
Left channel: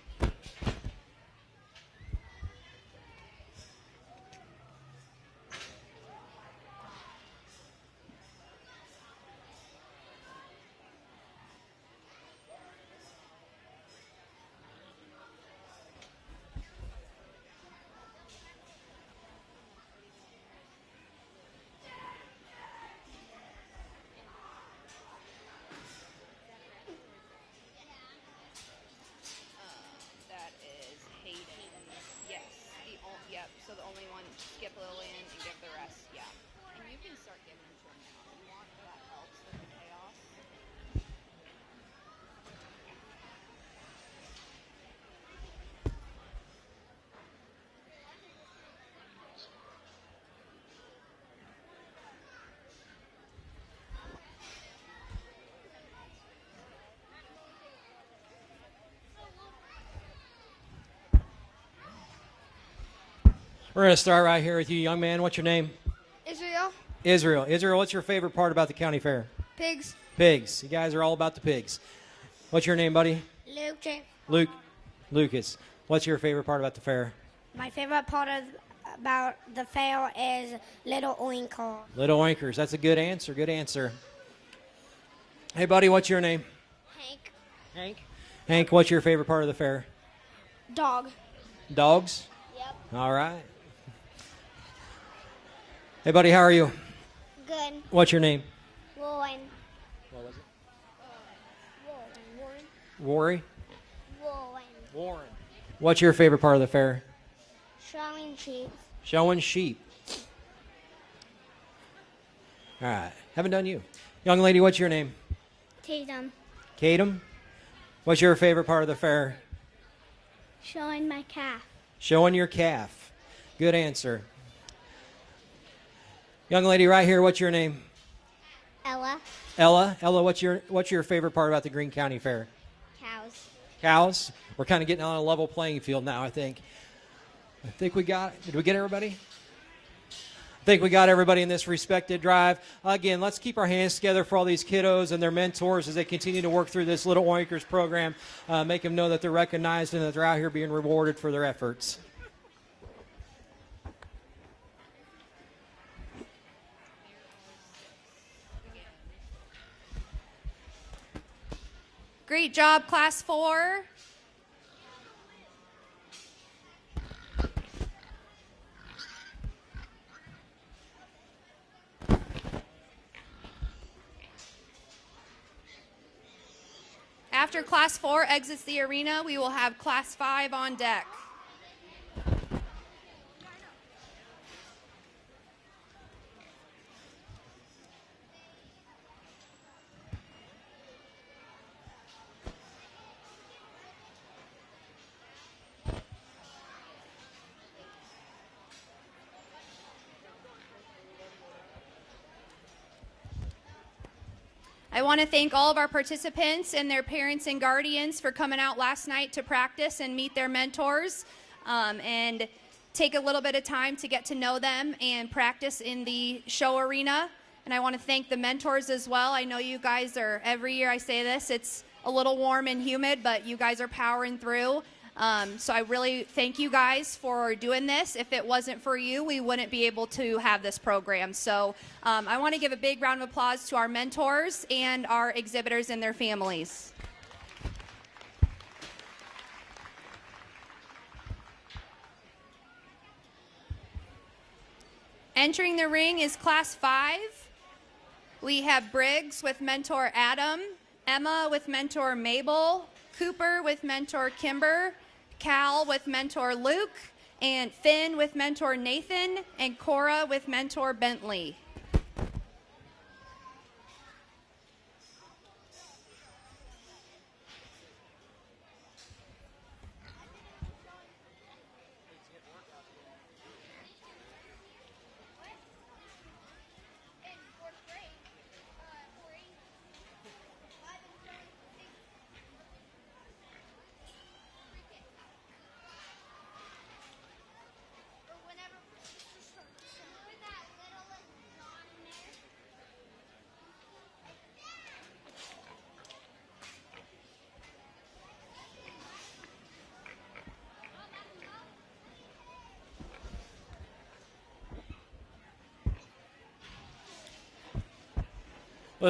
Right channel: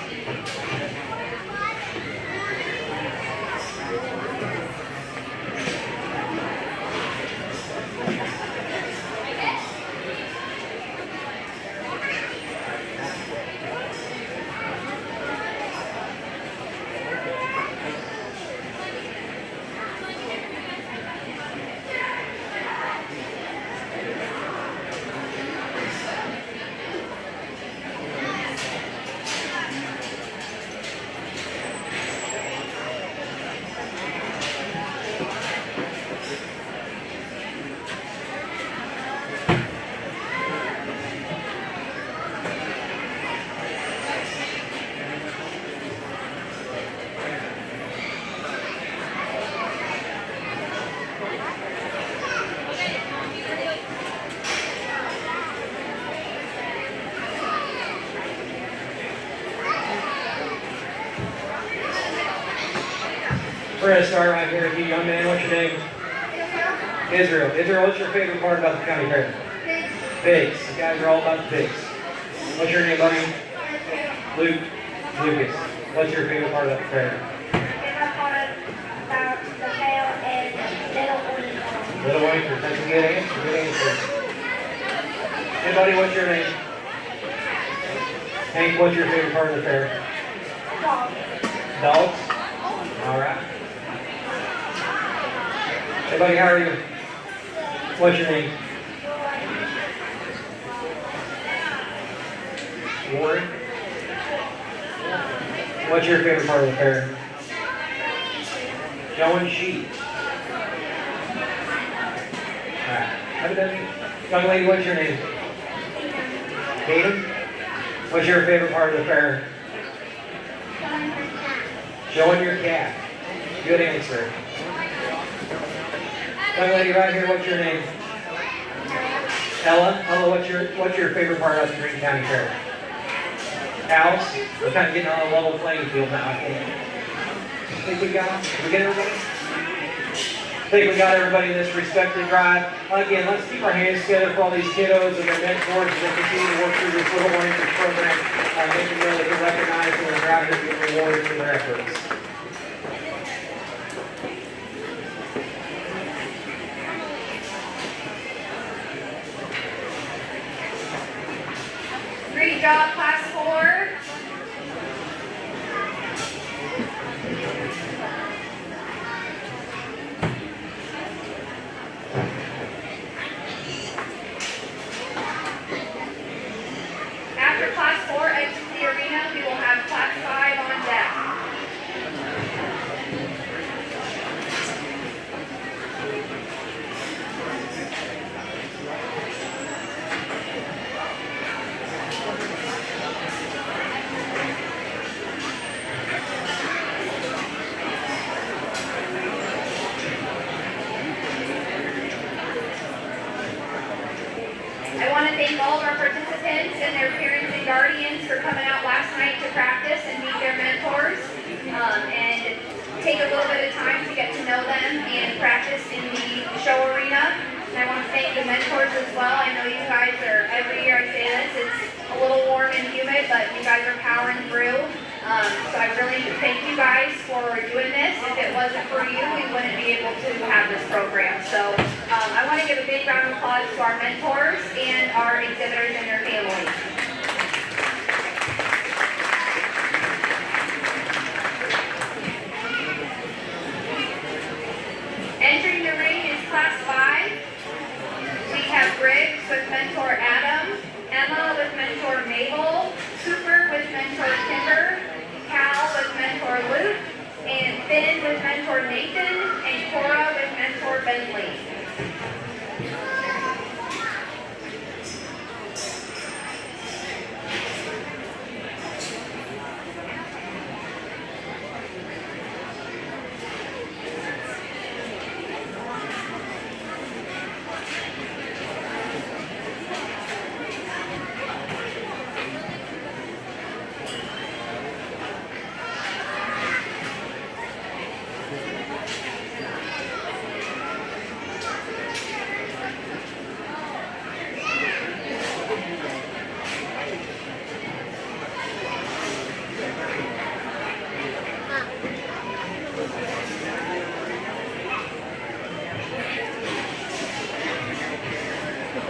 We're going to start right here. Do you know me? What's your name? Israel. Israel, what's your favorite part about the county fair? Pigs. Pigs. You guys are all about the pigs. What's your name, buddy? Luke. Lucas. What's your favorite part of the fair? Favorite part about the fair is Little Winkle. Little Winkers. That's a good answer. Good answer. Hey, buddy, what's your name? Hank, what's your favorite part of the fair? Dog. Dogs? All right. Hey, buddy, how are you? What's your name? Ward? What's your favorite part of the fair? Showing sheep. All right. Have a good day. Young lady, what's your name? Kaden? What's your favorite part of the fair? Showing your calf. Good answer. Young lady right here, what's your name? Ella? Ella, what's your favorite part of the Greene County Fair? Cows? We're kind of getting on a level playing field now, I think we got everybody in this respected ride. Again, let's keep our hands together for all these kiddos and their mentors as they continue to work through this little one in this program, making sure that they're recognized and they're out here to be rewarded for their efforts. Great job, class 4. After class 4 exits the arena, we will have class 5 on deck. I want to thank all of our participants and their parents and guardians for coming out last night to practice and meet their mentors and take a little bit of time to get to know them and practice in the show arena. And I want to thank the mentors as well. I know you guys are, every year I say this, it's a little warm and humid, but you guys are powering through. So I really thank you guys for doing this. If it wasn't for you, we wouldn't be able to have this program. So I want to give a big round of applause to our mentors and our exhibitors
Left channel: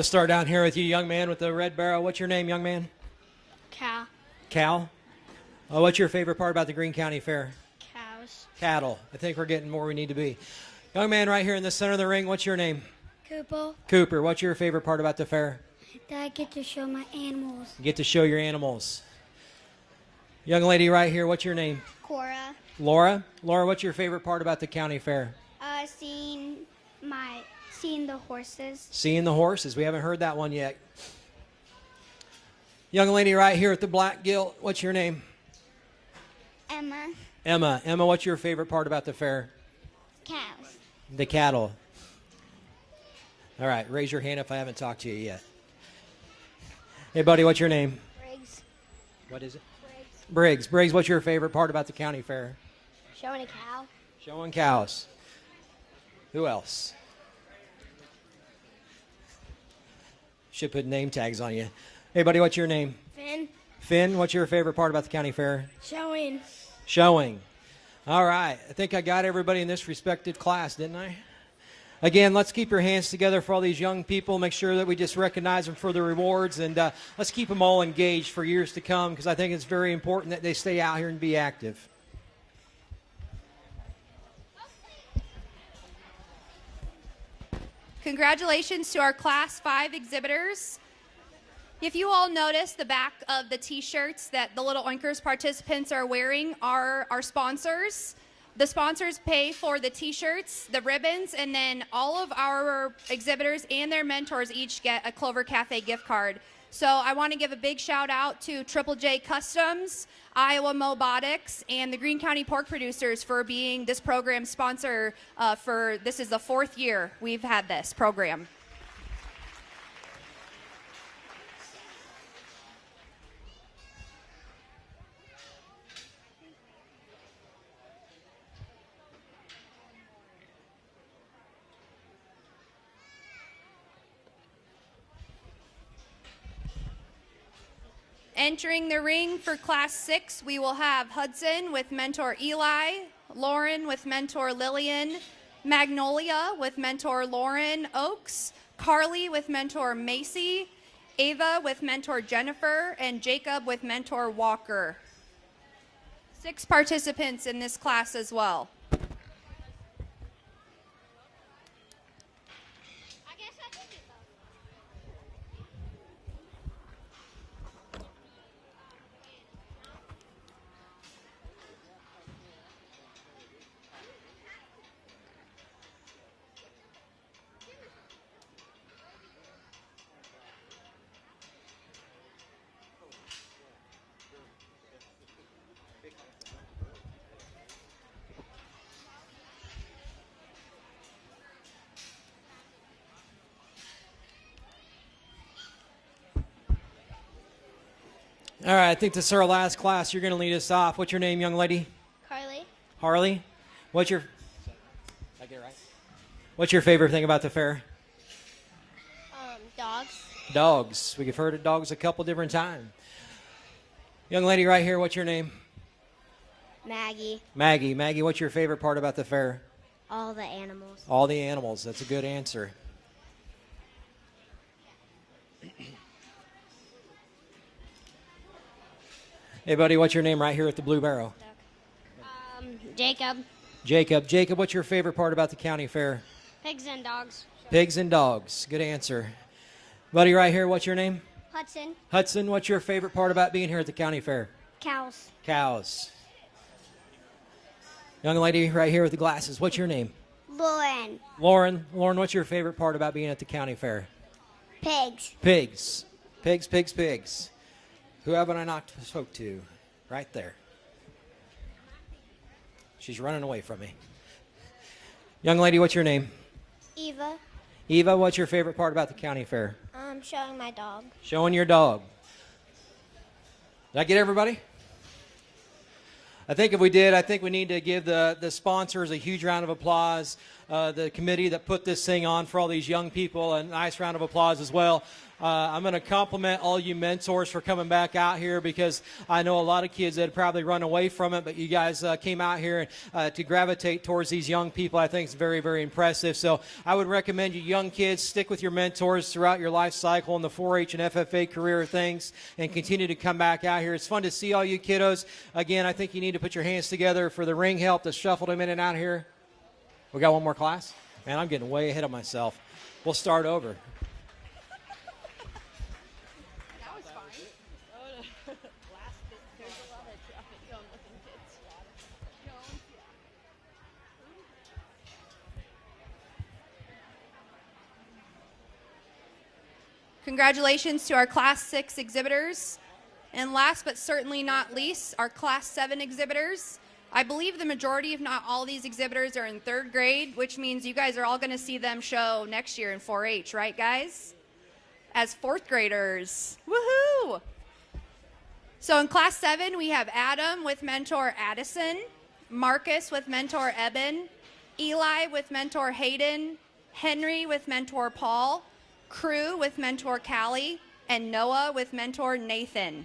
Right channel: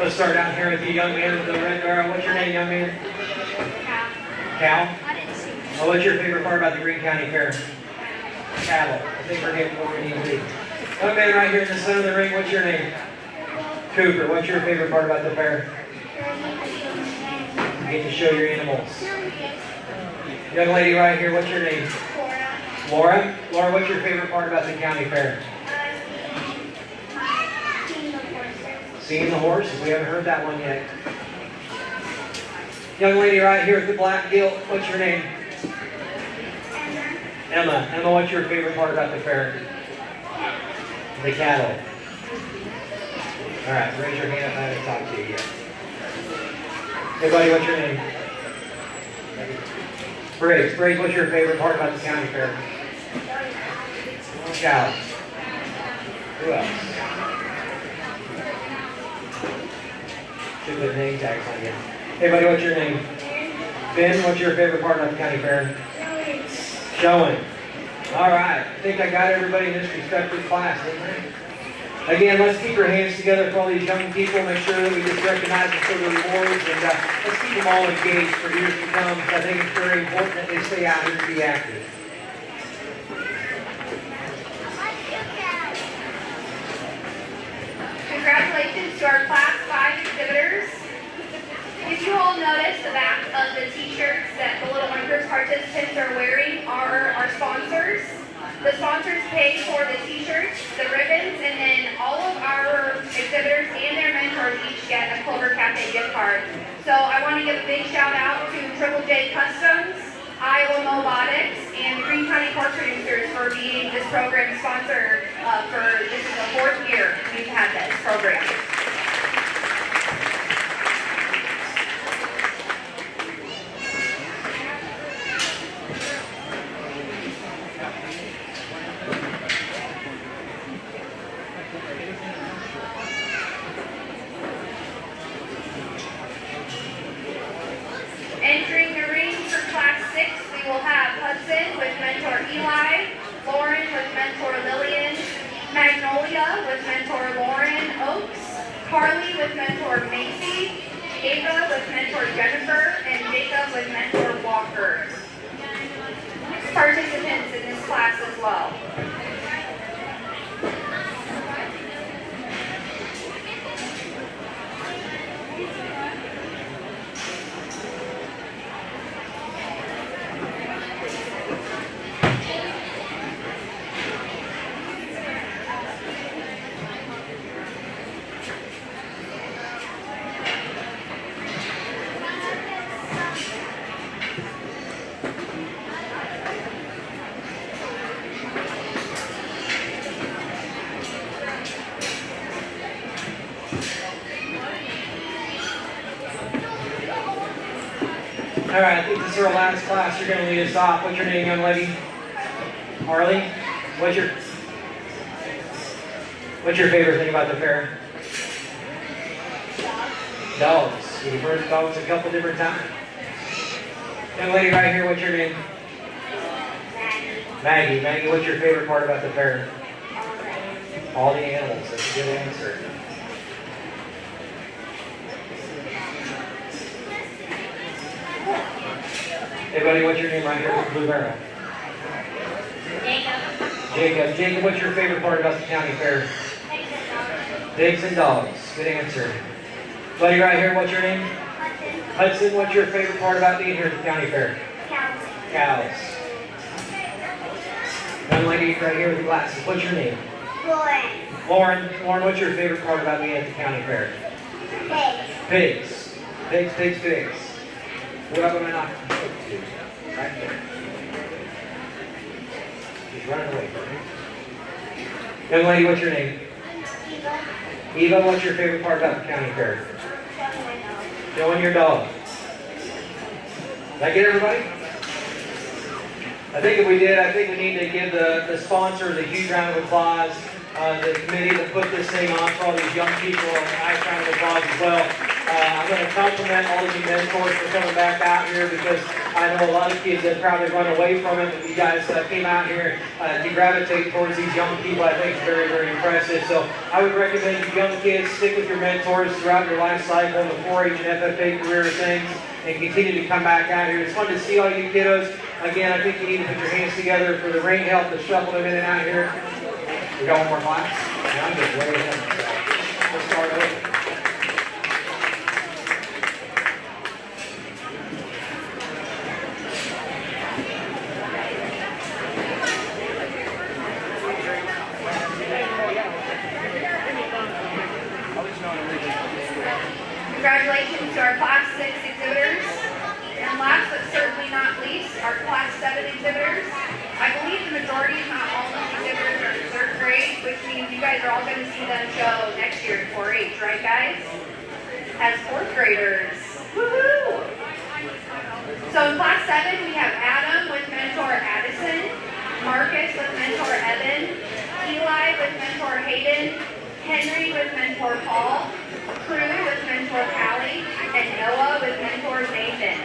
Let's start down here with you, young man with the red barrel. What's your name, young man? Cal. Oh, what's your favorite part about the Greene County Fair? Cattle. I think we're getting what we need to do. Young man right here in the center of the ring, what's your name? Cooper. What's your favorite part about the fair? You get to show your animals. Young lady right here, what's your name? Laura. Laura, what's your favorite part about the county fair? Seeing the horses. We haven't heard that one yet. Young lady right here with the black deal, what's your name? Emma. Emma, what's your favorite part about the fair? The cattle. All right, raise your hand. I haven't talked to you yet. Hey, buddy, what's your name? Briggs. Briggs, what's your favorite part about the county fair? Cows. Who else? Should put name tags on you. Hey, buddy, what's your name? Finn, what's your favorite part about the county fair? Showing. All right. I think I got everybody in this respective class, didn't I? Again, let's keep your hands together for all these young people. Make sure that we just recognize them for the rewards. And let's keep them all engaged for years to come, because I think it's very important that they stay out here and be active. Congratulations to our Class 5 exhibitors. If you all notice, the back of the t-shirts that the Little Wimpers participants are wearing are our sponsors. The sponsors pay for the t-shirts, the ribbons, and then all of our exhibitors and their mentors each get a Clover Cafe gift card. So I want to give a big shout out to Triple J Customs, Iowa Robotics, and Greene County Pork Producers for being this program sponsor this is the 4th year we've had this program. Entering the ring for Class 6, we will have Hudson with mentor Eli, Lauren with mentor Lillian, Magnolia with mentor Lauren Oakes, Carly with mentor Macy, Ava with mentor Jennifer, and Jacob with mentor Walker. 6 participants in this class as well. All right, I think this is our last class. You're going to lead us off. What's your name, young lady? Harley? What's your favorite thing about the fair? Dogs. We've heard of dogs a couple different times. Young lady right here, what's your name? Maggie. Maggie, what's your favorite part about the fair? All the animals. That's a good answer. Hey buddy, what's your name right here at the Blue Barrel? Jacob. Jacob, what's your favorite part about the county fair? Pigs and dogs. Good answer. Buddy right here, what's your name? Hudson, what's your favorite part about being here at the county fair? Cows. Young lady right here with the glasses, what's your name? Lauren, what's your favorite part about being at the county fair? Pigs. Pigs. Who am I going out to show it to? Right there. She's running away from me. Young lady, what's your name? Eva, what's your favorite part about the county fair? Showing your dog. Did I get everybody? I think if we did, I think we need to give the sponsors a huge round of applause. The committee that put this thing on for all these young people, a nice round of applause as well. I'm going to compliment all of you mentors for coming back out here because because I know a lot of kids that probably run away from it. You guys came out here to gravitate towards these young people. I think it's very, very impressive. So I would recommend that young kids stick with your mentors throughout your life cycle, the 4-H and FFA career things, and continue to come back out here. It's fun to see all you kiddos. Again, I think you need to put your hands together for the ring help to shuffle them in and out here. We got one more class? I'm getting way ahead, so we'll start over. Congratulations to our Class 6 exhibitors. And last but certainly not least, our Class 7 exhibitors. I believe the majority, if not all these exhibitors, are in 3rd grade, which means you guys are all going to see them show next year in 4-H, right guys? As 4th graders. Woohoo! So in Class 7, we have Adam with mentor Addison, Marcus with mentor Evan, Eli with mentor Hayden, Henry with mentor Paul, Crew with mentor Callie, and Noah with mentor Nathan.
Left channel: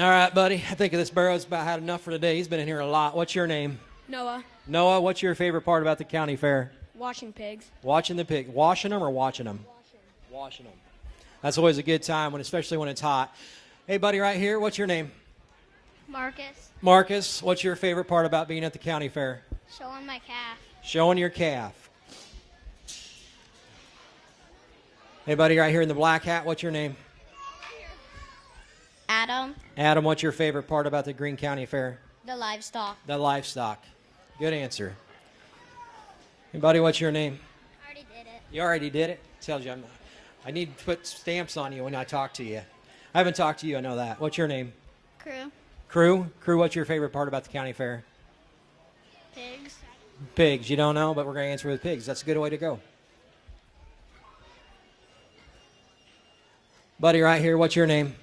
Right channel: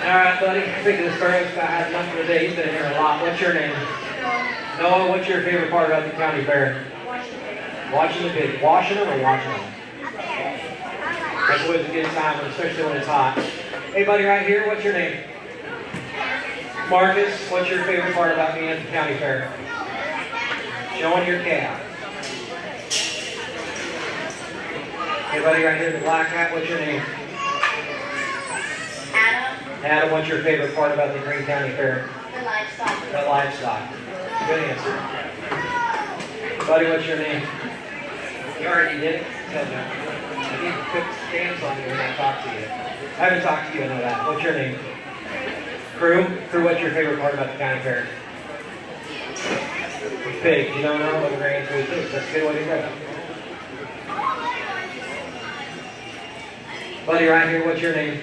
All right, buddy. I think this bird's about had enough for the day. He's been in here a lot. What's your name? Noah. What's your favorite part about the county fair? Watching the pig. Washing them or watching them? That's always a good time, especially when it's hot. Hey, buddy, right here. What's your name? Marcus. What's your favorite part about being at the county fair? Showing your calf. Hey, buddy, right here in the black hat. What's your name? Adam, what's your favorite part about the Greene County Fair? The livestock. The livestock. Good answer. Buddy, what's your name? You already did. Tell me. I need quick stamps on you when I talk to you. I haven't talked to you about that. What's your name? Crew? Crew, what's your favorite part about the county fair? Pigs. You don't know what your answer is pigs. That's a good way to go. Buddy, right here, what's your name?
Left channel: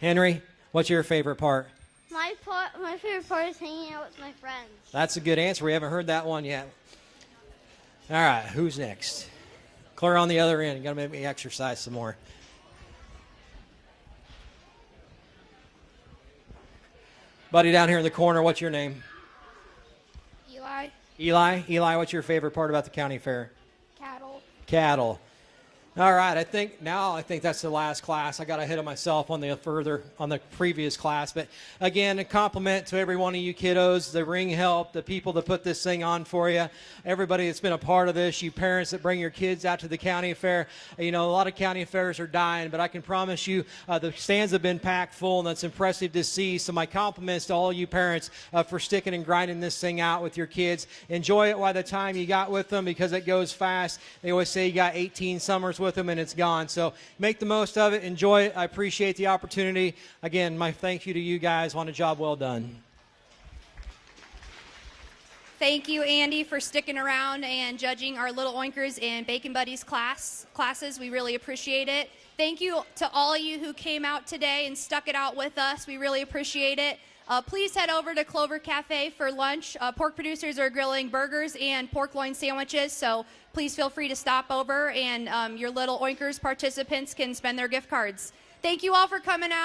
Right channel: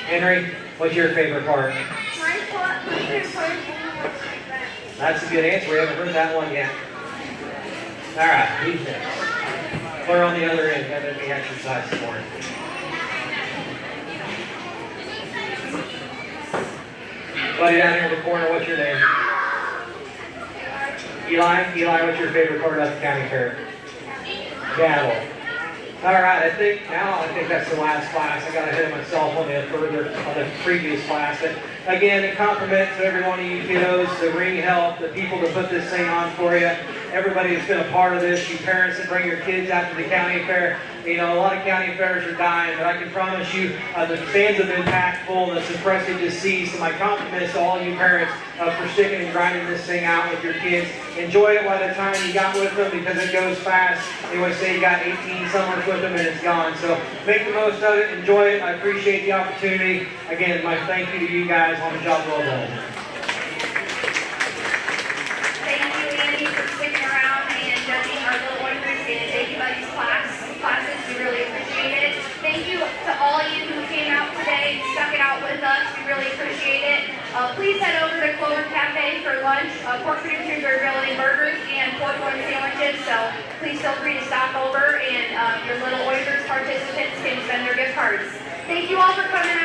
Henry, what's your favorite part? That's a good answer. We haven't heard that one yet. All right, who's next? Or on the other end, I'm going to exercise some more. Buddy down here in the corner, what's your name? Eli? Eli, what's your favorite part about the county fair? Cattle. All right, I think that's the last class. I got to hit myself a little bit further on the previous class. But again, a compliment to every one of you kiddos, the ring help, the people that put this thing on for you, everybody that's been a part of this, you parents that bring your kids out to the county fair. You know, a lot of county fairs are dying, but I can promise you the stands have been packed full, and it's impressive to see. So my compliments to all you parents for sticking and grinding this thing out with your kids. Enjoy it by the time you got with them, because it goes fast. They always say you got 18 summers with them and it's gone. So make the most of it, enjoy it. I appreciate the opportunity. Again, my thank you to you guys on the job well done. Thank you, Andy, for sticking around and judging our little winners in everybody's classes. We really appreciate it. Thank you to all of you who came out today and stuck it out with us. We really appreciate it. Please head over to Clover Cafe for lunch. Pork producers are grilling burgers and pork loin sandwiches, so please feel free to stop over, and your little Oilers participants can spend their gift cards. Thank you all for coming out.